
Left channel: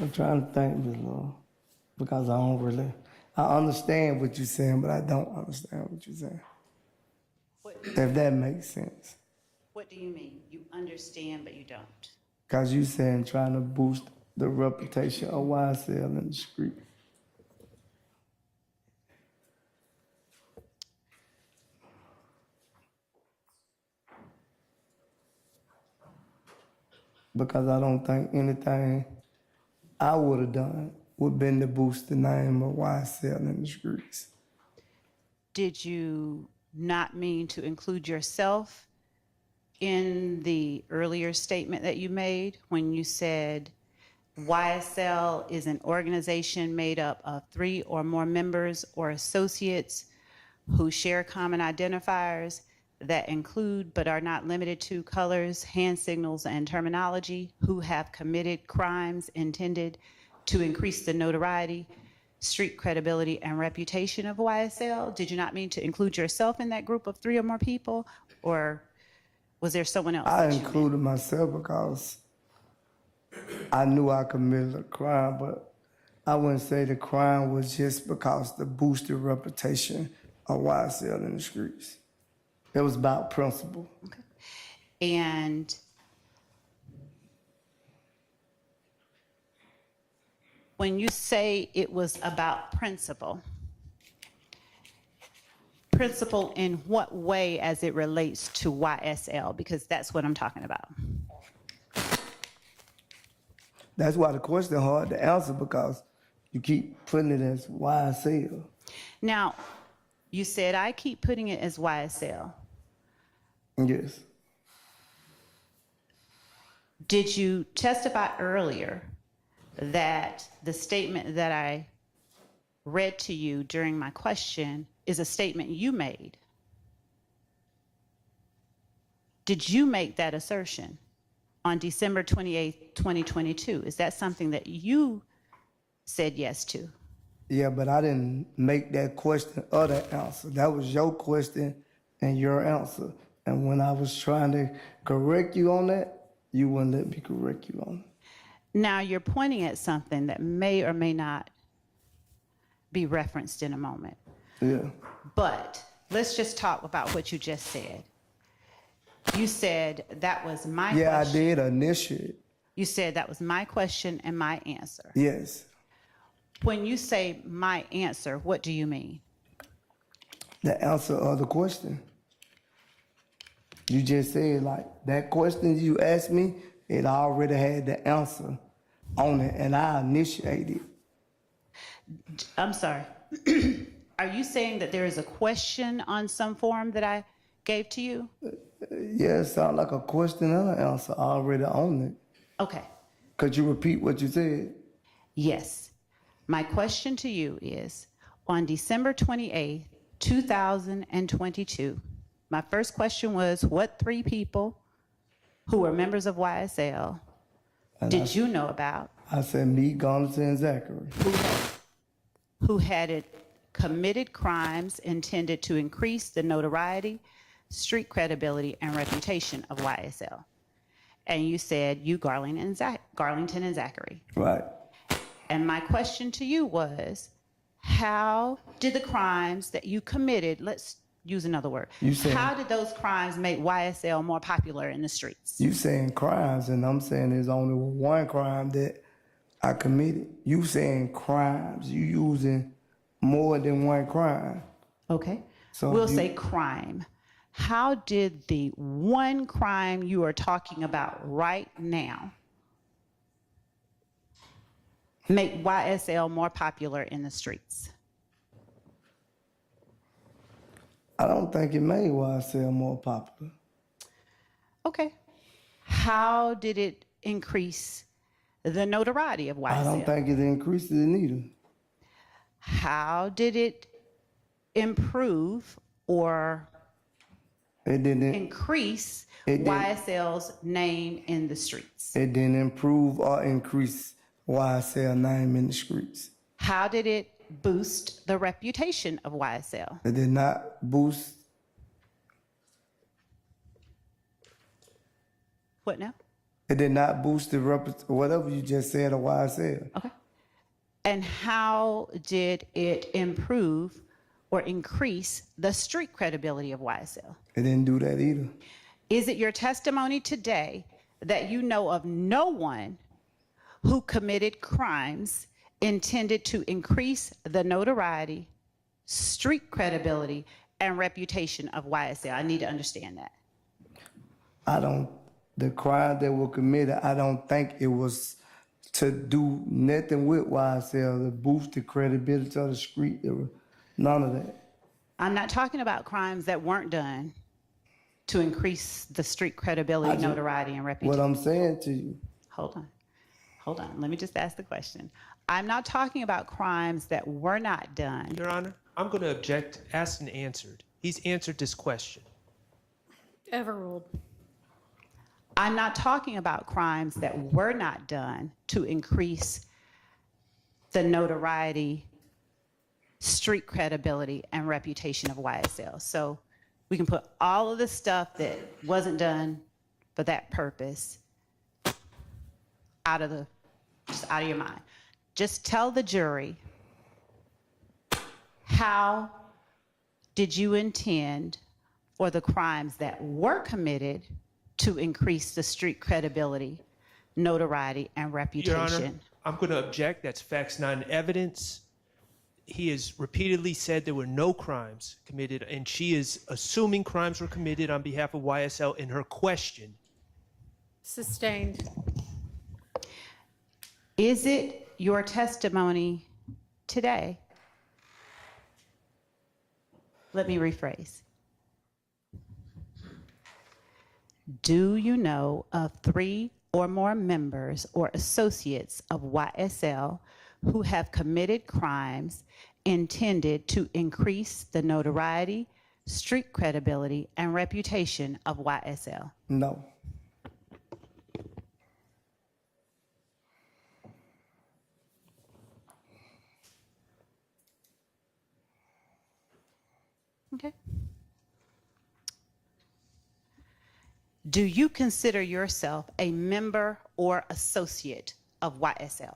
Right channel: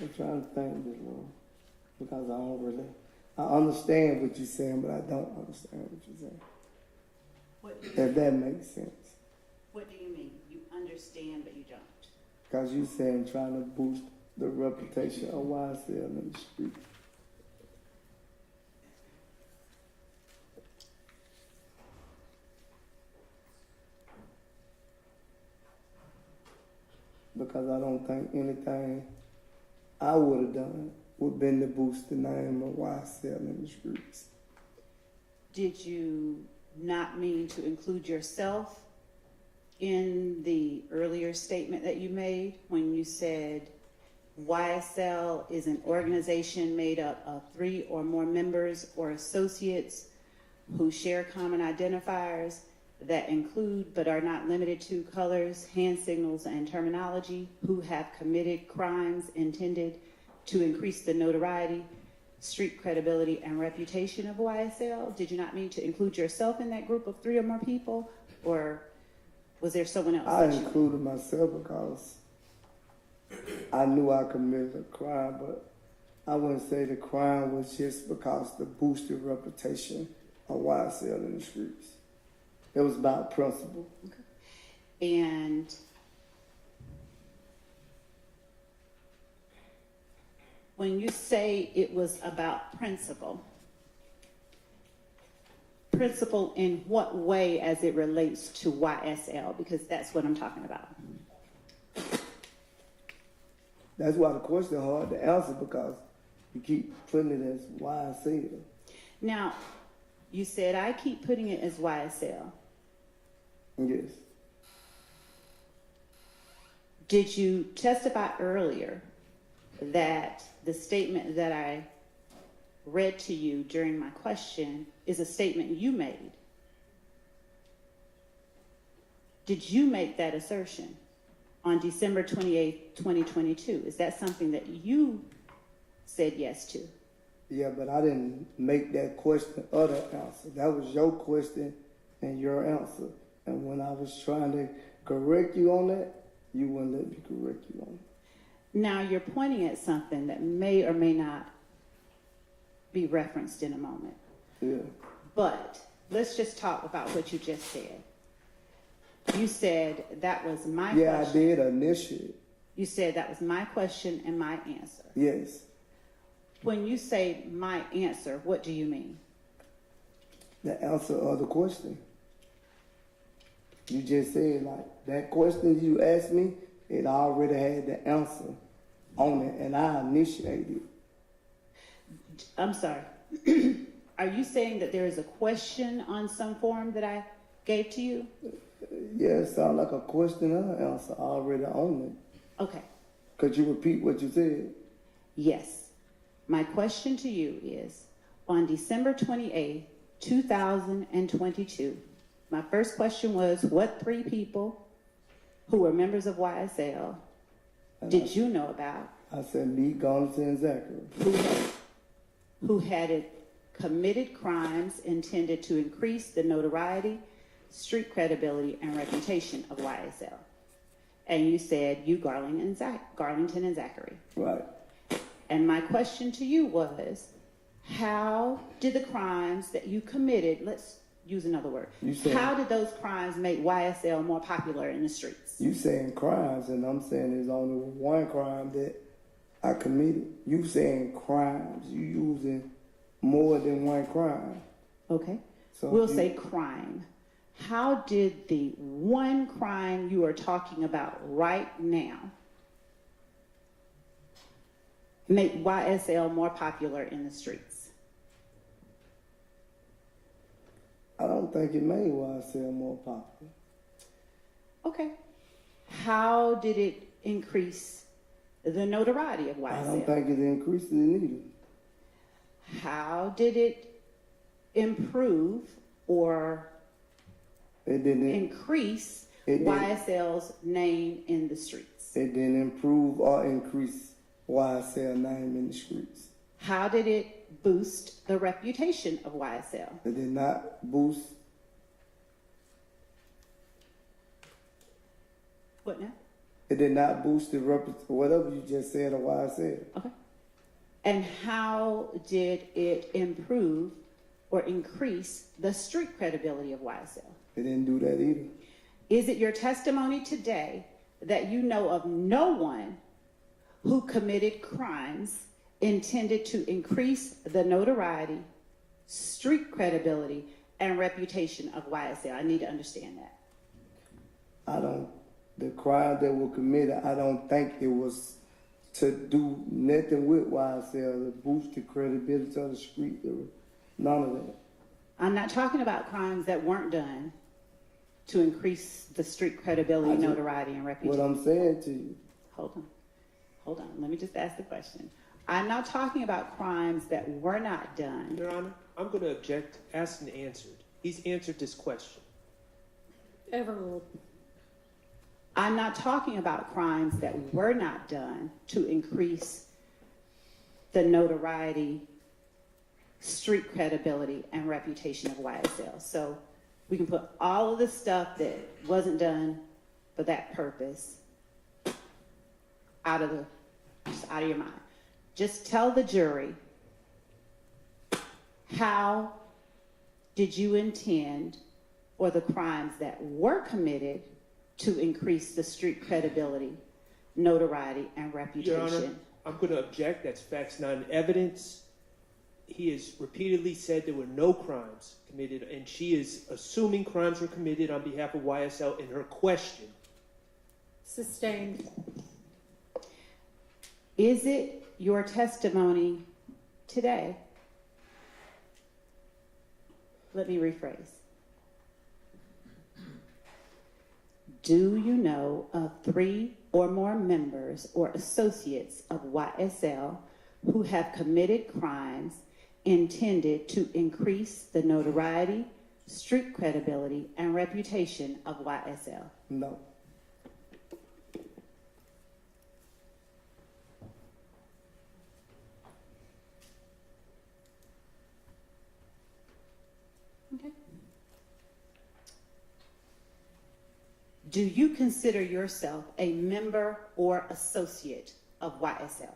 I'm trying to think, Ms. Lord, because I understand what you're saying, but I don't understand what you're saying. If that makes sense. What do you mean? You understand, but you don't? Because you saying trying to boost the reputation of YSL in the street. Because I don't think anything I would have done would been to boost the name of YSL in the streets. Did you not mean to include yourself in the earlier statement that you made when you said YSL is an organization made up of 3 or more members or associates who share common identifiers that include but are not limited to colors, hand signals, and terminology, who have committed crimes intended to increase the notoriety, street credibility, and reputation of YSL? Did you not mean to include yourself in that group of 3 or more people, or was there someone else? I included myself because I knew I committed a crime, but I wouldn't say the crime was just because the boosted reputation of YSL in the streets. It was about principle. Okay. And when you say it was about principle in what way as it relates to YSL? Because that's what I'm talking about. That's why the question hard to answer, because you keep putting it as YSL. Now, you said I keep putting it as YSL. Yes. Did you testify earlier that the statement that I read to you during my question is a statement you made? Did you make that assertion on December 28th, 2022? Is that something that you said yes to? Yeah, but I didn't make that question or that answer. That was your question and your answer. And when I was trying to correct you on that, you wouldn't let me correct you on it. Now you're pointing at something that may or may not be referenced in a moment. Yeah. But let's just talk about what you just said. You said that was my question. Yeah, I did initiate. You said that was my question and my answer. Yes. When you say my answer, what do you mean? The answer of the question. You just said, like, that question you asked me, it already had the answer on it, and I initiated. I'm sorry. Are you saying that there is a question on some form that I gave to you? Yeah, it sounded like a question and an answer already on it. Okay. Could you repeat what you said? Yes. My question to you is, on December 28th, 2022, my first question was, what 3 people who were members of YSL did you know about? I said me, Garnison, and Zachary. Who had committed crimes intended to increase the notoriety, street credibility, and reputation of YSL. And you said you, Garlington and Zachary. Right. And my question to you was, how did the crimes that you committed, let's use another word, how did those crimes make YSL more popular in the streets? You saying crimes, and I'm saying there's only one crime that I committed. You saying crimes, you using more than one crime. Okay, So we'll say crime. How did the one crime you are talking about right now make YSL more popular in the streets? I don't think it made YSL more popular. Okay. How did it increase the notoriety of YSL? I don't think it increased it neither. How did it improve or It didn't increase it didn't- YSL's name in the streets? It didn't improve or increase YSL name in the streets. How did it boost the reputation of YSL? It did not boost. What now? It did not boost the whatever you just said or YSL. Okay. And how did it improve or increase the street credibility of YSL? It didn't do that either. Is it your testimony today that you know of no one who committed crimes intended to increase the notoriety, street credibility, and reputation of YSL? I need to understand that. The crime that were committed, I don't think it was to do nothing with YSL, to boost the credibility of the street. There was none of that. I'm not talking about crimes that weren't done to increase the street credibility, notoriety, and reputation. What I'm saying to you. Hold on. Let me just ask the question. I'm not talking about crimes that were not done. Your Honor, I'm going to object, asked and answered. He's answered this question. Overruled. I'm not talking about crimes that were not done to increase the notoriety, street credibility, and reputation of YSL. So we can put all of the stuff that wasn't done for that purpose out of your mind. Just tell the jury, how did you intend for the crimes that were committed to increase the street credibility, notoriety, and reputation? Your Honor, I'm going to object. That's facts, not evidence. He has repeatedly said there were no crimes committed, and she is assuming crimes were committed on behalf of YSL in her question. Sustained. Is it your testimony today? Let me rephrase. Do you know of 3 or more members or associates of YSL who have committed crimes intended to increase the notoriety, street credibility, and reputation of YSL? No. Okay. Do you consider yourself a member or associate of YSL?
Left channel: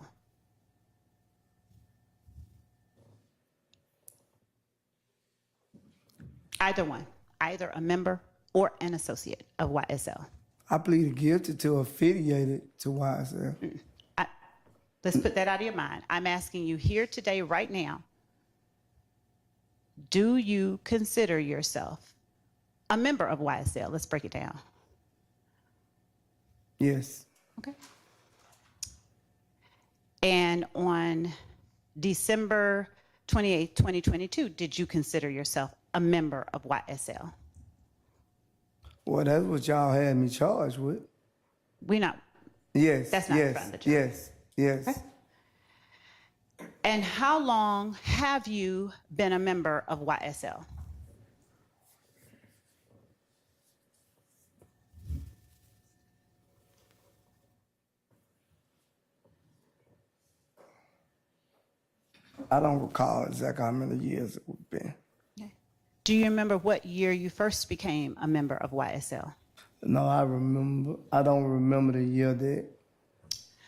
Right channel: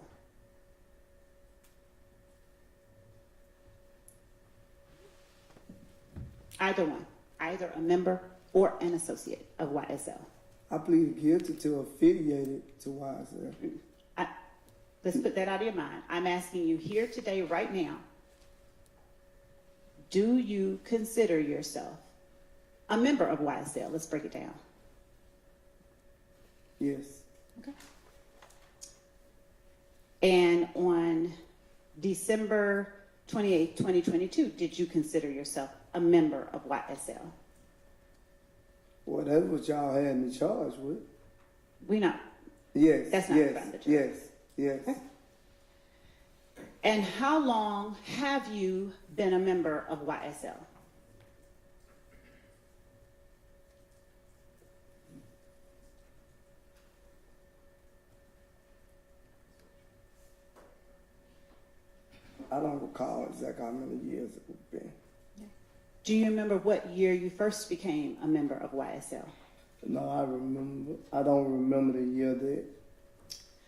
Either one, either a member or an associate of YSL. I pleaded guilty to affiliated to YSL. Let's put that out of your mind. I'm asking you here today, right now, do you consider yourself a member of YSL? Let's break it down. Yes. Okay. And on December 28, 2022, did you consider yourself a member of YSL? Well, that's what y'all had me charged with. We know. Yes. That's not in front of the jury. Yes. Okay. And how long have you been a member of YSL? I don't recall exactly how many years it would have been. Do you remember what year you first became a member of YSL? No, I don't remember the year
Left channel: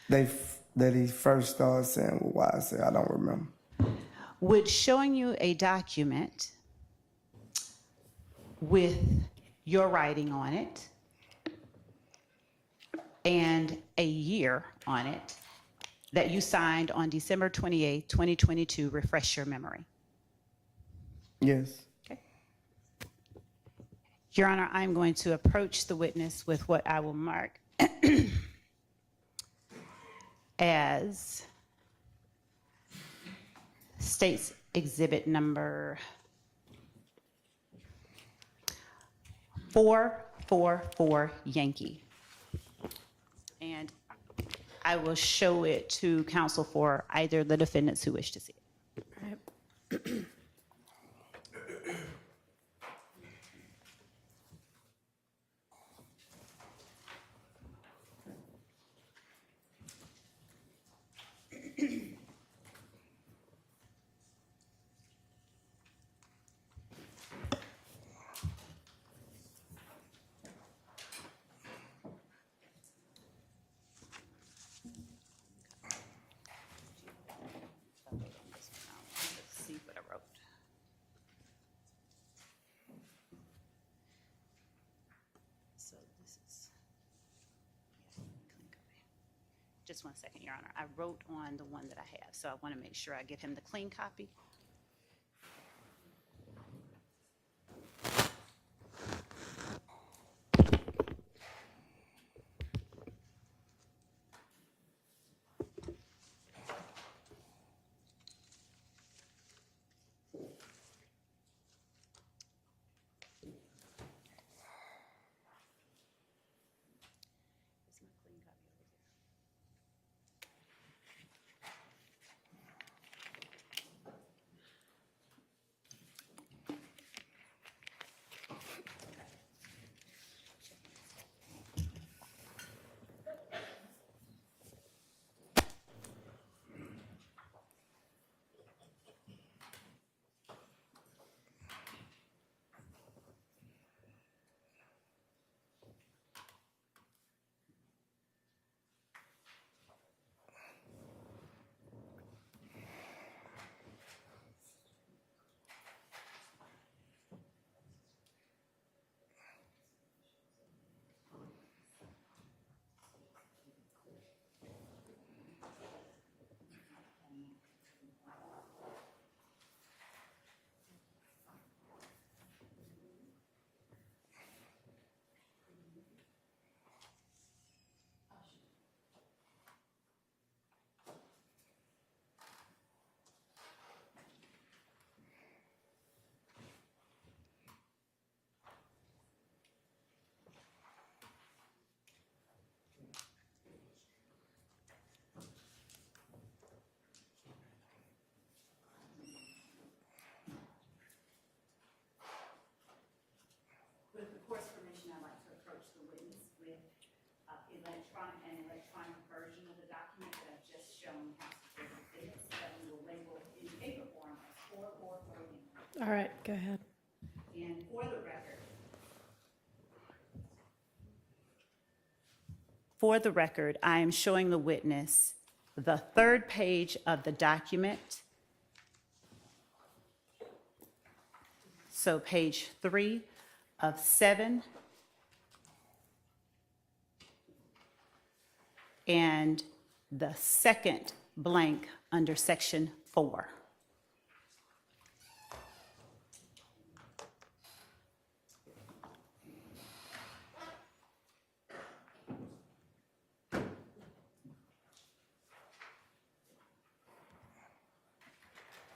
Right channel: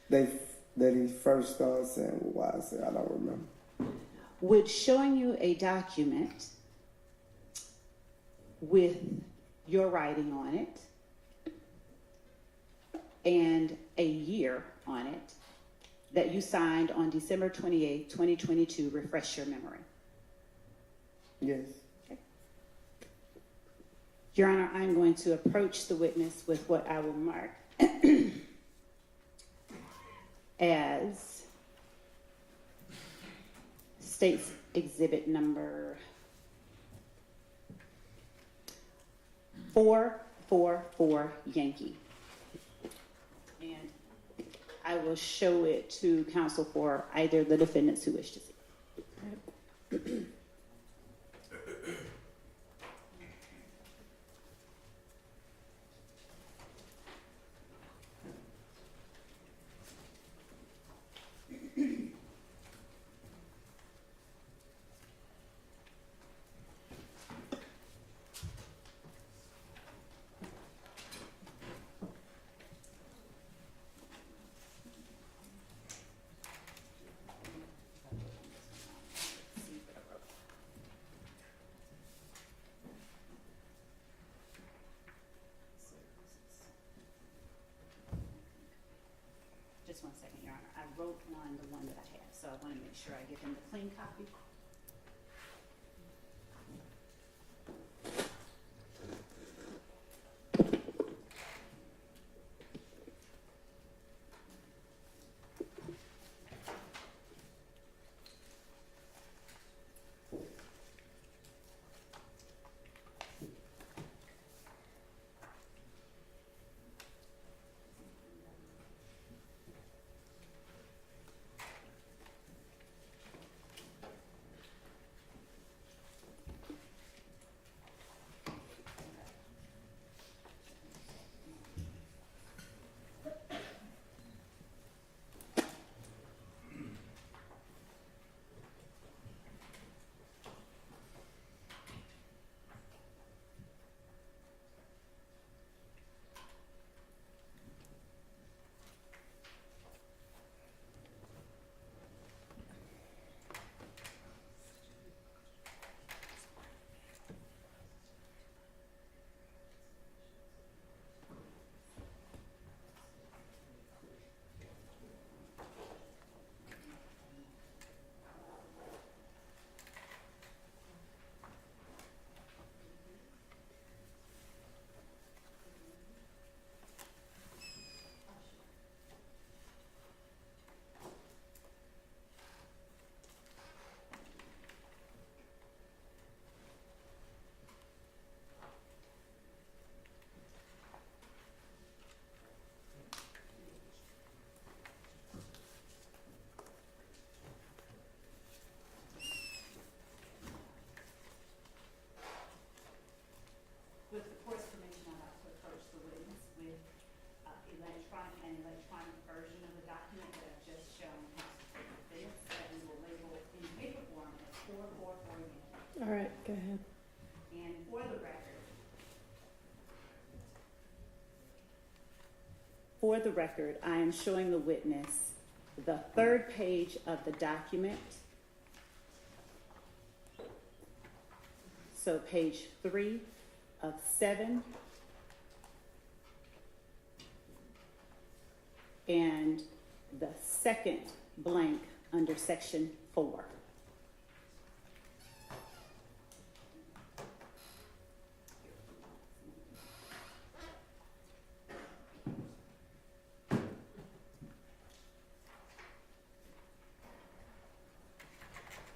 that he first started saying with YSL. I don't remember. Would showing you a document with your writing on it and a year on it that you signed on December 28, 2022, refresh your memory? Yes. Okay. Your Honor, I'm going to approach the witness with what I will mark as State's Exhibit number 444 Yankee. And I will show it to counsel for either the defendants who wish to see. Just one second, Your Honor. I wrote on the one that I have, so I want to make sure I get him the clean copy. With the court's permission, I'd like to approach the witness with electronic version of the document that I've just shown how to take this, that we will label in paper form as 444 units. All right, go ahead. And for the record, I am showing the witness the third page of the document. So page 3 of 7. And the second blank under section 4.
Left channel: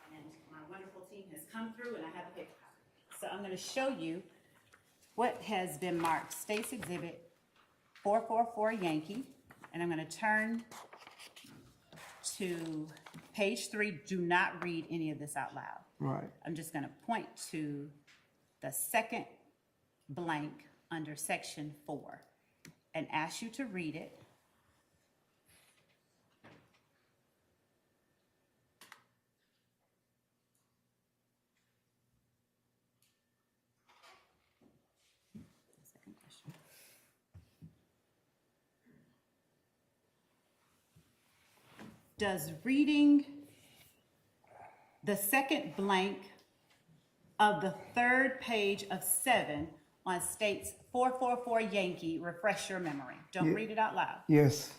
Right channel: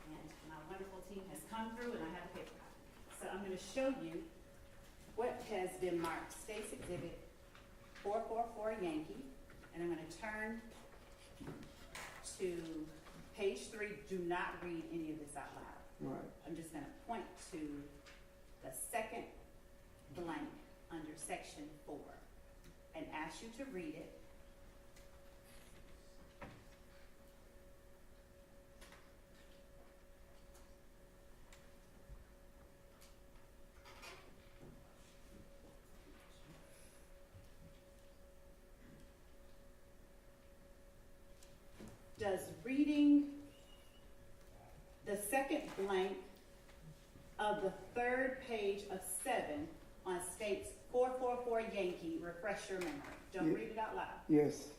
And I have a paper copy. So I'm going to show you what has been marked State's Exhibit 444 Yankee, and I'm going to turn to page 3. Do not read any of this out loud. Right. I'm just going to point to the second blank under section 4 and ask you to read it. Does reading the second blank of the third page of 7 on State's 444 Yankee refresh your memory? Don't read it out loud. Yes.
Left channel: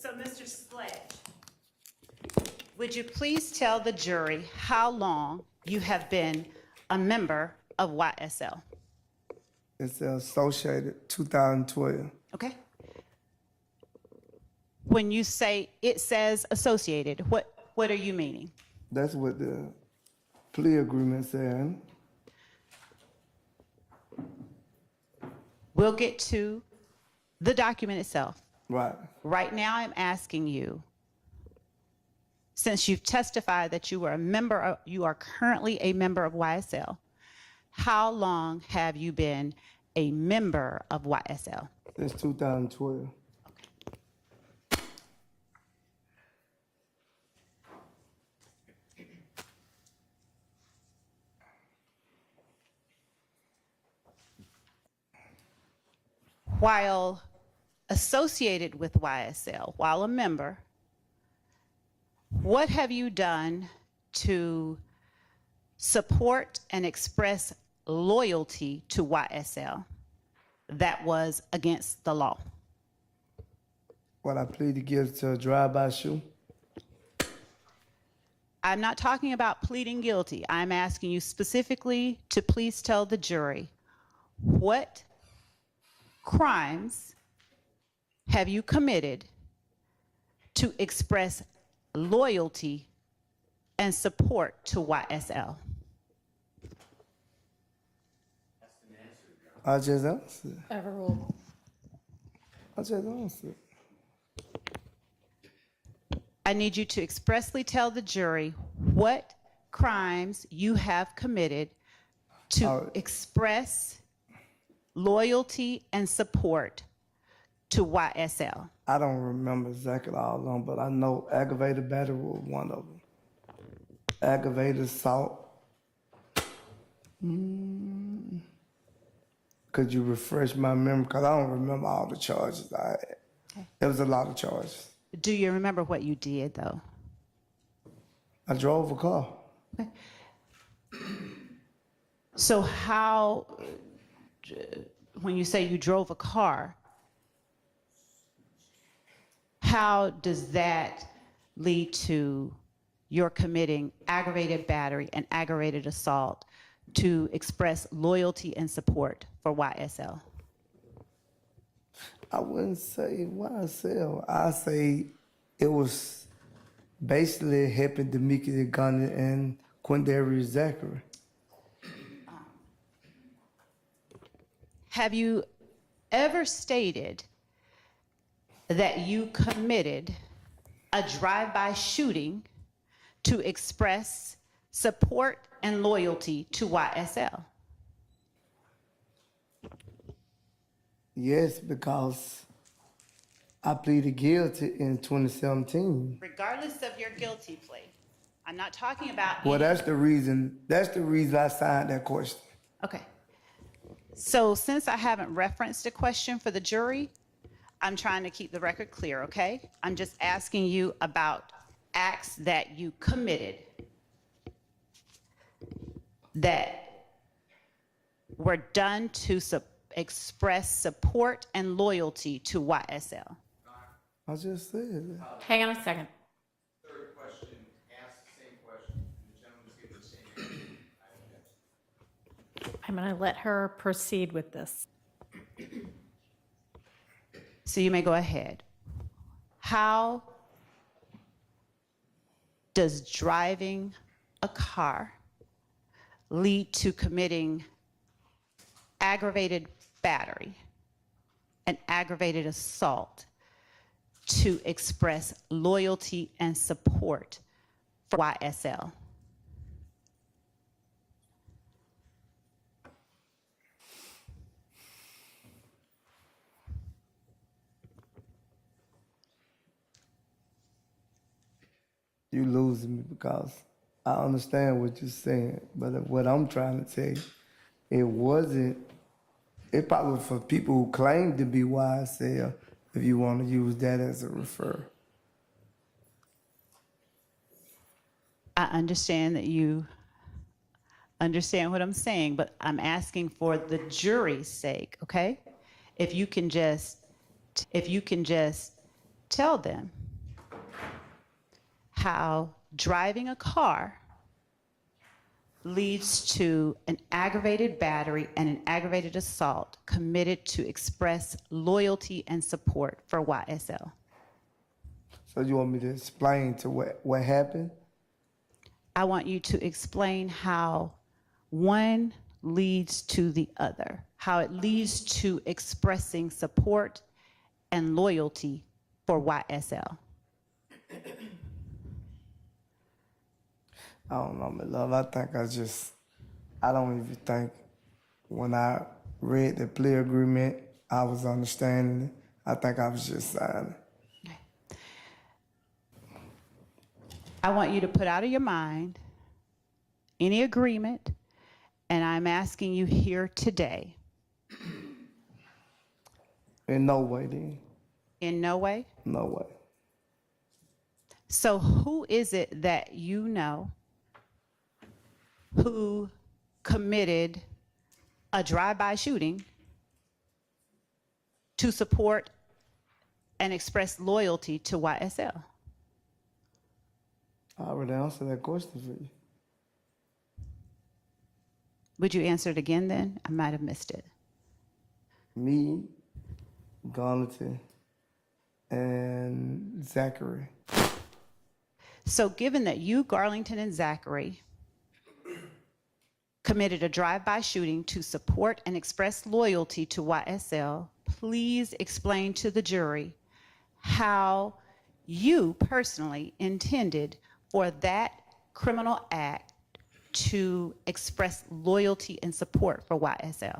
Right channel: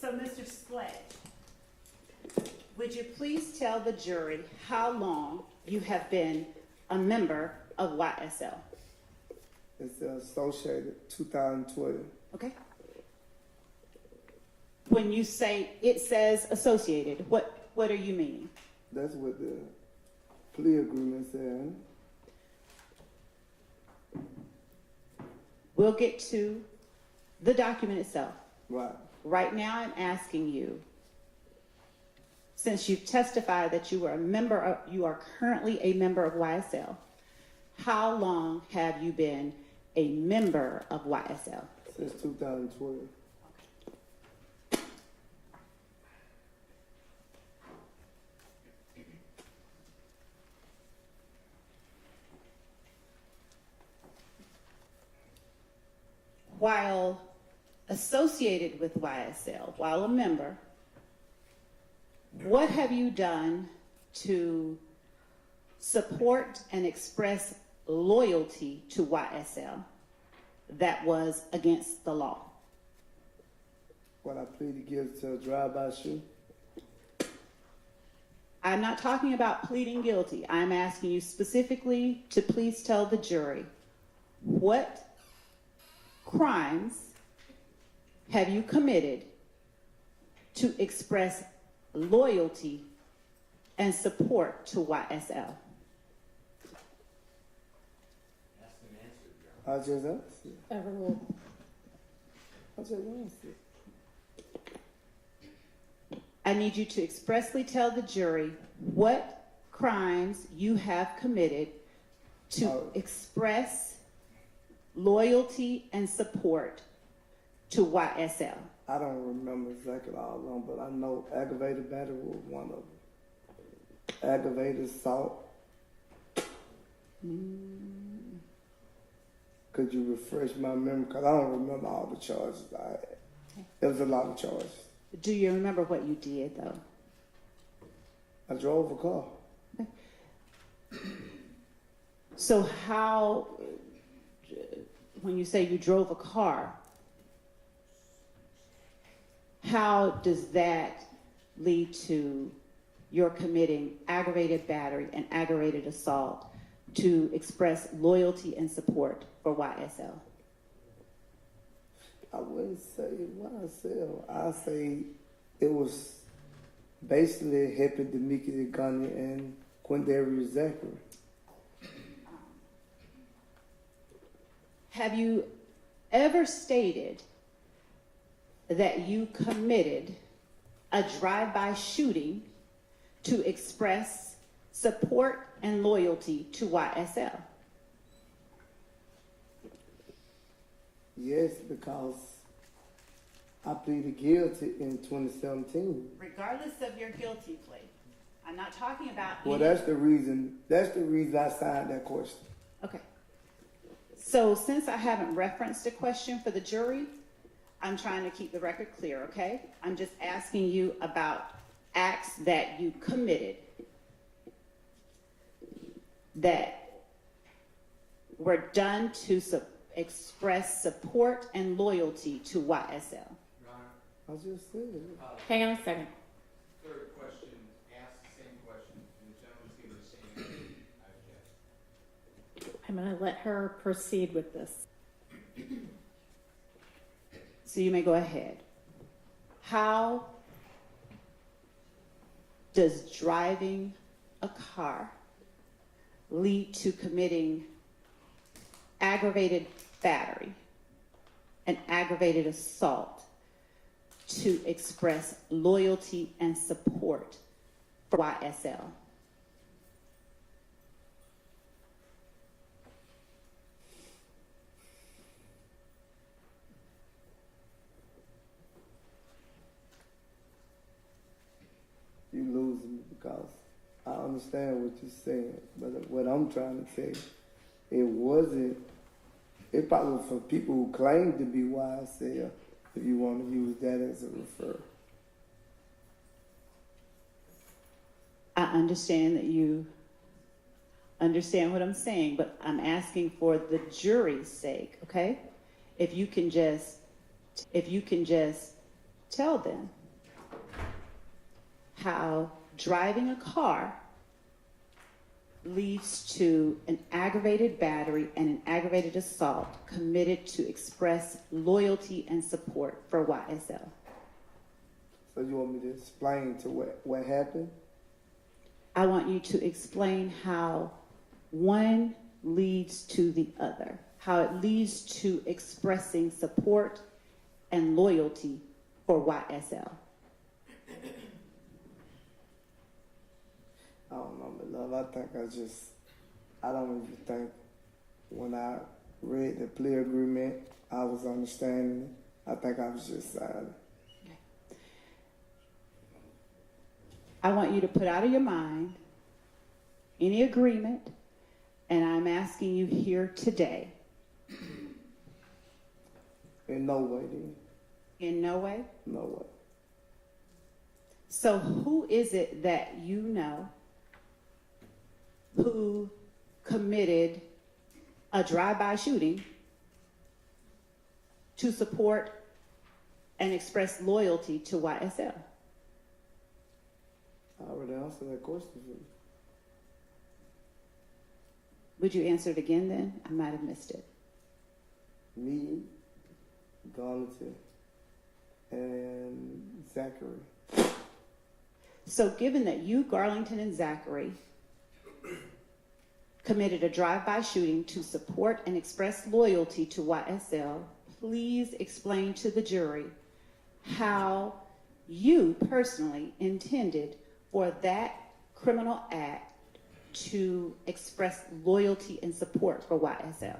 So, Mr. Sledge, would you please tell the jury how long you have been a member of YSL? It's associated 2012. Okay. When you say it says associated, what are you meaning? That's what the plea agreement said. We'll get to the document itself. Right. Right now, I'm asking you, since you've testified that you are currently a member of YSL, how long have you been a member of YSL? Since 2012. While associated with YSL, while a member, what have you done to support and express loyalty to YSL that was against the law? What I pleaded guilty to a drive-by shooting. I'm not talking about pleading guilty. I'm asking you specifically to please tell the jury, what crimes have you committed to express loyalty and support to YSL? I just answered. Overruled. I just answered. I need you to expressly tell the jury what crimes you have committed to express loyalty and support to YSL. I don't remember exactly all of them, but I know aggravated battery was one of them. Aggravated assault. Could you refresh my memory? Because I don't remember all the charges I had. There was a lot of charges. Do you remember what you did, though? I drove a car. So how, when you say you drove a car, how does that lead to your committing aggravated battery and aggravated assault to express loyalty and support for YSL? I wouldn't say YSL. I say it was basically helping Demika Gunner and Quindarius Zachary. Have you ever stated that you committed a drive-by shooting to express support and loyalty to YSL? Yes, because I pleaded guilty in 2017. Regardless of your guilty plea, I'm not talking about. Well, that's the reason I signed that question. Okay. So since I haven't referenced a question for the jury, I'm trying to keep the record clear, okay? I'm just asking you about acts that you committed that were done to express support and loyalty to YSL. I just said it. Hang on a second. Third question, ask the same question, and the gentleman's given the same answer. I'm going to let her proceed with this. So you may go ahead. How does driving a car lead to committing aggravated battery and aggravated assault to express loyalty and support for YSL? You losing me because I understand what you're saying, but what I'm trying to tell you, it probably was for people who claim to be YSL, if you want to use that as a refer. I understand that you understand what I'm saying, but I'm asking for the jury's sake, okay? If you can just tell them how driving a car leads to an aggravated battery and an aggravated assault committed to express loyalty and support for YSL. So you want me to explain to what happened? I want you to explain how one leads to the other, how it leads to expressing support and loyalty for YSL. I don't know, my love. I don't even think when I read the plea agreement, I was understanding it. I think I was just signing. Okay. I want you to put out of your mind any agreement, and I'm asking you here today. In no way, then. In no way? No way. So who is it that you know who committed a drive-by shooting to support and express loyalty to YSL? I already answered that question for you. Would you answer it again then? I might have missed it. Me, Garlington, and Zachary. So given that you, Garlington, and Zachary committed a drive-by shooting to support and express loyalty to YSL, please explain to the jury how you personally intended for that criminal act to express loyalty and support for YSL.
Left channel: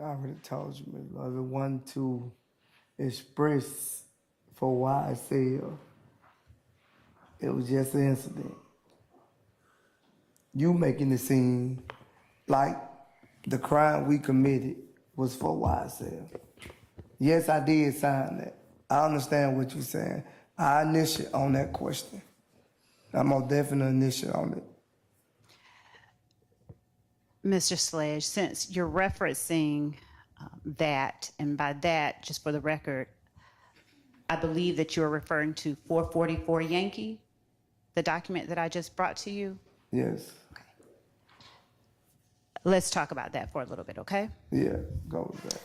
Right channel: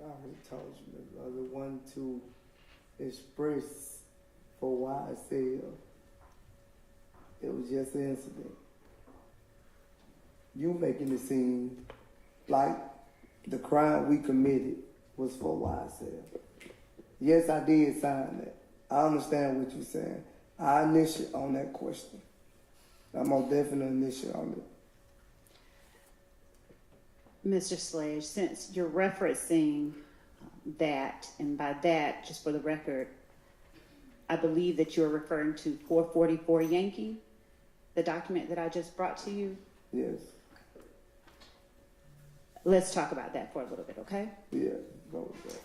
I already told you, Ms. Love, the one to express for YSL. It was just an incident. You making it seem like the crime we committed was for YSL. Yes, I did sign that. I understand what you're saying. I initiate on that question. I'm most definitely initiate on it. Mr. Sledge, since you're referencing that, and by that, just for the record, I believe that you're referring to 444 Yankee, the document that I just brought to you. Yes. Let's talk about that for a little bit, okay? Yeah, go with that.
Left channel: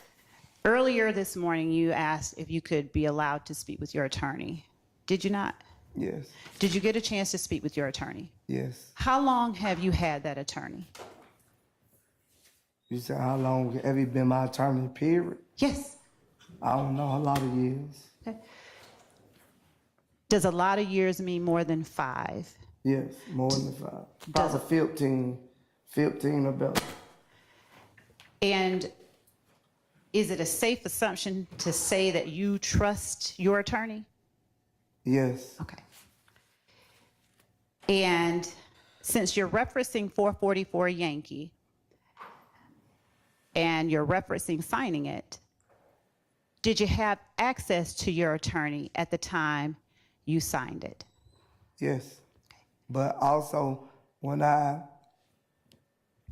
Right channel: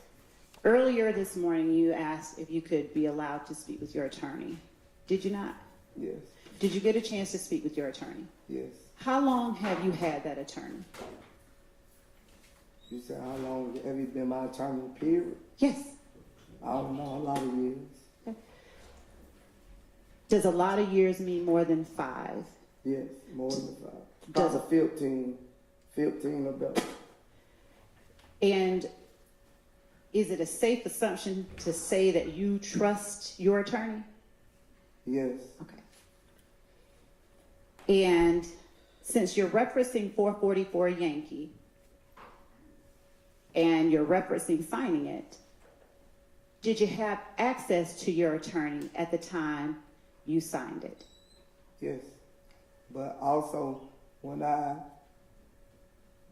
Earlier this morning, you asked if you could be allowed to speak with your attorney. Did you not? Yes. Did you get a chance to speak with your attorney? Yes. How long have you had that attorney? You said how long have you been my attorney, period? Yes. I don't know, a lot of years. Okay. Does a lot of years mean more than 5? Yes, more than 5. Does Probably 15 or better. And is it a safe assumption to say that you trust your attorney? Yes. Okay. And since you're referencing 444 Yankee, and you're referencing signing it, did you have access to your attorney at the time you signed it? Yes. But also, when I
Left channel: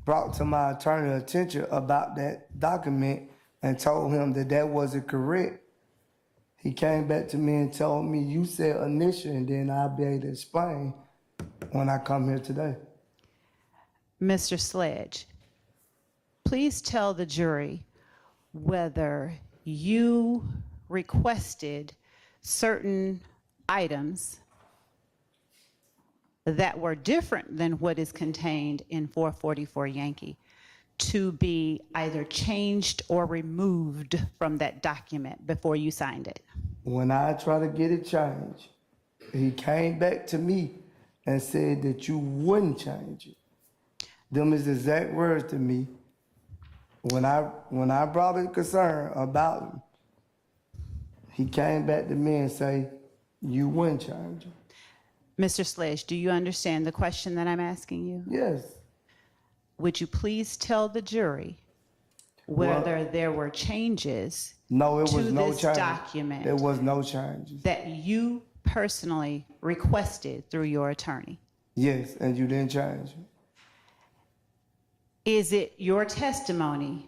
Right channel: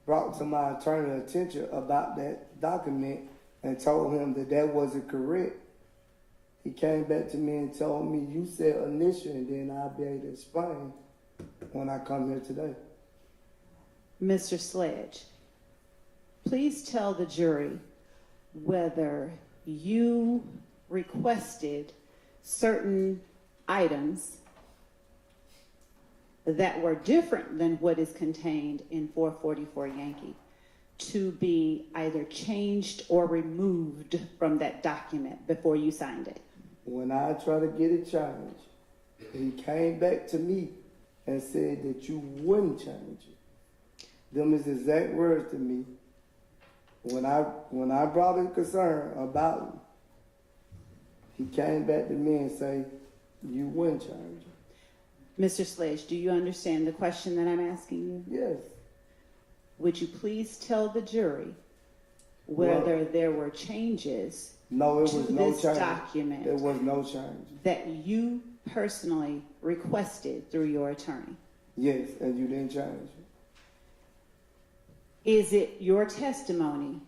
brought to my attorney attention about that document and told him that that wasn't correct, he came back to me and told me, you said initial, and then I'll be able to explain when I come here today. Mr. Sledge, please tell the jury whether you requested certain items that were different than what is contained in 444 Yankee to be either changed or removed from that document before you signed it. When I tried to get it changed, he came back to me and said that you wouldn't change it. Them is the exact words to me. When I brought a concern about him, he came back to me and said, you wouldn't change it. Mr. Sledge, do you understand the question that I'm asking you? Yes. Would you please tell the jury whether there were changes No, it was to no this change. document There was no changes. that you personally requested through your attorney? Yes, and you didn't change it. Is it your testimony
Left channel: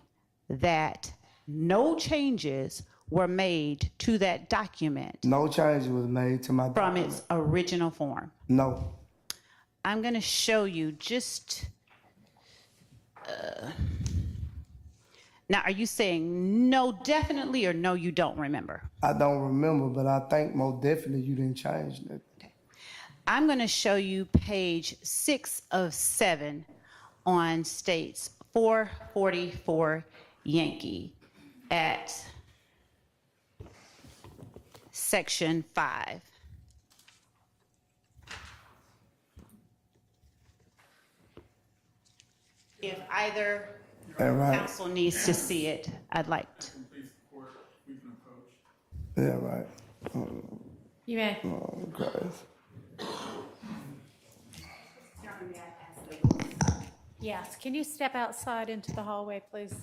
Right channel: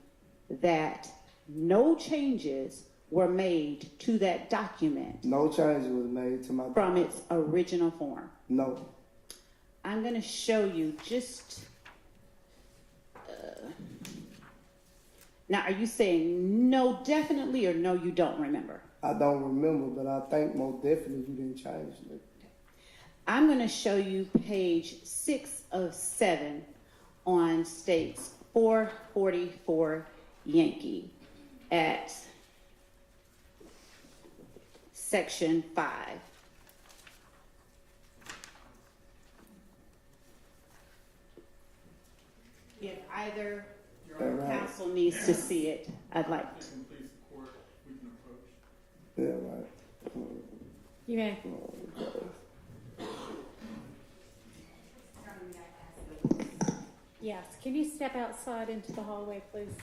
that no changes were made to that document No change was made to my from document. its original form? No. I'm going to show you just. Now, are you saying no definitely or no you don't remember? I don't remember, but I think most definitely you didn't change it. I'm going to show you page 6 of 7 on states 444 Yankee at section 5. If either Right. counsel needs to see it, I'd like to. Yeah, right. You may. Oh, Christ. Yes, can you step outside into the hallway, please?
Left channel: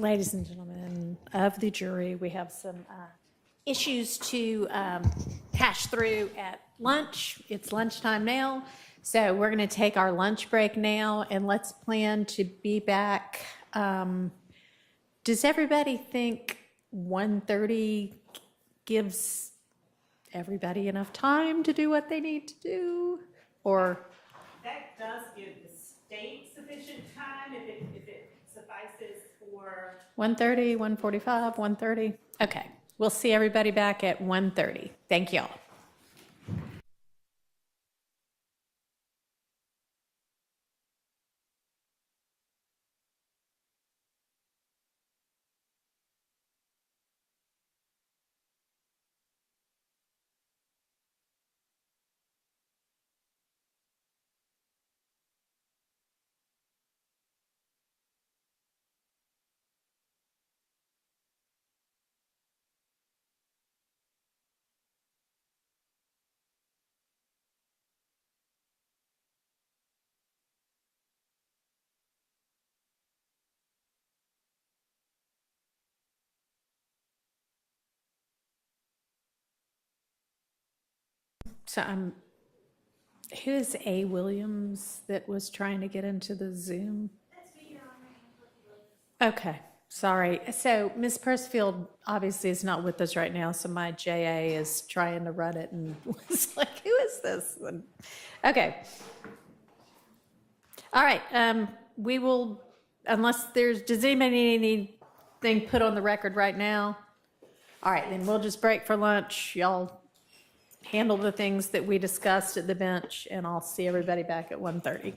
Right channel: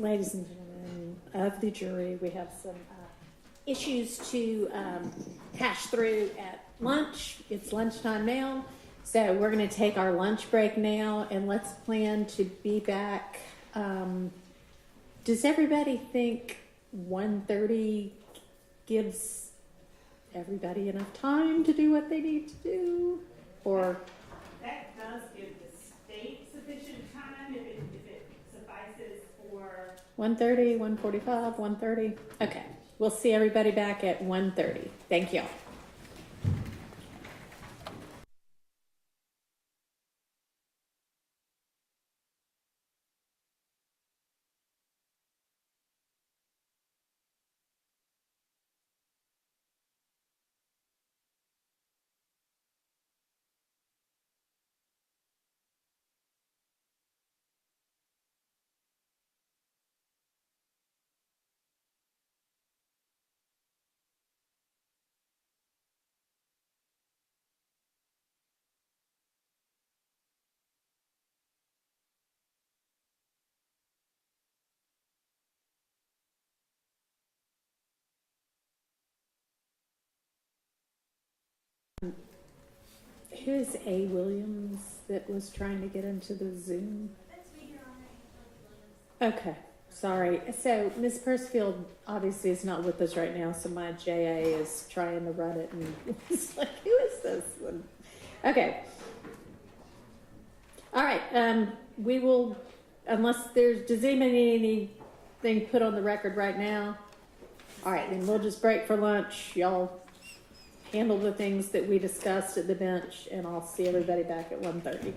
ladies and gentlemen of the jury, we have some issues to hash through at lunch. It's lunchtime now, so we're going to take our lunch break now, and let's plan to be back. Does everybody think 1:30 gives everybody enough time to do what they need to do? Or That does give the state sufficient time if it suffices for. 1:30, 1:45, 1:30? Okay, we'll see everybody back at 1:30. Thank y'all. So who's A. Williams that was trying to get into the Zoom? Okay, sorry. So Ms. Persfield obviously is not with us right now, so my JA is trying to run it and was like, who is this? And, okay. All right, we will, unless does anybody need anything put on the record right now? All right, then we'll just break for lunch. Y'all handle the things that we discussed at the bench, and I'll see everybody back at 1:30.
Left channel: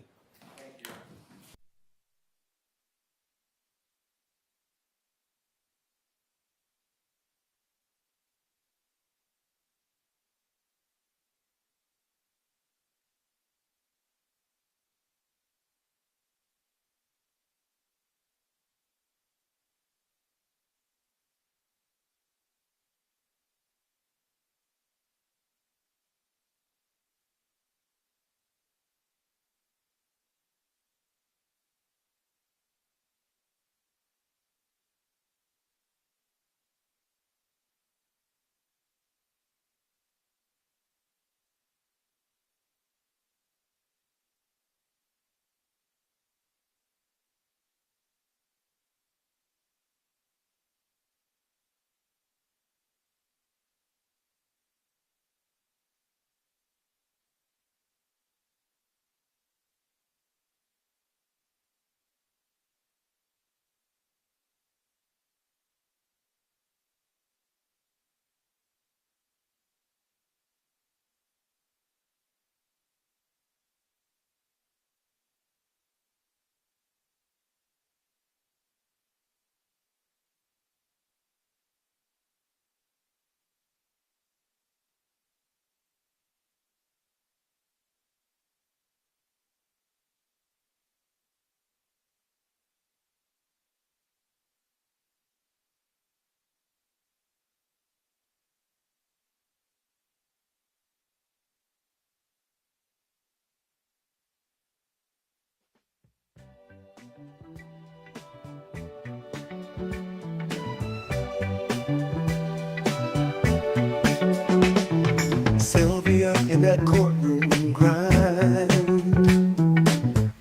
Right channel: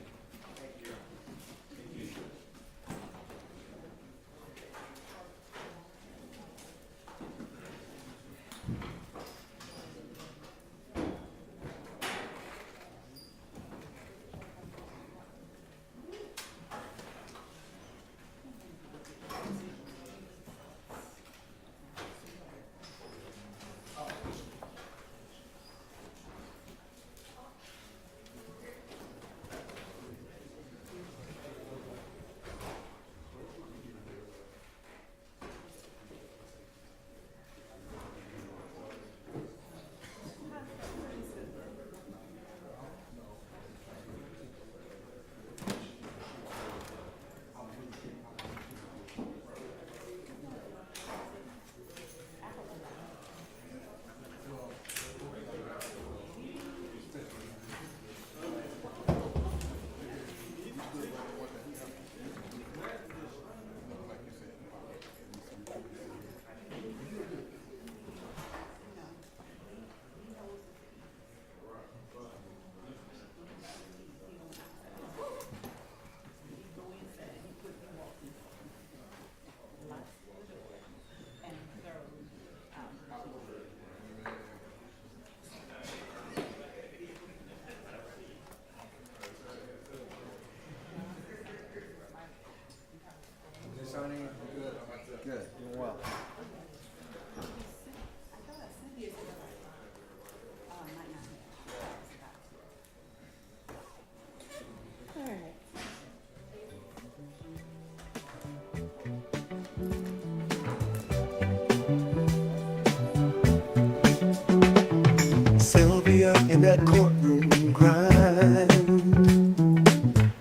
Sylvia in that courtroom grind.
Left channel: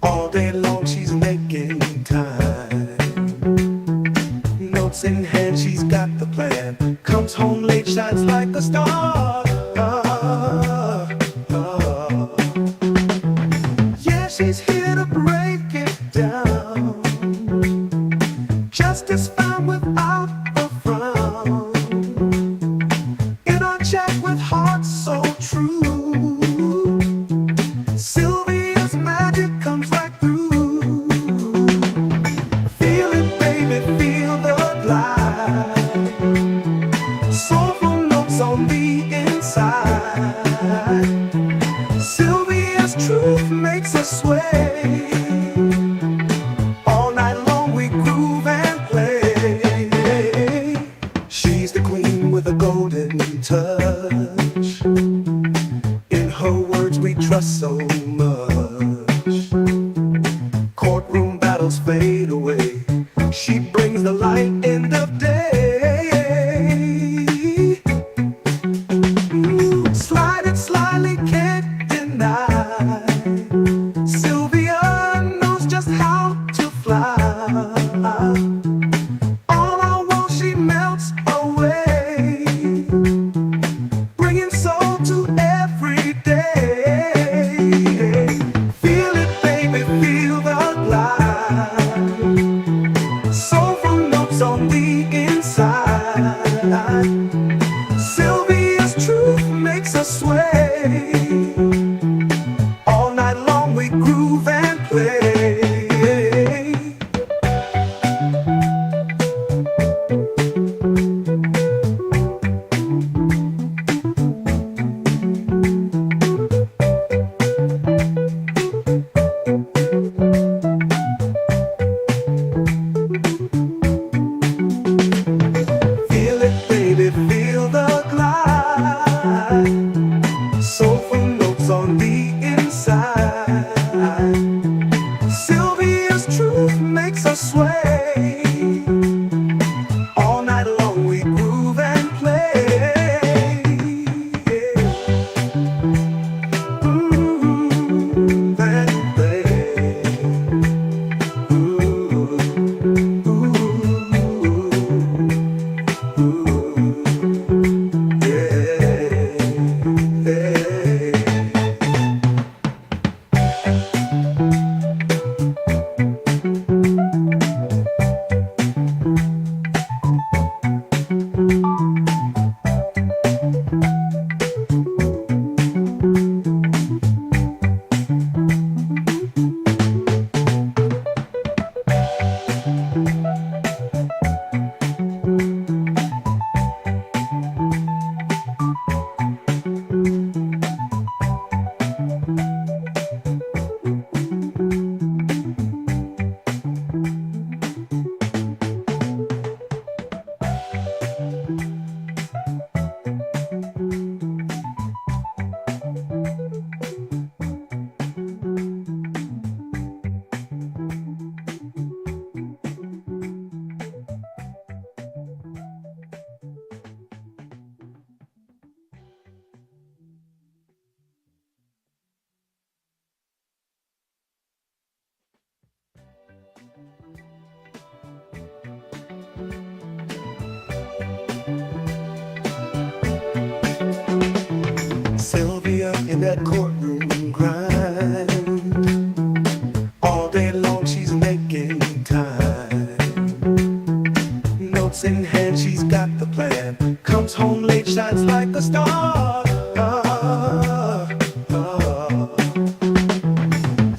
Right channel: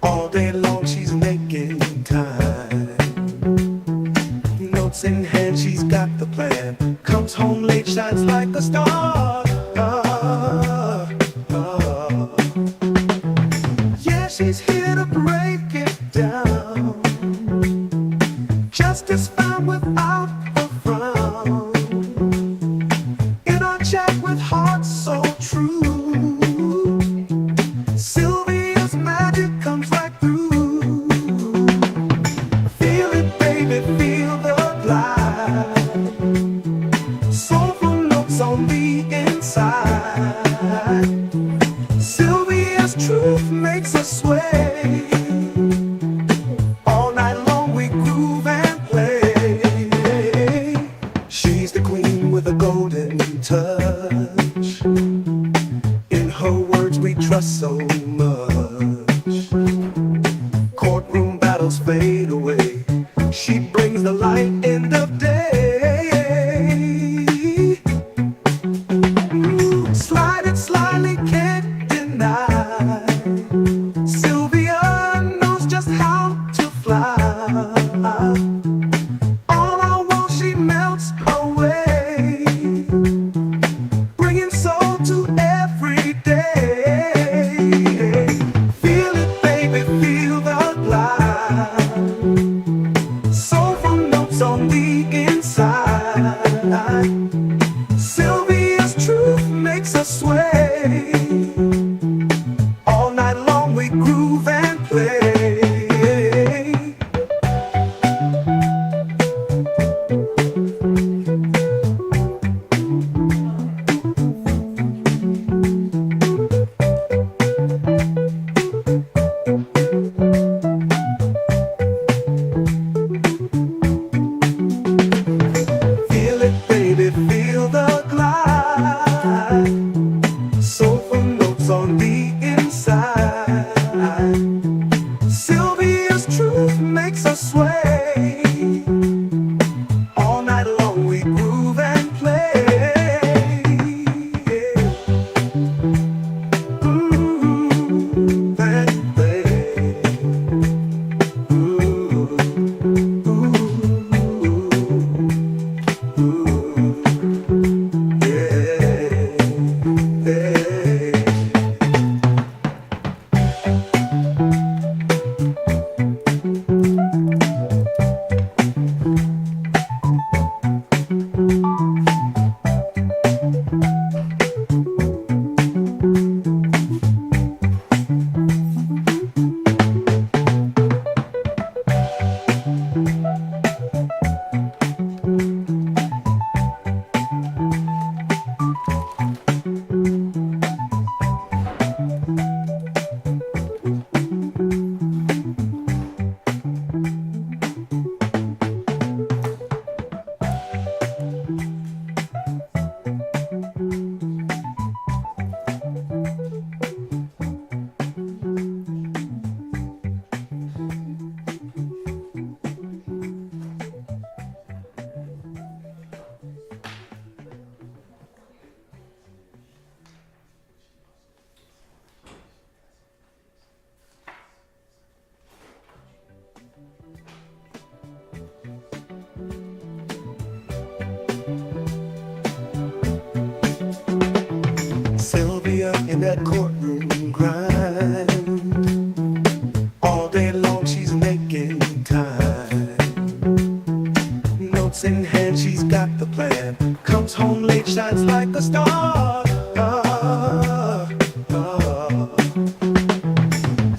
All day long she's making time. Notes in hand, she's got the plan. Comes home late, shines like a star. Yeah, she's here to break it down. Justice found without a frown. In our chat with hearts so true, Sylvia's magic comes right through. Feel it, baby, feel the light. Soulful notes on the inside. Sylvia's truth makes us sway. All night long we groove and play. She's the queen with a golden touch. In her words we trust so much. Courtroom battles fade away. She brings the light that courtroom grind. All day long she's making time. Notes in hand, she's got the plan. Comes home late, shines like a star.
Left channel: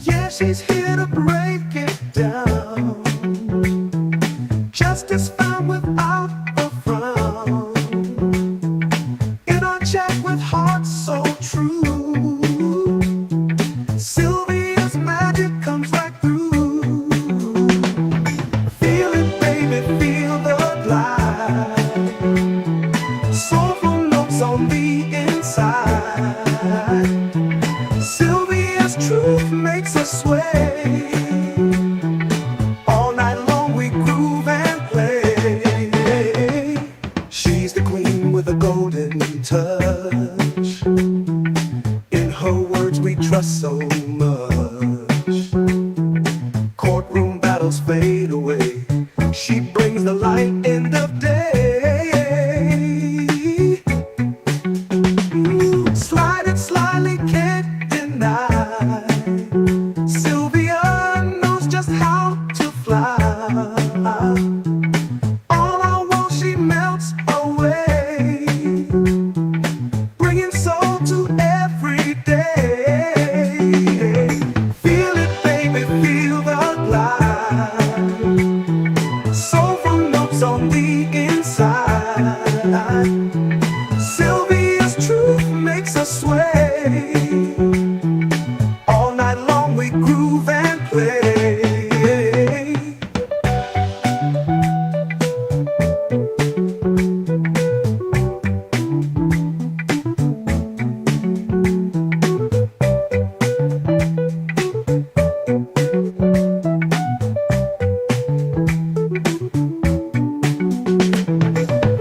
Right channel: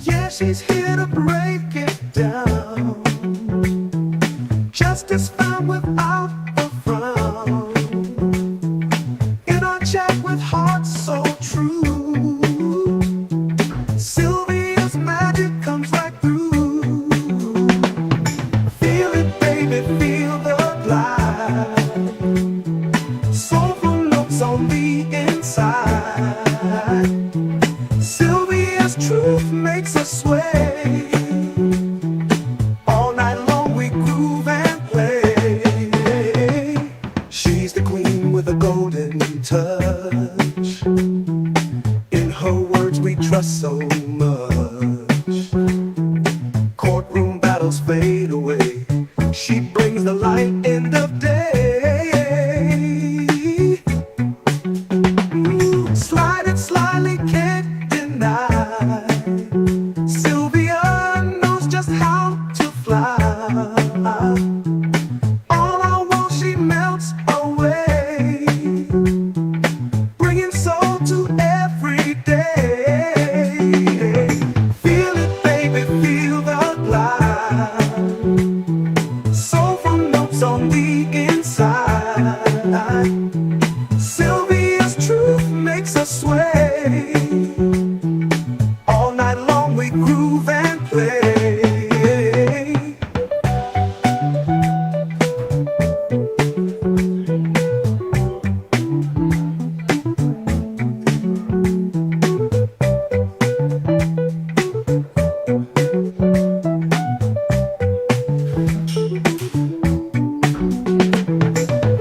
Yeah, she's here to break it down. Justice found without a frown. In our chat with hearts so true, Sylvia's magic comes right through. Feel it, baby, feel the glide. Soulful notes on the inside. Sylvia's truth makes us sway. All night long we groove and play. She's the queen with a golden touch. In her words we trust so much. Courtroom battles fade away. She brings the light end of day. Slide it slyly, can't deny. Sylvia knows just how to fly. All I want, she melts away, bringing soul to every day. Feel it, baby, feel the glide. Soulful notes on the inside. Sylvia's truth makes us sway. All night long we groove and play.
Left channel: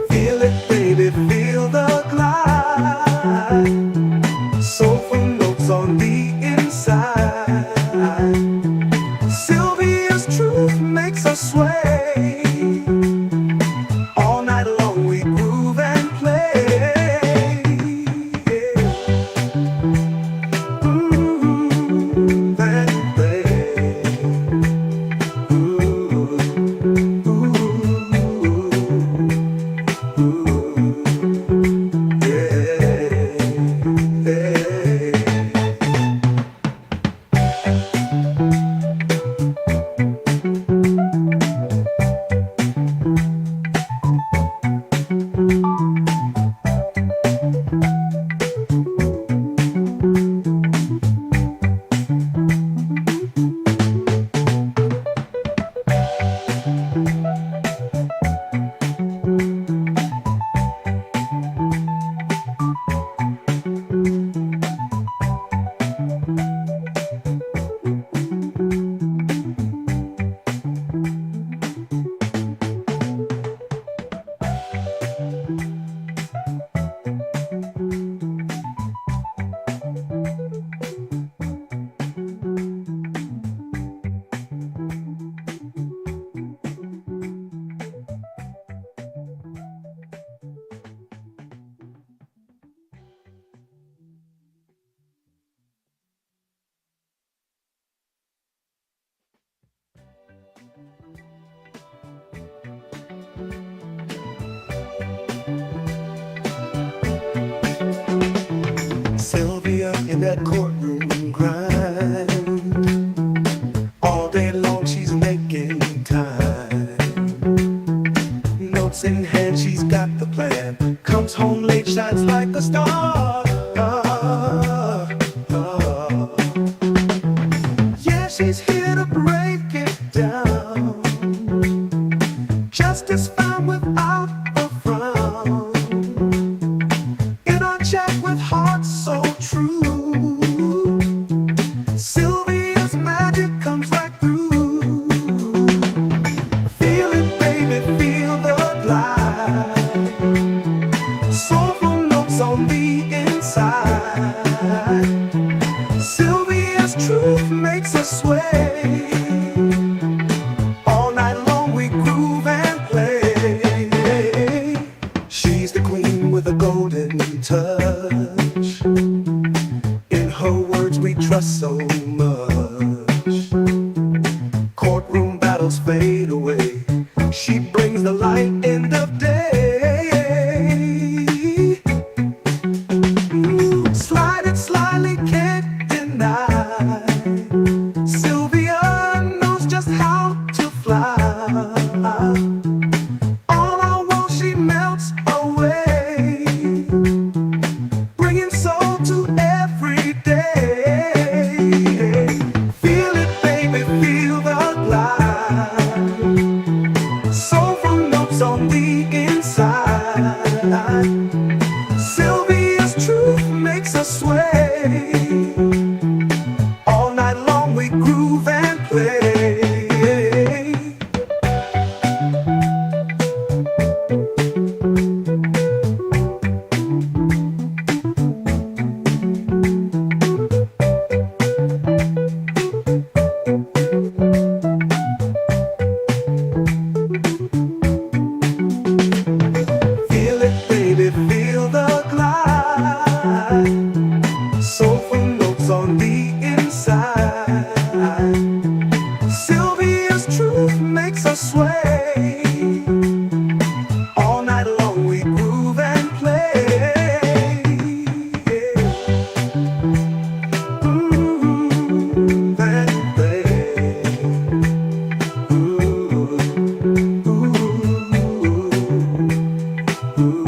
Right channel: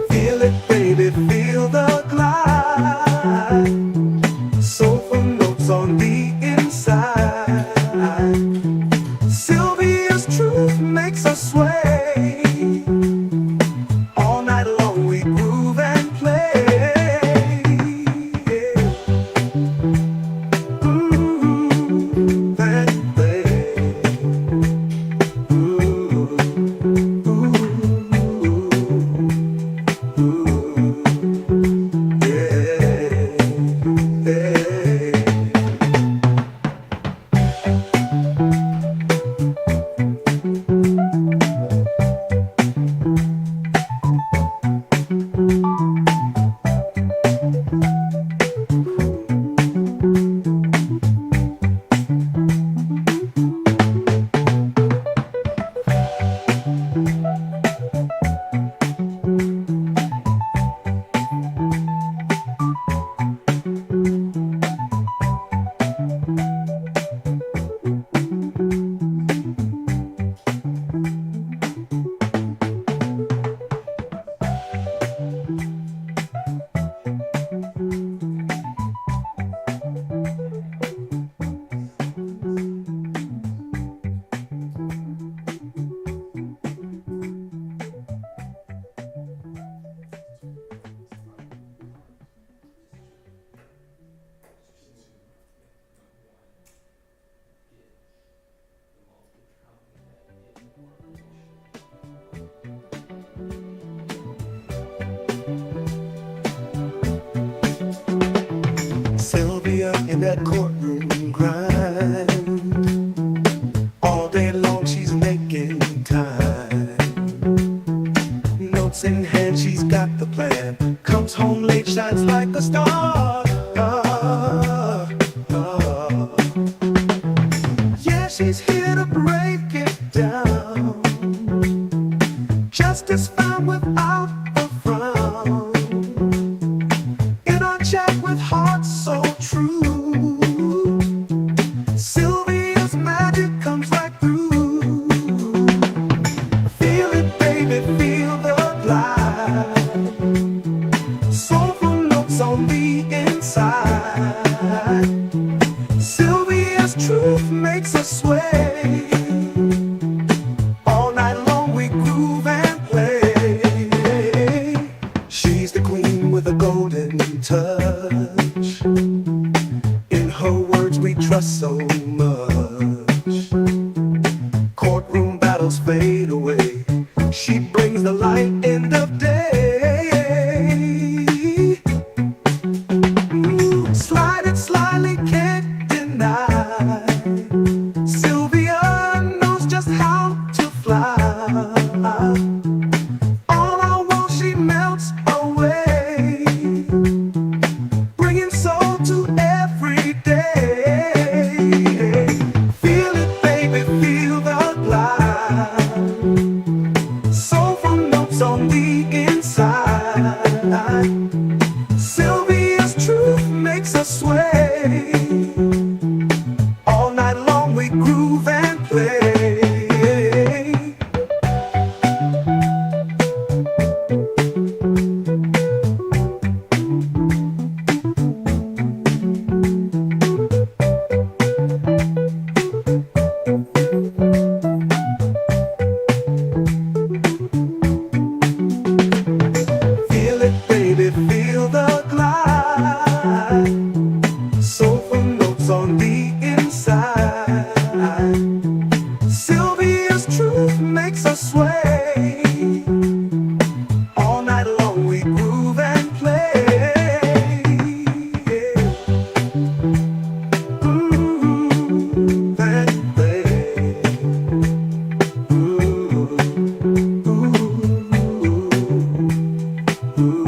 Feel it, baby, feel the glide. Soulful notes on the inside. Sylvia's truth makes us sway. All night long we groove and play. Groove and play. Sylvia in that courtroom grind. All day long she's making time. Notes in hand, she's got the plan. Comes home late, shines like a star. Yeah, she's here to break it down. Justice found without a frown. In our chat with hearts so true, Sylvia's magic comes right through. Feel it, baby, feel the glide. Soulful notes on the inside. Sylvia's truth makes us sway. All night long we groove and play. She's the queen with a golden touch. In trust so much. Courtroom battles fade away. She brings the light in the day. Slide it slyly, can't deny. Sylvia knows just how to fly. All I want, she melts away, bringing soul to every day. Feel it, baby, feel the glide. Soulful notes on the inside. Sylvia's truth makes us sway. All night long we groove and play. Feel it, baby, feel the glide. Soulful notes on the inside. Sylvia's truth makes us sway. All night long we groove and play. Groove and play. Ooh, ooh,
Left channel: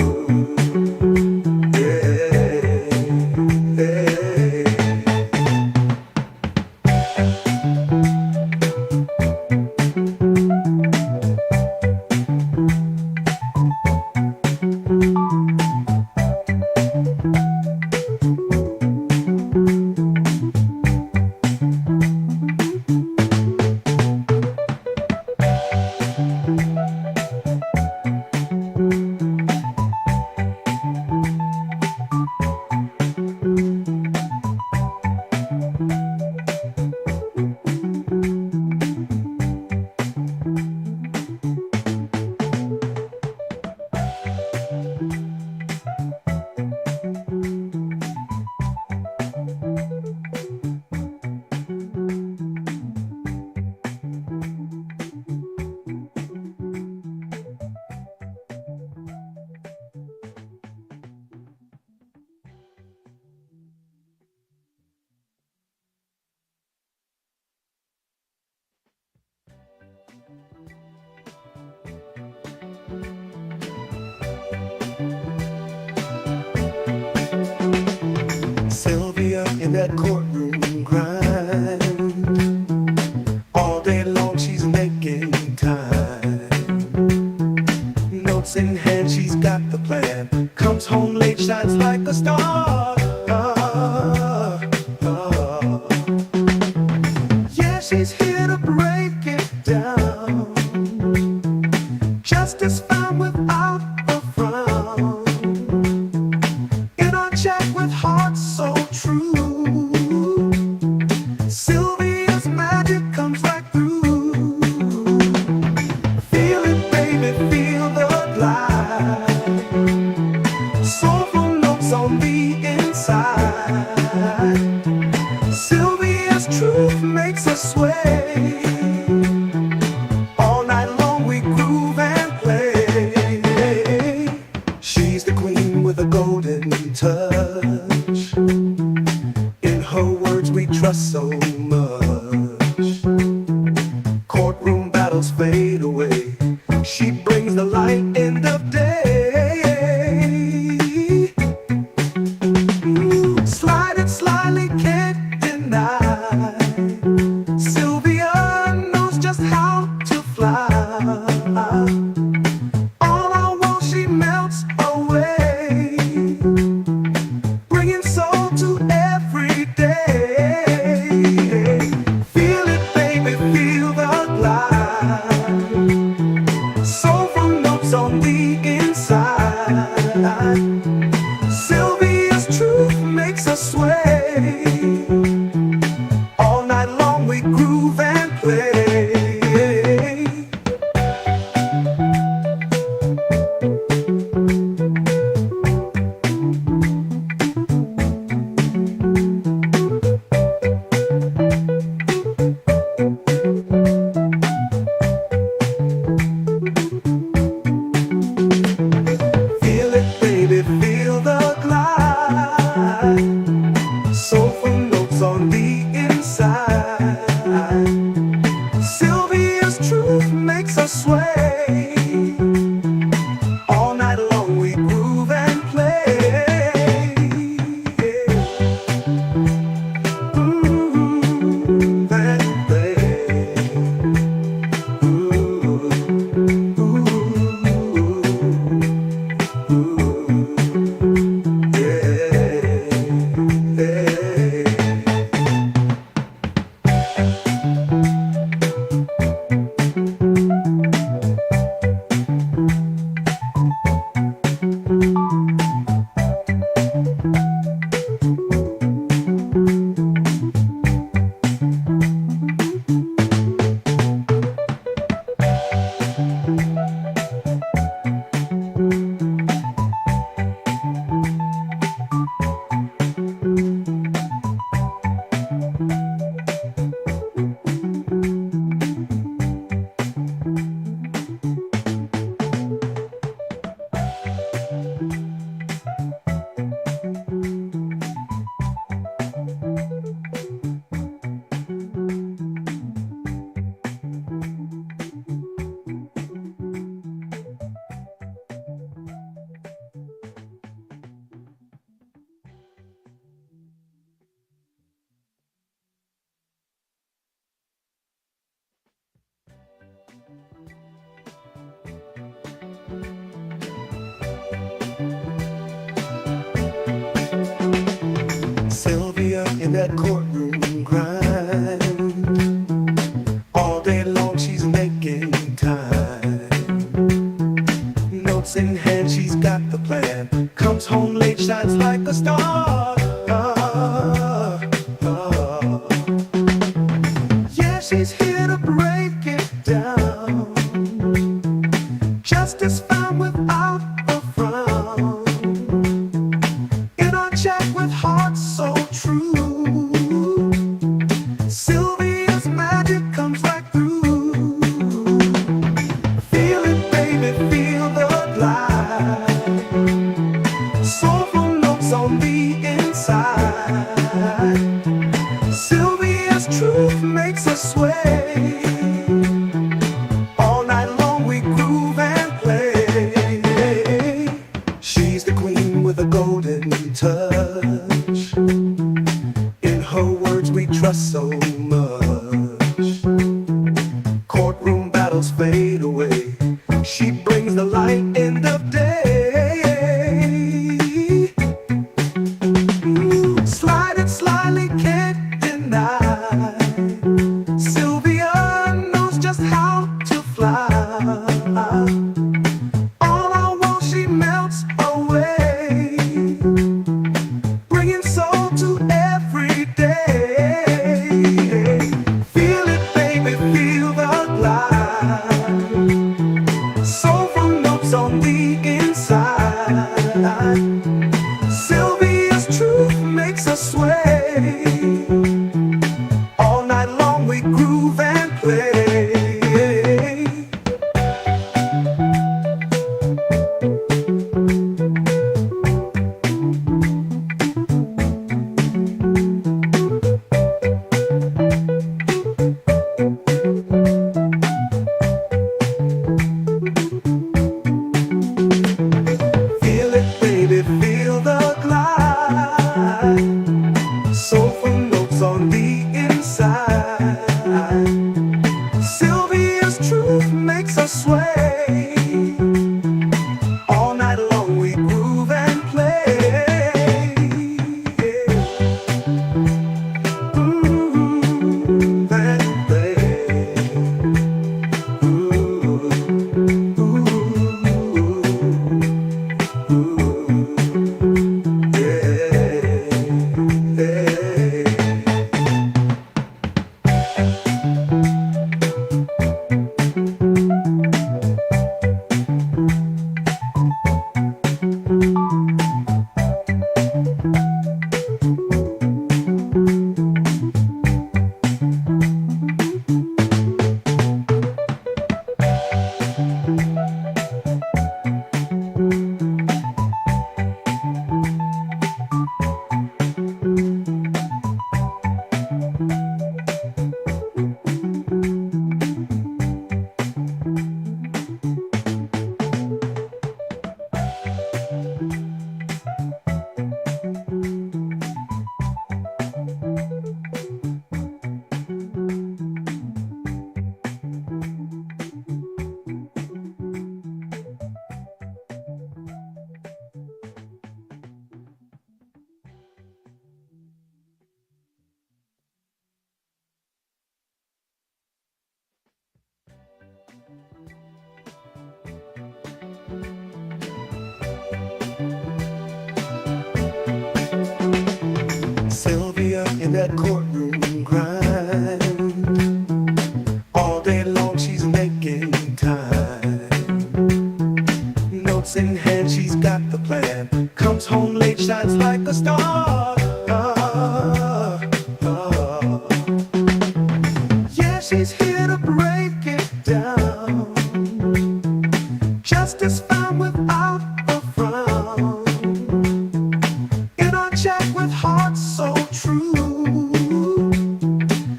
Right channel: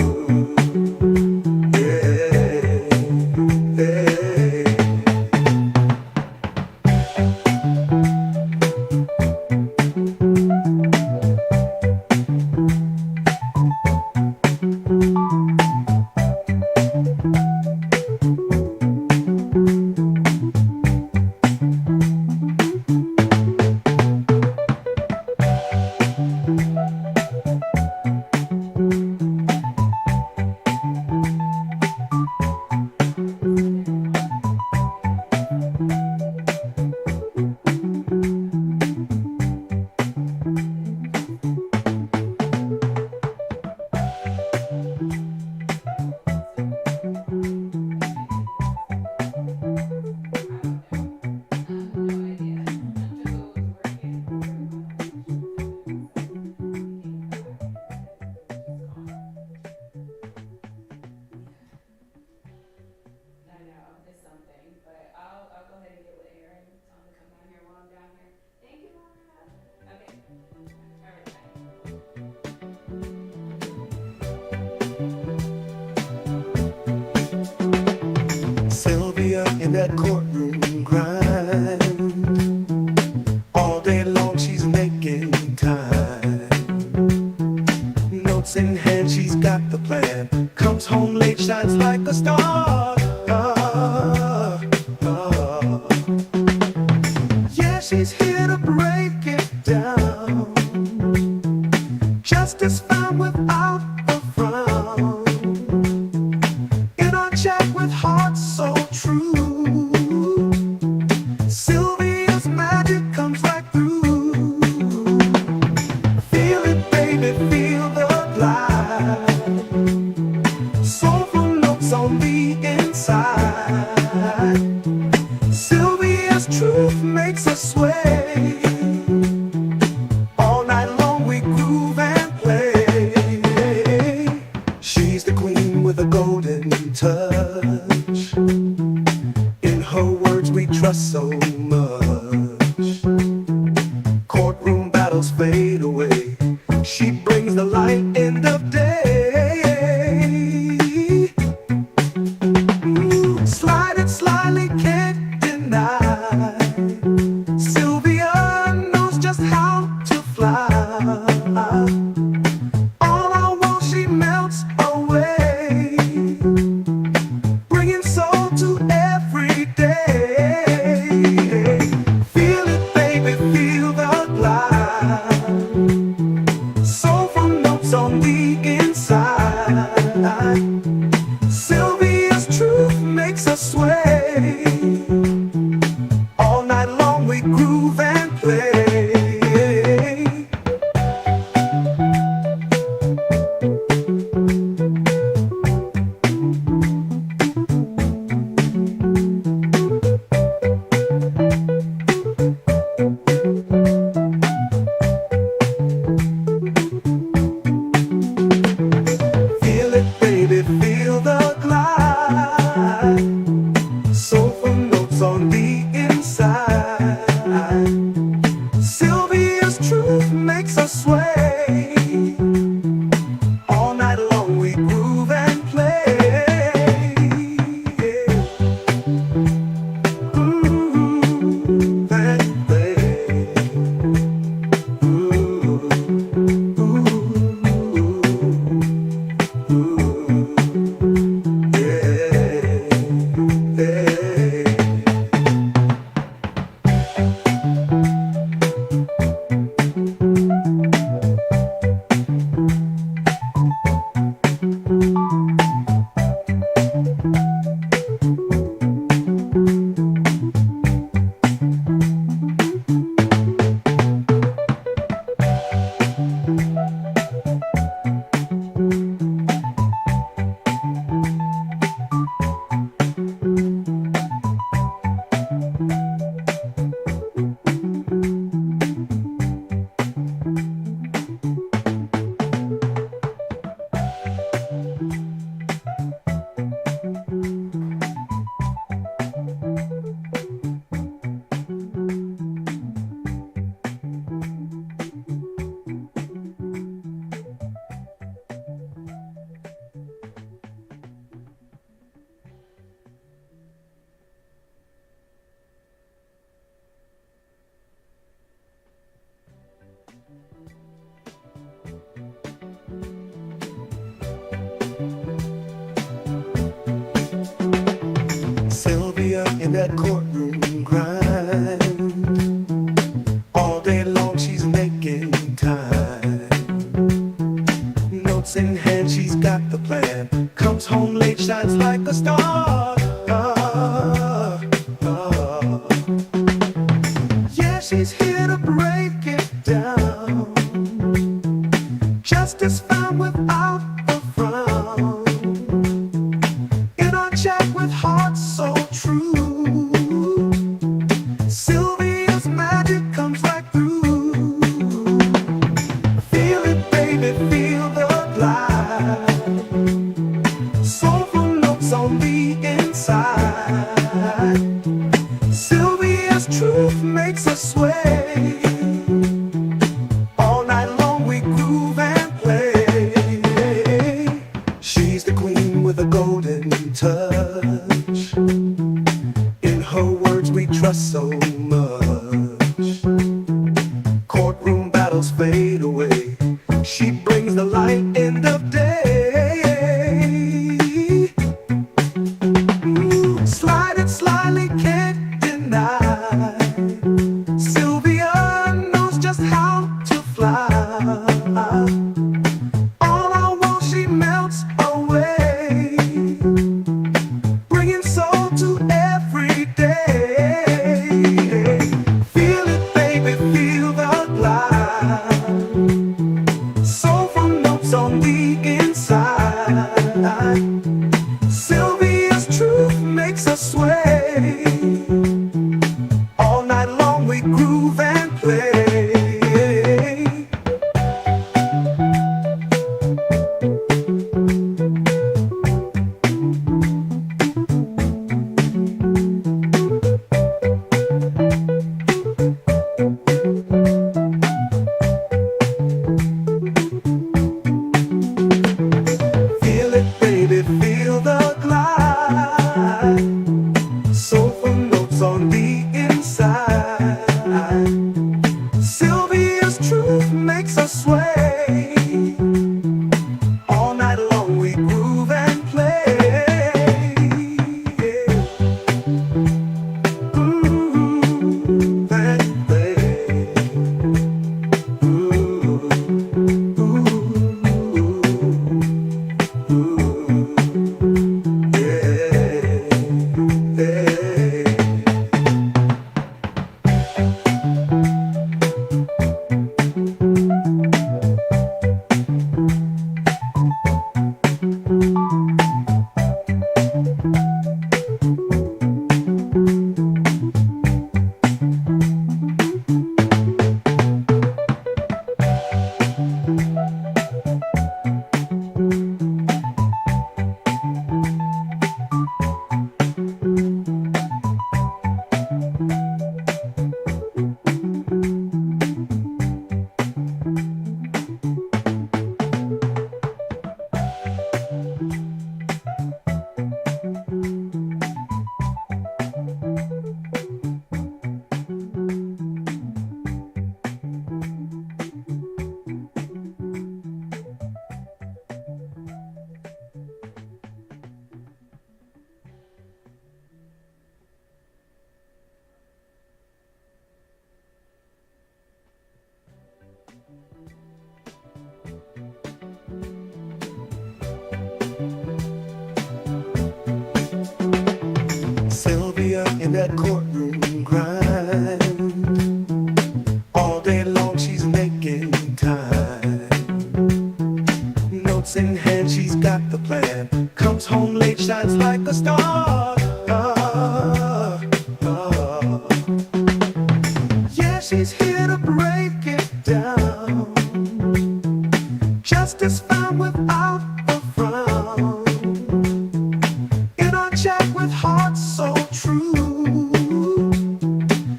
Sylvia in that courtroom grind. All day long she's making time. Notes in hand, she's got the plan. Comes home late, shines like a star. Yeah, she's here to break it down. Justice found without a frown. In our chat with hearts so true, Sylvia's magic comes right through. Feel it, baby, feel the glide. Soulful notes on the inside. Sylvia's truth makes us sway. All night long we groove and play. She's the queen with a golden touch. In her words we trust so much. Courtroom battles fade away. She brings the light in the day. Slide it slyly, can't deny. Sylvia knows just how to fly. All I want, she melts away, bringing soul to every day. that courtroom grind. All day long she's making time. Notes in hand, she's got the plan. Comes home late, shines like a star. Yeah, she's here to break it down. Justice found without a frown. In our chat with hearts so true, Sylvia's magic comes right through. Feel it, baby, feel the glide. Soulful notes on the inside. Sylvia's truth makes us sway. All night long we groove and play. She's the queen with a golden touch. In her words we trust so much. Courtroom battles fade away. She brings the light end of day. Slide it slyly, can't deny. Sylvia knows just how to fly. All I want, she melts away, bringing soul to every day. Feel it, baby, feel the glide. Soulful notes on the inside. Sylvia's truth makes us sway. All night long we groove and play. Feel it, baby, feel the glide. Soulful notes on the inside. Sylvia's truth makes us sway. All night long we groove and play. Groove and play. Ooh, ooh, Sylvia in that courtroom grind. All day long she's making time. Notes in hand, she's got the plan. Comes home late, shines like a star. Yeah, she's here to break it down. Justice found without a frown. In our chat with hearts so true,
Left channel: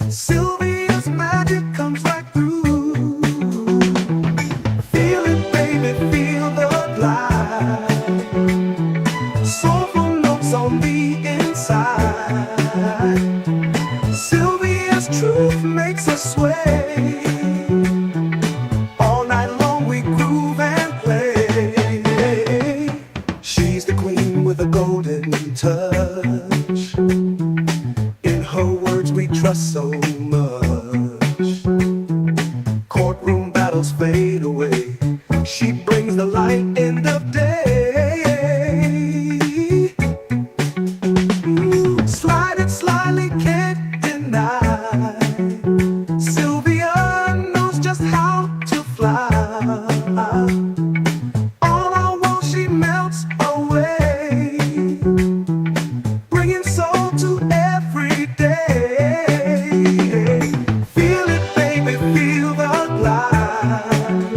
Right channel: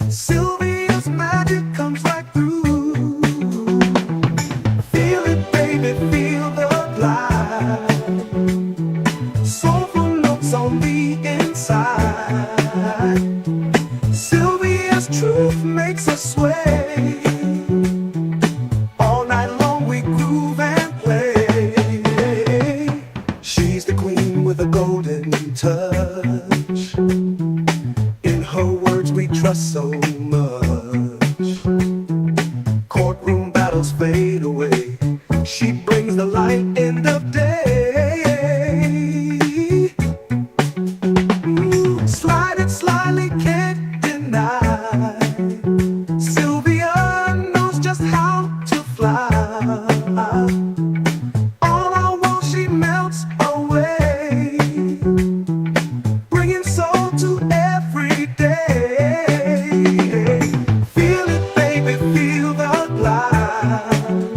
Sylvia's magic comes right through. Feel it, baby, feel the glide. Soulful notes on the inside. Sylvia's truth makes us sway. All night long we groove and play. She's the queen with a golden touch. In trust so much. Courtroom battles fade away. She brings the light in the day. Slide it slyly, can't deny. Sylvia knows just how to fly. All I want, she melts away, bringing soul to every day. Feel it, baby, feel the glide.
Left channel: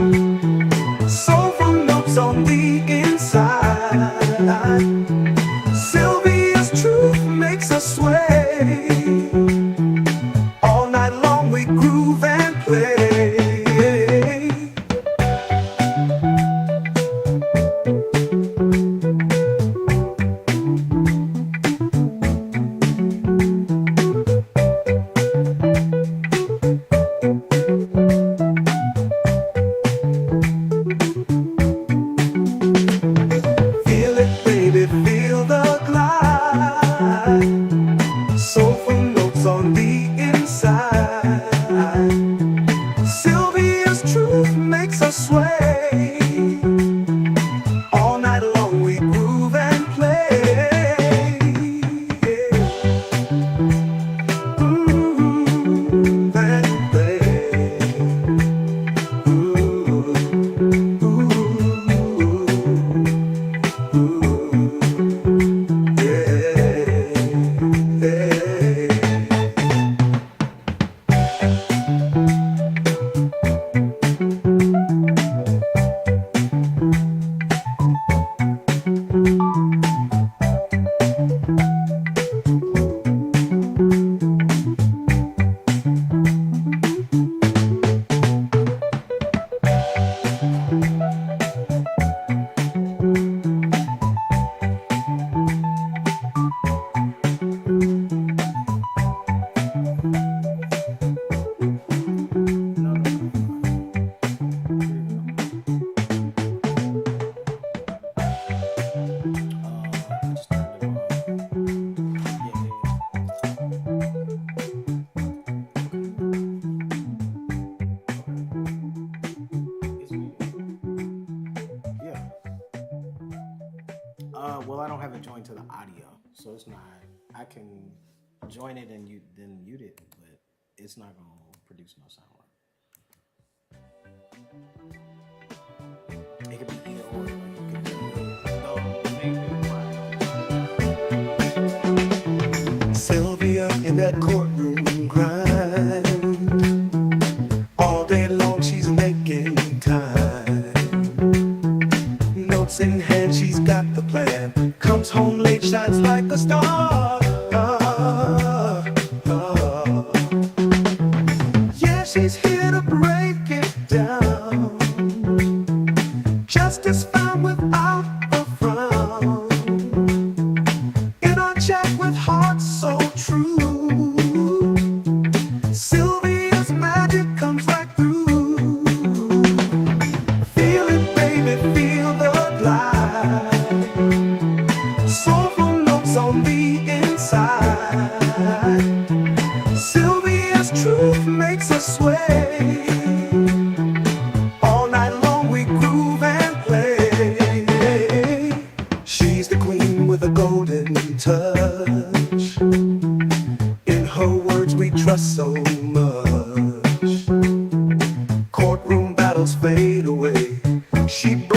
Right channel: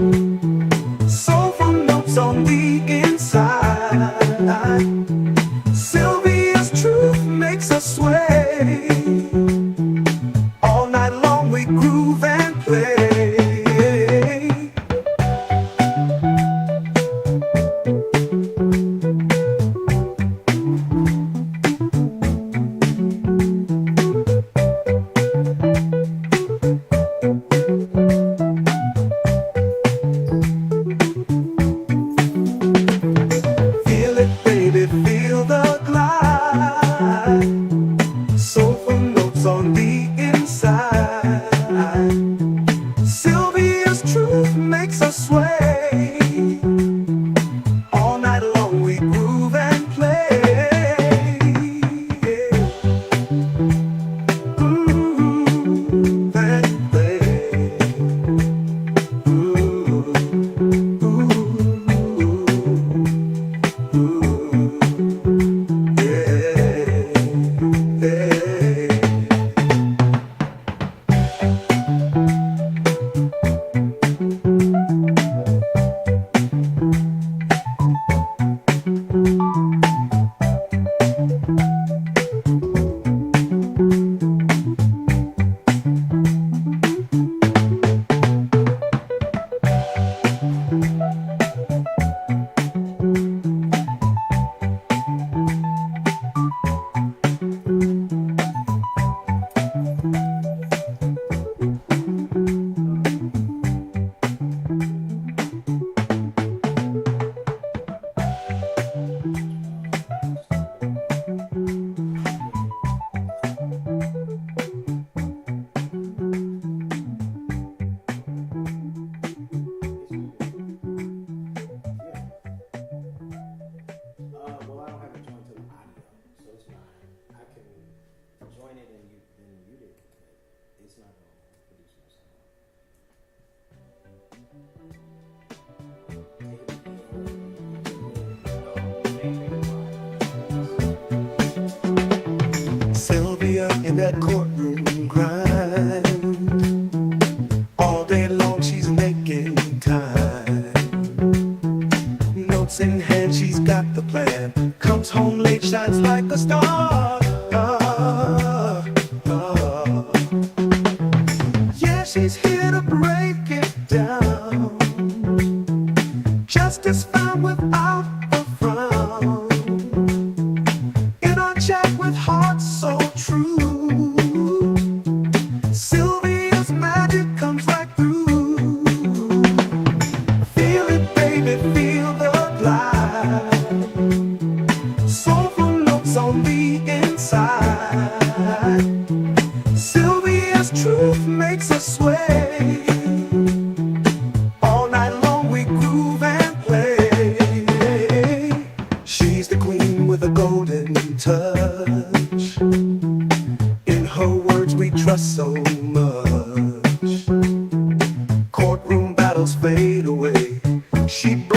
Soulful notes on the inside. Sylvia's truth makes us sway. All night long we groove and play. Feel it, baby, feel the glide. Soulful notes on the inside. Sylvia's truth makes us sway. All night long we groove and play. Groove and play. Ooh, ooh, Well, I don't have it joined to the audio, so it's not. I can join it and then mute it, but it's not gonna produce no sound. It could be either or. Sylvia in that courtroom grind. All day long she's making time. Notes in hand, she's got the plan. Comes home late, shines like a star. Yeah, she's here to break it down. Justice found without a frown. In our chat with hearts so true, Sylvia's magic comes right through. Feel it, baby, feel the glide. Soulful notes on the inside. Sylvia's truth makes us sway. All night long we groove and play. She's the queen with a golden touch. In her words we trust so